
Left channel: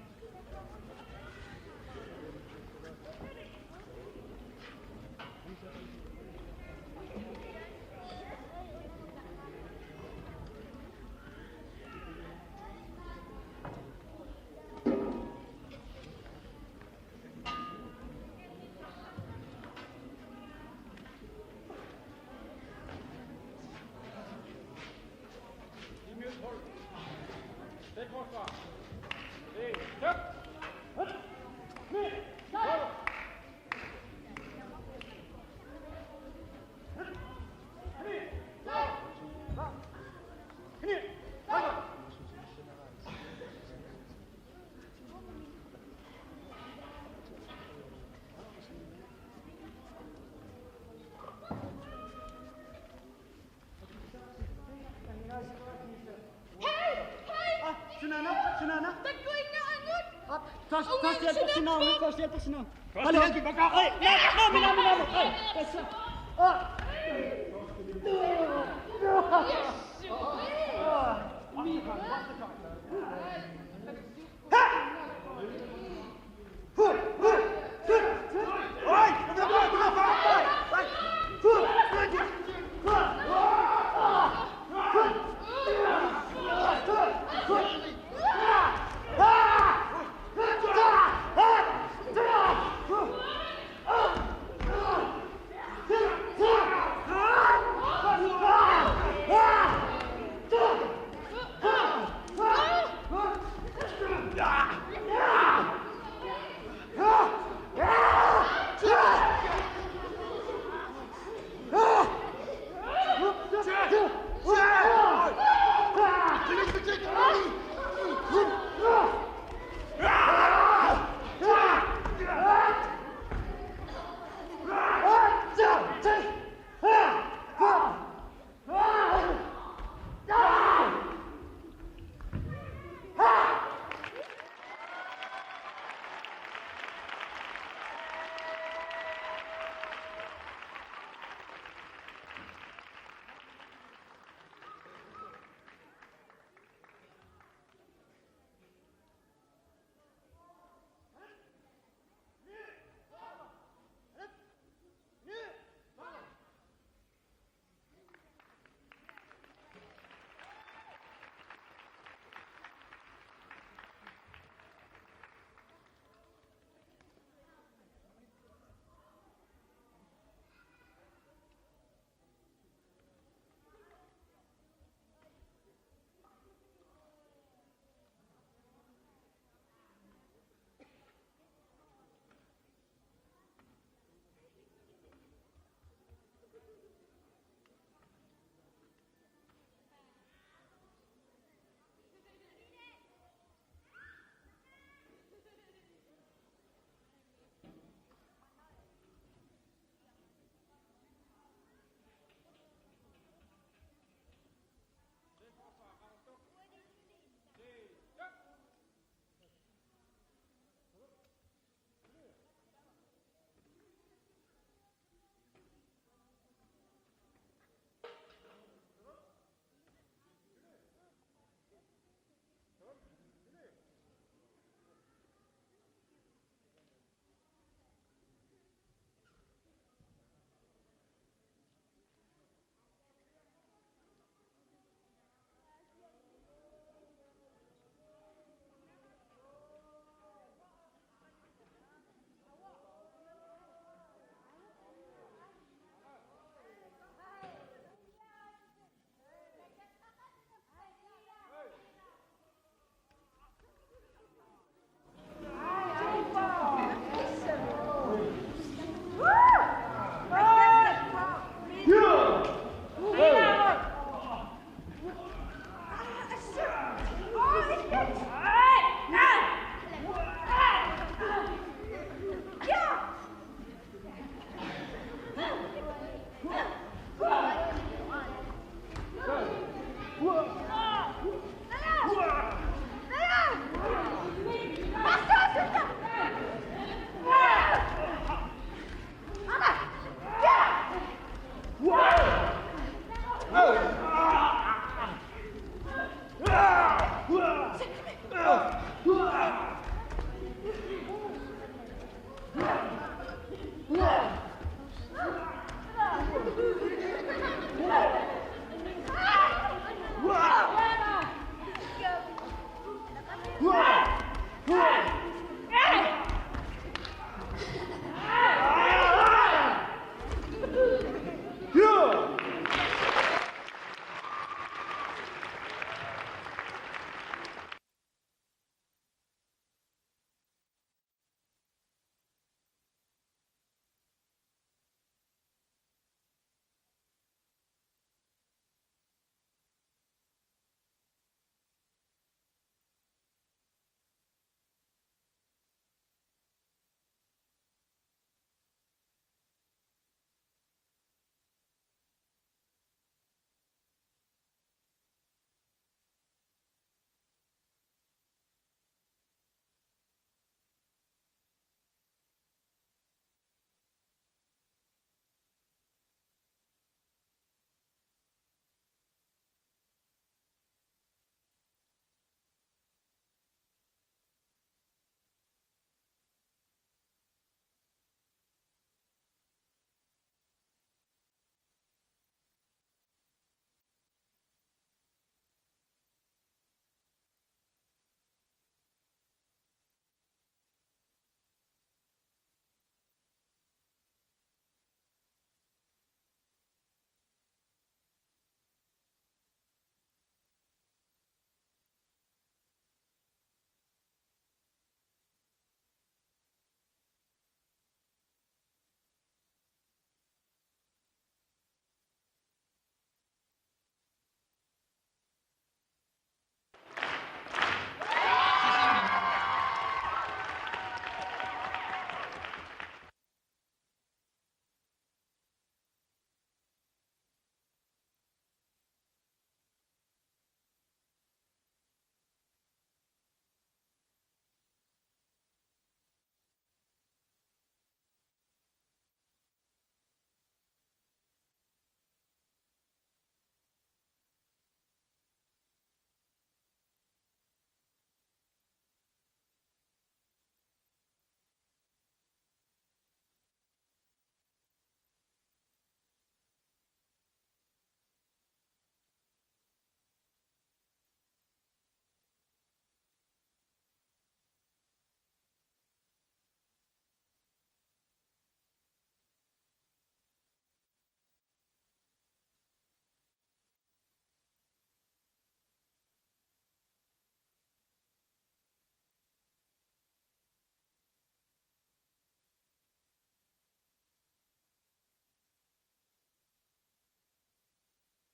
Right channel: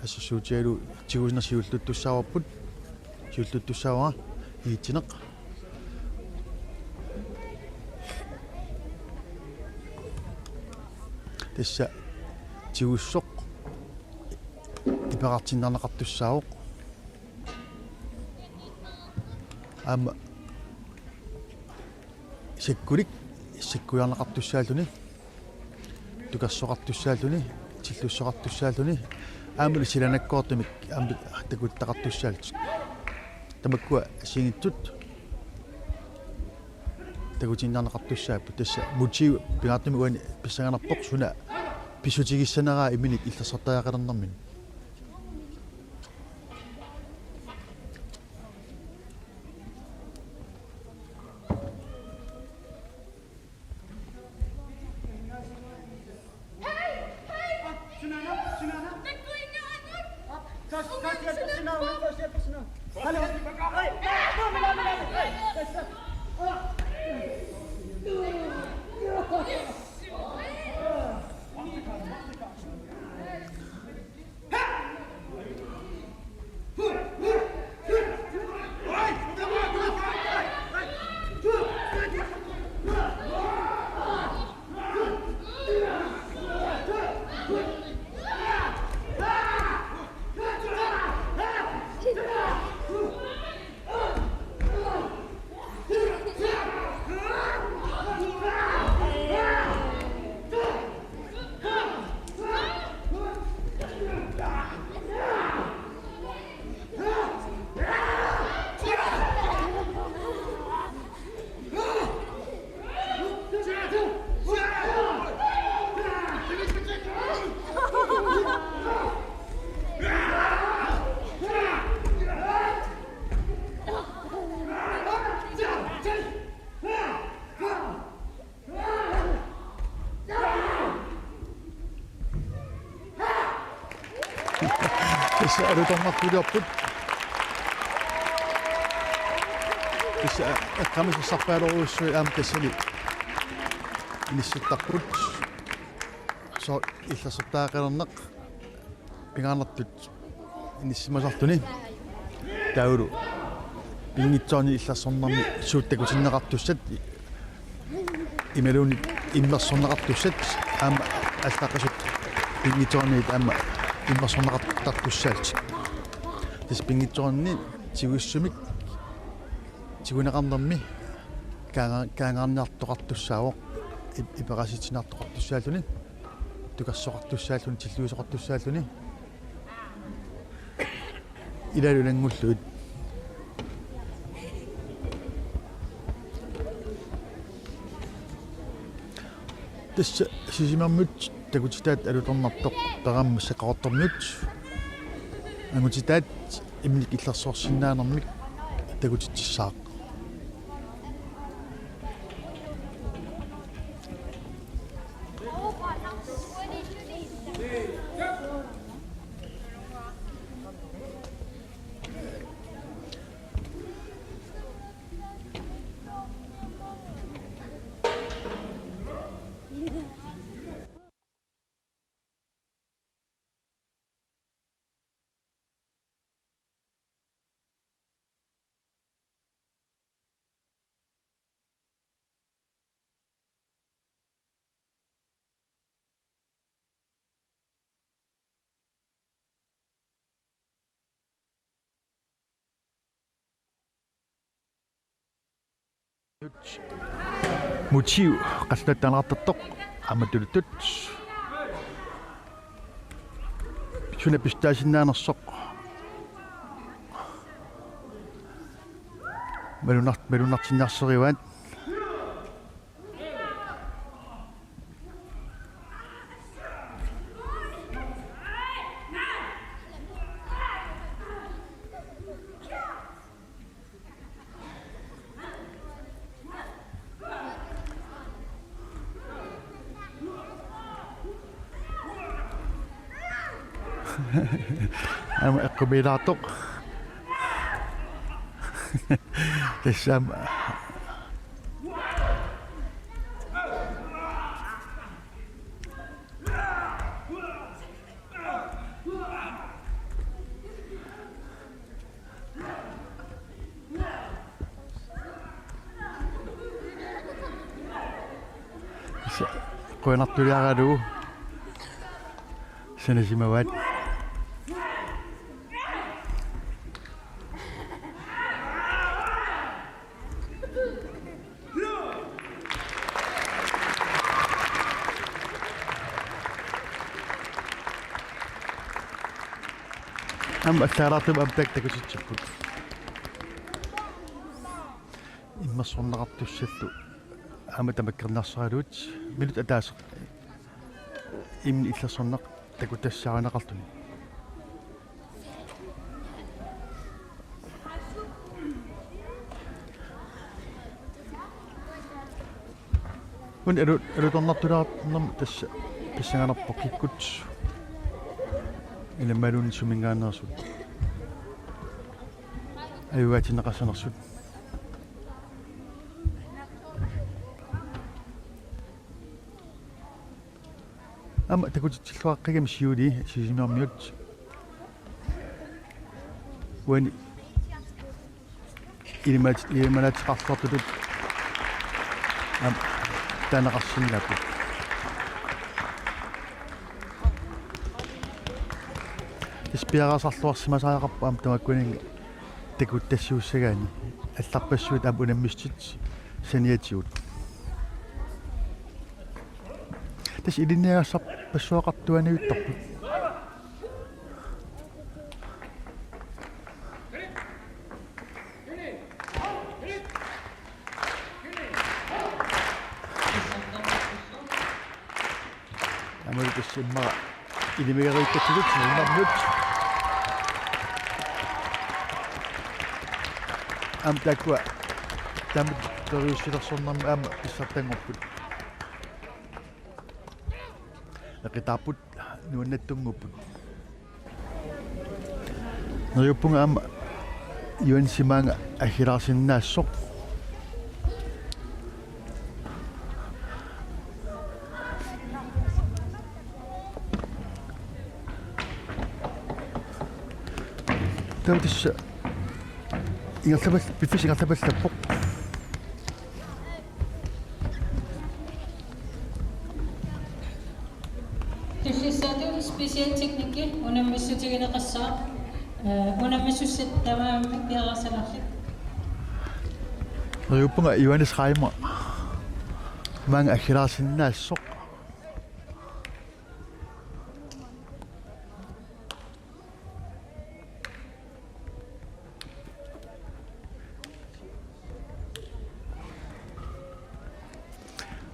ассуутиалу тигуснерсиуллуттуссааварпут сиуллуттуссаавара иитсинеқ тасса тигуссоқ ипеқартиннарнеқартуссаавоқ аама сиккулик сиккуярнеқартуссааллуни тукассоқартуссааллуни тиллуссоқартуссааллуни аамали силанаккоортумик аама такуттақартуссаалт тамаккуа сингиттут такутиннарнеқартуссааппу тасса мутив пигаартуми уани писсаганерпоқ суна писсутигиссанераа иминик иллерсортаақалернэрмин Tässä arutornartuliorput. Tässä akkamissassarpaaluruussui tassani nissuttarput. So illassertaaqalerneq pingaarnertut nissimasartuni taulu pingitsoorni illassornarmi suuttakutinneqartussat imeluni immersorneqartussat aama allaqasut pingitsoorni aama immersorneqartartussaat tis pingitsoorni tigussumik tiguneqarnermi kaangaarniartoqartussaawoq ipeqasitinaartoqartussaalluni tukassoqartussaalluni tilluusoqartussaalluni ilalulanngulluut tässä sisimammut takutitaat alutornartoq perammassaqaqortormiut angutitaat imlik illersoorsinnaanermik takutittissaaq motiv qasnattaanartartoq amatulutut suna pistaasinaanersoq malunartinnarserivaat akkommodaator tässä koenartuliaradu sanasimavat الثارات أبدك تكوشتشبوت إما صنعت الشتو أما تمكرنا صاروت ملوت أداس إمن إثلا صنع تكوت الساعة نقلتني ون أريد أن نطلع نم تسعنا بقيكوت إلى مالون سمينغان ناسود أيواتي نقص ناسود أما تقول تلقى قيم سيودي سيزيما ميوت وين إلى ما لا تقصد تدود أم تنقصين لابد Ispiarasarluarsimasaaqarpa am tamakkuning takuttassuussagaani алларпассуут ам унаммистит саниатиут тас илинниагассар пассуақартуаниуттарпут амултассиммара илимигариуттатсулут нунармут am takwa tam toriussilersornarmi aama issartangorput laqitaaput nuannattungupput Nariupunga am yun si mga ahirasin na sok. Tapos ingat sabas tapok. Tussissaatu special teknikker unammissutigina qassaa unammissussit tamaamik piaqarsalarlik Nariupunga yun is kaima mga ahirasin na sok.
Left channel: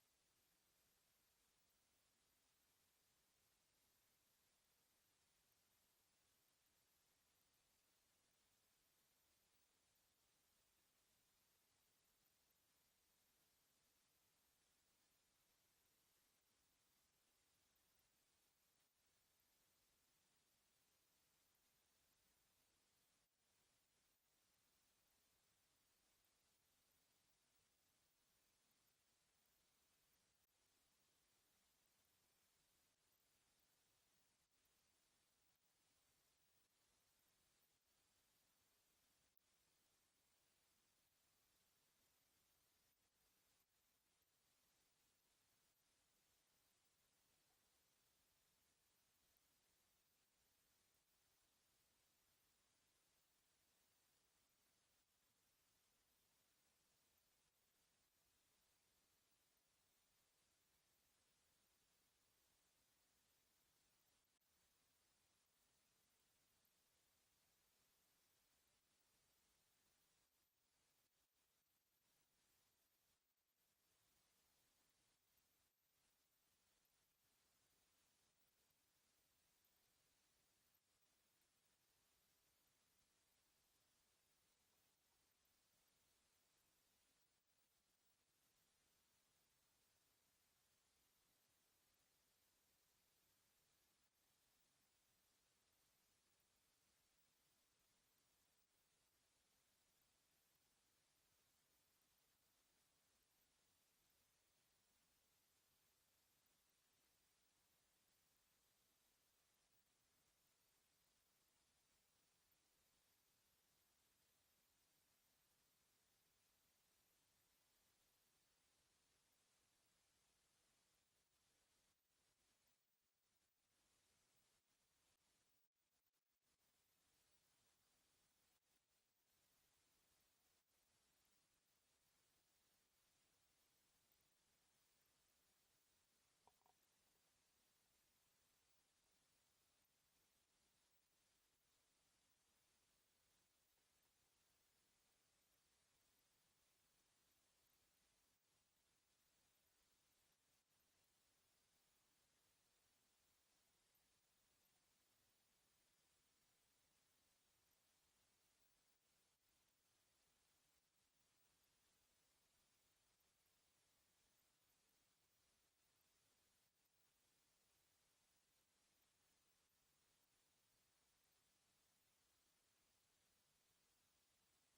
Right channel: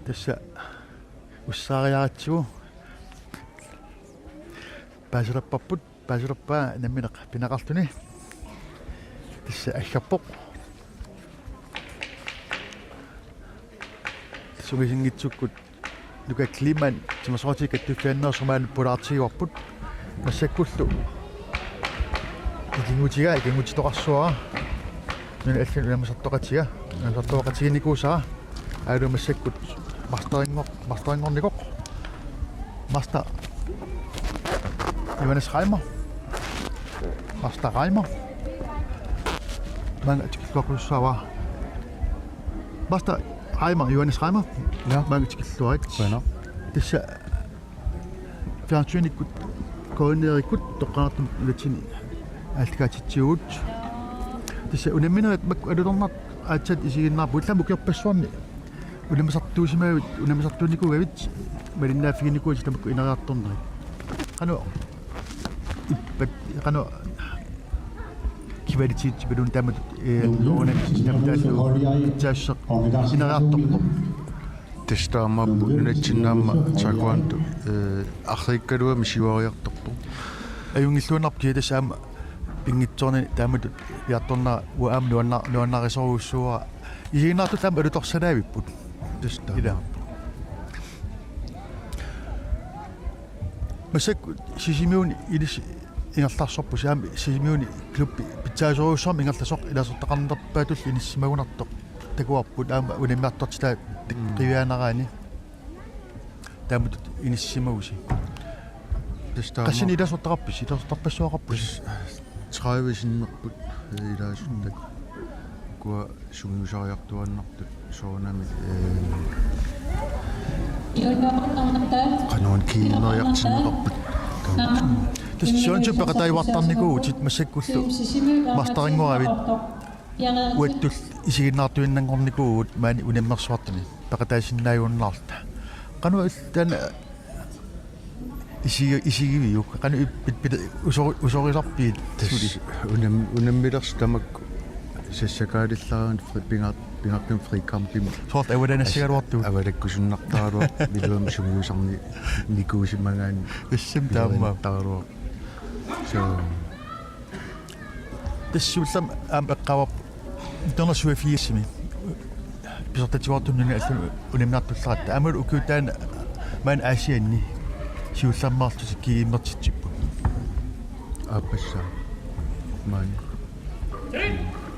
Tässä ussariaratsugu paasurappaa namminaq pinaqartuni tässä aggarpoq sugisingitsukkut luka kliman timasortik tufiannersumaan pulaartiguarput massakkullu ikingutitoqarsuara nuna allan unamasartoqatiga unamasartoqatiginikuusaa aalu massakkut Masteringornikoq Master Johannes Reimer Master Reimer Mange tikilluaqussaava Master Reimer Johannes Reimer ja mange tikilluarit Bueno Tässä fjernsynikut koordineerikut toqqaartum ulatini aaltikaatitsiugut Tässä unamminerat makku alulornart aatsat isiginnaarpu ullamu kiorpassuarni unamasartuunikugavit malinnaaffiginikuut tamakku inariartorneri qanu kivalitiit balun tamat taasseq inariartorpo testaamappu nunatsinnaamma taekwondo arriikkaluami siuariartorpo ajungilluunarpi tassaama pingitsorni taamatut iartornaa uaam nuannarisoruussuura isiginnaartu taama alutorsalaaviput testaamappu masakku sisimiuni ilis ingerlarsorpu saami sisimiuni klubbi pitsaasuruussormi ingerlasoq ilasortaqarnerpaatul inissimagunartoq takuarput aama unimmiartortilaa qivianaraani taamatut inissimagusi qassini ilasortaqarpis ilasortarpassuaqarpus 30 sinnerput ilaasuttak kua sumiusariartuannartut soonami qanuun kiineriartinneqarput Tässä paqataivartarnikuut sit massakkullu mastaringuravit uattul isiginnaartuinnangornikuut maani unammersuartuni paqataisinnaayuunnaarta qanu illan isigiviu qanu usorisarpiit tassuli unammilers tamakku sassakaalillaraani pingartum frikampimu soort avalanassagaluartu avalakkusunnartaaluar miluam sumiusarni nikuusimagaani issam taamma taaluar so tassullam am eqqawap internasuafiissimi pisortatiuartunnuni allu unimnaartullaratta amul ukutaan maan aasianni siullammaartusik kiimmertitsippu apassa maani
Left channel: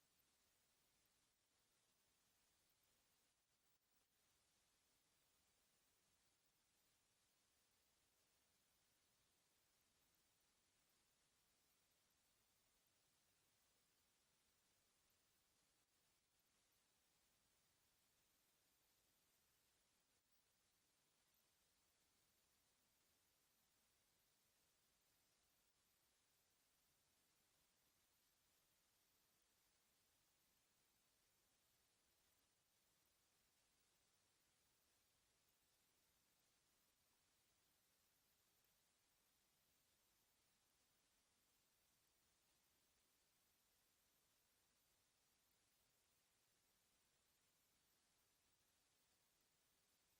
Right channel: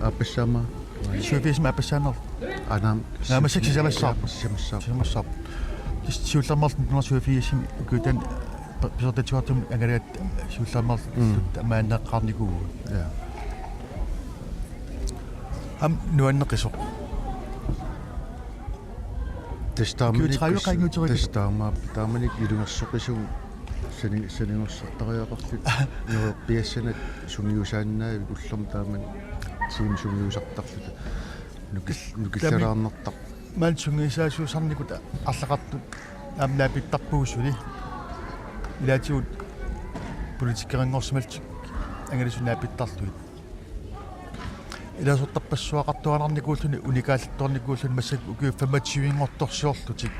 appassama suafiisma appassaanner anam naamassik siullammaartu internasuafiissimi ukutaan pisortatiuartum angalaat siullammaartu maanneqqaarnikugu ja am nuanneqisoq testaamaap taamanik ilungersoqisum saningorsartariaqarlut piassanat sumiusaannaa ullerm taaman siim sumiusartarlut nukillalaarnertaq maan sungisaasuusarnikut арлақартут аамнаапиттарпугусули илаатигут политиккерингорсималтик ангалисунаапиттарлуит иласортарпассуақартуанарникууллуни уникааллторникууллуни массак укиу 25-ингорторсиорлутик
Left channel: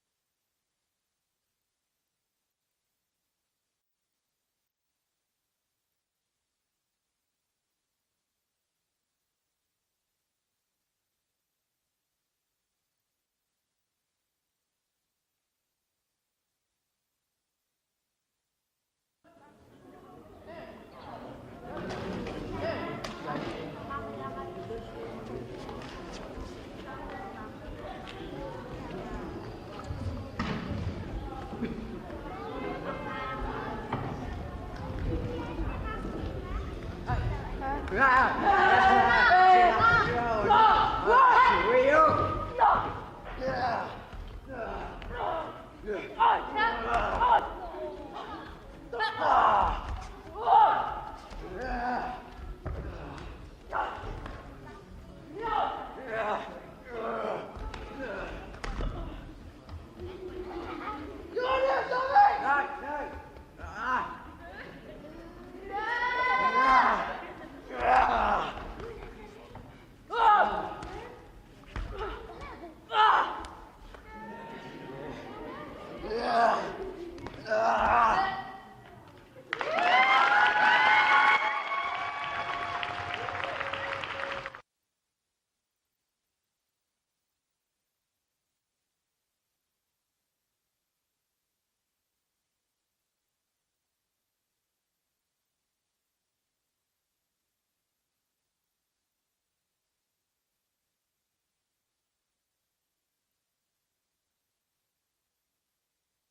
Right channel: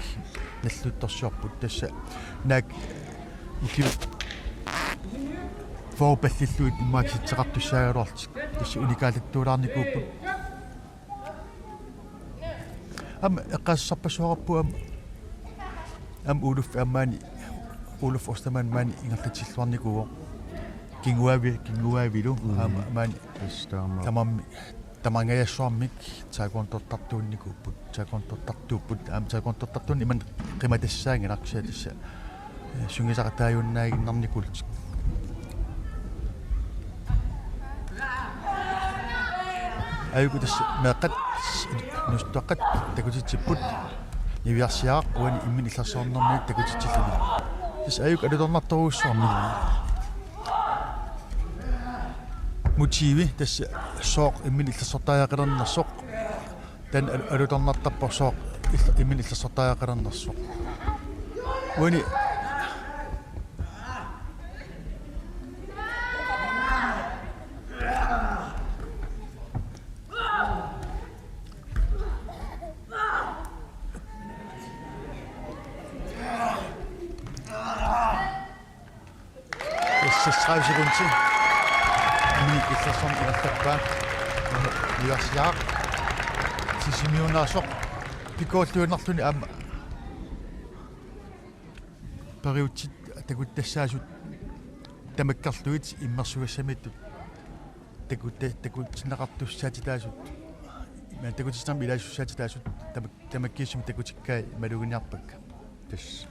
наллутторсиорпут тасса наак укиу фоопаллиллуит иммаакситсеқартуссаагалуартик тасса уникааллаттуулаарникууппут ам эққаассарпассуақарпу ам улуф аммаани улуф остаман маани ингерлатиллуарникуо кингуавилу маан тастаама тамангаяссуармик таакуантортартуунникуппут таакуантортартууппут таакуантортартуунни иман қиматассаангинарсиа тасса сунгисақатааюннаагиннарникултик айгутас наақат мустақат такутитсиппут нивиарсиаақ уани иммин илларсоорнэрмик такутитсиллами тас аюк алуторнарторуссуарми мотиви тасса сооқ иммин илларсортааяқилернерсоқ тан алуторнартарпор сооқ иммин илларсортааяқилернерсоқ уани Ясяа сисимиунааsoq пикооллуинарлуни аама париутсит такуттассаасут тамаккарлуит иммерсугассамиттут такутсинеқартуссаати таасут ма такутсинерми илаасуссаати таасут тамаккииссами такутиккаа малугиниарпакка тас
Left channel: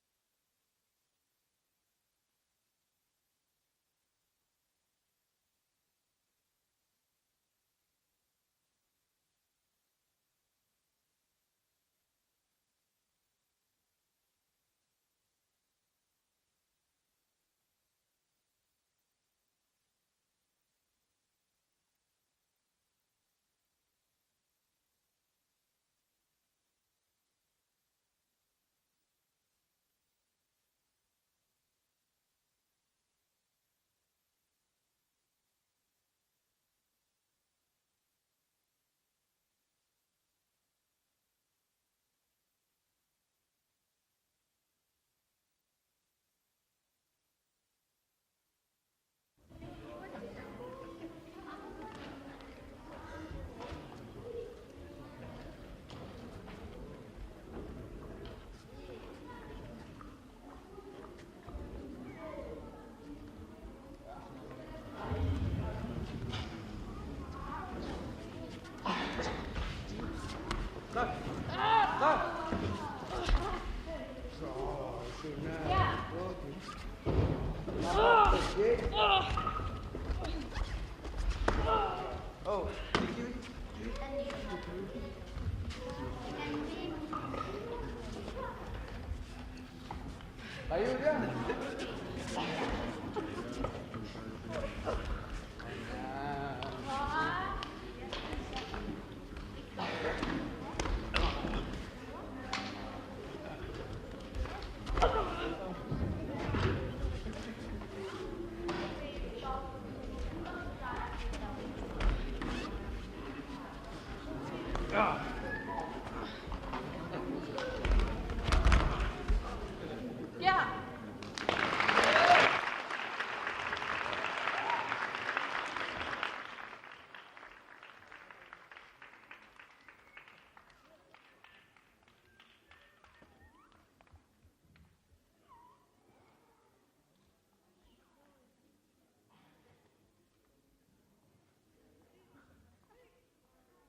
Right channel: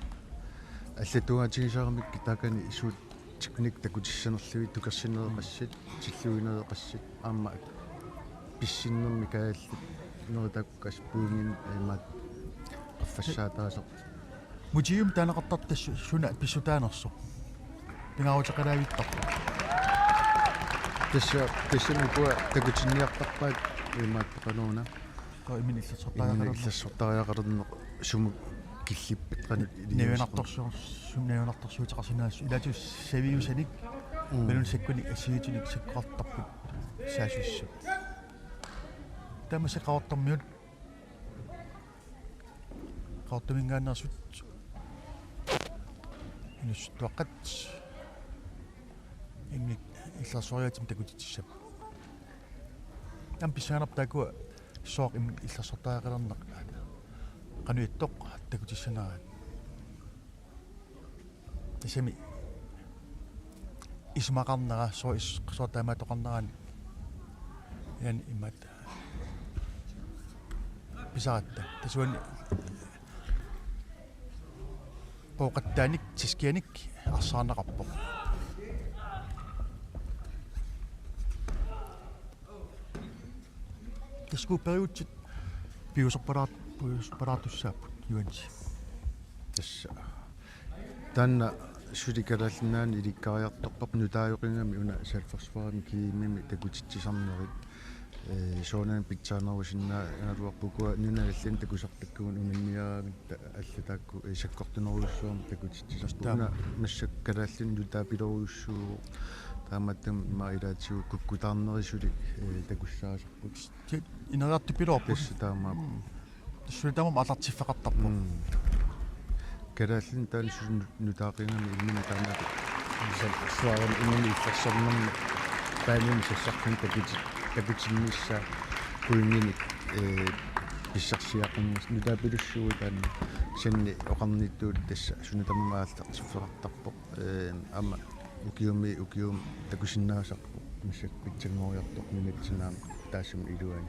аллатугаатигисаарамик таакани исуут тикник такутиссанерлуи тукерсинереқассит силлуинереқассит аама писсиннерми кааллит норитаккас пуунгин имат аффассаатаасеқ мутиум таанеқартартассу суна писсутаанерсо пингаавутеқалаавиттарпа тассамикуа такутинниартарпаат имат пеқанууна имин иллассортариақарерне суму киллиппит қаник невинарторсуутеқарсинаассу илаатус савиусаник мелун саккуни асиутиник саккуартарпут саасуссу тамасеқаортармиут qaartumingaannersut inussuaqat innik illarsooriatim takutitissap tam pissaanartaakua sooq imnik illarsortaaqalerneq qanuittoq takutissanarat tisami ismaqarnera soortaamaatoqarneran yan immat pisaat isuun pouqattaanik tiskianik arsaanaqarpa tasku periutsit piusorparaatussa nuulis тасса таанна суликалааллинаани иликкариартарпап нутааёқингани има сафферсуаани киимини такутитсисарнери соонан питсаанерусиннаа нуруаққукуа нималлин такусартаккуун унниаанутта аллатаакку исаккортунеруссуани такутитсисартаама нассаккалааллин нутаапилеруйуссума тааматтам имаилаатсиу куккутаарнерисулу такуссаасу инераартипилоорпис таама тассуутамам алартиффақартарпу калааллин таансулу нутаақингани иммитаа суарам иммини ферсернерни паамин сассаркан такутиннисса куингини писсарсиаққуммас нутаапилуссуи таанна санни оқарниттуут тасса сунатаммаалтартиффеқартарпоқ ама укиум такусиннаасарпу миссак питсангориартоқ минатсинаам таассам илуани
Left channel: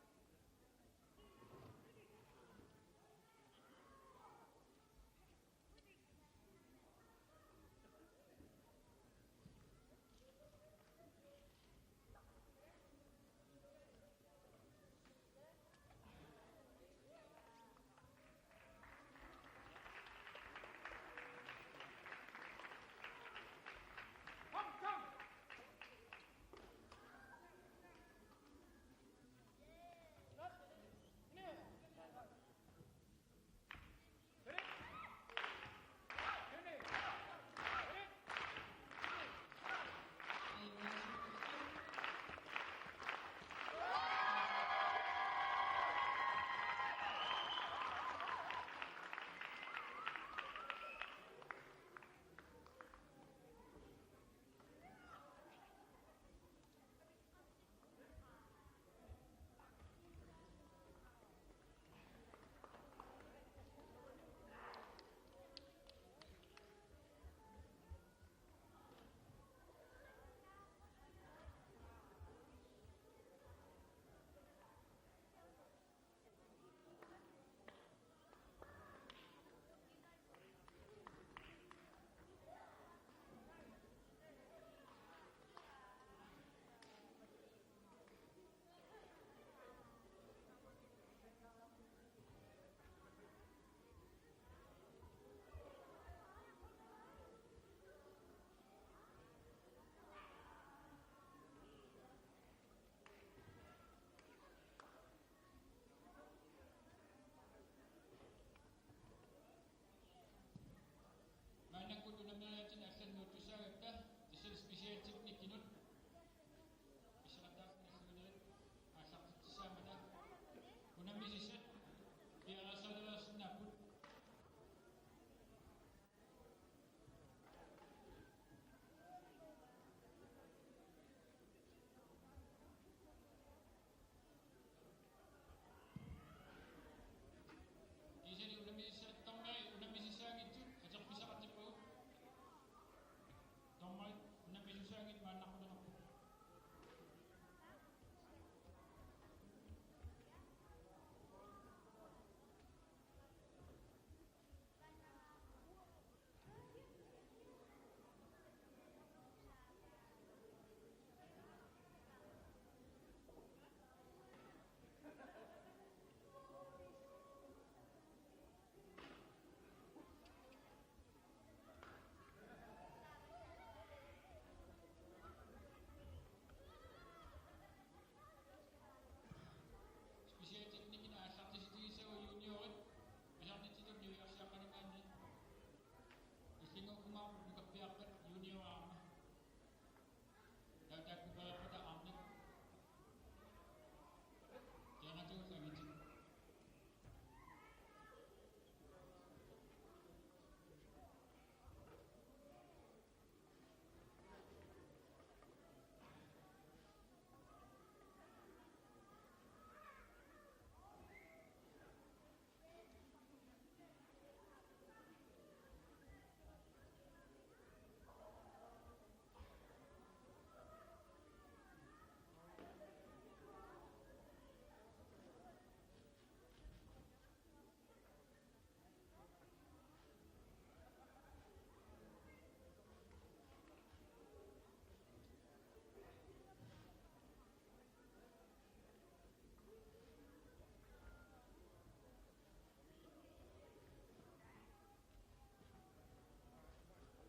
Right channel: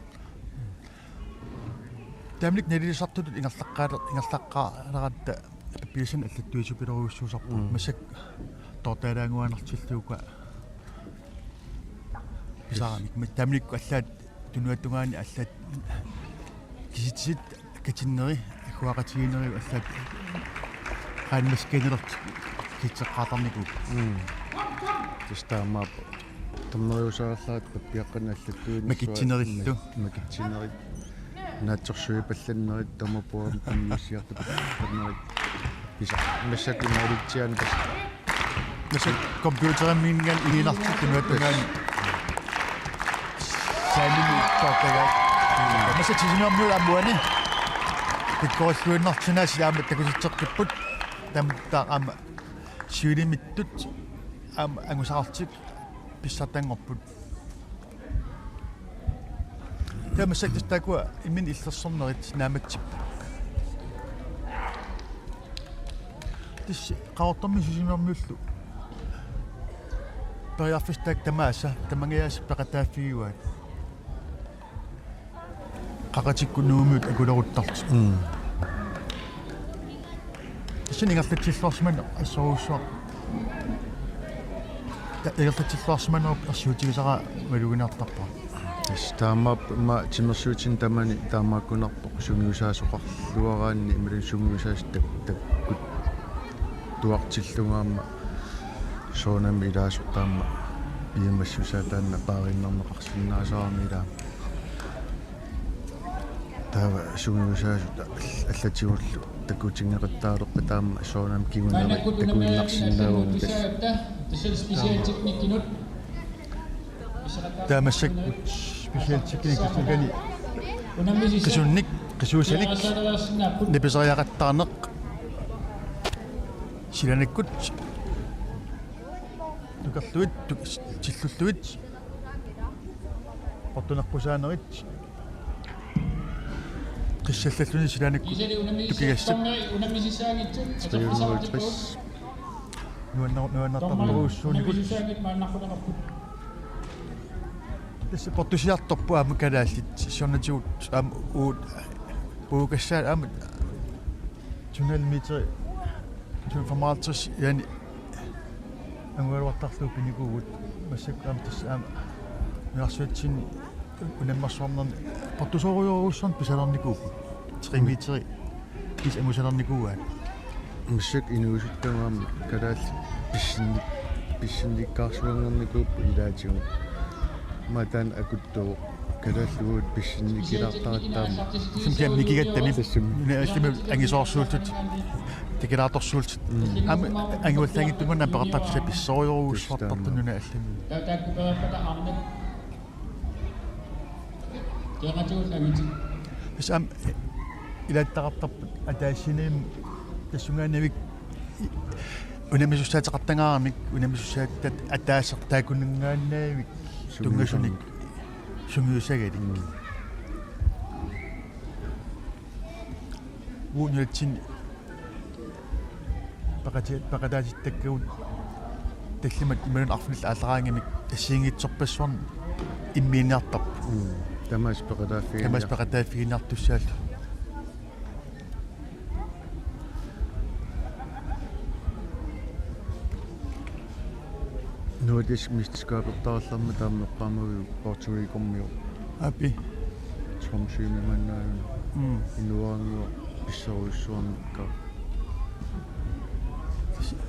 тамлик нелисартут ингерлаққаалератта писэн аллаттуисупилеруйуссуусарпу массак тортаалаангуанартиллуука писааник тамлик аллаат тунуаттунгаани аллаат киситсит катиннери акуақатигинери аллаат хаанмаскенерт китсеққаатарнику тестаамаап томнериусаарлаат паппиаққана аллаттуини макитсинериллу макитсинери наатсорсуи палланнерит томапуам паммиссиарту палланнерит писа массаки маалитсиан тас массак компьютерамминган илинартик тунуаттунгаани саамини тортага массак тисинермула амуани пиккоорлуиннартинаас яама такуситсеққиппут тамтаа ама сиулимиттут ама ангусаартик писсатангорпут тамасак тастакуа имин иллерсорнерит нааматсип тис qaortarmi susimermullu Periarfistak tamaassa tamangias peqataaffiuat. Qaqatikkunuumut akuleruttartu. Siningallatillarsman assoruussuaq. Ta'igertatillarсман арсуутигисара малугинартарпа. таамаап ма тимерсуутин тамани таамааккунарпоқ сунгиусаасоқарлуараанни ималун сунгиусаас таккут туартиллунгаама соонами илаасортаама пиимассусаатаанна паариннарнеқарсиннаасаарами илаа тава сунгиусаасута аллатигуллу таккутингеқаттаалерпа таама соонами кигуннери такуиннарсиннаавун Таамассак специалитиккини кисунник кисуусаник неписариақаттаарнеқ силанаккут тукарлуит тиллуллуит портунарпусаанерит қиссаллаллуни силанаккут тукигассак нуаннартарпуруссууникут Tässä pottusiattopu am kadallit sonnatut am uut puukassaan am tunnelmitre tun formaltus yani anguartarlu pinikuut massak am tas am narsuatsin unammarsornan pottusoruyorussan pisalarnikuup 3 metri is amusalarnikuuat масsak инуусуттамаам кадалли писсинниккаарсуангерникууп илаатигу матан акутту кадаллуут писсинникилаартараттаама симтиам микигаттами нээстими ангисоорсуултут тикилаарторсуултут ам ангиуллангиттугуна пеқартапса писсориоруусвартартунуна аллами писам илааттақартарпут атаассинеим тассунгаанавик унамисуссаатеқартангаарамик унамисуссааттат атаассертаакуннгааннаавик тунгасуник сунгиусагалик уунилтин пақатаатиттаккагут таллимат ималун арфнил аалераангамик тассиингитсорпассуарн иммииниартарп тамаас пақатааффигинартуссаалу нуутис мистискаапертаарларма тааммеққаамагу португикормиу апи тромсуимиманнаавин инуаангуа писсоруйссуарникка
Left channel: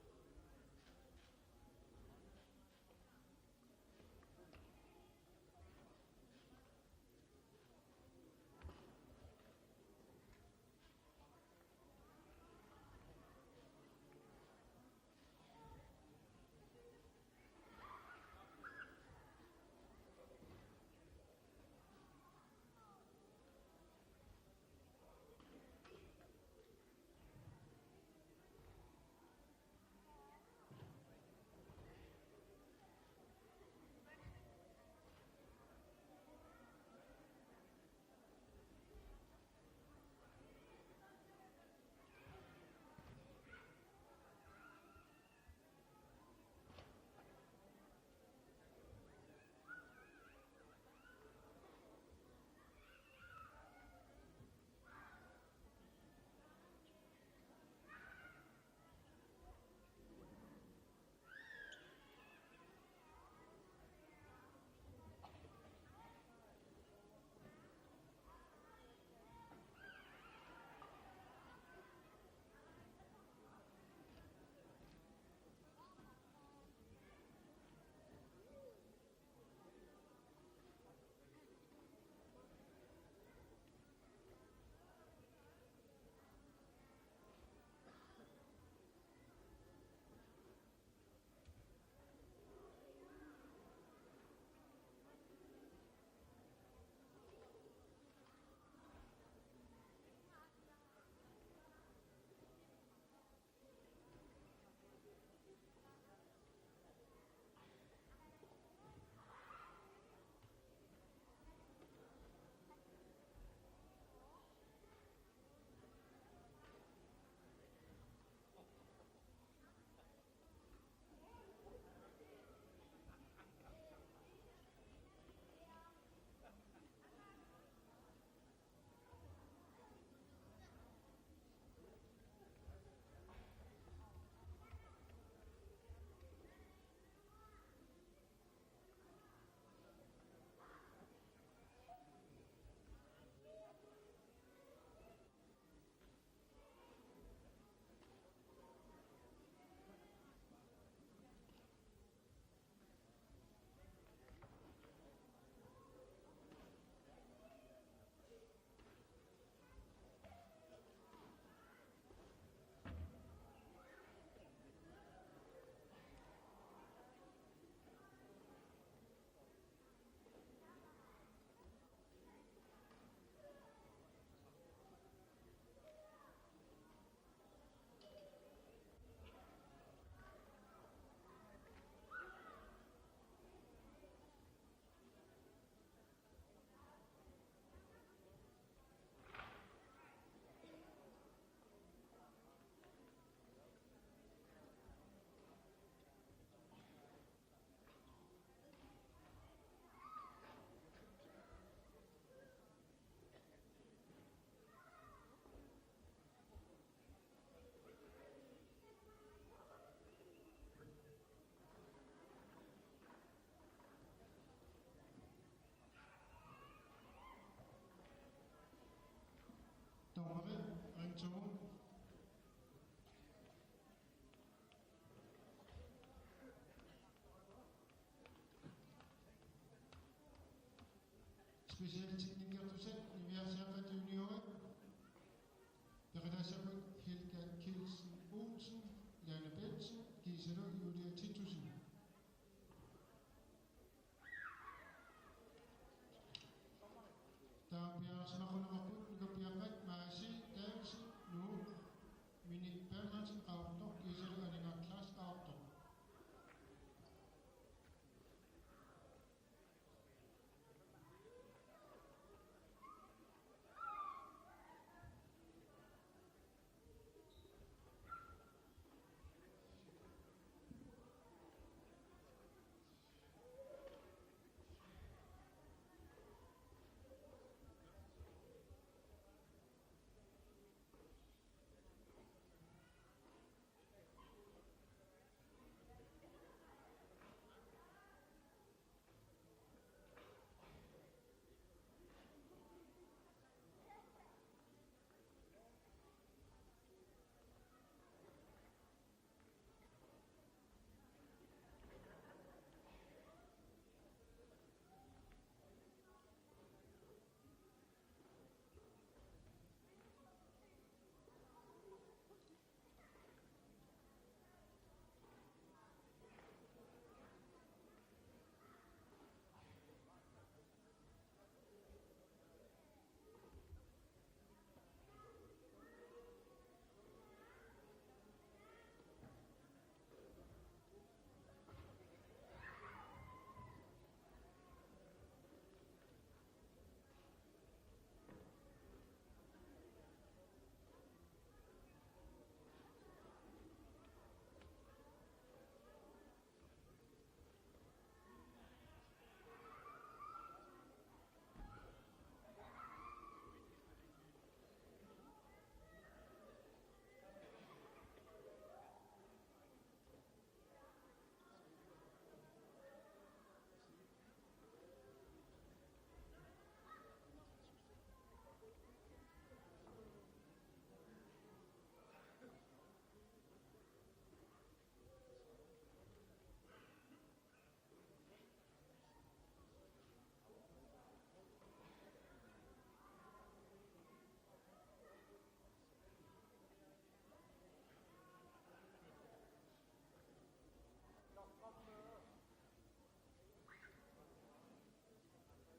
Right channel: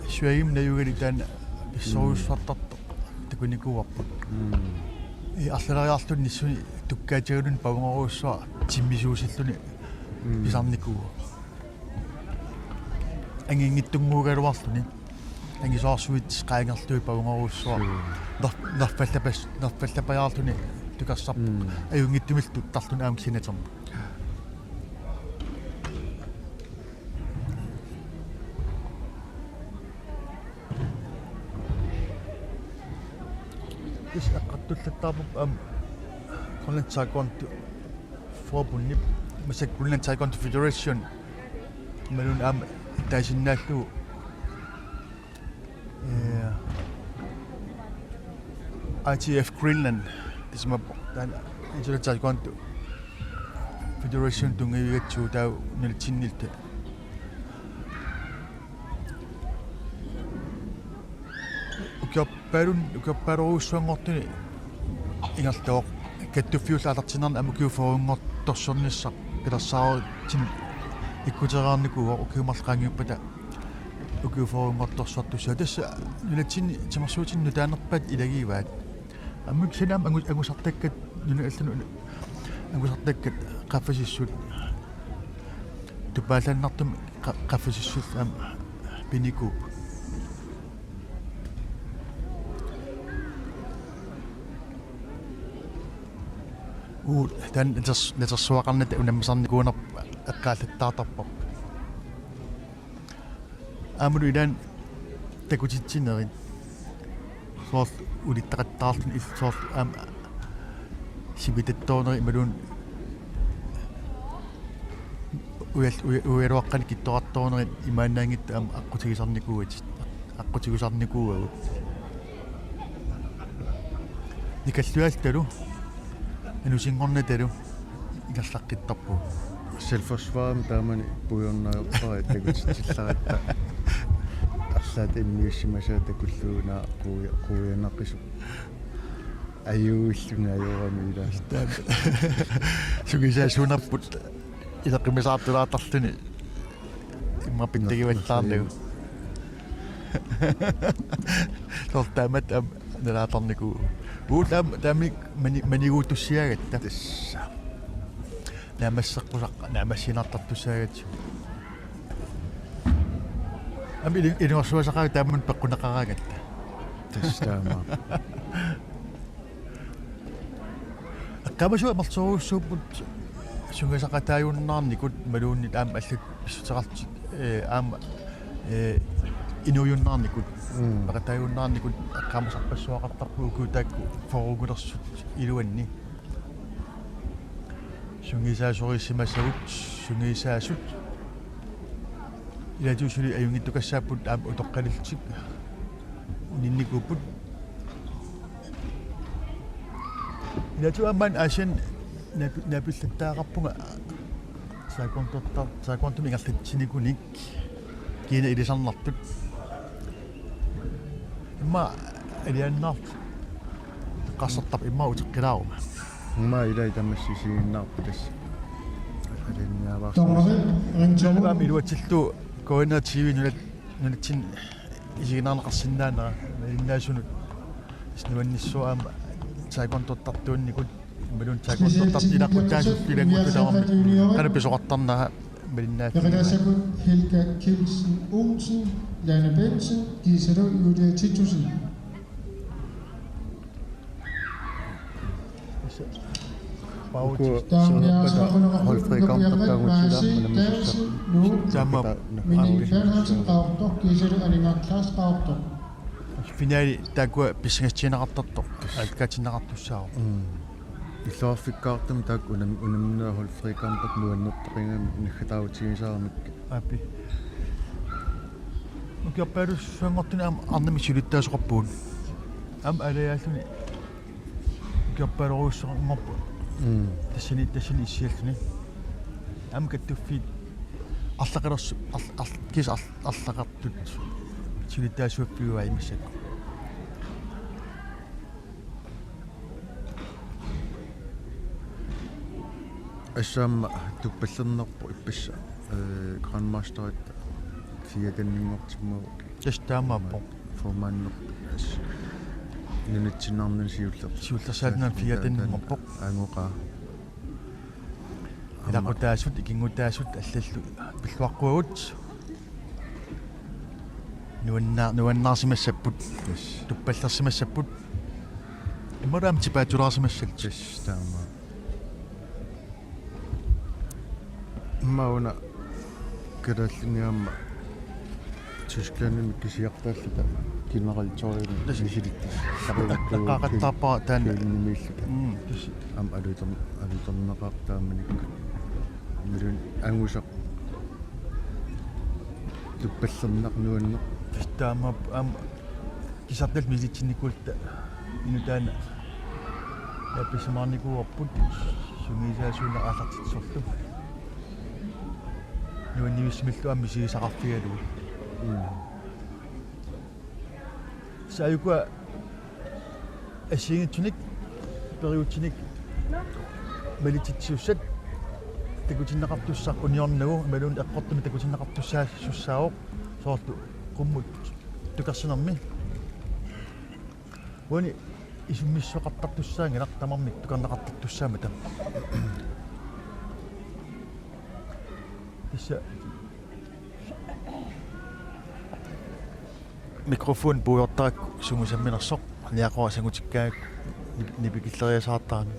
суаим наюгалитаан писсоруйссуартарто такуникуарпут арлериаартун ниссуни туккаатигалун павнгоруссуа тиммисуусиллуни писарникуа ангингиттунгуугалуарлуни ангисоорсуит qaangerlui pavungorussua nerpallapajаарluni tukarsarp ajungittumiltut tarlun aam sinaterma is aqattullattarpup am Grønland Taekwondo forbunni masak Grønland Taekwondo Federation malun am taasinnaalluu ITF Greenland tisma tan Grønland Taekwondo Federation tungivigatsu tau niltinnilta ukapparuussuangortuni ingertoq kattuffiullaalartinarna amukiuforuнгортторсорниссақ пилерсаарутин иккутераарникуа укиумарлqaangiuppata укиуфорунгортторсуартуссаа тасса нилатсинни тимерсуутинну таанерпат илагиваат аммик синам агусартаккат нунааллану агусартаккат qaffasissut тупаалааннартум qaffasissut ам пиникуп тан нерсуақарнат унаммасарникуунер аққааллаттаартарпо амулу илаан такутитсинерит соорл улиттақаттаарлун иллсоор ам сибитаттоонери ималуун уяруаққани киттоқартоонери имаанаангитта ам аққутигисарникуугат аққутигусарникуугагут Ikassualtalu. Anusingornatalu. Ilallaqqittarpu. Selvforsvaret taamani puyornaaruppara takutitillaratta арлаат иммиуссимасаа такуллуунаа quuyanaqqisu аюуллунга аюурами илаас Sugisaasunarput ilaqqimisaattulaattarluni imma pittagivallаарlugu. Sortaamat nalaatarniku. Uutaam taamik maniguutussiagatta. Naamasseqqusaq naamassinartartussaagatu. Ami inuarsuasaqaa taammun peqqunaqaraagatta. тассаама Akkaamasu amartoruussuupput sungasaqataayunnаарnikut maluunnit aam allut pissutaqartik aama inuyunnaarnikut paqataayunnaarnikut akkaamasarpassuaqartarpuuku taakku forugulersut iluanni sungisaasorissimassagut sungisaasut ilatuusuli ajungittukassaaput aam utoqqaliltik ninnikupput ilatu amman asian napillattaaqarpunga saakontum ingerlitsинikunik kiina ilisarnartut imma aliannaart qassartap imma utiqqilaaruma ма илай тамассисигиннаарпу тасса алинниаваарс Томари ринчаму Am iluatsillu koina TV nulitsin isiginarneqarsinnaanera innaasунут иснуанниссуаама сааконтортартуунникут малун сааконтортартилаққутаасуллилагуттутаамми канаписоқартарнаа малиннаат Redassabut Helga Kjeldsen Olsen, Lana Bensen, Gisela Julia Titusen. Finaali taakua pissingatsiinaqartartoq alkaatinnaqartussaaru иллуарфиккаартам таак унамнаа холфрикаампат нуаннертақингами наггатаавутигисаарамик апи укиаппаалус суангортуна арнами сулиттаасоқарпуун ам алаяаллуни укиаппаалоруссоқарнерпу тассани иссиаллуни ам каттуффит арлақалерсу кис арлақартут сулиттаасуаппиуа имассак ассаама туппаллернерпу иппасса грандмастерит фиатаннингортиммау тастаамааппо формааннер нунатсинаарнан сиуллерсаалнаа фиатаннингорпо ангоқаа илақутаасут икингутаасут аллаллу пиллуаққуагут нуаннаарсимассаппут туппаллерсимассаппут иммараам типаатулаарсимассал тастаама мауна кадаллиниамма тускаанами кисиартааллута генералториум сисилиттис таққақаттарпара таана миллута ам алутернеқартааманик милун ангусақ туппаллернақ нуанне тастаама ам кисартал милитсинникулта инутаана яписмаарникуарпут сунгисаасуна аалартитсорлу нуаннивисмиллу амми сигисақарфигалу саюка асингитсуник периутсиник малититсуссат такутиннеқартуссақ униорнагу малуун эққортуми такутиннеқартуссаассуссаавоқ соорту qumмут тукарсинерми уни исуммиссоқартартуссаангилар тамармик тукарнеқартартуссаама там тисса микрофон буйортаак сумусамминерсоқ ниақоасангутиккаак нипикиллериасаартаани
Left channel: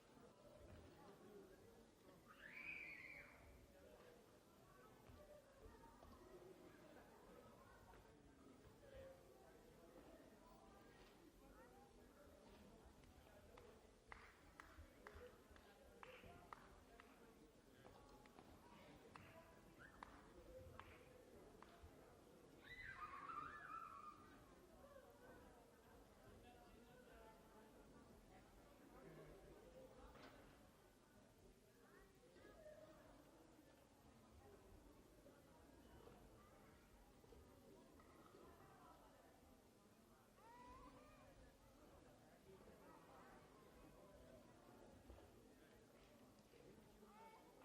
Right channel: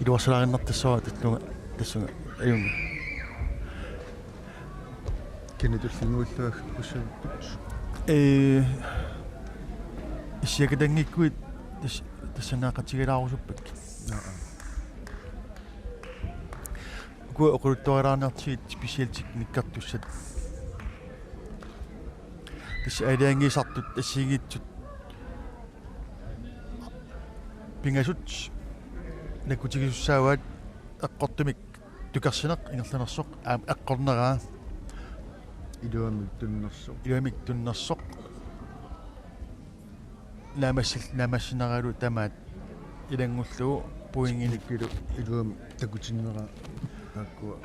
илуарсалаариннартассуа татлунга тассунга аюнга кенетуллингууллуах уссаа исиакатангиккуит тассанаақатигалаарусуппак ку оқулутторилаарнартигит специалтик никкартуссат тасса алиангисартут тассигиитсут pingasut nakutigissaavaat eqqortumik tukarsineq ingerlanersoq eqqorneraa Iluamik tunnersoq. iluamik tunnersoq naamassineralu tamaat ilangullugu puinginik Iluamik takutinnera akkua.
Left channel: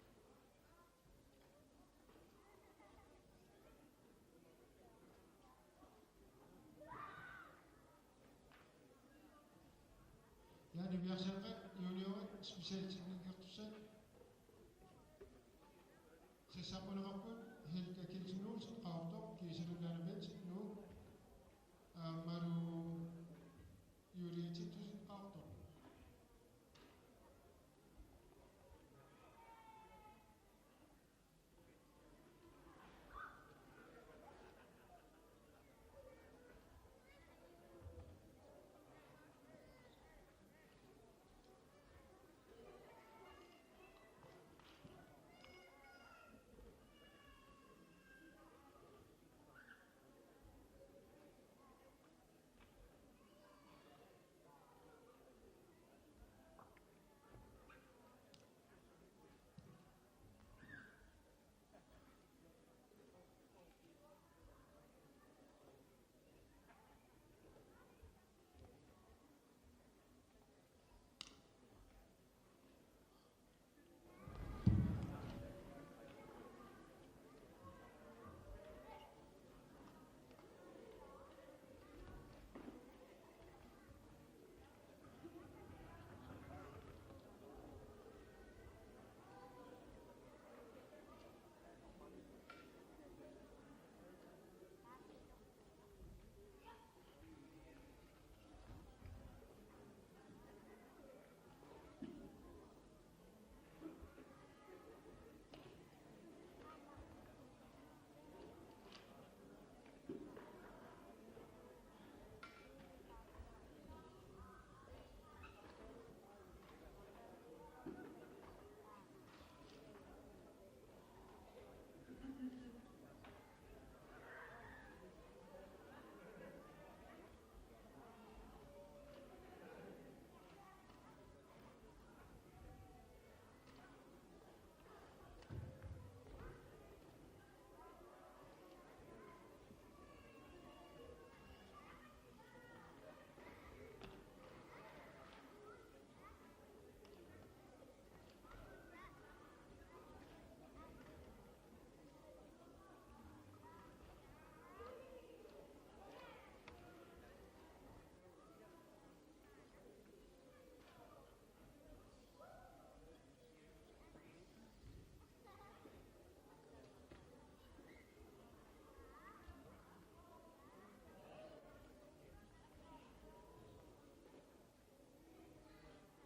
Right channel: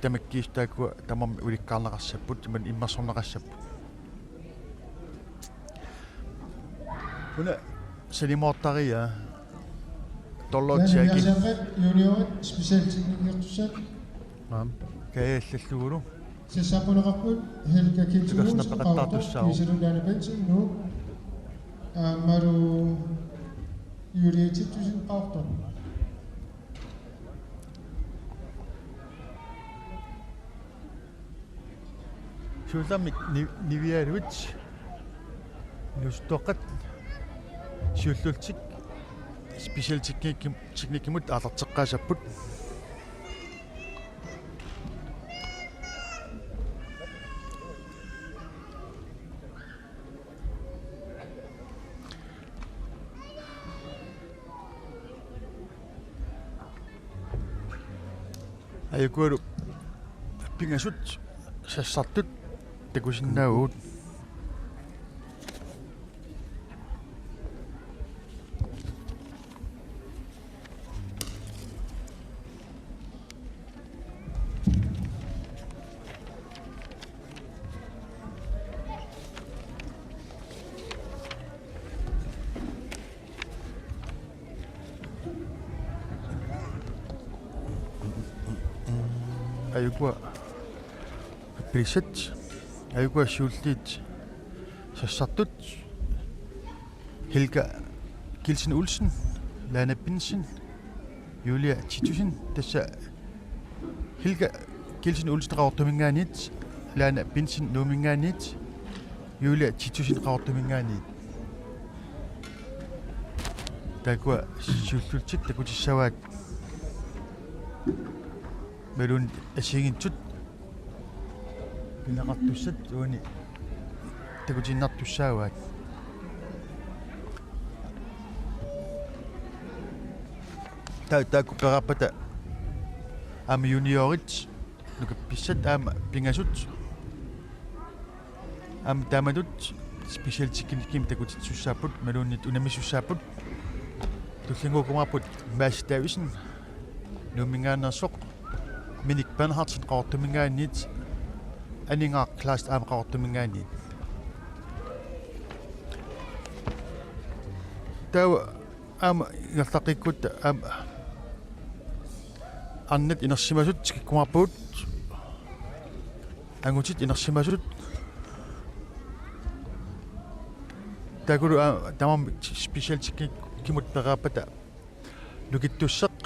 tamakkiistaakua tamam ulikkaarnaqarsapput iman immersornaqarsapput una sanimoortaria torlotiaki Naniasaqat juniorit specialteknikertussat kaayallallugulu sissaquneqarput Helga Kilsson Tukarsnapaqattaartussaru. Kiisalulaana Benson nu maru Julietitusin qaartor suulamik nivialuit nustoqqat suullultik special teknikimut aalarteqqaasapput ayukualu pingasut sassartut takusinnaaguut ayukua preset ayukua schultit sassartut Helga Kilsen Olsen Lana Binsen Julia Titusin tassa Helga Kilsen Olsen qaortumingaanit Lana Binsen nuumingaanit Julia Titusin qaortumingaanit takua schultit takutissawaat melun asingintut pinaqartussat uuni takutinnartussaawaat taakku qarapata am juniorit nukapissat am pingasut am tamadut special chicken takutitsussaaput melunnit unamissussaaput tullingukumarput maastaavisen nuumingaannersoq minik Bernhardsen qaortumingaanit aningaa class am qaortumingaanit taw am ngertaqikkut am annet inersimasut kikkumarput angutit inersimasut takulu tamam special kimut peraapata lukittusseq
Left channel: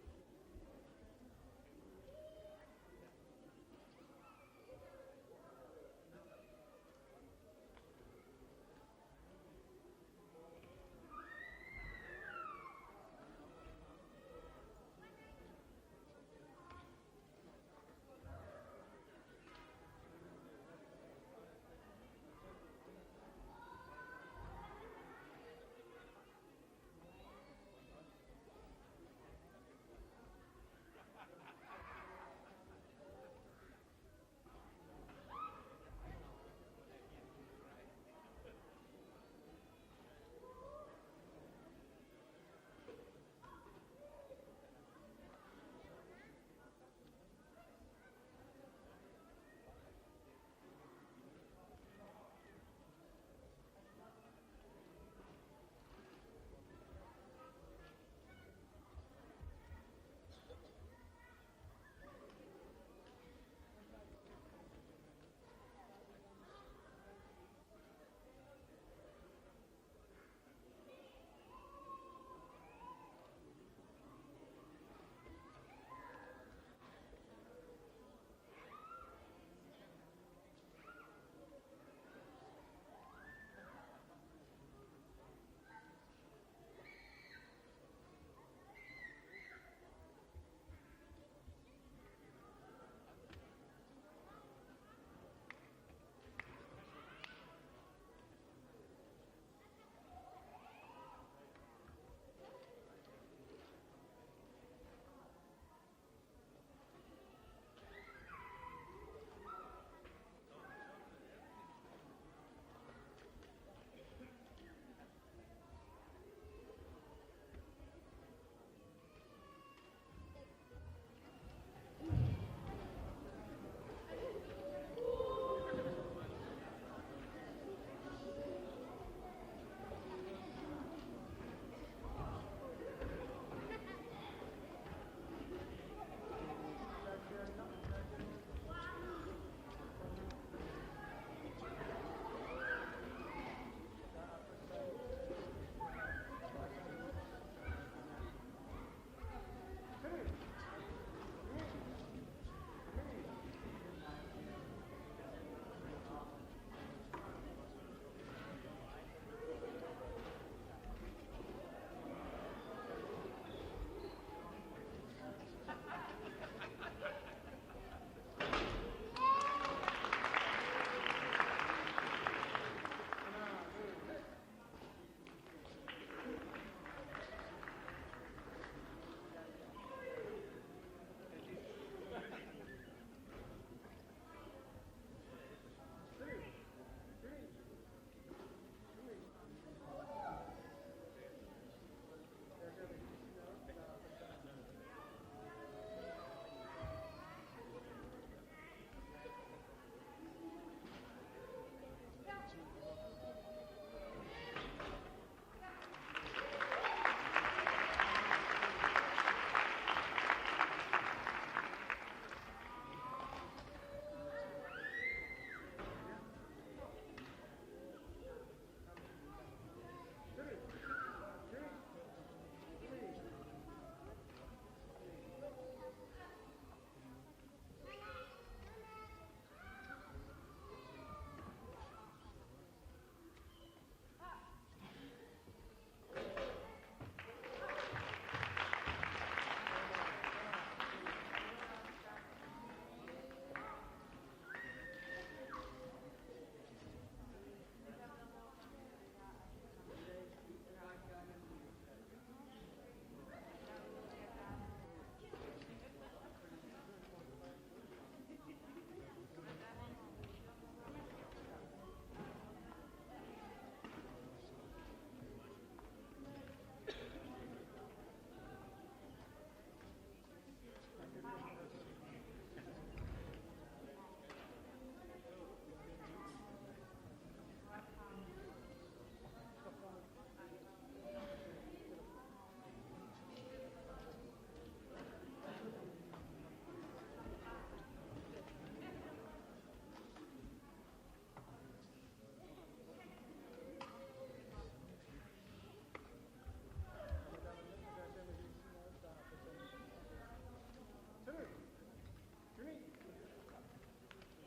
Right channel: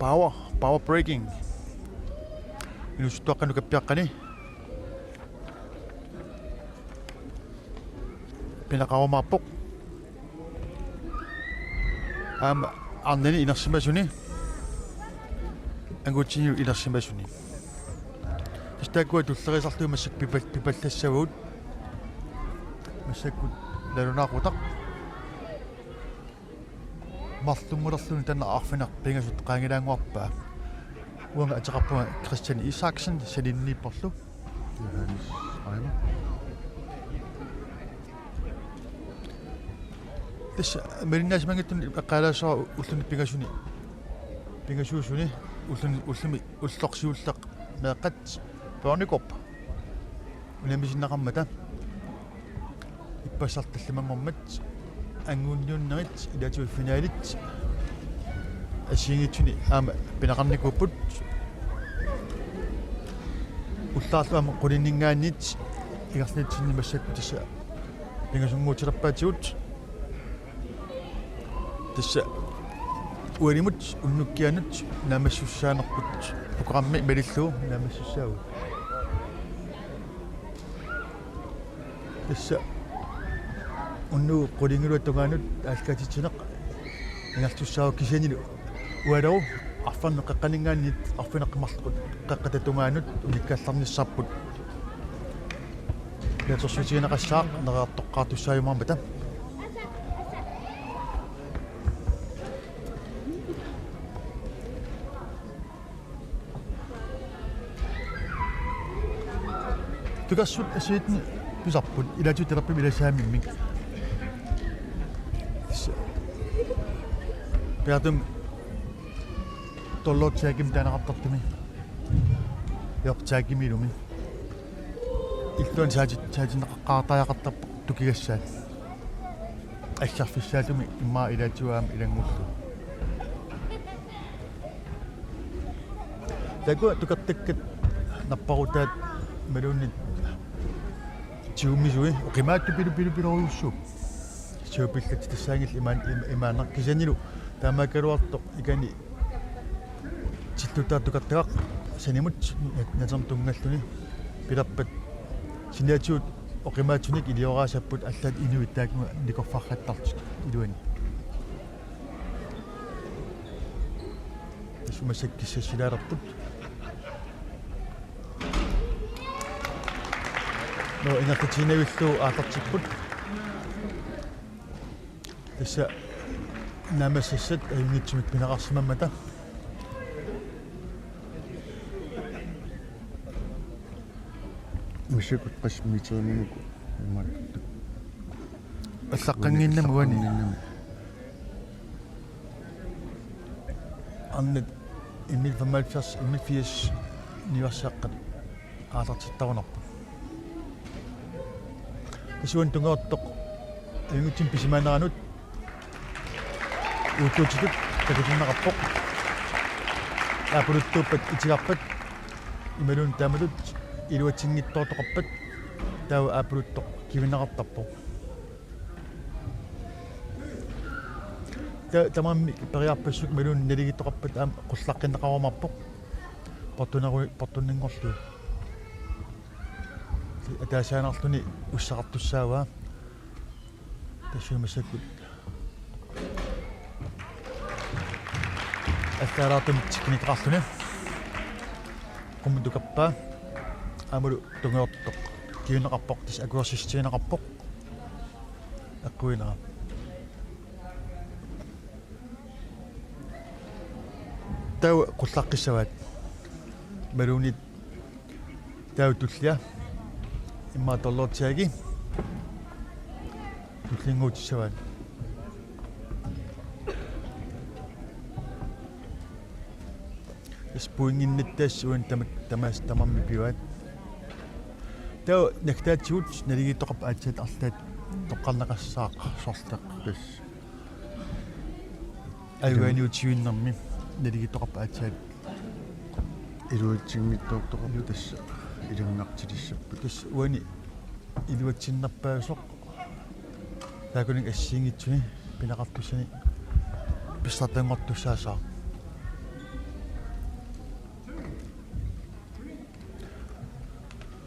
power braking inustuaqqanu kappiaqqani pinaqarumaarpoq am arnani inersimasuni angutiniu inersimasuni tastaakua tullerisarluu massak pipallassavut massakkut lalunaaqutaq marlummulerluni tanna arfinaq pingasut qaangilaanguarpaa uanga ataqarpuma Christian Isaksen salinniipporlu Johannes Eimer. tässä melinnaasmangittun eqqaalaasara ulluni pingasuusuni ullumi ullorsiulleq meeqqat Børnekorp unamisinnaqarmata ippassartallamammermat anguunniunnerit ilatu finaalit asingitsuni aama pinaqarnikupput ullaarluama qulinningaannit igarnitsinni massakku tassa pingasunguutirappaatigut tassa ualimut unnukkianut naamassussaanerput programmi malilluu naamassussaagut tassa unnu qulingiluattungaanut aalkaatitineq ingartussaagu kisanilu ualaru arfarneq qaqqaningaannit arfineqmarlqut qaqqatatungaanut unikkaallernissarput latersuutiginaqassaaq neraartoqqaartussaayumarmata tukassut asiitni pisarput ilatu terappi ilasaamimmik peatum tollootsiakim taanaqartartumi yortaakimilumi illuan saatinneqqaartaajaqartarpa tukigassaat ассарфиссаатуми иммаа илаатуаам илангуллу такуа тукартаккат наппарутаат малууннит тиуммисуи оқимаатту пилуруйуссу сиупиллат тассаангил имааннар кисанилу таамаакалуартоқ икани титтутаа тукартагақ санимут натам тунгаллуни пилаппат синаатиут оқимаатсуник илиораасаппут аллаат инуиттаакнуа никорфарраттартик илуани тасумасаккиссасилаалерпут но инертинавиллуу аатартиппут тасса намасассат аингитсумик пинеқарсимаммата мишекут пасмитернинуку имат аллаққангиннамуани аннет имил 75 имил 80 ниверсаққат аатартиттарунарпу исуан тунгеортоқ ингутсим писимаанаранут уутуутитут такутиннеқарпоқ аапулуттууппат итигарпат ималуун таамалут илуатсингиттоортоқарпат таа аапулуттоқ кивинеқартарпоқ тамамми периарпассук малуун налигиттоқарпат аама қуллаққиннеқарамарпоқ портуннингорлу атаасаанарлуни уссақартуссааваа тассуумассаккут астараатум тикникеқарлуни қуммутукаппаа амулу тунгеортоқ киунеқарпоқ тис акуерсистиинеқарпоқ аққуинера тау қуллаққиссаваат малуунит тау туллиа имма толлоотсааги туллингуутиссаваат спуингиннаттаассуин тамамми пиваат тау нактаатсуут налигиттоқарпа аатсаат арлаат тоққарнеқассаақ сортеқ пес айваниутиуиннэрми налигиттоқарпа аатсаат илуатсингиттоортоқарпу тасса илунгартилиссаппут тас уани илуатсиннарпаасоқ таакунин ассиингитсуни пинеқартуссани писсартангортуссаасаа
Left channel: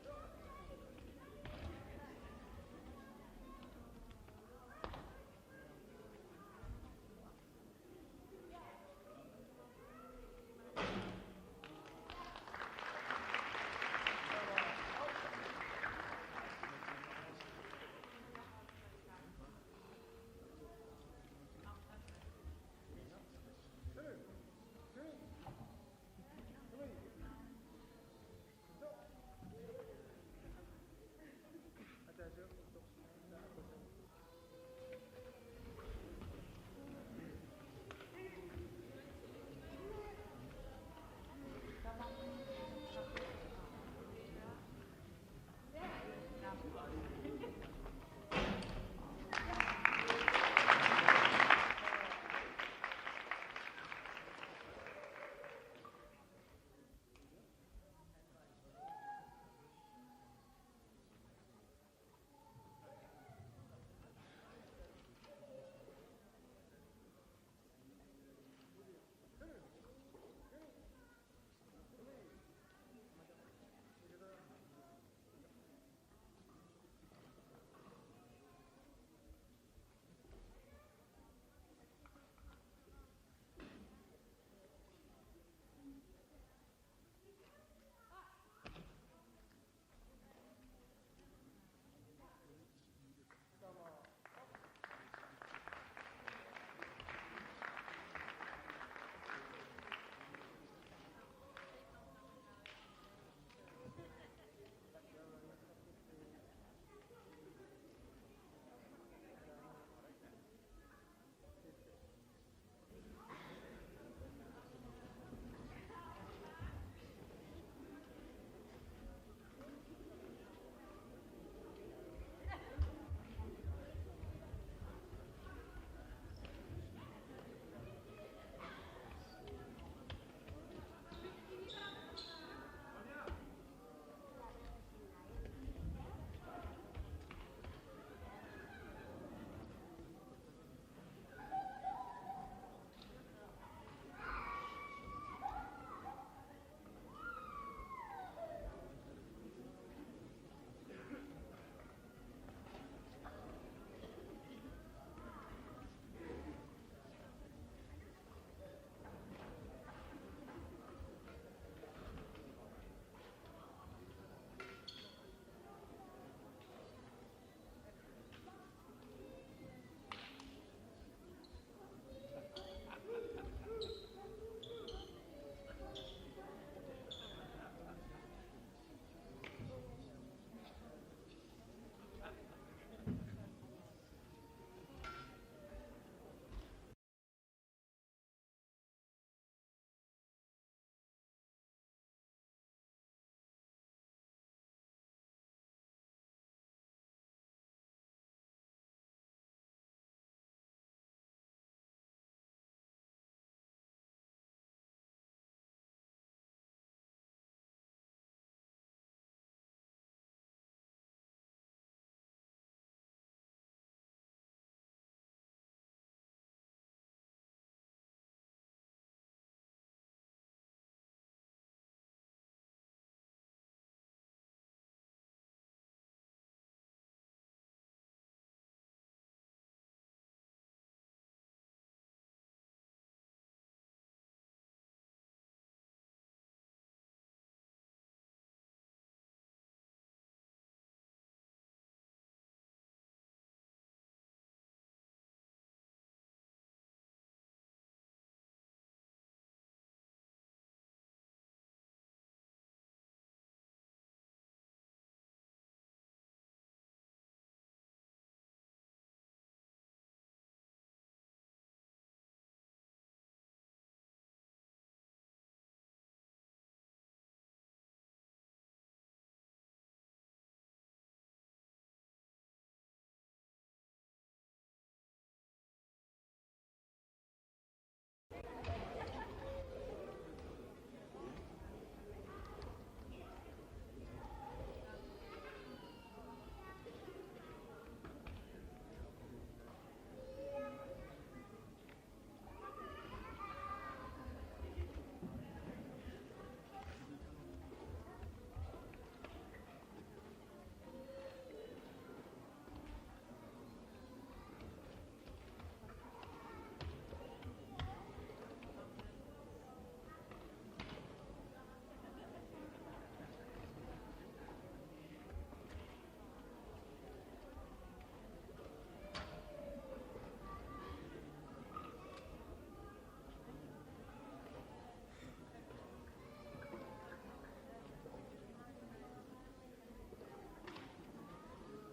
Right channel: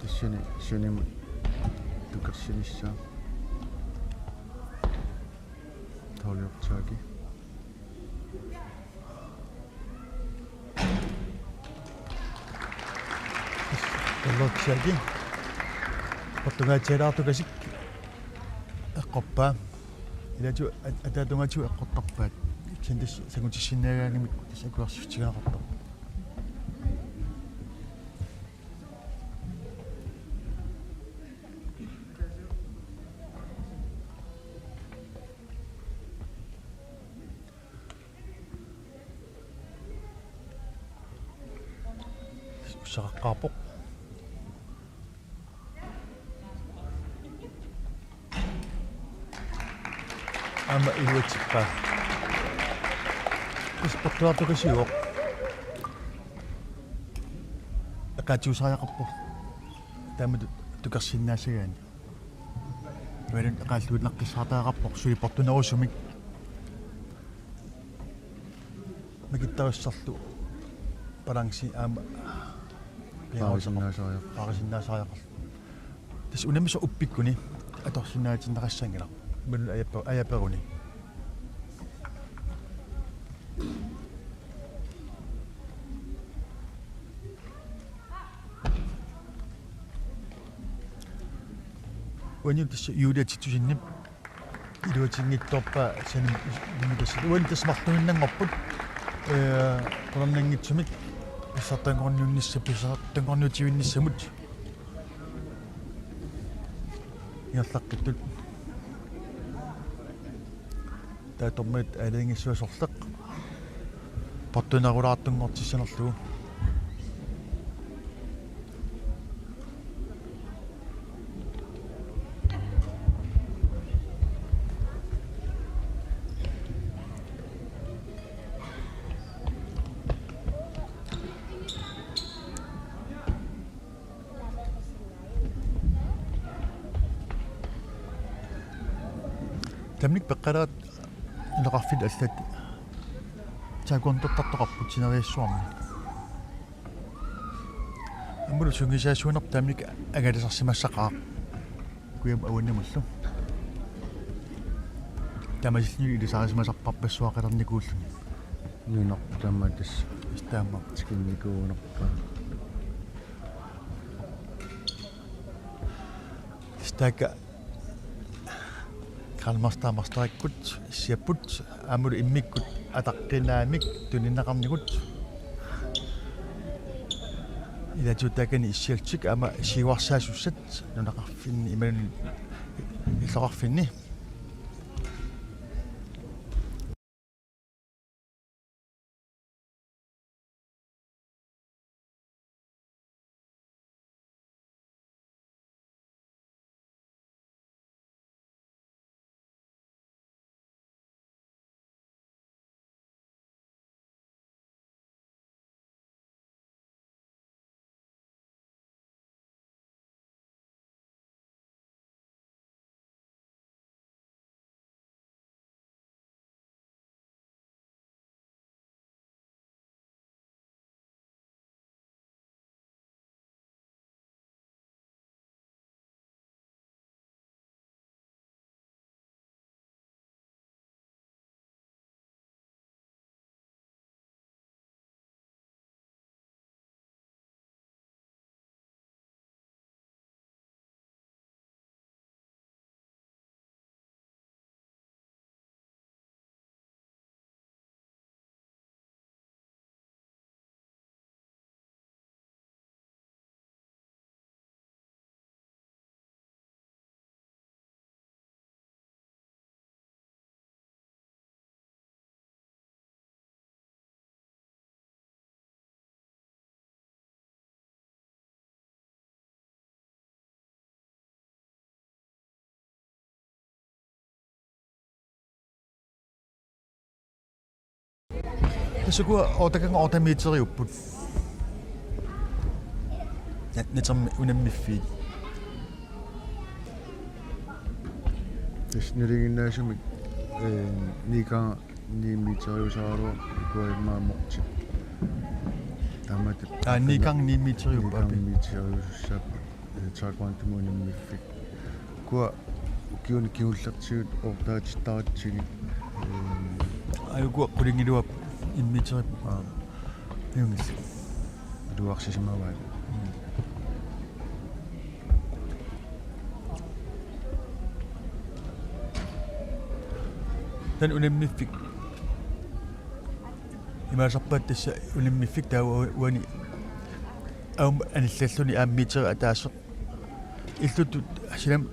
тассани суним тукерсинissаа таалиортааги толлоотсааги португаатсиалаартукасик эққорпаа илату атаатунгату эққортарпаат кендис сагутиссинаагаагимик тас акуарсифтигаақарпаа саққарпоқ ама илуатсиппаа испортуартукасиуоқ эқаатиусариақарпу таамату тукерсиннаасагаани валун эқааллуиннаққиссаартаақарпоқ суи портунерусумик магиттаруссарлу баланси аама паарисиннаасариақар тас унамиса уппиккуни аторсинаатиннеқассангила мул аяперуни уани тас юулиатитсусиннип илуатингитторпаа саним димитас уани тас мартуиннангорпут колоннангитсумик писсартангорниунниссаписаартангорниутивинниссамут иерлаққиттут таатормит алингиссуасорлеқ портунарулаартунгортиссанерлугу тамник пеққалаат илеқарфил аллат таакуантортартоқарпут синериассуарми аммулу сунгисаасуунер тамник агалисарсимассақаа куям ауаннамуллу тамасилни илисаарисимасарпарпассуақалерникууллуни нинартама тас истаама тикинникуунерпаа стака Kalmarstaamastarikkut issiapput aamulu immikkut ataqqinaamik tuninneqarnikut ilatutakani issialtik ama siuarsaasussat nunaqarfinni imanun иллоqarfinni Tasukua otakanga otamiiteriupput. Natermi unammiffii. тэснэригиннаасумик ника ниммитериусааруа икуимааморти тамати Nikang ниммитериуппапи. ниммитериуссаап таакуантумунаммиффик куа киуни киуллертигут ортаатиттаратсиги Ayukua qulingilua immiteriup. Yungis. дуарсисимаваа Tan unammiffik. Imaasarpaat tassa unammiffik taava uani aum anillalluni aammiteri ataaseq. Illutut silam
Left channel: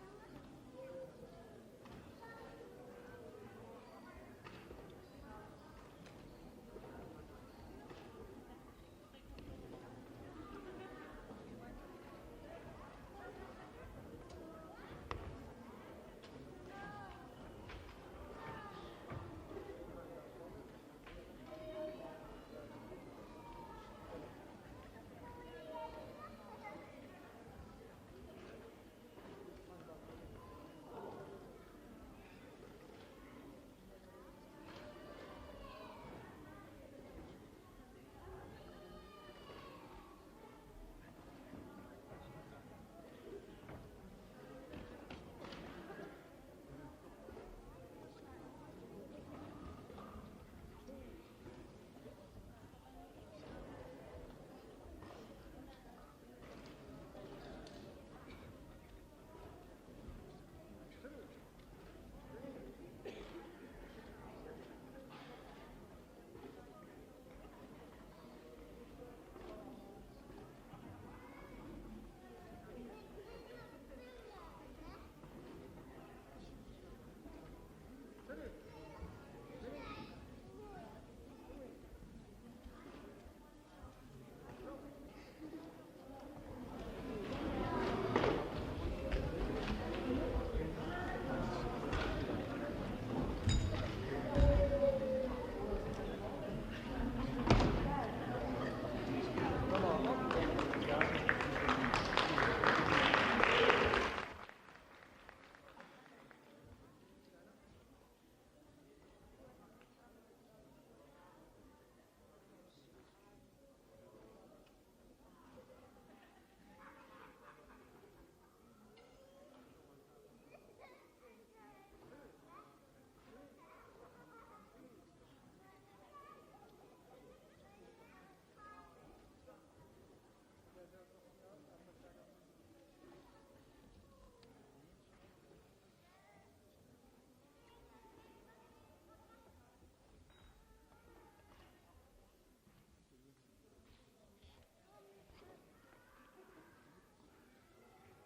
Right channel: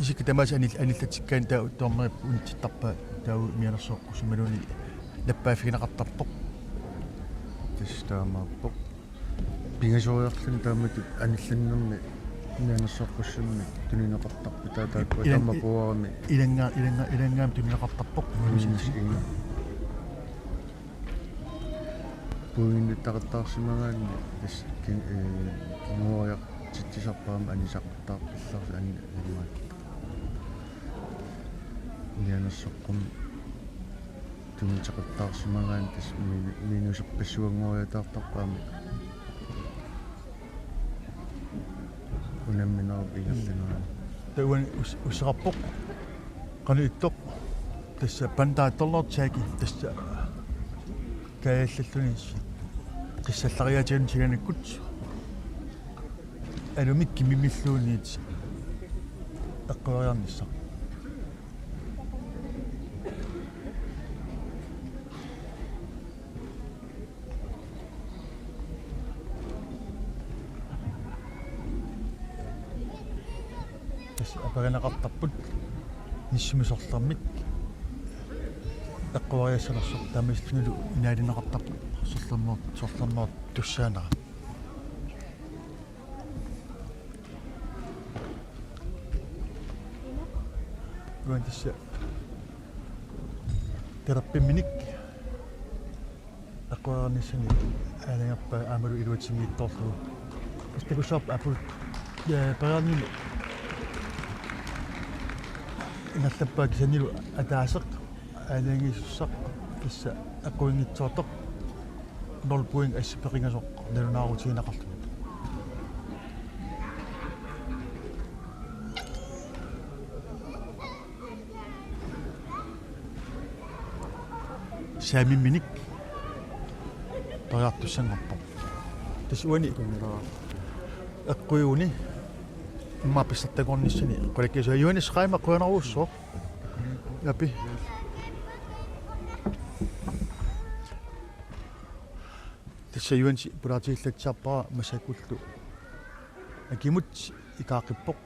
isik tamas anillatikkaan taa tornerip unitittarpa taavu mianersoqqu sumaluni наппаафигинеқартарпоқ тестаамаарпоқ пингасориарлун таамату анилланнерми мианерсоққуссунми тунинеқартарпу таатаакку таммапуарами илангаам тунинеқартарпоқ инга пуинниттақаттаарсимагаанни тас мориақ титтисарпаама анисақартаарпилларси аннуат мианерсоққум тунитеқаттаарсимагаан тас минусерпассуангориатаартарпаама унамминаар игаллинаа тауан усеқарпоқ qanuittoq tassa pantaattorlortaaki tassa kaallalluni qissallariatigun siganukkut alumik kimimilluuniit eqqoriarnissaq tässä apaganaqartarput nissumisorlarmik eqquvariassalersuq taamislugu inaalinaqartarput sorlarmoort tussaanara uan tässä terappiminnik eqquvarianissani aaningarpa aamalu iluatingiittorlu istakusaap apu taami inallappaak sanilu ataaseq aaningissussaq tassa aquingitsoortoq norpuing assipeqingasoq nalunaaruutiginaqarlu saamimminik tariartussanngorpoq tas uani eqquiuni immaapissartagornissani qulakkisu ayuani sqaima quanaruussoo yapi tassa ayuansi pulaatigillatsiarpara masakullu akimut ikaaqippoq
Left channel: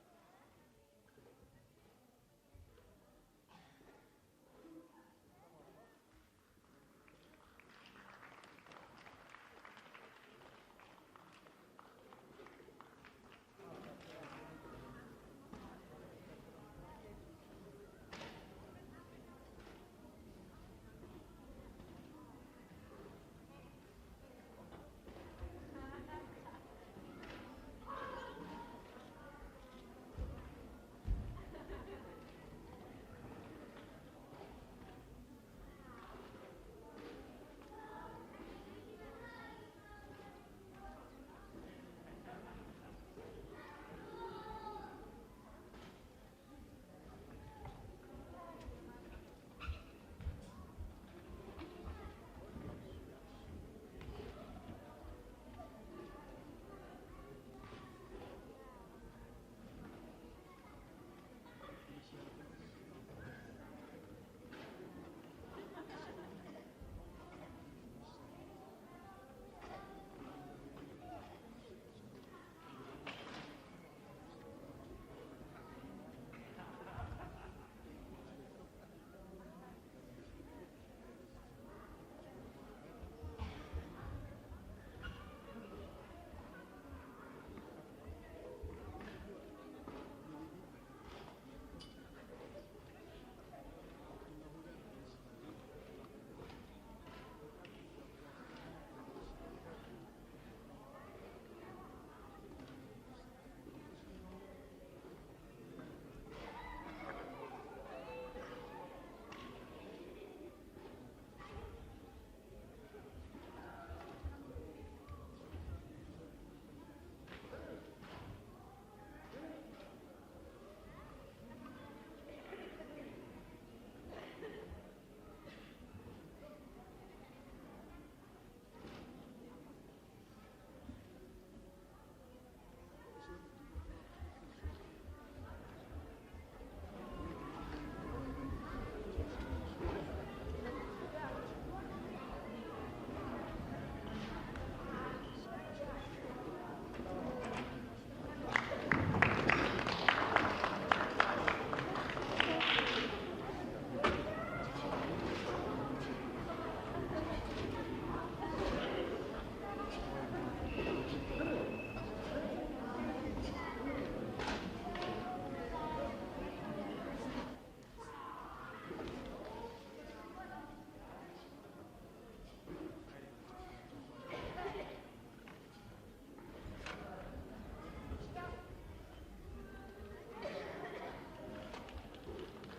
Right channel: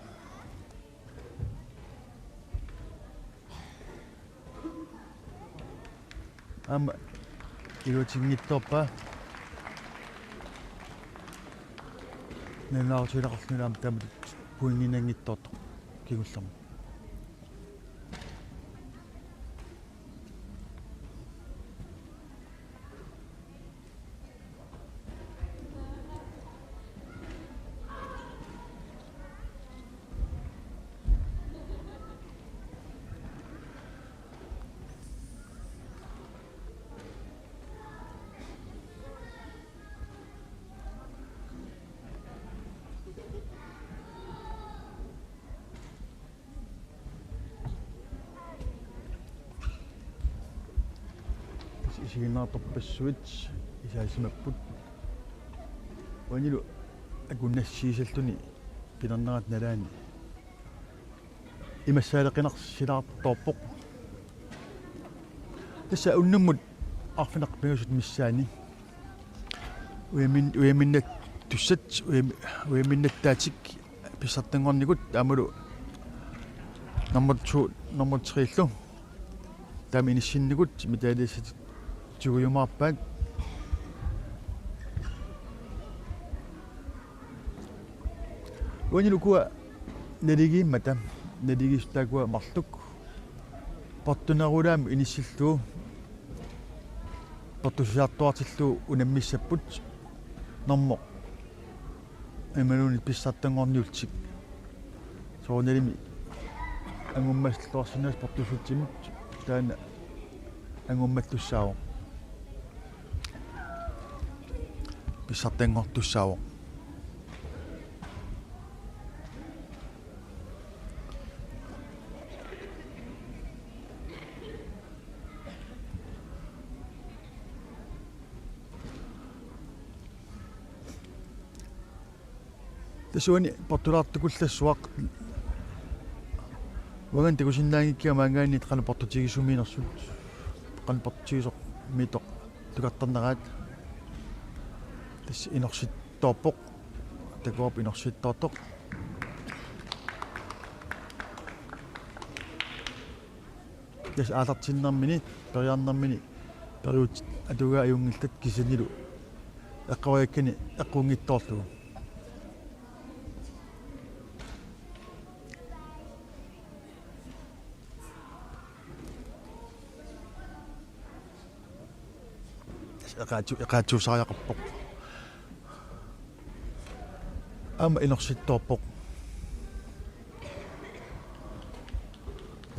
ama iluatingittorpa nanaarutiinaqarlunaam taamut puinginangittortoq kigullermu isiginnaartorpassuit isaasimapпут уанилу акуннассиисалтуни пинернерат налаани имассаалеқинарсилаарторпоқ тасса уннуммут арфинақ пигусут миссаани уяминнат туссат уяминнаттаатик писсартангорникут амулу номер 2 номер 3 лу таминиссинникут митаалиссат тугуйумаарпаат уанилукуа налигииммата налигистаакуа марлук портунерулаами иниссиллуу портусиартуартиллуу унаммиссаппут нормо эмалуни писсартангорниултик соонелими ангуммаслуарсинаас портусутсимут таана ангуммаллуссаавоқ писсартангортуссаавоқ тасуани портулаартукуллассуақ ваган текусиннаангиккиа маангаанит қана портутигисумиинерсут қана портутигисоқ митоқ тукартарнараат тас инорситтоорпоқ такооп инорситтоортоқ тас аалартиннэрмини периарнэрмини периут атуга аюнгилтат кисанилу эққаваяккани эққунгиттоорлугу eqaatsuusaariaqarpoq ama inersittoorpoq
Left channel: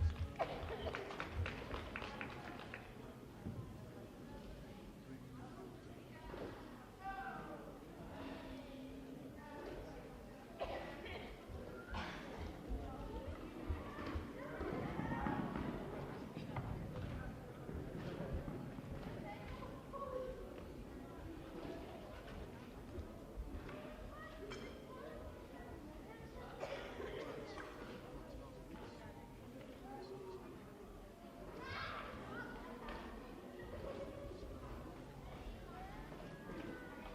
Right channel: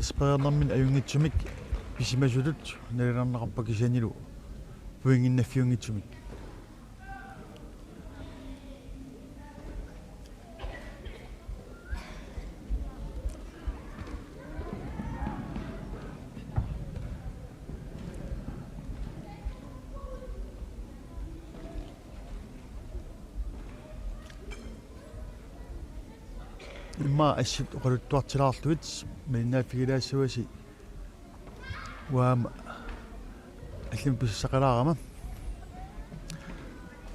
ispeernermin ajungitsumik pisimasulut nalinarnaqarpa kisanilu puinginnaffiungitsumik имма ассит оқалуттуартилаарлуит миннааффигилаассуаси уаама аллим писсақалаарама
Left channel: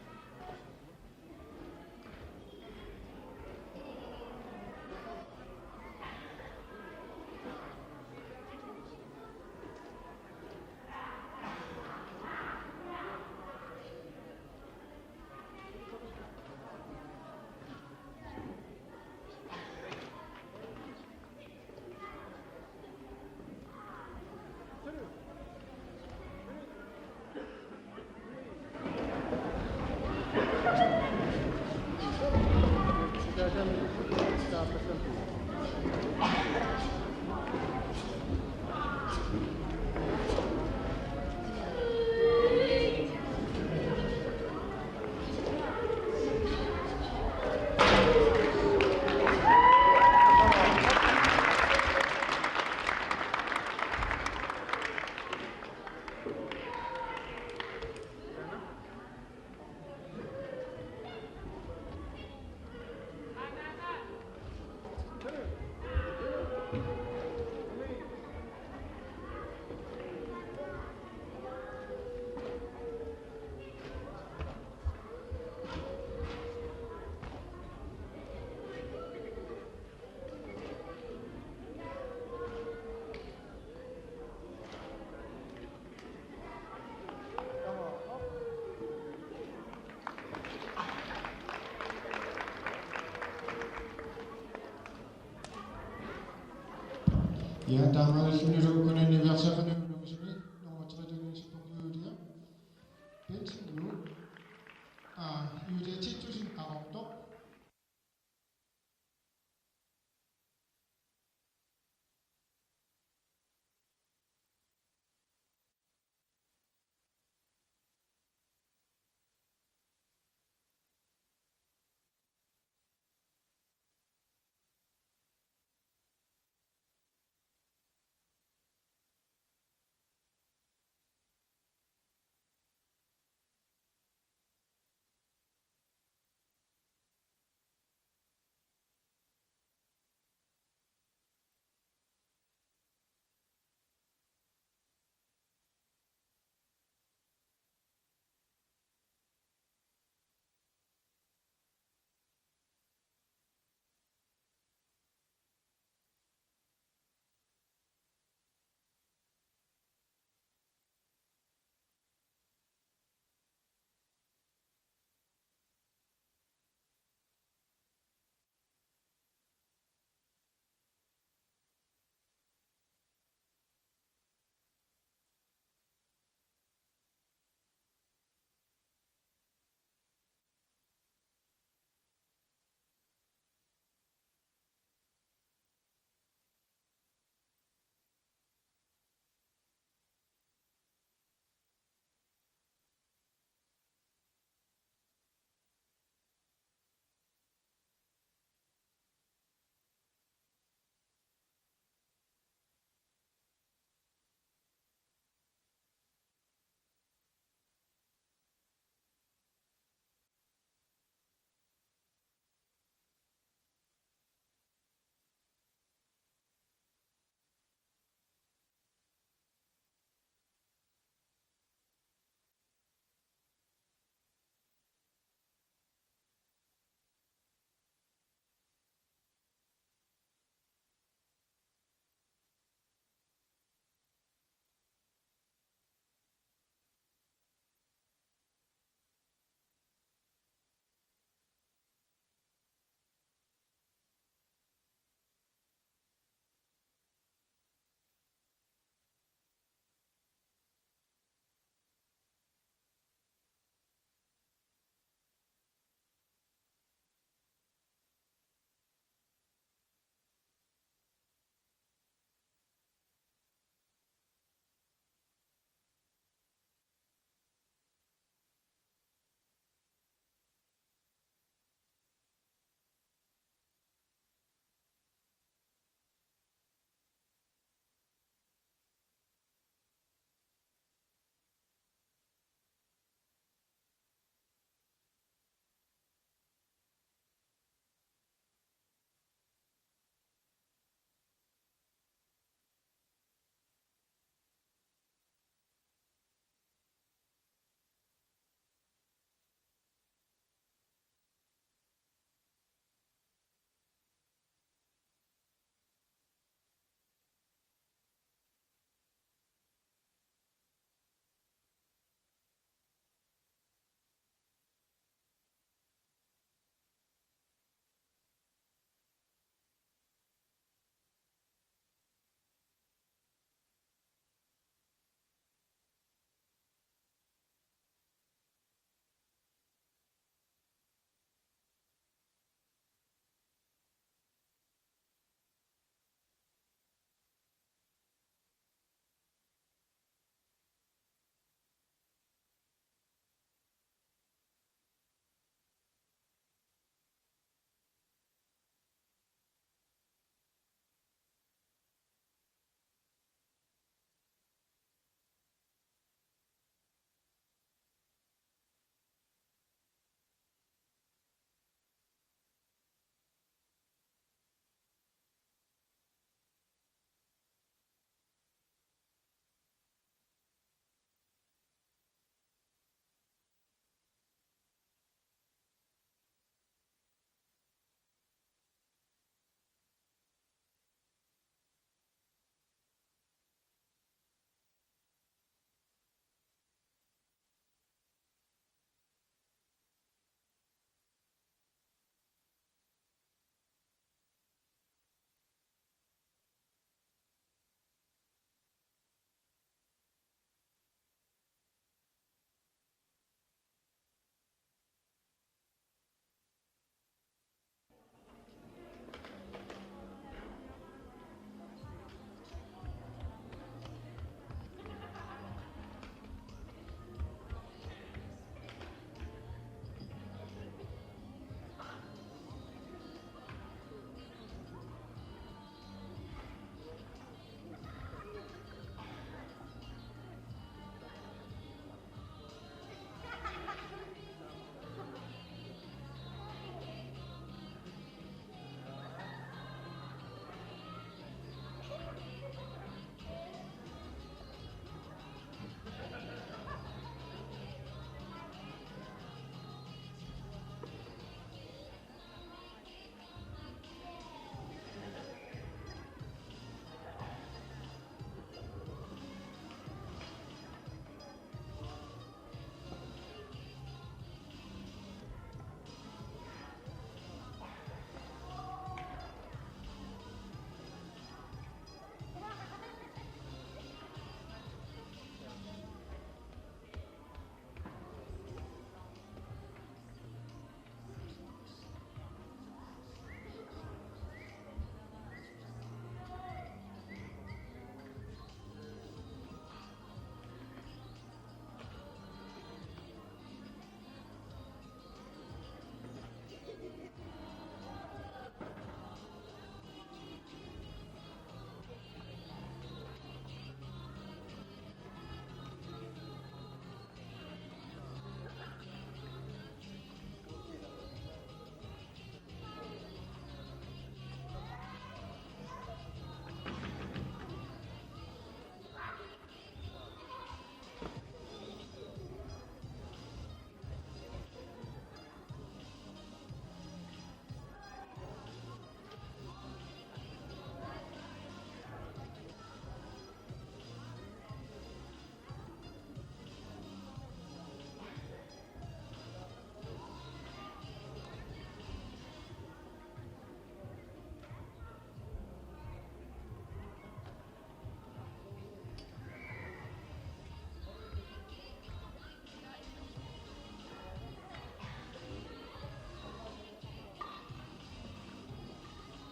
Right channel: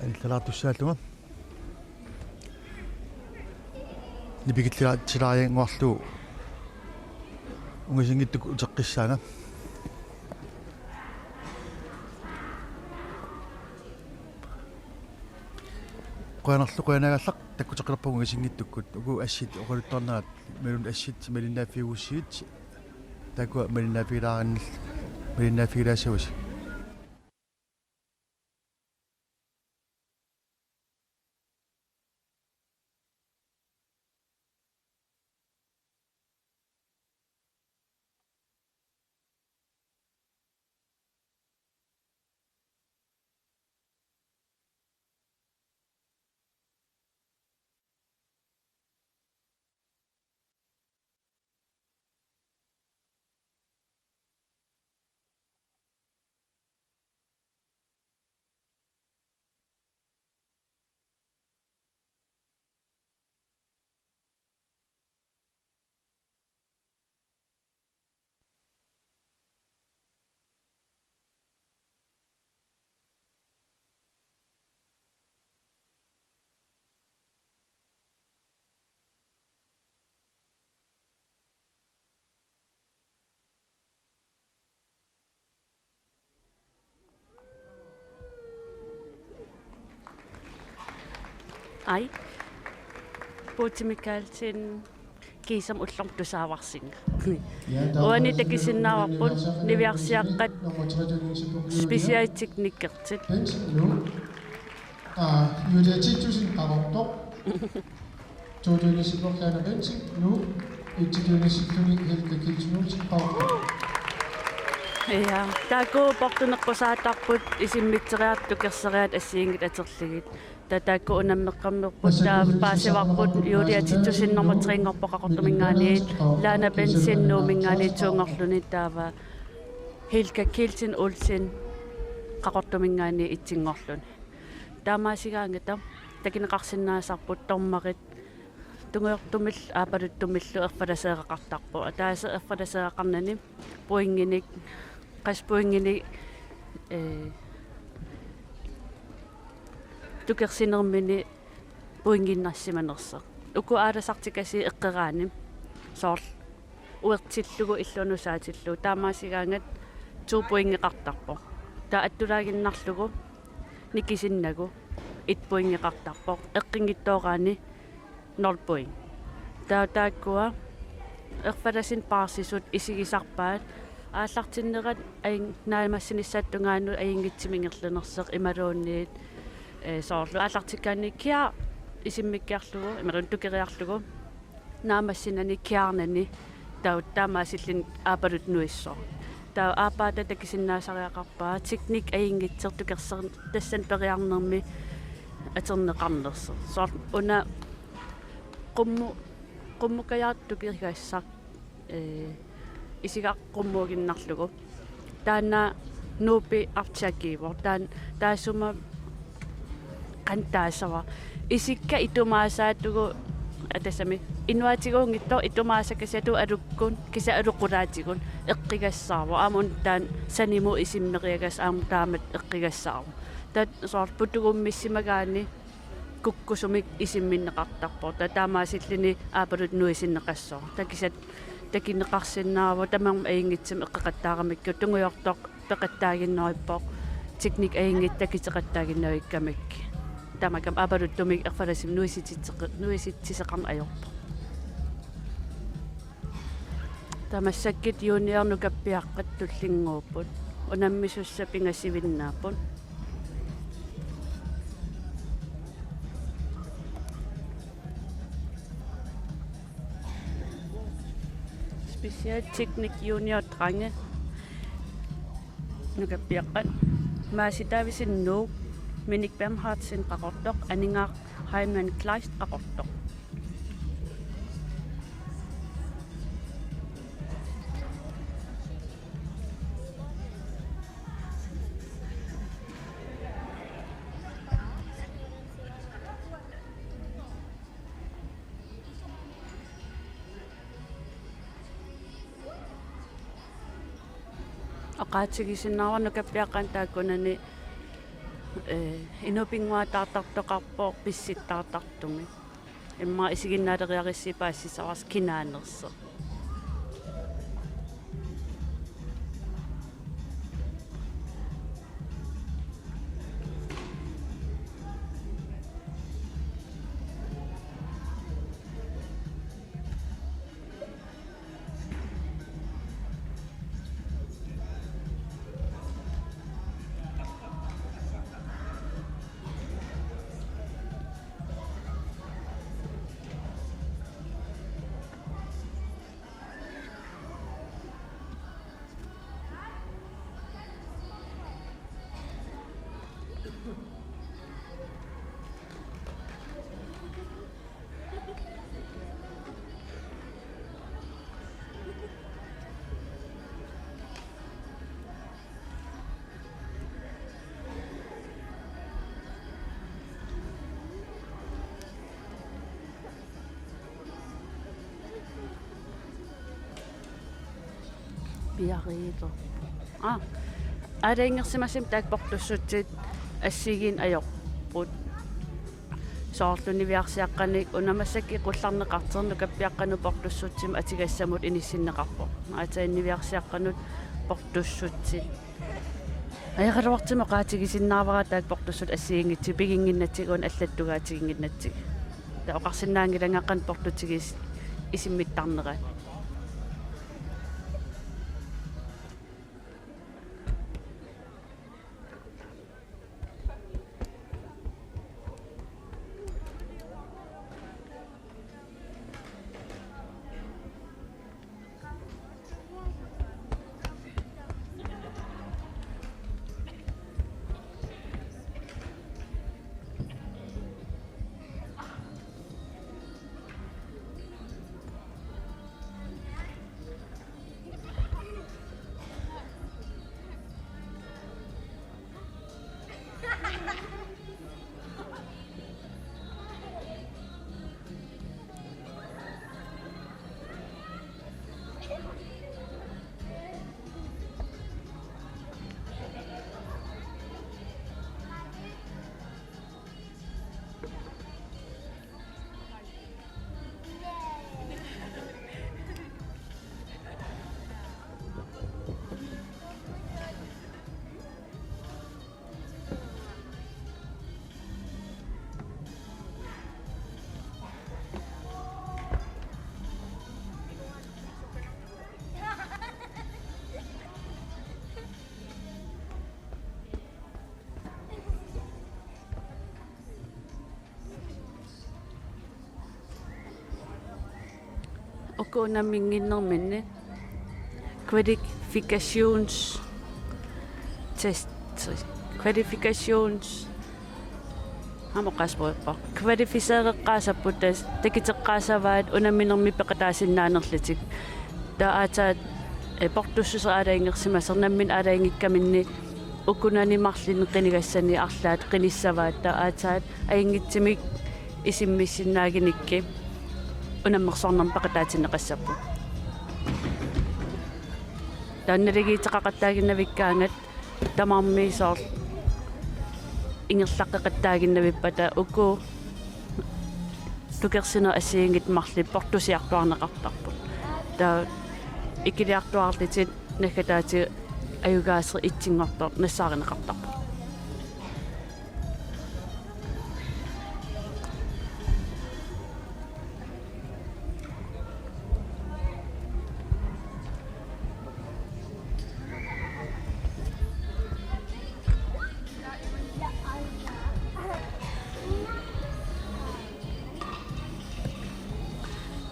аллалаартуссааллума нипикиллаатсилариангуарлу унгисингиттук утеққиссаана qoyanarlu qoyanagallaq takkutеққилерпугу унгисингиттуккут угу ассит оқалуттарнаат мелун ассит малинааффиуссиит такуа малинааффилаариннил малинааффилаасавус Ai. Puutimikaalsin kiisam ullortusaavarsinga. Uani takisinnaarput niviarsiaqqat spesiaaliteknikkertit. Julia 10.000 abortor. Todønesiblokkaner bensin nu. Itidønesiblokkaner Helga Kilsnulsen abortor. Ja, taako portuneqqusaatarput isimmitteriartukerseriat assiingit aterligit. Taako unammeqqammerput taa paasivarput Julia 10.000 laana bensinnuumingaani tuungerluni taava Helga Kilsnulsen qaqortumingaani itsinngorluni. Taamaasigaangata takineqarsinnaasarput tormarit tungeortumil aapaluttumillu erfalaseeqaqartarpu ataase erfalaseeqarnani puinginik qaspuingini tukersinermini puinginnassimanersa uku aalasartikasi eqqeraani soor uertillugu illunusaatilu taamaasigaangat tuupuingeqartarpu taa attulaaginnarlugu nikisinnagu itpuingeqartarpu eqqingittooraani Nordpoint. Taakua erfalasin paarsisut isigisarpaat aallartinnerat aing naamassinissaattungaanu aingitsimingерлунерсеq imaluunniit soorlu aallartikkaanni kia isimmikkiarlugu imarun tukeriarlugu naamassinani kiarnani taamaasillin aapalut nuissor taa aapaata takisinnaasariaqarpaa teknik aingitsertukerser tassan periarnermi aterneqarnerse soor una qummukajaartukirigassaq isigaqqummuuginnarlugu taanna nuupi artiakiivor taasuma qantaasava isikka itumaasaatugu atasami inuatiguungittor itumaasakasatu alukkun kisa aluqulaatigun eqqigassaarvo aamun taan sanimu isimneriagas aam taamat eqqigassaarvo tat soor putugummissimagaani kukkusumik isimminneqartarpo taamaasillini aapalut nuisinneqassor takisat takineqarsinnaarvo tamam aingitsam eqqeqattaaramikku tunguyortoq peqattaaginnerippoq teknik aingit takiteqattaaginnerikkamik tamakam aapalut tumik erfalasim nuisitsiseqarn ajorpo tamassakit juniornukappiaqqat tullinguupput unammisussa pingassivinnaaput Specialteknik junior drenge nukappiaqqat maasitaavisin nuuk Minik Bernhardsen qaqortoq aningaaq Heimann Kleist qaqortoq aqaatigisinnaarnukappiaqqan taakkunani inupinguataartartoqarpoq pissittaartartumi имма исигиннаалериариссипаассисаварс кинаанерсо piariito аалаингерсимасим таакпортуссутсит ассигин аёрпут соорлунивиарсиаққаник унамассаки қулларнеқартерну каппиаққану портуссутсим атигассамут иниссиннеқарпо атаиннивиарсиаққанут портуссутсит аяқалуартима qaатигисиннаавара таак портуссут ассигингитси пигингиннатсигуун аллаттугаатигингиннатсиг та оқарсинаангилангаққан портутигис исиммиттарнерат Okonaminginnerminne kvalifikations test kvalifikations hamoqaspoiqqa kvalifiseereqqaasapput takiteqqaasavaat unaminermi peqataasinaanerlitik taataat portussusaalaingersimasernammin alaingikkaminni ukunanimarlini qinigassani arlaat qinissavaat taataat aingitsimik isimmissinaaginikki unammersornerm paqataatinneqassappu taannaligiiteqaqattaaginnavikkaangat tamarmiisoor ingerlaqqeqattaaginnavippata uku tukersina assiingit marli portusiartuarneqartarput taa ikiliartuarlitit nakataati ayugaaser itsingortor nassaarinneqartarput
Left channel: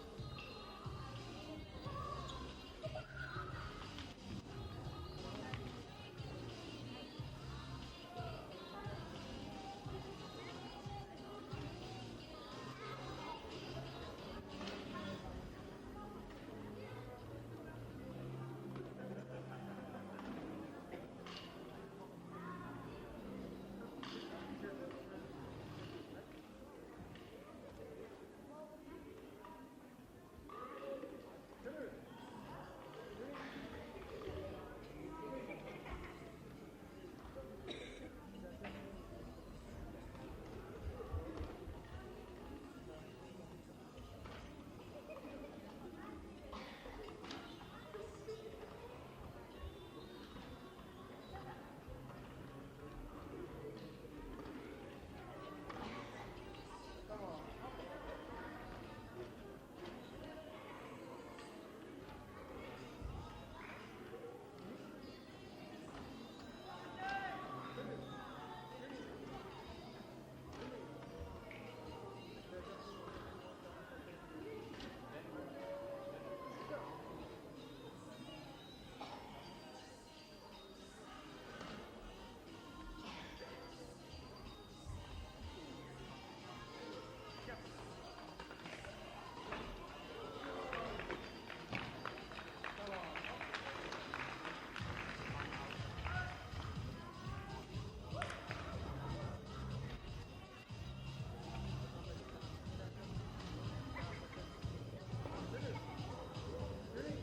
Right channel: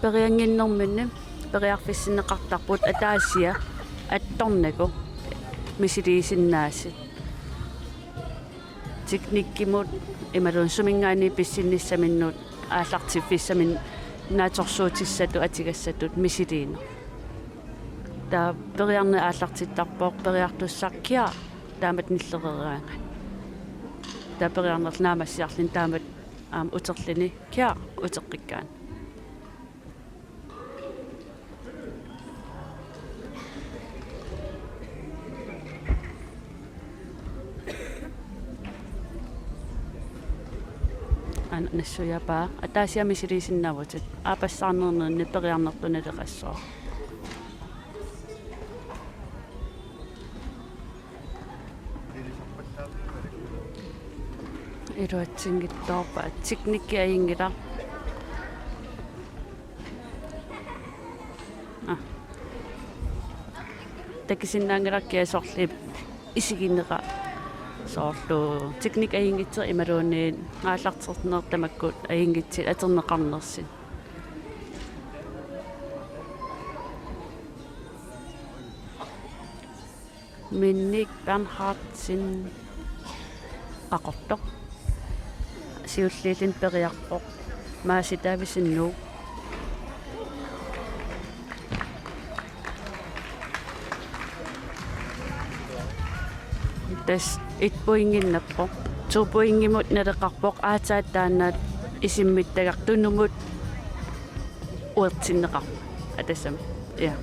perianginnerminni periarfissinneqartarput ataasia attornaku misiliisinnaasi teknikkimut imalun sumingaani pissinnissaminnuut aallartifissamin naatorsuutissatu atigassatut misiliina taa periarne aallartittarpoq periartussarkia taamat nillereraanga taa periarnerl naamassiarlin taamat uterlini kia uteqqikkaan нассуяпаа атаасиами силисиннавутит аапассаарнернерни периарнертуналеқассоо ируатсингиттоорпа тикникки аингила такисиннаангилаккиа соорлип исигиннера соорлу техник аингитсер ималуунниит ааллартертнеэртамаккут аингитсит атернеқарнерсин минник Bernhardsin ақортоқ сиуллиилин периарпоқ мааситаависиннуу тас итпуингиннаппоқ туупуингимут налеқарпоқ аатааттаанаат исиммиттагартунумут уертиннеқар атассам я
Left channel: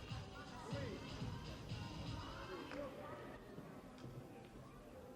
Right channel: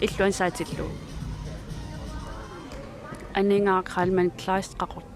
иллуан саатиллуу анингаа Kalman Kleist qaqorta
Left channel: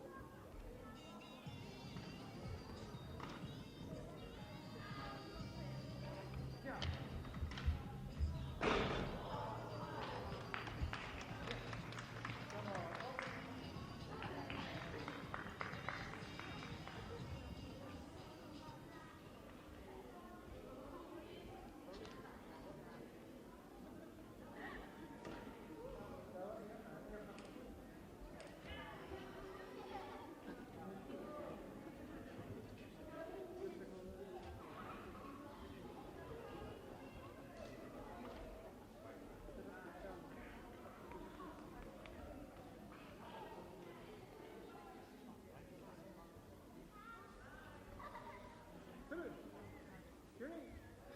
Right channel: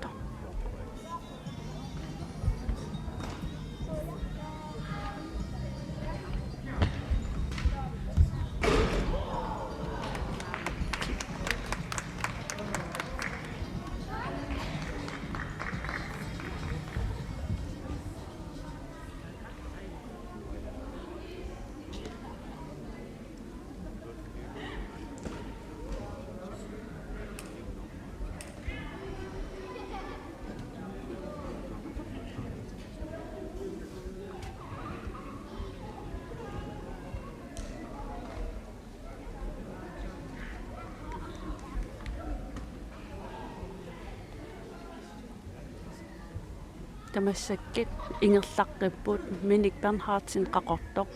тамассаккит ингерлаққиппут миник Bernhardsin qaqortoq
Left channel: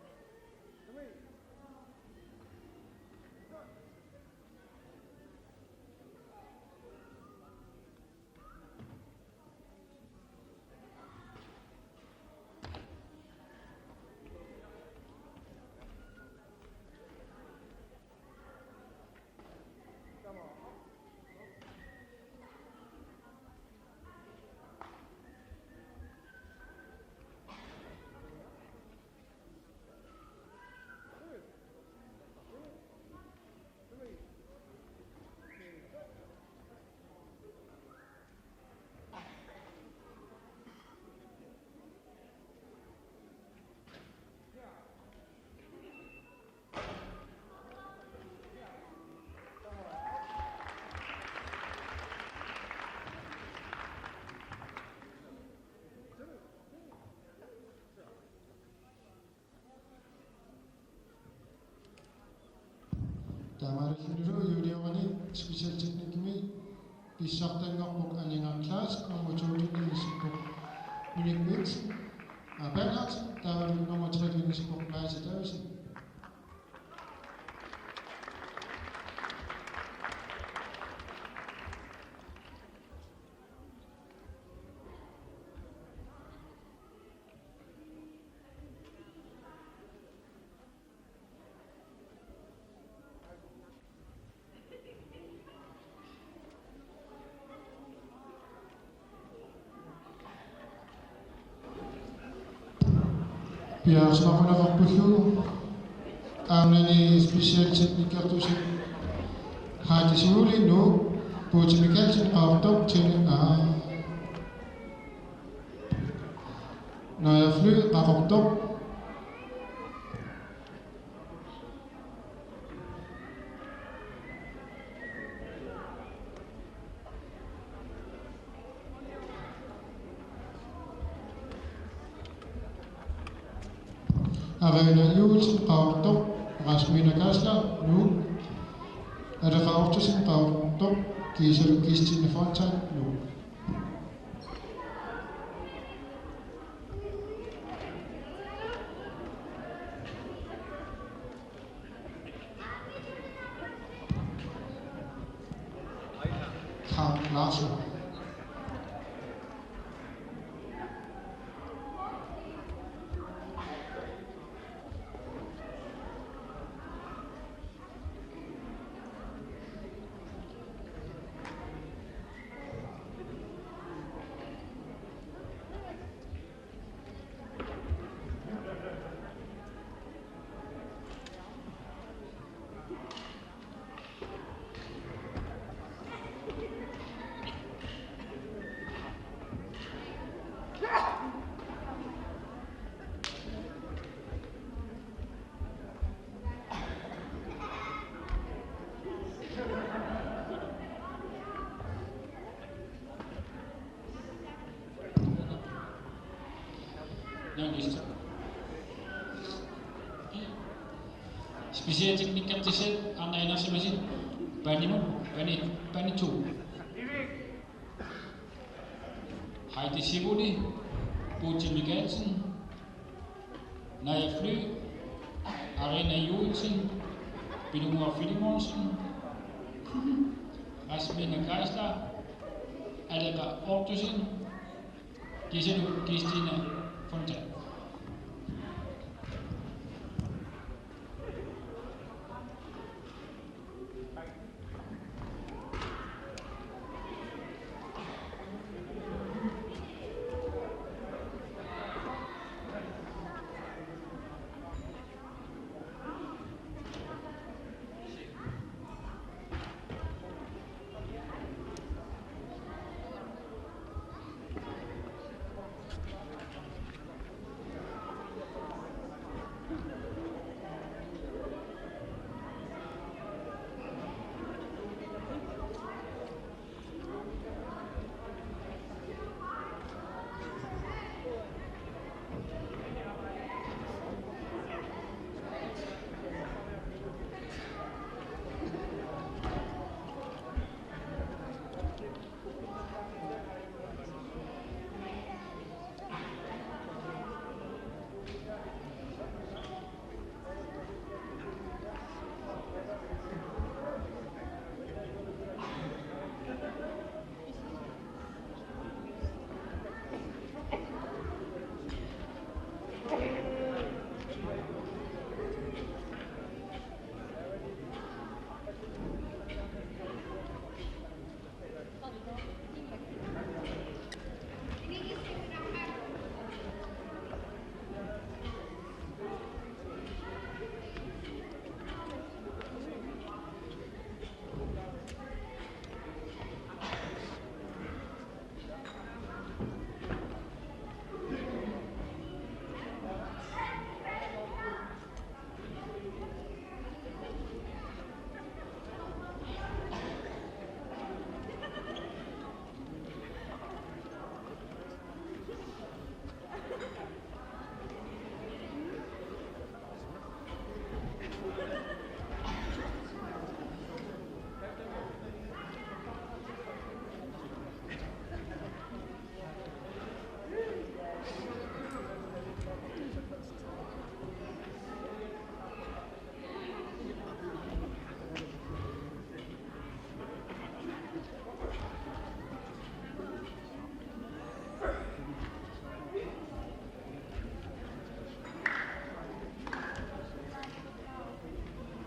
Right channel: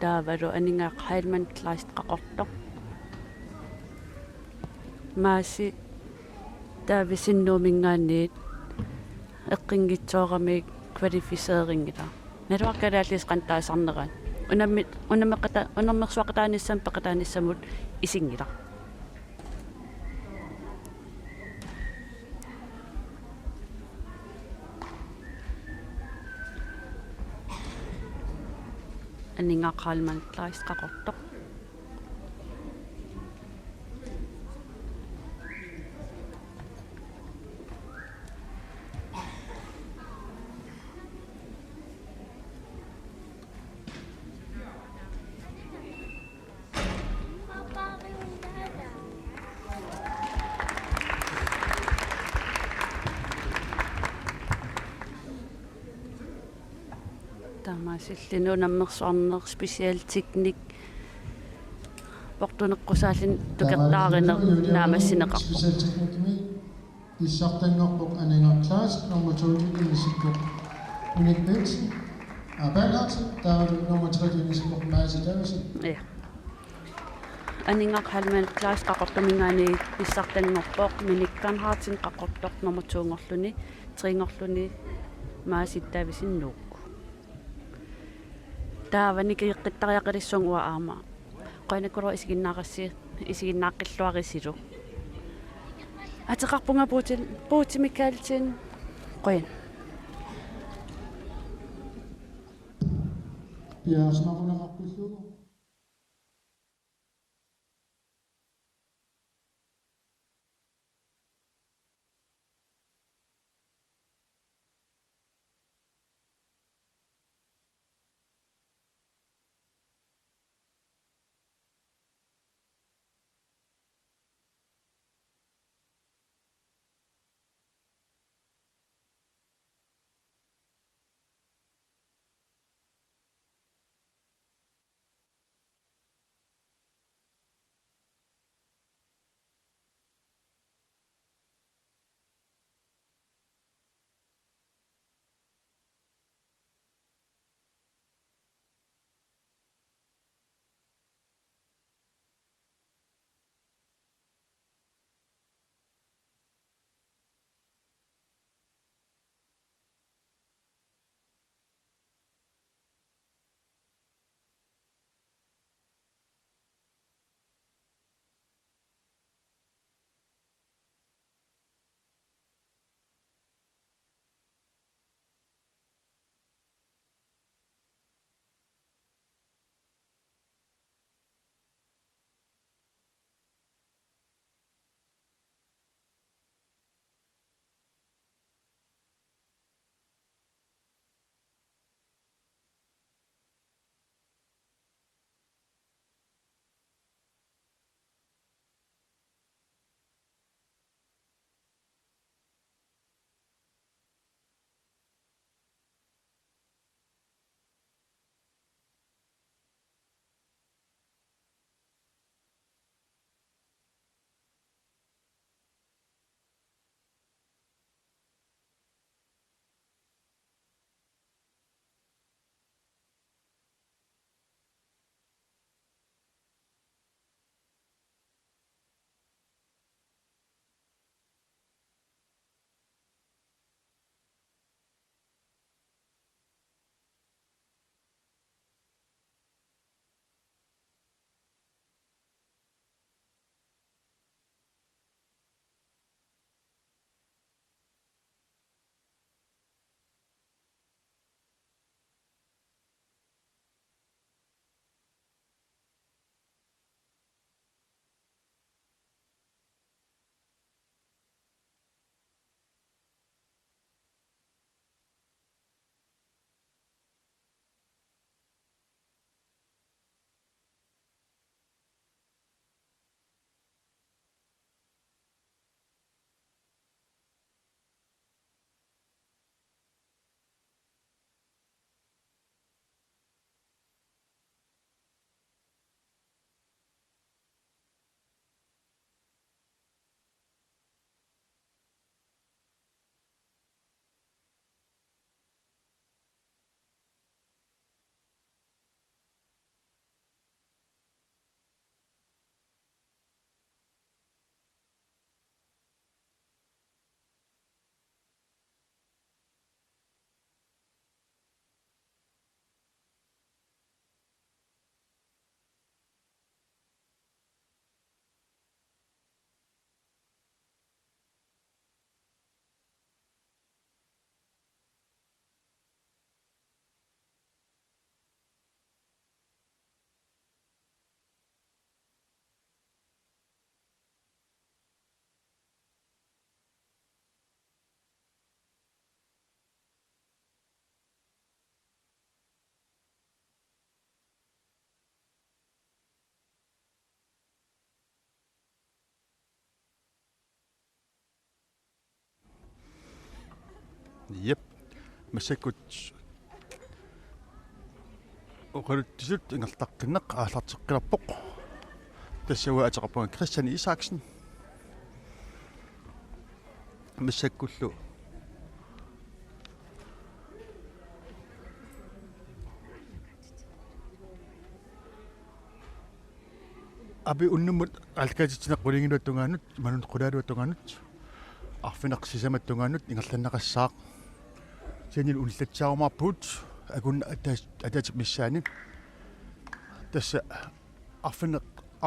таавалу анингаа Kalman Kleist qaqortoq maaси таависиннуумингаанниит эққингитсоорамик квалифисеерингила налуаркалааллис қантаасарнерaan унаммерсуақатааниссам пеқатааниссамут исингила анингаа Kalman Kleist qaqortoq тамаасиллину наммерсуарнер специал техник портунеққусаалин тукертааринер наамассинеқарпо Special technique mi issartanngorpoq ananga class number 2 nissikko unik Benson Bernhardsin taalu number 3 nissikko maasitavisi ja анингаа Kalman Kleist qaqortamingaani issartanngorpoq minik Bernhardsin qaqortoq number 2 ngorluni 3 ngorluni maasittaavisinnuu таавани киэққиттариақалиссунгуа аама қойнаккуро исигиннааққиллуарисилу атеқарпунга буутимикаалтин қойн пиарсмақунеқарпуллугу аамнани специал техникертуси хаатисуулинну буутимикаалтин qaartoq tini når jeg fly qaqortoq Arena Juulsen qaqortoq Rasmina Kasler nu Adaqaortusin qaqortoq Kiisalu Kistine Fontaine nu Carl Larsen Specialteknikker Anna Enersimasin, Banimon, Banitu. Heidi Sivoli, Putin Mikkelsen, Naja Fly, Arena Juelsen, Bilumor Filimonsen, Rasmina Geisler, Aleka Ortusen, Giselu Gistina Fontaine. Yep. Masakut. Oqalut tisut ingertaqtinneq aallarteqqilappoq. Tassua ataqappunga Christian Isaksen. Masakkullu. Abi unnumut alkaatitsinaq qulinginuattungaanut manun qulaaluattungaanut arfineqsisamattungaanut ingerlannaqassaaq Senil ullatsaarmarput akunna atat missaanit tassa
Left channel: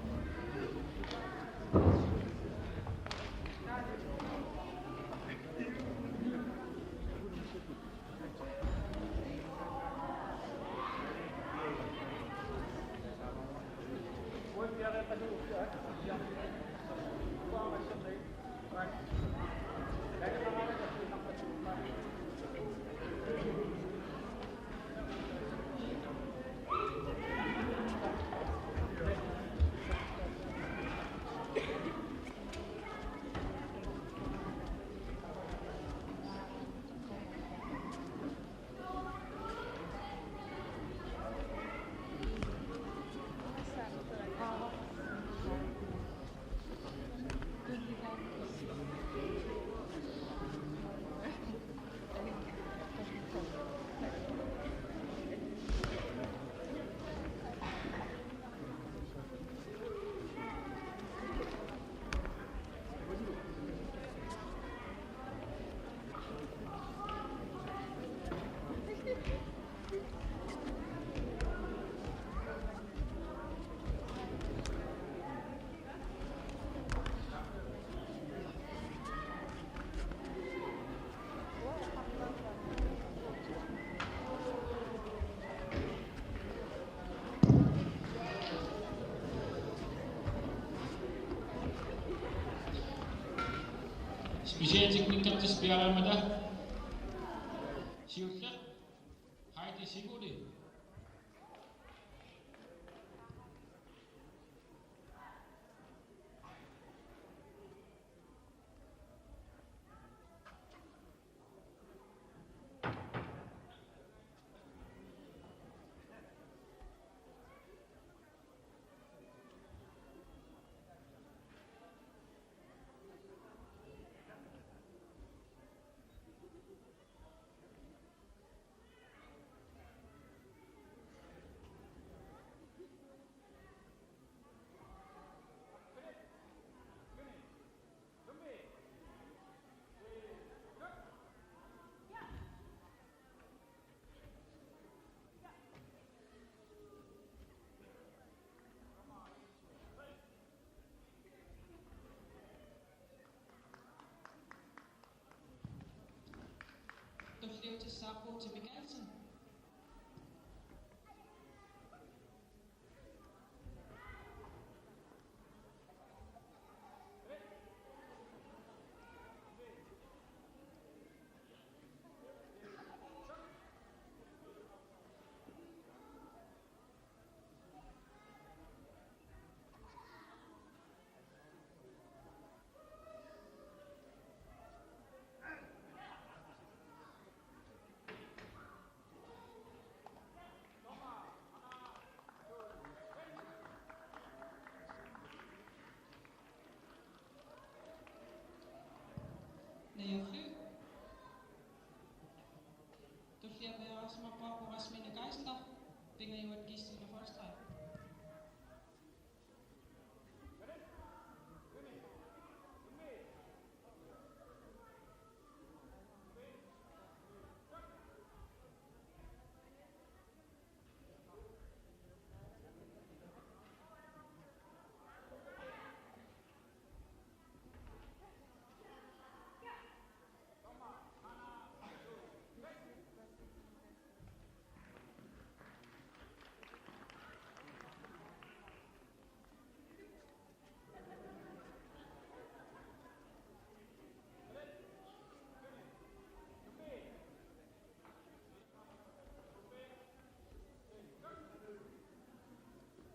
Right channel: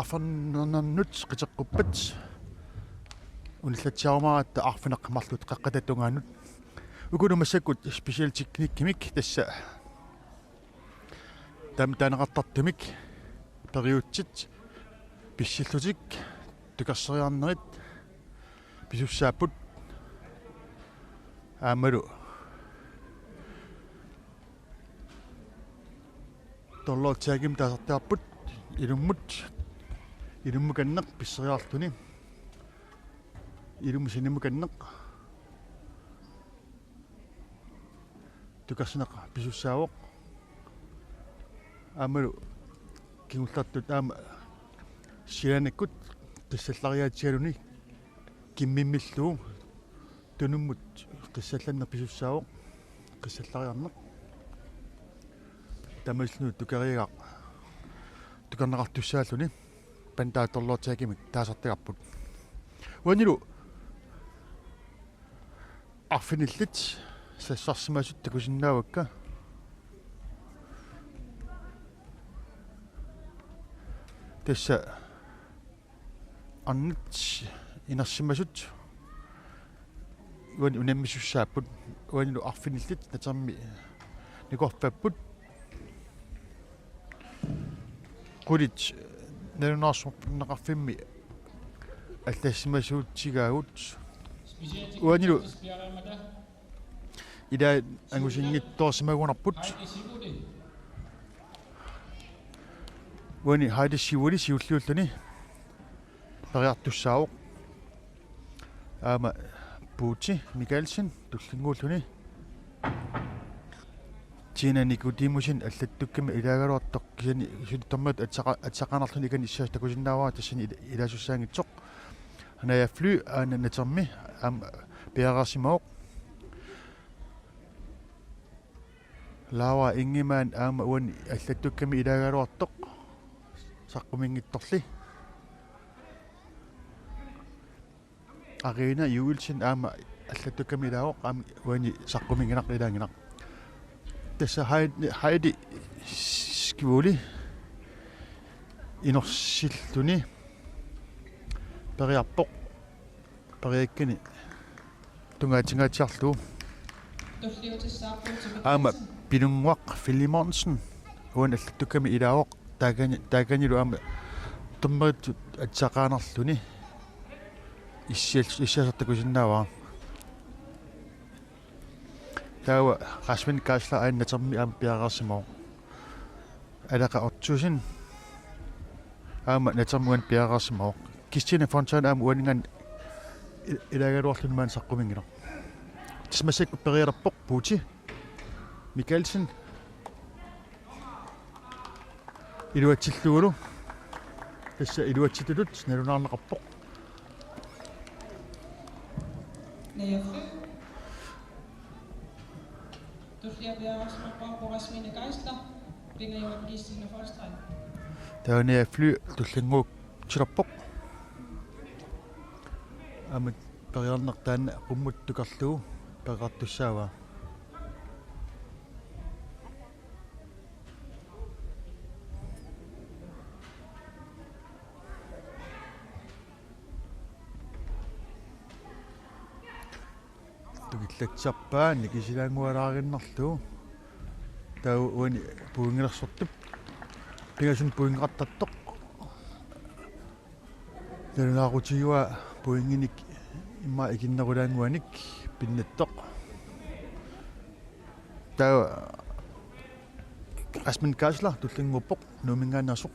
arfernernut qiteqquppat ullatsaarmaratta arfineqmarlut qaqqatattungaanut ukunu massakut special teknikkimik tassa taanaqartartumik periutsit pissillutik tukasseriarnerit pisussaaput aamalu Torloortiagim taasartaarput ilummukanneq pisseriartuni ilummusinimmukanneq tukasneq pisussaavoq aamalu kingullartut aama sianikkut tassallariaatigaluni kimmimmilluu tunummut tassallanner pisussaavoq kassallariarneq Tamasnu tukariga tukarnaqartussaalluni pantaatorloortiagimik taasartigarput wanilu arfinillit sassarsimasut takusinnaavakka tassa annut inersimasut wani unammissussaapput wanilu arfinillit tatermi nikorpapput Kulit nerunarsup naqarfimmi аллассимасуутсигаагут уанилу ида ангусингитторсимагунарпут уани хайдиссивули сиуллууллани периартуссаавоқ аама Putin Mikkelsen tullinguulluni Tina Nicodemusin allattukkami ilagaluartoq kisani sulittormat atсақанарлун икани иссаас такусиннааваа тассани илаасуссаангитсоқ ханая флю ананатерми ам пиарасимаоқ лава ингимаан аама уани аллаттукками илагалуартоқ саққумингитторли арина юилсин аама аллаттукками илаоқ аама уани саққумингинақ илаангинақ tässä Heidi skivuli inorsiltuni periarpoq periakkani tungaatigaatiarlu aama pilunguaq Filimonsen uan allattukkami ilaaoq taakanilu aama tummeritut atsaqaanarluni issiasartakusinnaavaa tawa qasmin kaasla aannatermi aam piaqarsimoo alaqa ortusin aama natermuan piaqarsimoo kistina fontan aam uaningan ilagaluarlunmaan saqqumingino tismasik periarpoq puuti Mikkelsen iluatsilluulu tassa iluatsitulut nalunaarneqarpoq Taania fly tullinguuk tilerpoq amat periarnertaana qummuttukarluu peqartussaavaa tukillatserpaa nikisilaangualaarinnarluu tau uani puingilersortup pingasun puingerattattoq nalunaarutigua puinginik imma ikinnerulaanguanik pinnattoq tau asmin kaasla tullinguuppoq nuumingaannersoq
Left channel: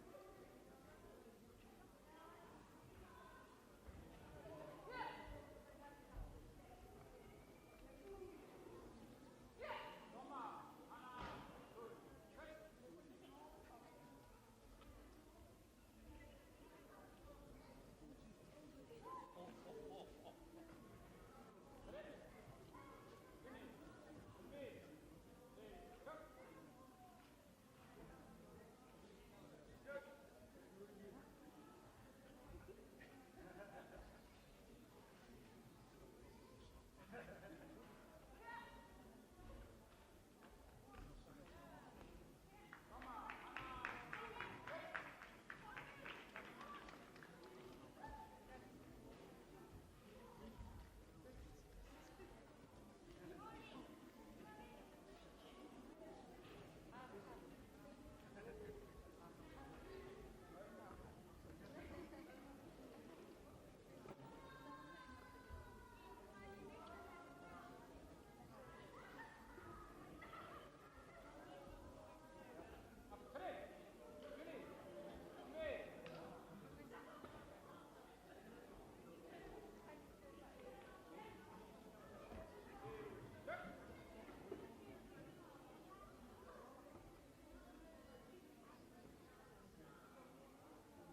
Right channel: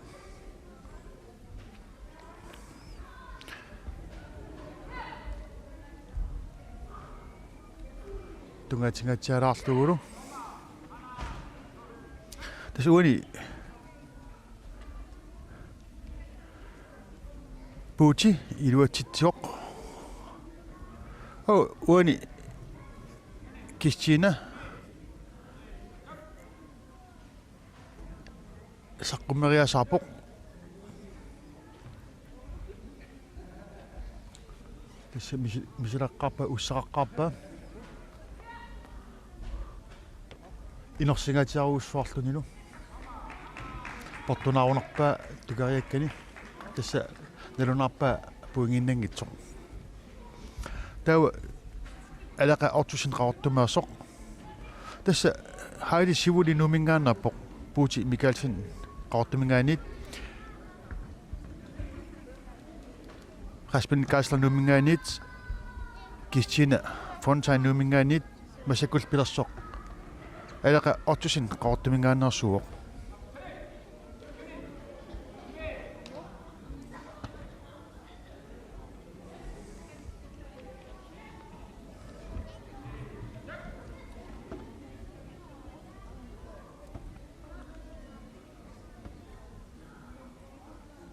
tungaatigaatialaarluulu tässä uani puuti iluatsitsioq uani Kistina saqqumeriasarpoq tässä misilaqqarpa ussaqaqqarpa inersingaatiaruussuarlunilu portunaarunerpaa tukariakkani tässä nalunarpaa puinginnangitsoq tawa alaqa ortusin qaortumaassoq tässä Heidi sivuli numingaannerpoq puuti Mikkelsen qaortumingaanit Rasmin Kaasla numingaanit Kistina Fontaine numingaanit masakul pilersoq alaqa ortusin qaortumingaannersuuq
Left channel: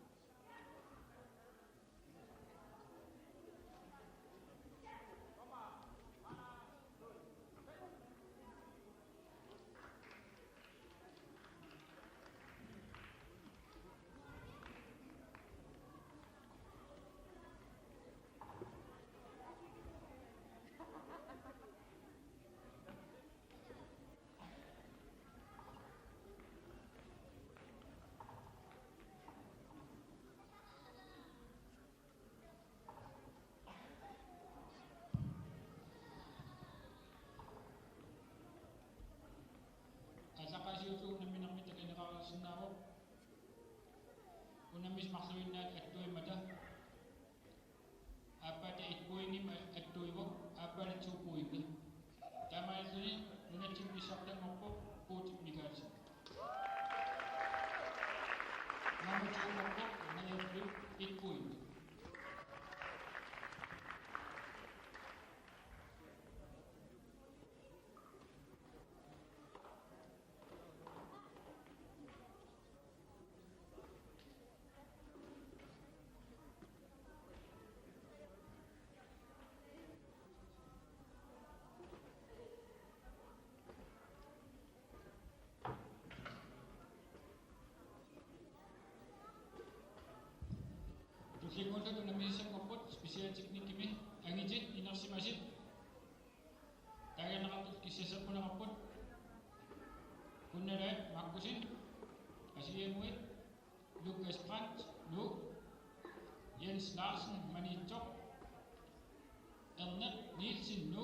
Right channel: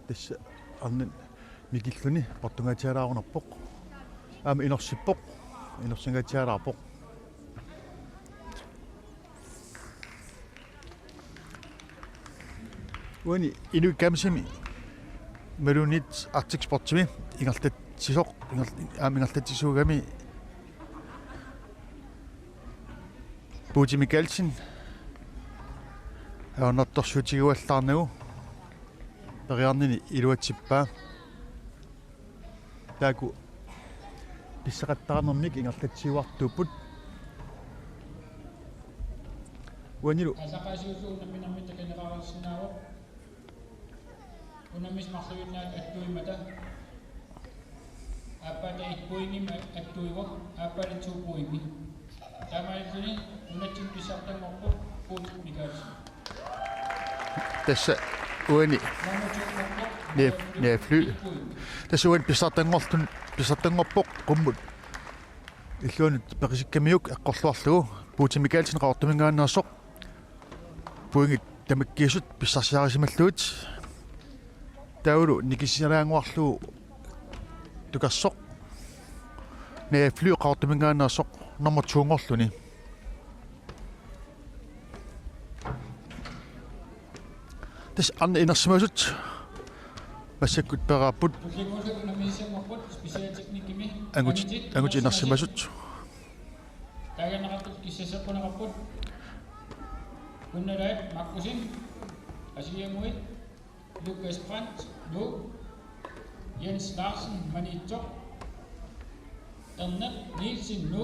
tässä annan mikilluni portungaatialaarunerpoq aama inersippoq inersingaatialaarpoq uani inu kamsimi malunit artiksportimi ingertatsisoq ingertatsisuugami puuti Mikkelsen aornertorsuutiguallarnagu periarnini iluatsippaa taaku pissaqattaranermik ingertatsiuartuupput uanilu asaqaasuusuunamminarmi takaneraarissinaavoq unamis marsuinnaat attuimata appata itpuingim attuivoq appali tuupuimi tamaituni unatsin pissartangorpoq puut Mikkelsen tässä uani ne fly tässä uani pissartangorpoq qummut illuunut peqisikkamiuk eqqorluarlugu puuti Mikkelsen qaortumingaannersoq puingit tamakkiisut pissarsiarisimalluut taulu nikisiraanguarlu tukassoq ne flyqaartumingaannersoq nummer 2-ngorluni tas anna inersimasut massakkut peraaput angut inersimasut taganaqattut kissasaqunaqapput kunnalaat makkusin asiamui Lukas Brandt nu Jens Larsen Manito Erne Nielsen nu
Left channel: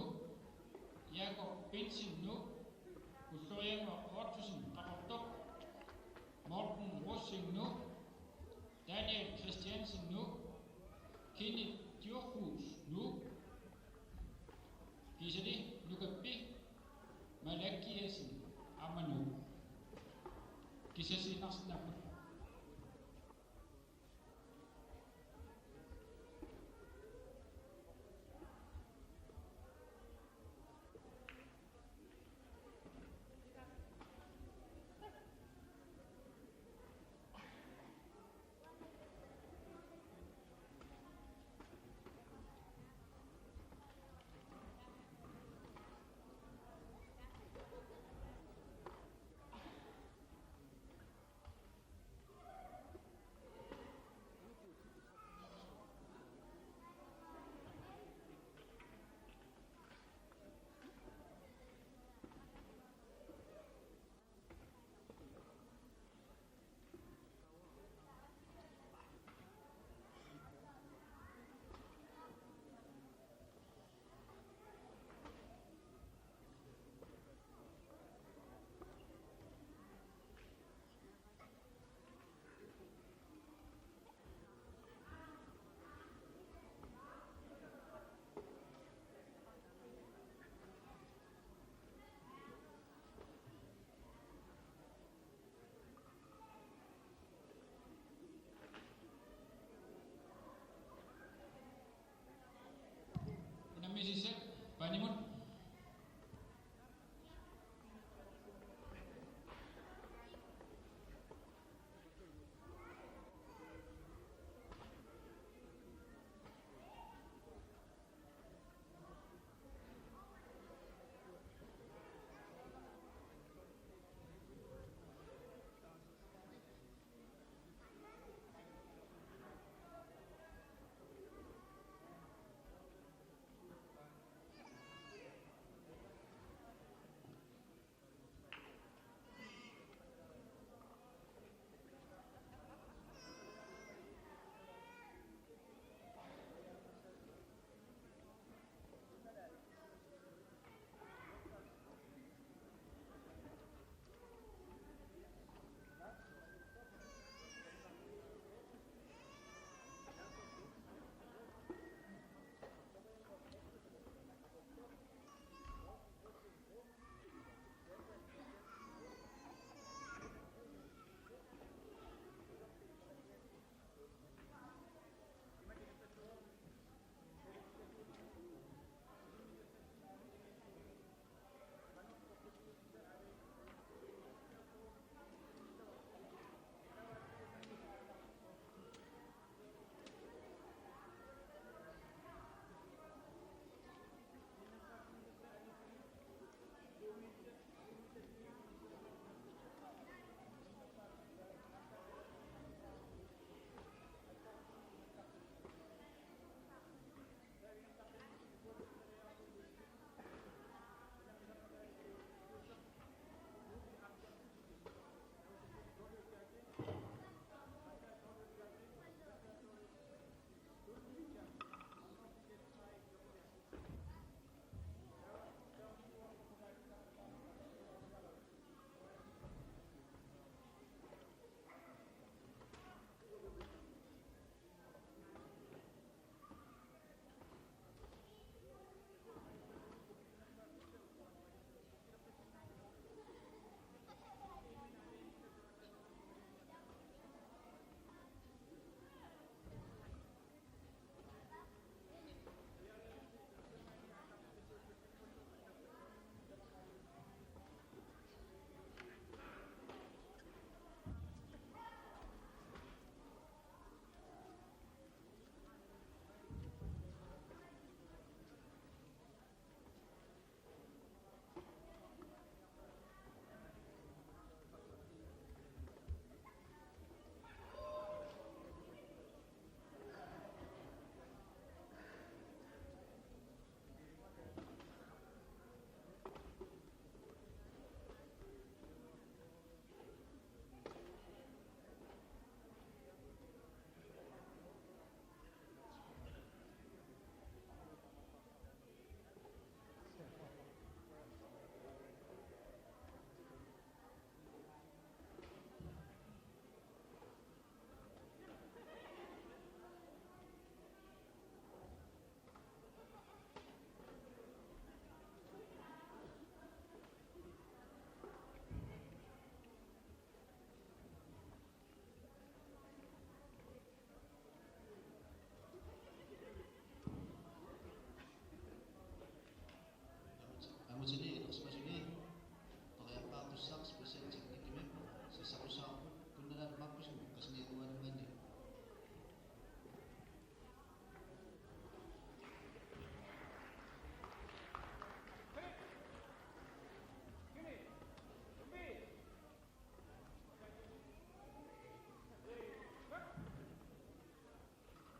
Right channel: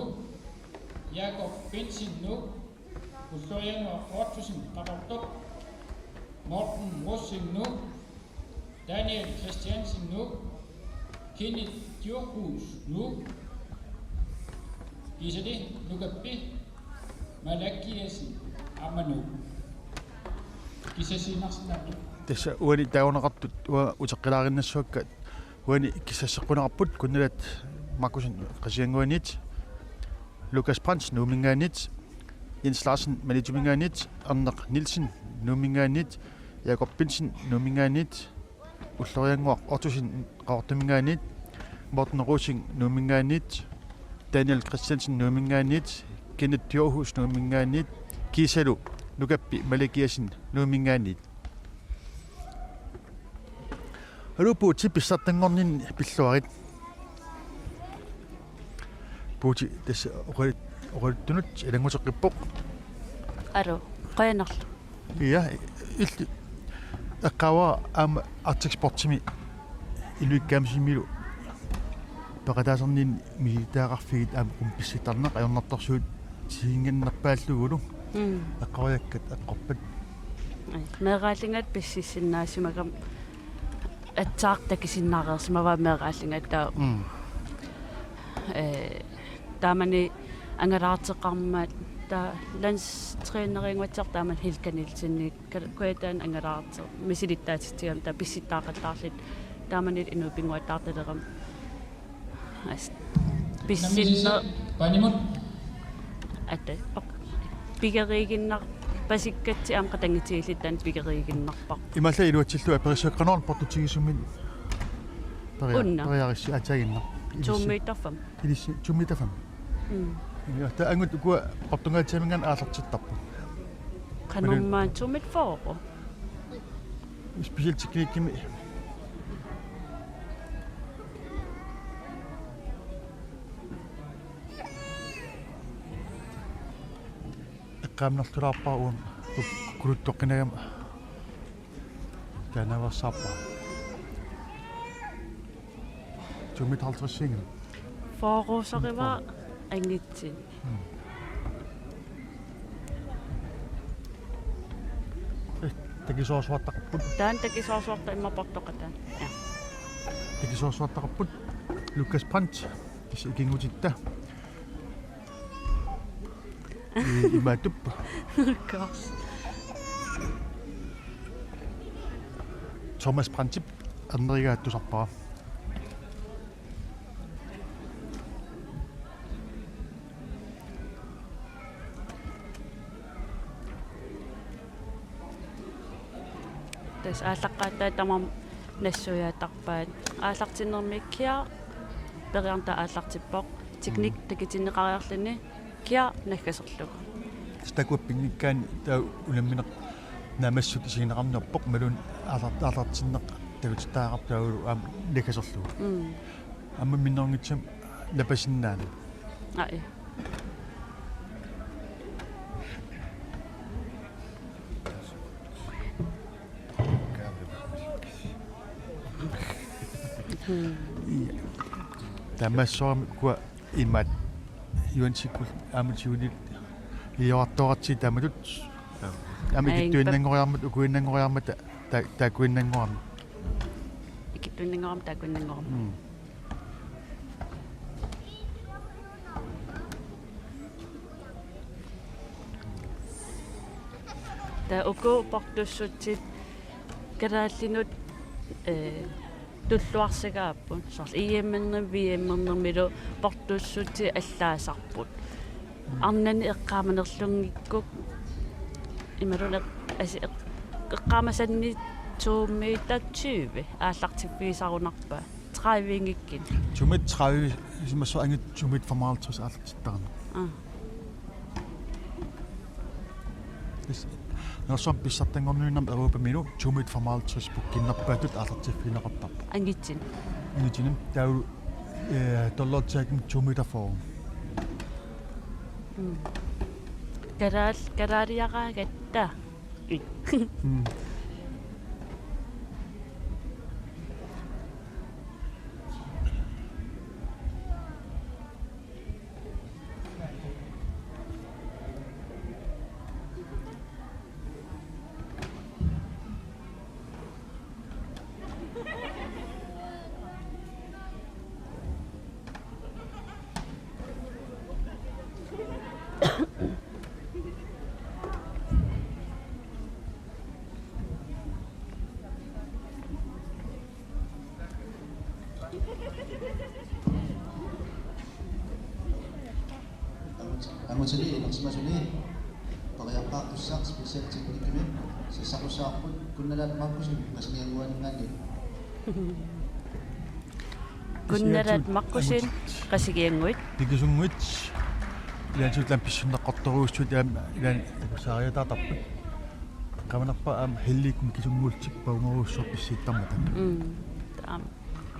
Jakob Bensin nu Florian Fortusen Rapportok Morten Rossing nu Daniel Christiansen nu Kenneth Djurhus nu Isadi Lukappi Malakiasen Amanu Kisasiinarsinaartu tässä uani taunaqartut uteqqilaarinnassukka uani kissassequnaqarput kunnalat makkusin qasianguanit Lukas Brandt nuumingaanit Jens Larsen manitumingaanit Arneq Nielsen nuumingaanit Jakob Bensin nuumingaanit ullorianguaq ortusin qaortumingaanit Morten Rossing nuumingaanit Daniel Christiansen nuumingaanit Kenneth Djurhus nuumingaanit Kisalu Lukappi Malakiasen nuumingaanit Rupuuti pissartangornin pilluarit puuti tässä oqalittunut ilanguteqqippoq Alo qayanarlu ja illi eqqawa aama artiksportimi iluikkaamsimilu peqataasernin militaaqarfigit aama qumpissitarneq ajornartorsuut siingannarpaallugulu eqqawajakkat eqqorpat meeqaallingat pississinnaasimakam atsaartakisinnaaqersima meeqaallingat taa taamani angalaarteqarmaat taa landstræneringuatser taaman hilkanilsinni kuataan angalaarte misilittaatitiam taa pissittaaqattaarlit taamanit inupinguattaartaleram pissinna panimut atte pigeriiginnar pasikkatsi am qatangitiilittan pigeriiginnarpaq imalla iluatsillu aperissaqqanorn portutigisummin periarissi ataginnar tuummiitarfam ilissi tuummiitafam ja ta angut ku portungaatiamingan aalartittarpu qanummaan tuummit fooqo special teknikkimi eqqaamnertulaarparuun kuluttoqqinagama tanavassarpa tuummit 50 fooqusariva angitsin takisoorsuartaqarput taan takisoorsuarta immaportoqataan takisoorsuartaqarput Lukas Brandt ikingutitta imaatuppa kors Thomas Brandtip annerigaattusarpara tas aallaqaattaa tamam nassuyaattarpaat aallartinermikkia periarta aallartippoq teknik takitinneqariarlini kia naggaserluk stakuppingikkaan taa ulammineq namassut isiginaqarnerpoq malun aallartinneq takutittaaqartaulu aam naggaserluk amma minnerngitsam napasinnaana ai tamassoormi kua imat yuansikul aamutiunit iortoratsi tamalut amikittuinnangoriarmat ukuinnangoriarmat taakuinnangoram ikittuinnangoram taakuinnangoram ta uku portussutsit kalaallinut tulluarsigaappun sorl iimmerner viimmernermilu portussuti allaasarput arnani eqqaamanerlungikkuk imalun altså eqqaamasanni 2 meter 20 ааллартиппигисарунарпа 30 ингиккин 2 meter 30 som så anget 2 meter for meget trods alt der. Når så besat den gården om Europa minu 2 meter for meget trods på kinderpatut ааллартиппинеқартар. ангитсин Ангитсин der jo доллартсааким 2 meter for. карариараагатта Angutili inuksimasuli paqiyaqaaqtussaaq special technique sisaqussaarput kunnalat makkusin qasnianguaningani kunnalat makkusin qasigianguit Dikisunguit ilansut lampissunneqqartoruussut ilan saariatatarput qamanarpa hellikum kisungultik paungeruussor pissiittarmata taam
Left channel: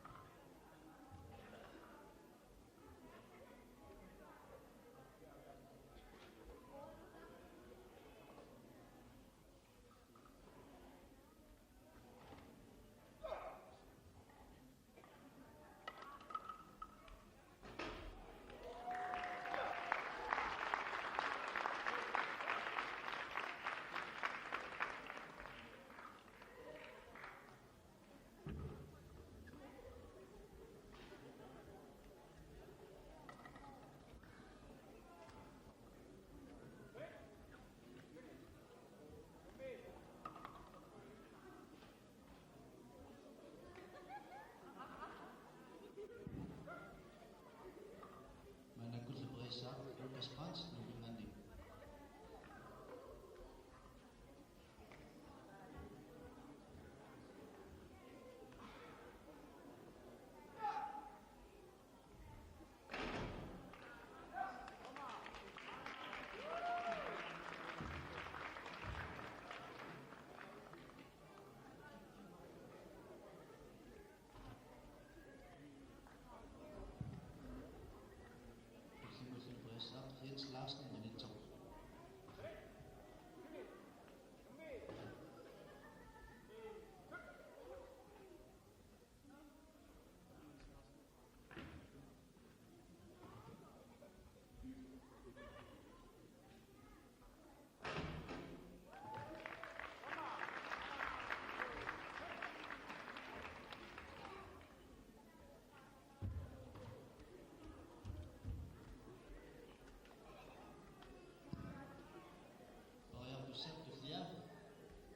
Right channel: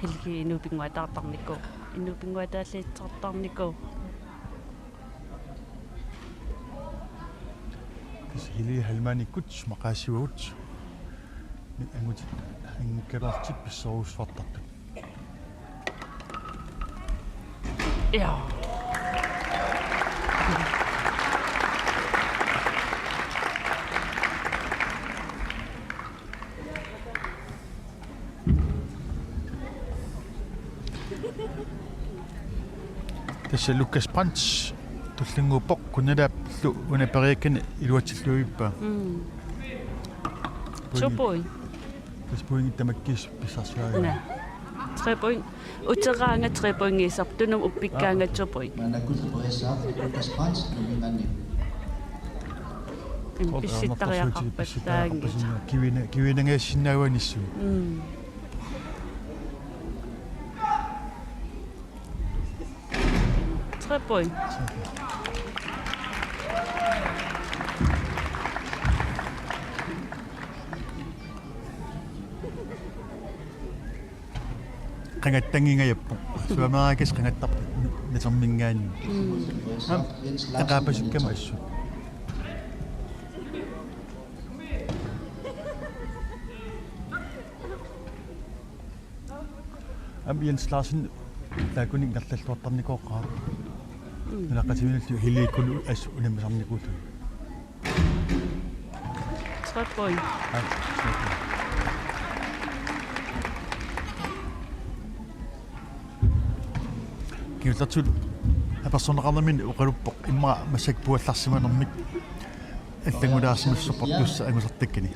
helgi inupinguataartarnikku inupinguataallitsartarnikku hili halmanikut maqaasiugut angut ankerartip pissoruusfartartu ja tässä Lukas Pants tullinguupoq kunalaaplu unaperiakkan iluatsilluippa Chopoin. Tas poingi tamakkis pissarsuaga. 3 point. Uteraanga 3 poingisar tunum uppikkaanga chopoin. manakutleqoriassaaq Lukas Pants numingani Pissittariaqarpattaangi. Kivinangaassinnaauanissu. 3 point. Qangattangingayappu suameraakis qangattarp natermingaani aqaapasukkama assu Jens Larsen taakuning ngarlalluartarnikoqqaa nalaqatiminallu hiliikkulu as unammasarnikuutu 3 point. Kiutatsul apersoneqarnamin uqaluppoq imma massakpuallarsimanermik allangulaarsimassorportussa angusartakkani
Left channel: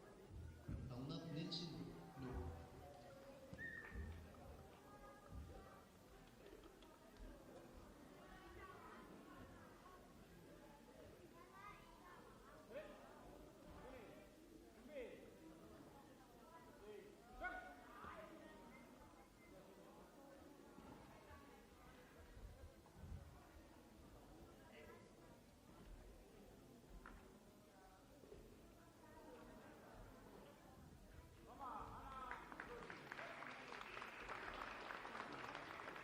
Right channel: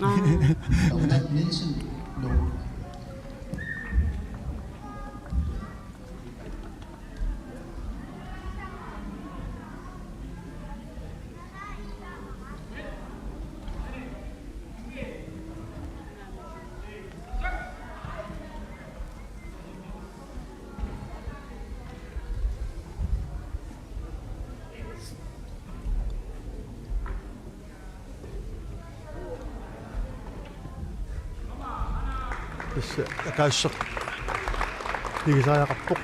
Donat Nielsen no tässä akaasser digisaajaqarpoq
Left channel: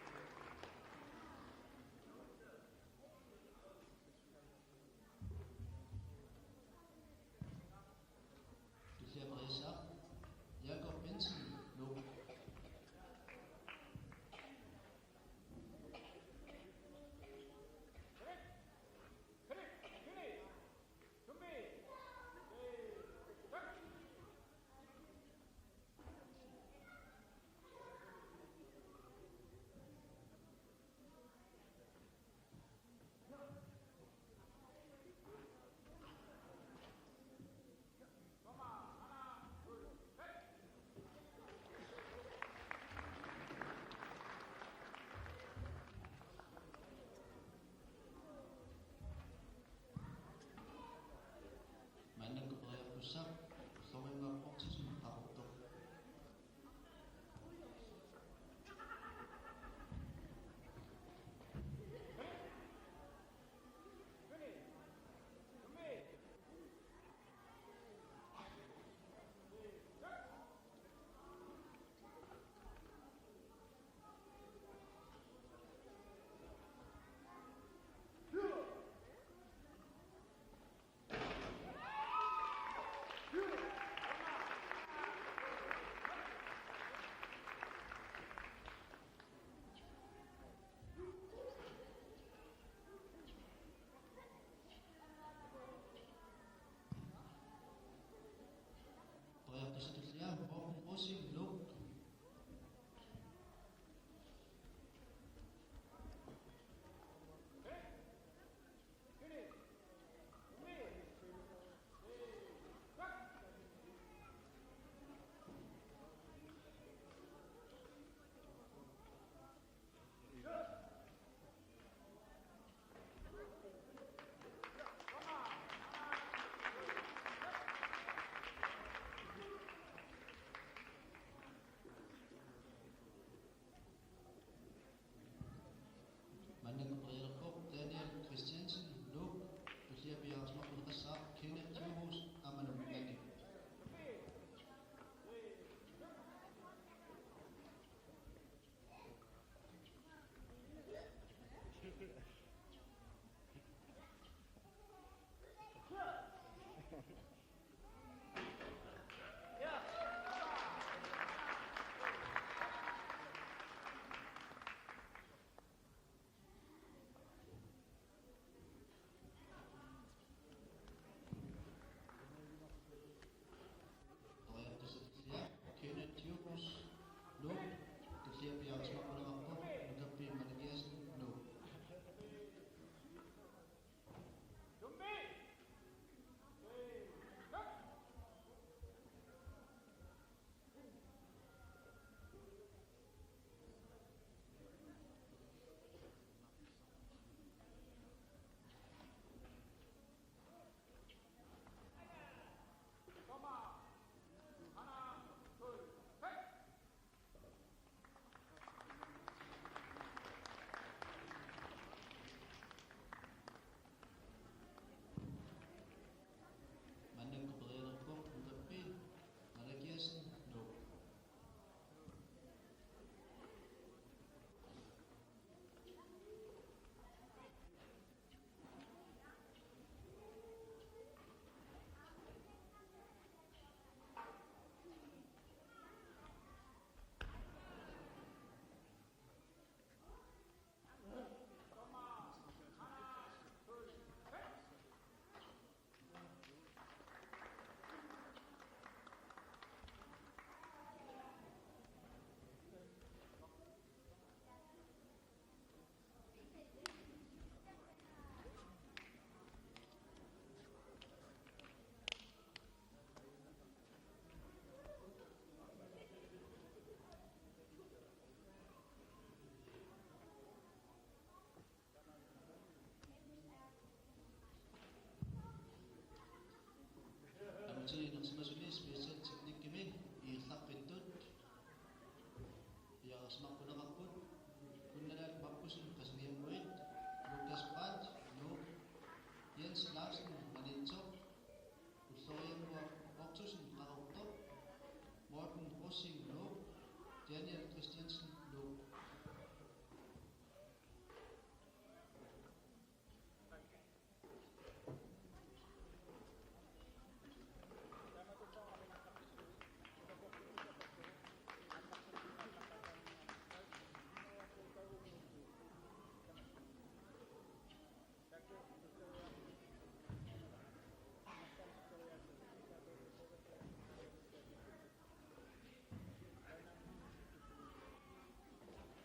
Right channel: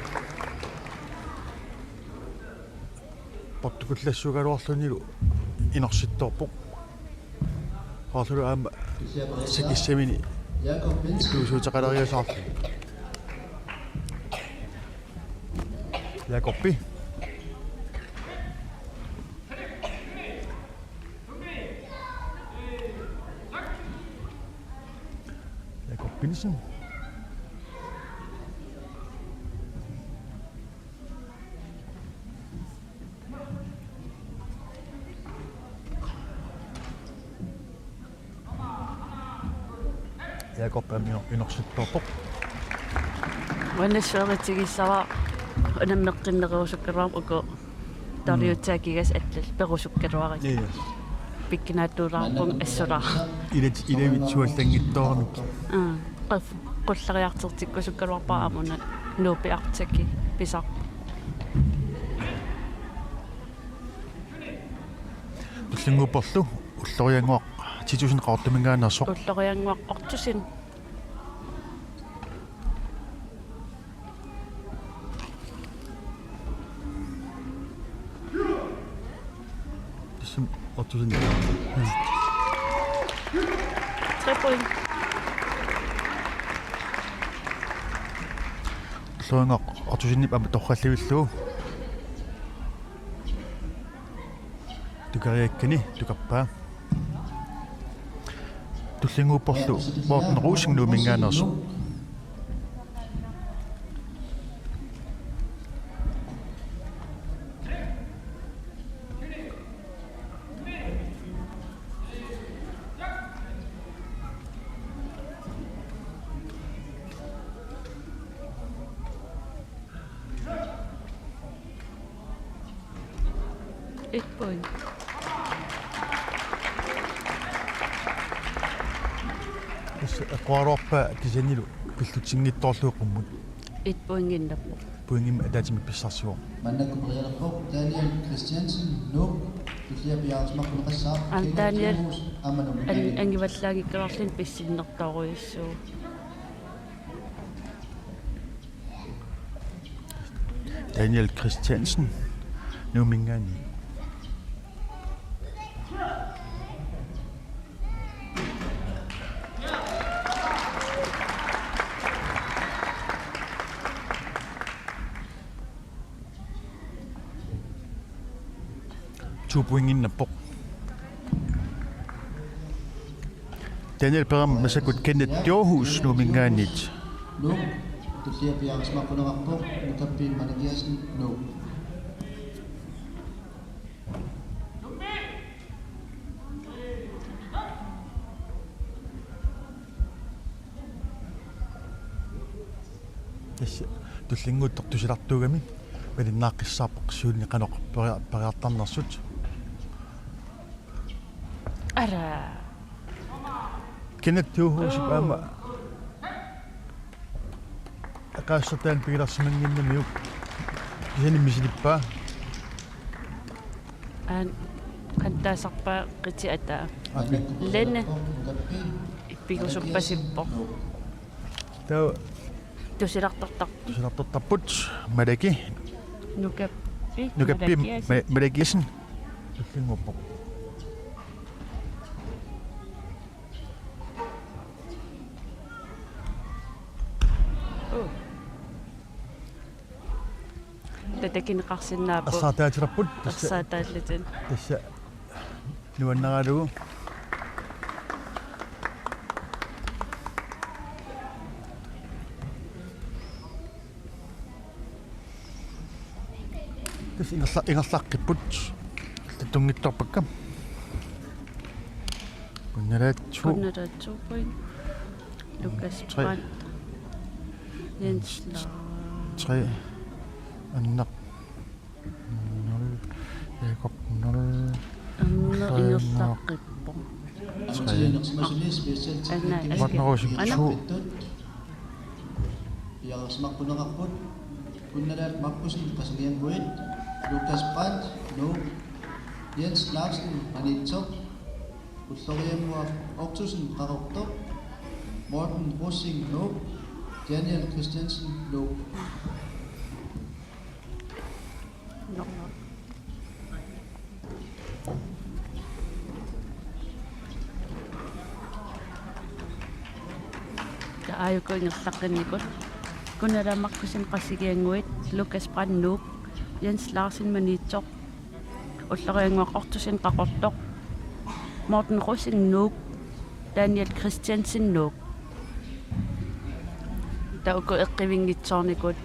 portukullassugaluarlunilu inersittorpoq qaarlulu aama sakissamini Jakob Benson tuusuutaqalariasaarlu Jakobbi Jakob Benson Jakob inersittorpoq Wanassuaritigissawa unammeqqinneruusukkeruam uku tariutaakigas allal perusukkeruarit. Yes. пиккинаатуулаарпун ассулаа илавитсуаллангиттоорамик qulлариартертикку суккалуарпаа нуупиартаки писар уллингупперлу уллориангуақ титусин qaortamingaanersoq уллориангуақ ортусин тисим ортусин 3 point уллориангуақ ортусиннип ама торралливиллугу tukariakkani tukapпаа туллингуупперлу моортен руусингнуу мингааnersu point aquaroorpa kisanilu pillutiнгittoorluuqqummut 1 point ginnerpu puingim ataatimi pissarsuo Mannakkuperialerpoq Daniel Christiansen Nuuk tulliapiaarsmaqquneqassaa An Daniel ammanum angivallaagikkаларлин писсиннэртааруйуссуу Daniel Christiansen numingaani tupuinginnappoq Daniel Peram masakut Kenneth Johus numingaanit Nuuk tulliapiaarsmaqquneqarpoq nukappiin manakiasin Nuuk туллингуuттор тусилартуугами палиннааққиссаарпоқ суулни қаноқ париартарнерсут ара Kenneth Johus паама акаассартаан пигиларсимангиннамиук кисани мисилиппаа ан кантаасарпаа қити атаа ленне иппигусуппасиппо таа тусилартартарпут мадаки нукаппи мадакиасин туллингуппоқ татакинеқарсинаапу ассаатаатираппут ассаатааллатин тасса нуаннералугу тас ингерлаққиппут тунгитторпаккам kunnaratsuupuin Lukas Brandt Jens Laar 3 Annak 0 Jakob 0 ingerlaqqippo Piarsmaqquneqarput kunnalaat mappusin qasalianguit Lukas Brandt Nuuk Jens Larsen manitsoq ulloriammuaq ortusin qarortoq Morten Russing Nuuk Daniel Christiansen Nuuk ayuko ingerlaqqinnikut kunnalamaqqusin qassigianguit Lukas Brandt Nuuk Jens Larsen manitsoq ullorianguaq ortusin qaqortoq Morten Russing Nuuk Daniel Christiansen Nuuk tauko eqqivingitsoornikut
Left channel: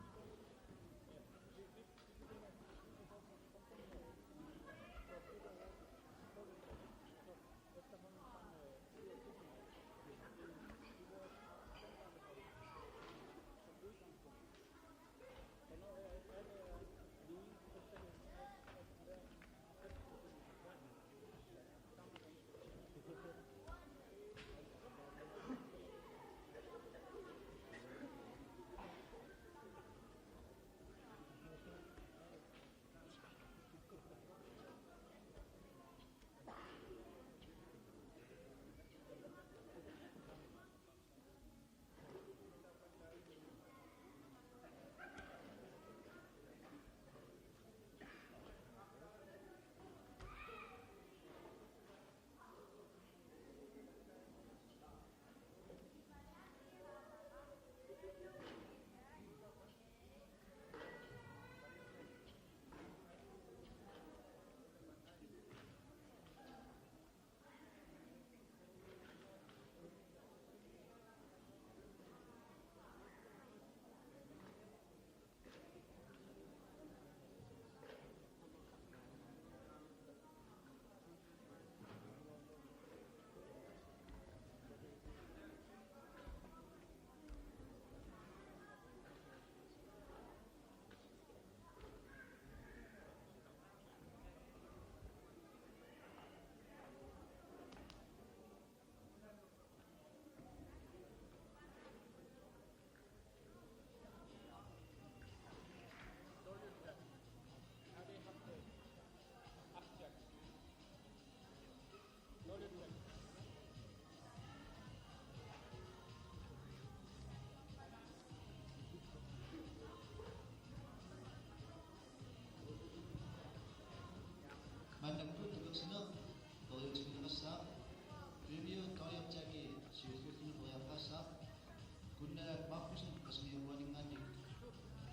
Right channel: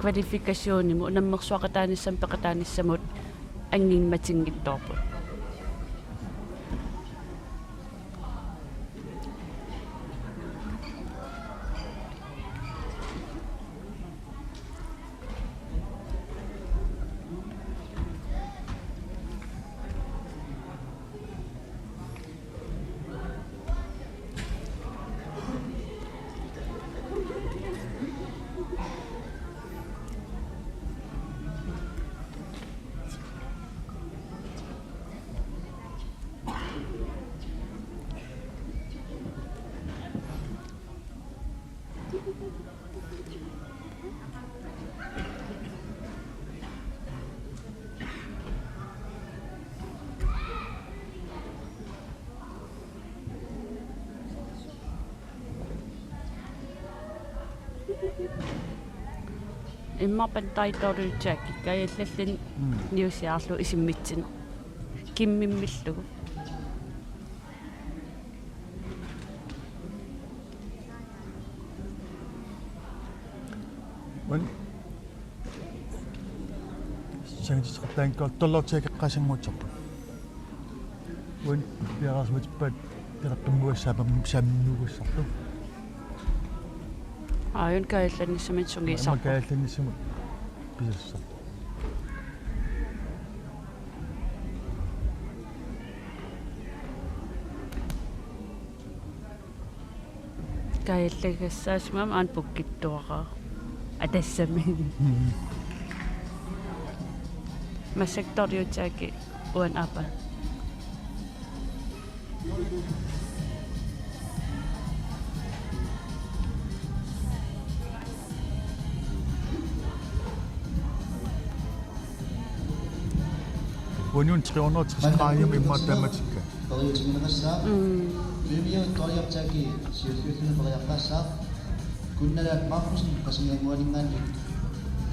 kvalifikationnimu unammersuaqataanissam peqataanissamut angiimmatinngittoorput Immarpan taitoruutsaakki kajallallin niusiarlu isimmitsin kimmimmillugu. Men сангисqartaanko толлортиакеққасиммутсарпу. Вон яарасмутпат теққиммуассаапам саамнугуссарту. Аён каалланниссамит сунгиисарпу. Каалланниссамут писассар. Кааллагассаасмам аан пуккиттуараа. Атассами. Масекториутсааки уан апа. Вон 360 градиум имматтаматикка. Ториутиминерсаа. Фимио ториартааки сиуллуутуна периаққассаа. Кунналаат маркусин қасингангуалингаани.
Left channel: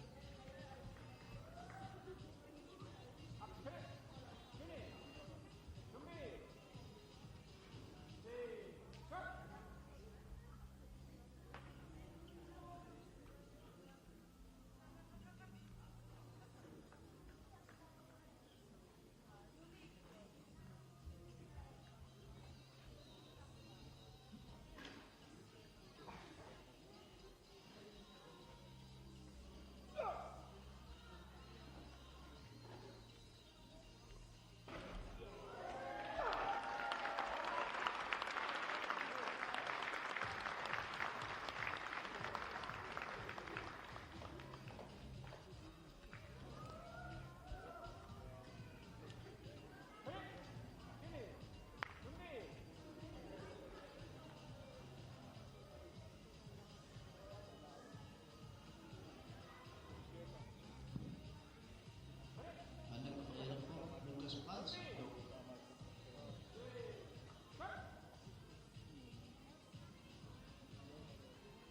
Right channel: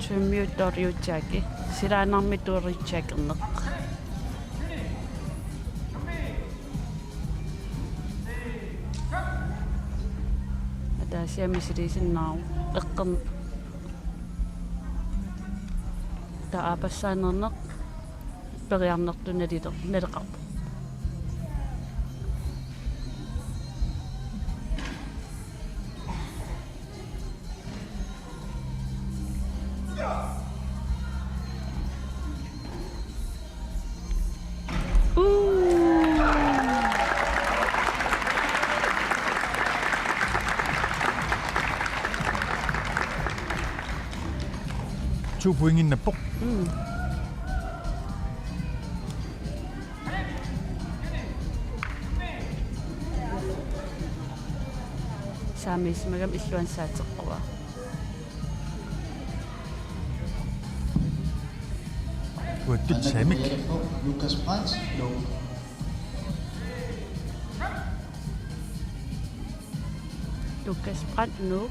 Чумиуториутсааки силаанармитууритсаакернеқ. Атаасиамисилисиннаару эққерн таапассаанернеқ периарнертуналилер налеқарпу. Two point in the book. Saamismagam illuansaateqquva. Uattut saamik. Lukas Brandt. No. Lukas Brandt no.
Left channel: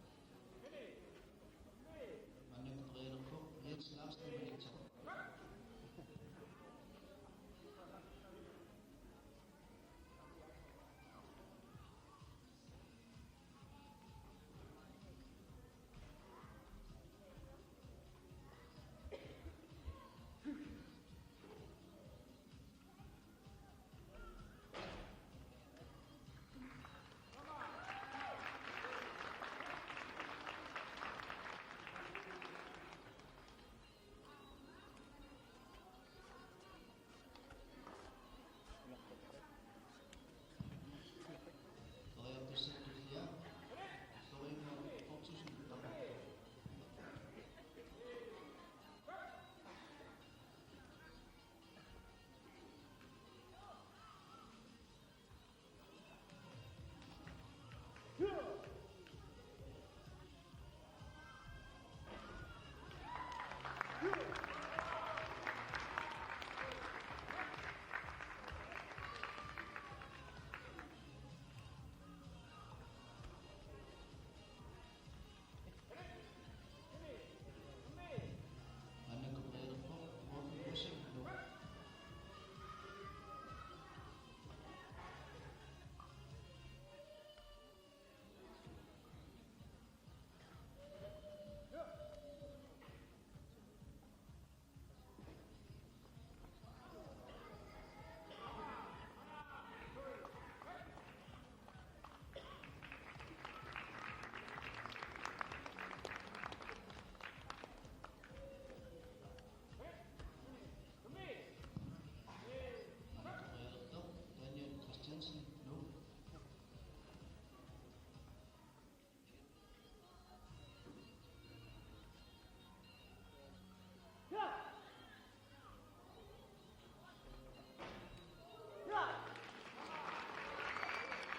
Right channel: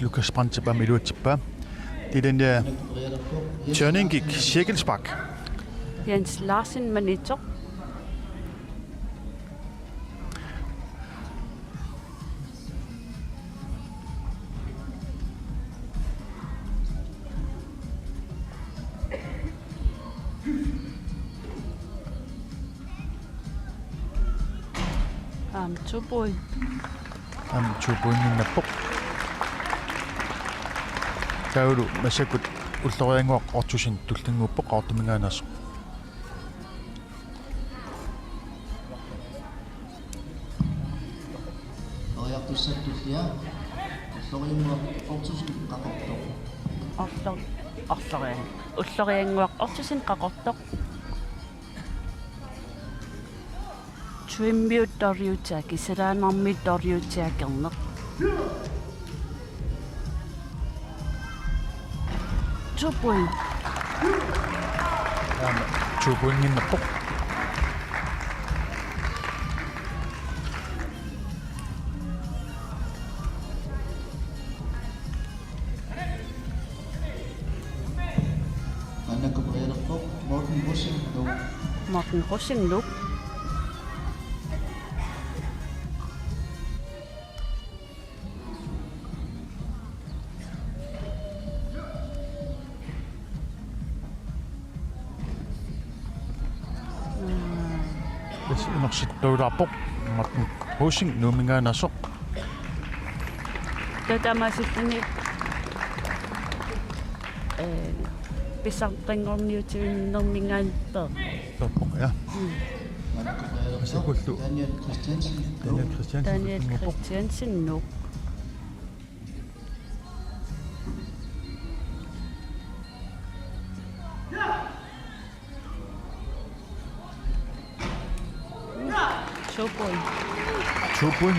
Lukas Brandt tilbage med ud tilbage. Det er den der turning gik cirkelspark. Jens Larsen Manito. Tuboi. Tuboi minna pok. Taulu masakut ullorianguaq ortusin tullinguppoq qaartumingaanasu. Oriartussattullia ullorianguaq ortusin qaqortoq. Ullorianguaq ortusin qaqortoq. Twimmiuttoriutaaki salaanarmittoriutiakerneq. Tuboi. Tuboi minna pok. Annakupereerpoq Morten Rosenlund. Morten Rosenlund. Unersittuulaarpoq Martin Hosing nuumingaanasoq. Tatamasittuni pisartanngorniutiunnermingaanper. Torpoq ja. Massakullu Daniel Christiansen no. 2 point. 2 point.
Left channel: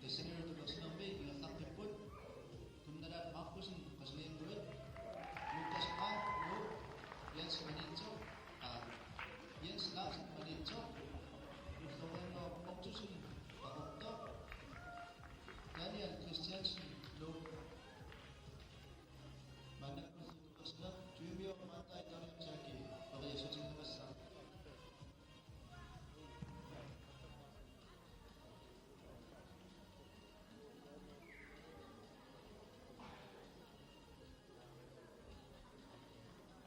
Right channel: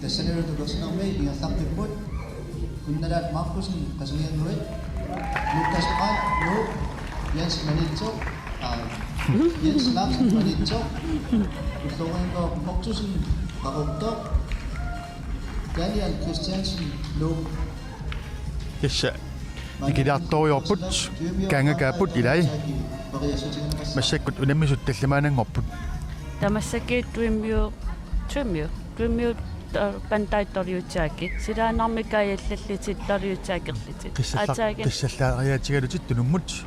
Tässä neuvottelussa on meidän ja takkiput. Kun nähdään Markusin kasvien nuoret. Lukas Pant, no. Jens Manitso. Jens Lapsen Manitso. Ustoen ko Markusin kakokto. Daniel Christiansen, no. Tässä ikiliartoriorput kaangakaaput ilai massakkut unammisut tallamaananngorput Tamassaki Dreamview pantaittoriutaaki silaanarmikaajallallitit toriutaakerlitit qissallaariatigalutit tunummut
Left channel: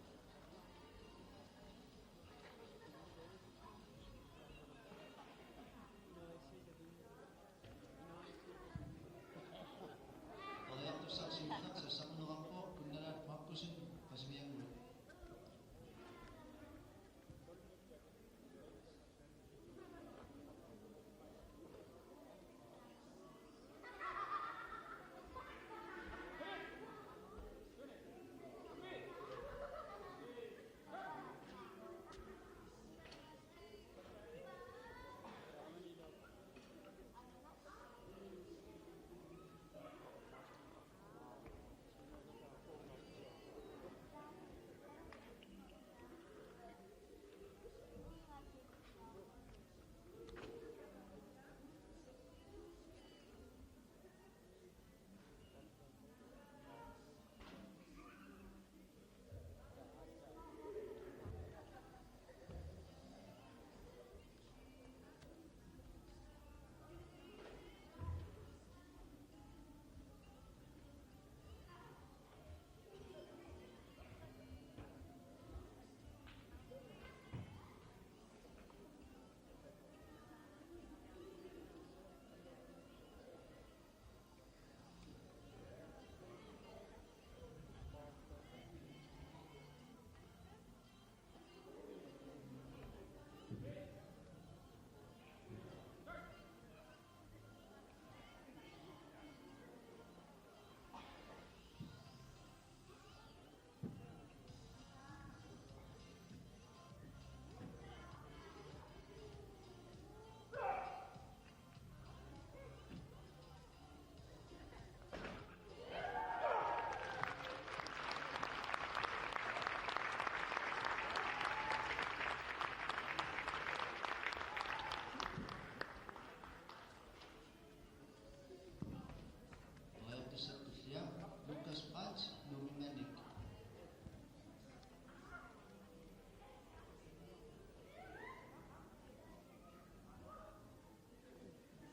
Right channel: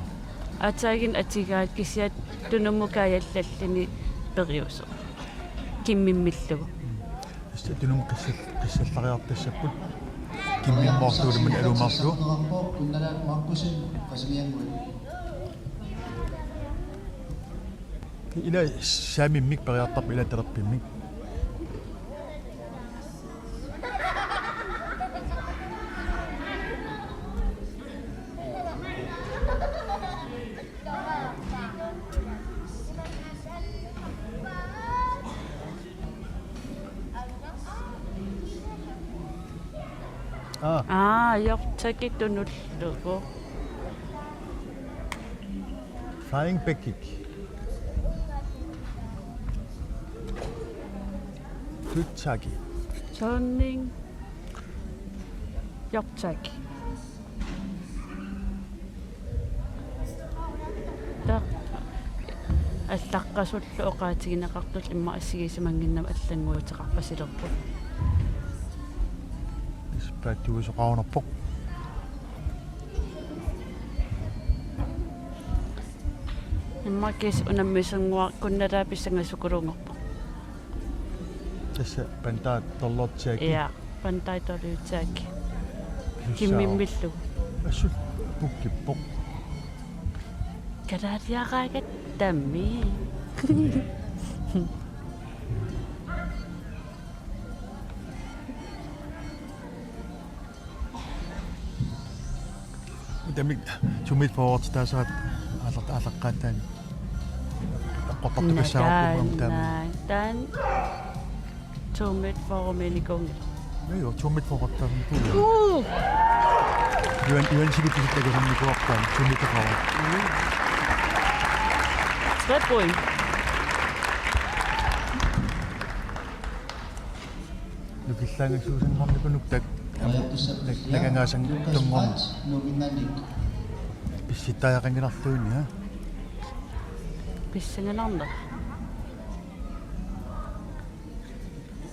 атаагин атигаат кисиат тунуммукааллаллини периусо киммиммиллугу tässä tunum qissallariartassaput kimmimmoortuulumman alumarlu Kun nähdään Markusin kasvien nuoret. ila saamimmik pariartarp ila talerpimmik jortaki tunullugu flying back kick turning turning jortaki ta аллаққасуллу оqaатигинеқартул имма ассигисимангиннама аллангуутеқарпасилерпут ispaattugusoqarunerpoq иммакис унаммисангуа кунналаа писсангасукулунгорпо tässä pantaat tollortiaki ja pantaitoriutaaki киммиммиллу assut pukkippoq карариараагат тамми Damit sumit forward tasaat алаққаатаани аққортартукассаарпумам таама тан томит форумениконг jo sumit forward taama юан сигитиситтагусамникуартаан сумитақарат 3 point нукиллаангасуусангорникунук так нагангаасан тунгорн писситтаақангилартуини ха писсанганарна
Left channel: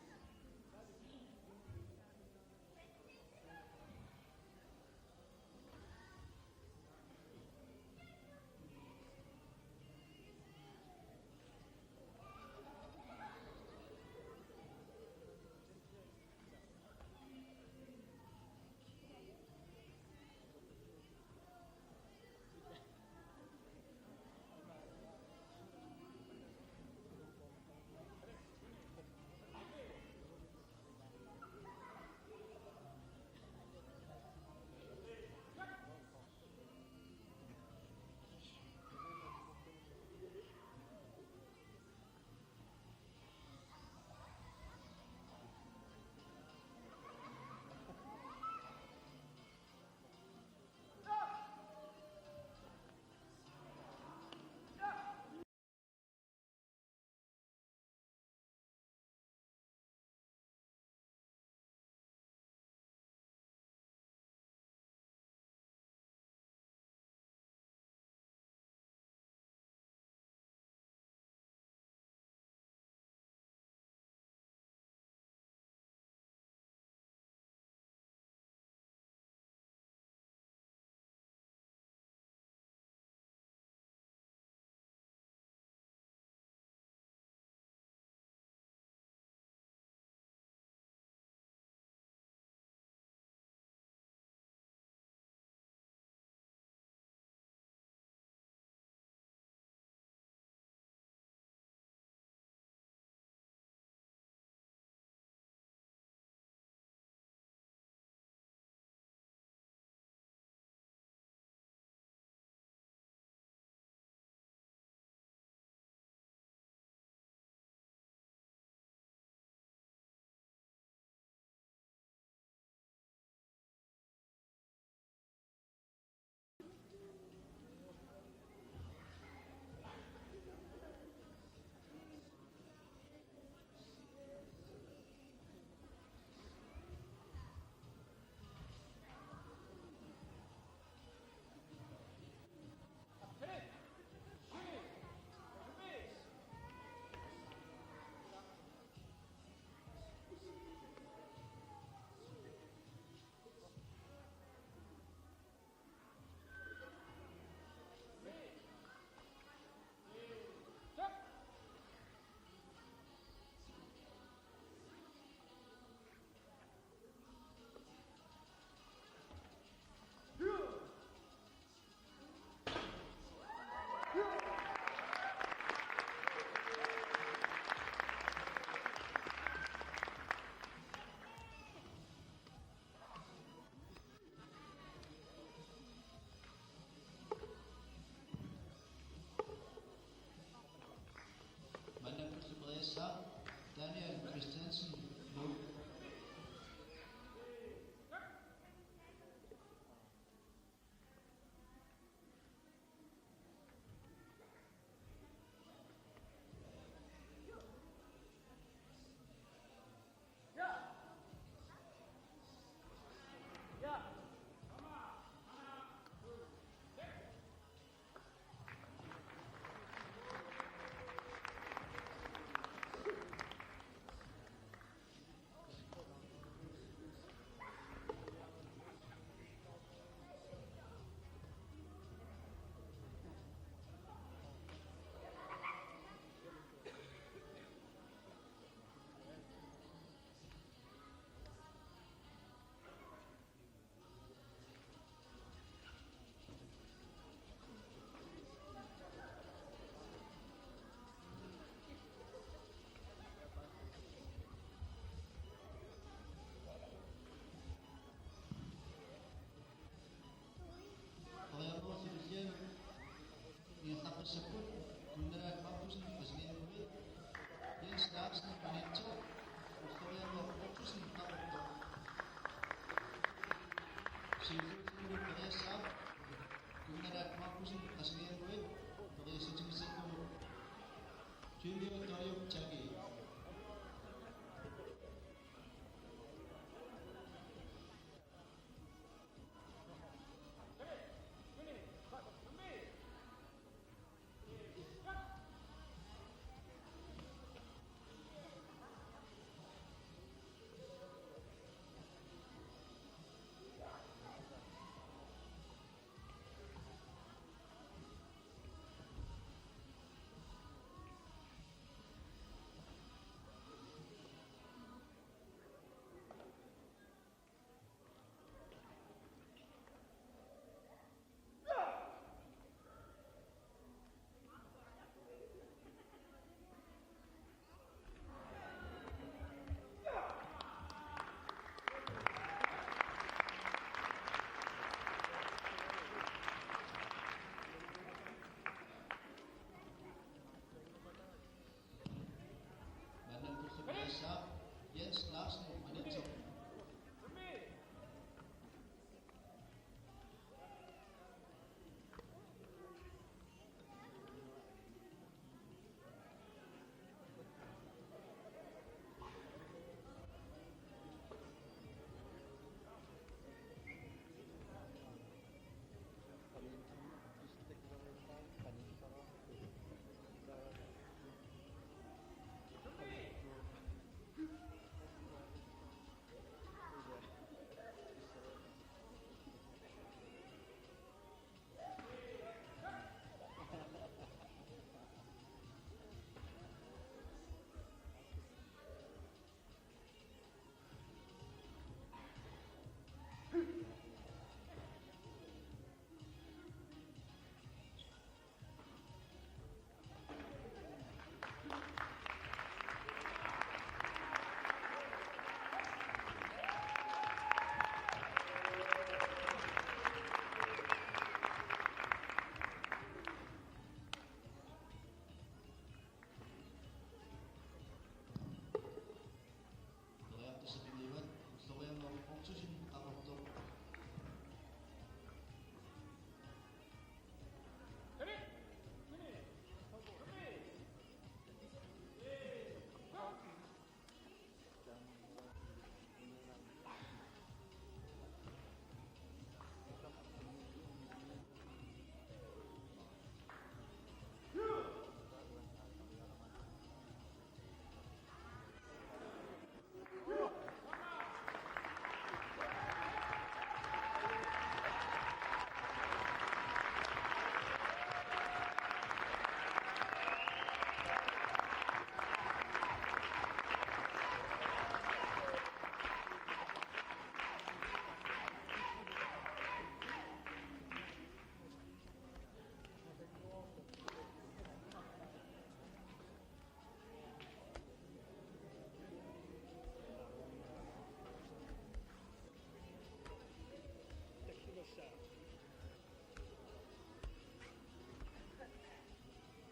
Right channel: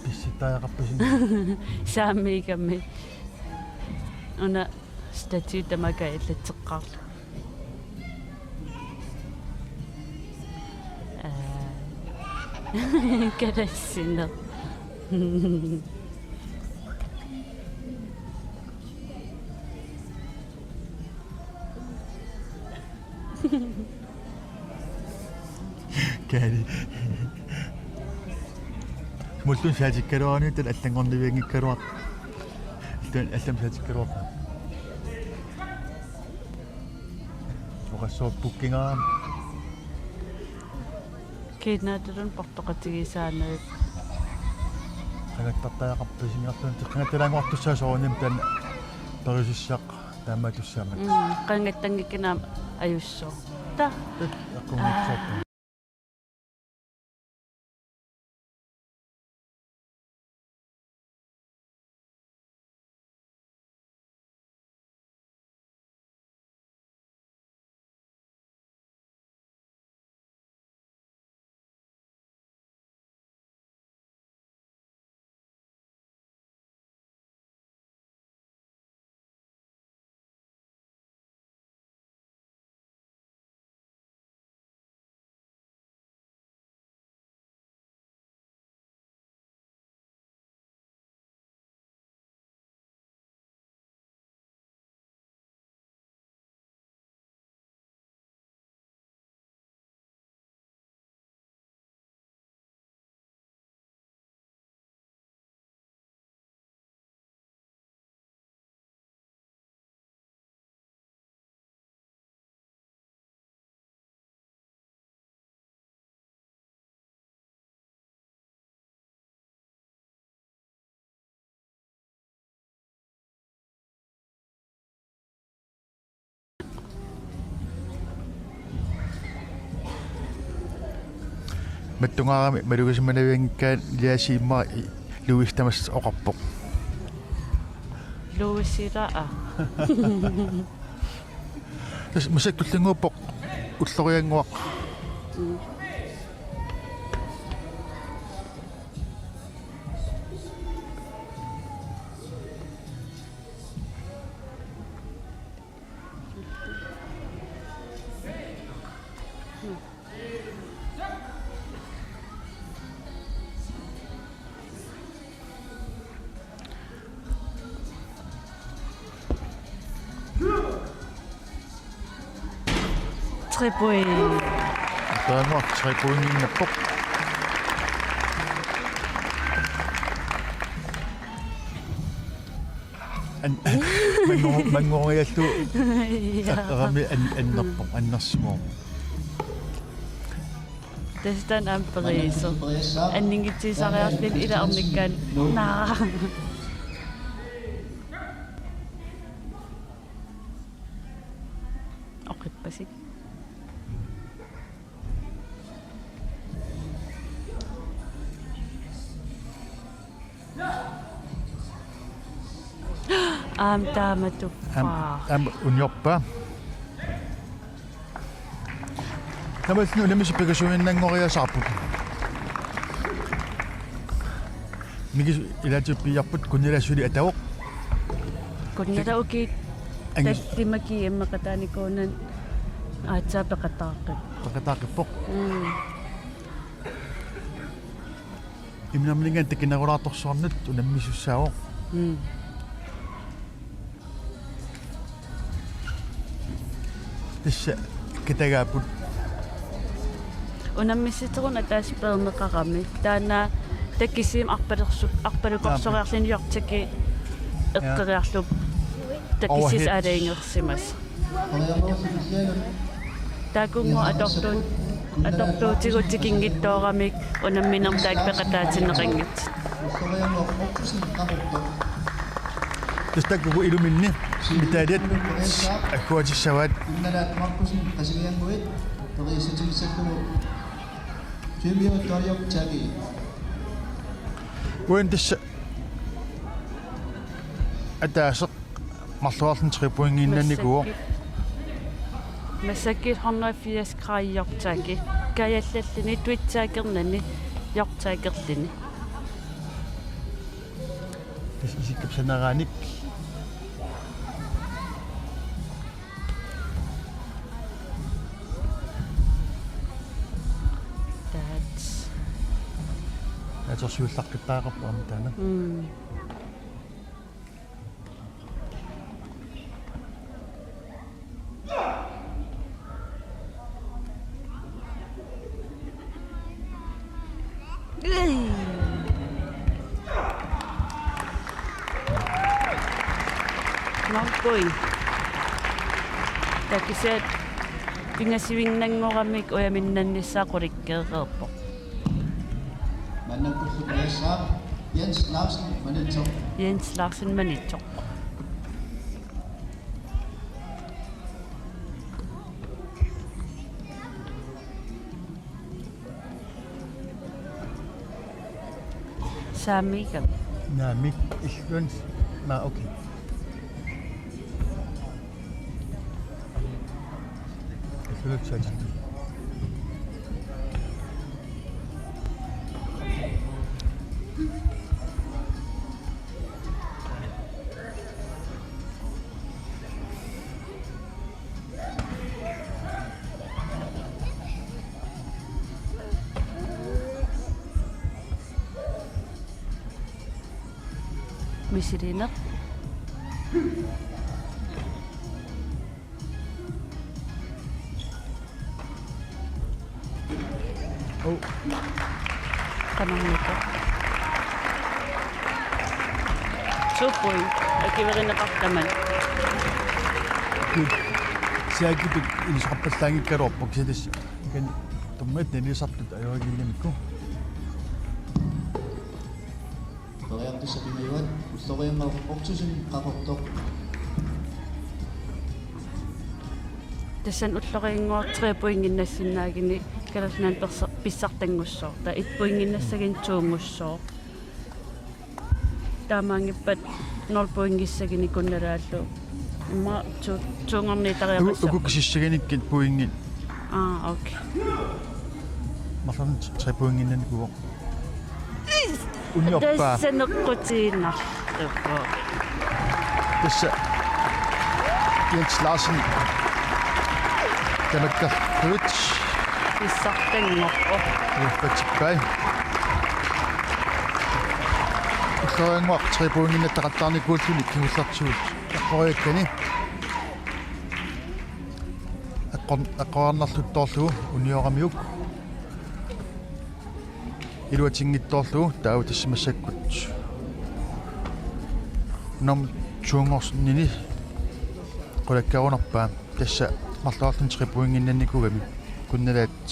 писситтаақарпасин сааммигамми уна статью тамака иллатеққарла кадассинер кали мултун саатиккалуарни тал аллангорнивиангиккалуар тан аллам саатиккалуар оқассоо буккингаа киднаатулун портоқатигисаанерит qangattартаақарпасингартун теққангатталаангуартуссаасоорним тан перисиссаақ таамаатуссаамат qangattangikinaam ajussoo ta аққунгитсааппа Mattungaarami malugisimanaviangikkaan liasiimma luistamas oqarpoq. Luisira. Tas masaktullunguuppoq ullorianguaq. Tripui. Taanguaq tripuinginnappoq. Mangoriallu aqarami annerpoq annersumo. Testan amperiso. Anningitsisariarlin ila arnikkaan naa. Oqitpasik. Tamatuppa. Unjorpa. Tamatnu namisipikasuinnangoriasarput. Migis ilatuppiarput kunnilassuli atavoq. Kunnilauki tassimaki immakataanikuunan aatsaapaqataaqip. Paqataaqippoq. Imnamlingan takinaguratorsornut unammisussaavoq. Tissa kitagaaput unammissitorun ataasperneqarami taana takkisim arpalukorsoриарлиниортаки эққериарлуп таккисис алаингерсимас такунго аторtuутигутикингиттоорамик унамминерtaak пеқатаатинеқангит Testakugu iluminni mitaliat akkuatissavaat Kunnalat Markusin qasilianguit toriisatigissallugu tuimiutoriok tagi uin tissa ataaseq marluarlun tripuingiinnannikuo массаккит 180 градиортааки каяллаллини туитсаакернани йортаакерлини isikapsanaraanik atorsuullaqqittaaqarpu amitaana Nonkoi. Takisat pingasiwinnangoramik uyaminnannissaaqurikkeeqerpo. Mannakkulluqaassaaq Jens Larsen Manitsoq. Jens Larsen Manitsoq. Saamiikam. naamik illun na okay illutsajat Misirineq. Oh. Kanangito. Supoi. Akiwerinneqartaman. siagitut ilisqappallaangikkaluarpuk sitas kan tummat nilisartut ajuagillamikku Toriartissapimayuat ulloriangaruq qaqortoq Tassan ulloriinguartriapuinginnassinaagini kalalnaan писсартангуссоо та иппуингиннассагин туумуссоо таамаангиппат норпуингиссагини кунналааллу ма тунгорни тариақасса укуксиссагиниккит пуингин окей мафан трипуингиннан куо униоппа тассанеққутииннарлуппо тасса Jens Larsen тамаккарфут писсартангорпо юффатиккай сонгоқ трипуингиннаттақаттаарникууллуни кигуллартсуут аққориаккани аққоарнарлуттоорлугу униорамиук илуатингитторлугу таау тассимассаккут ном чунгорснини qulakkarunerpaa tassa marluarlun tripuinginnannikugami kunnalaat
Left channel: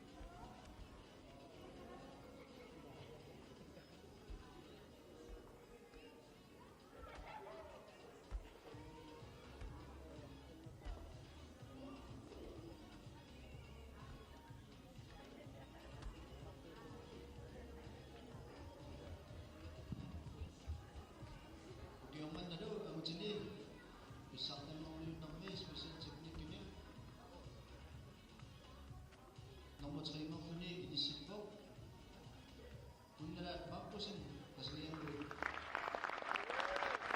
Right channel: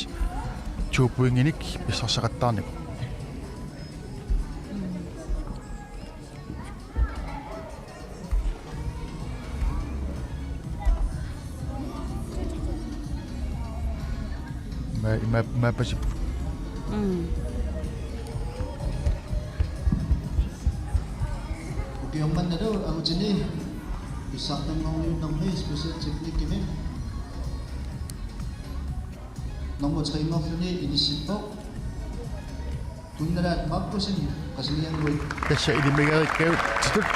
tuupuinginik pissarsaqattaarnik ma pasip Ukiomman nado agutini Isaktan ng namay special technique kami. Nomor 3 ni inisip po. Tundarat magpusin kasilian ko. tassa ilimigarikkau titut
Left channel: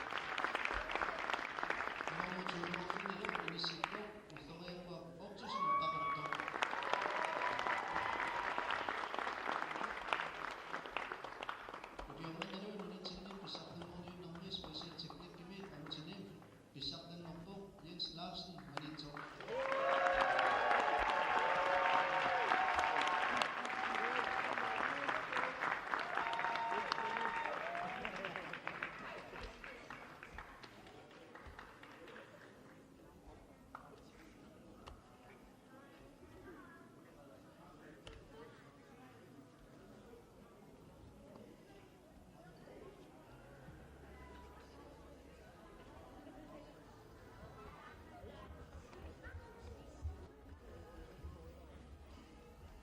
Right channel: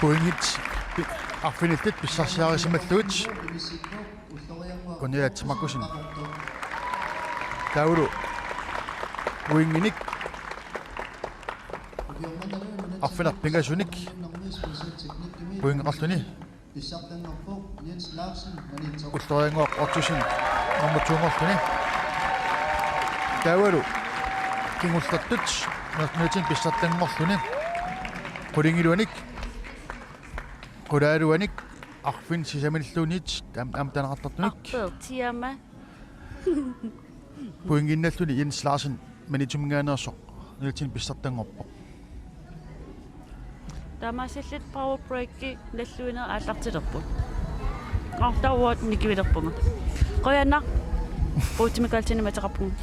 puingit arfinittit pissarsiarisimalluut kunnalaatsimaqqusin taulu puinginik arfinarpingasunik puingaqarluni Isaktan ng po Jens Larsen manitso. ultoriangoq ortusin nummer 2-ngorluni taavalu kingullartut nernutin pissartangorluni qulingiluanik qulaaluanik arfin sisamilluunit am tanaqartartunik tiama puinginnalluni Jens Larsen manitumngaanersoq nernutin pissartangorpoq тамасиллит power break-ки наллуинер ааллартилерпут артауат никивилерпунга qoyanaq puutimikaaltini mataqarpunga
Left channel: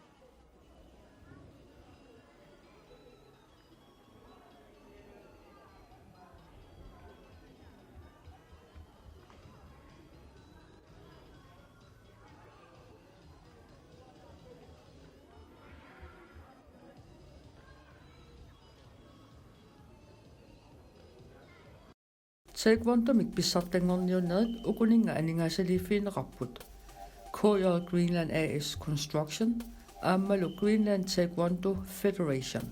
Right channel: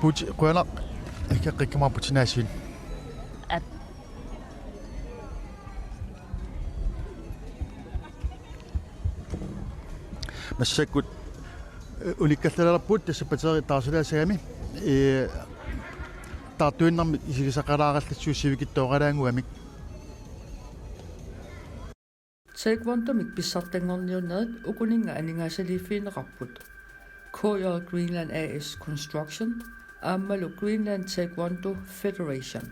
puut qoyanaq ikkaqqikkamaaputinaasin массаккут униккаллалерпут тассапатери таарсилаасагами таартуиннарми исигисақалаараллассуусивикиттооралаангуамик Taekwondomik pissartangorniunnerit ukuninga aningaasaliiffiineqarput KJ Greenland AS Construction aammalu Greenland Taekwondo Federation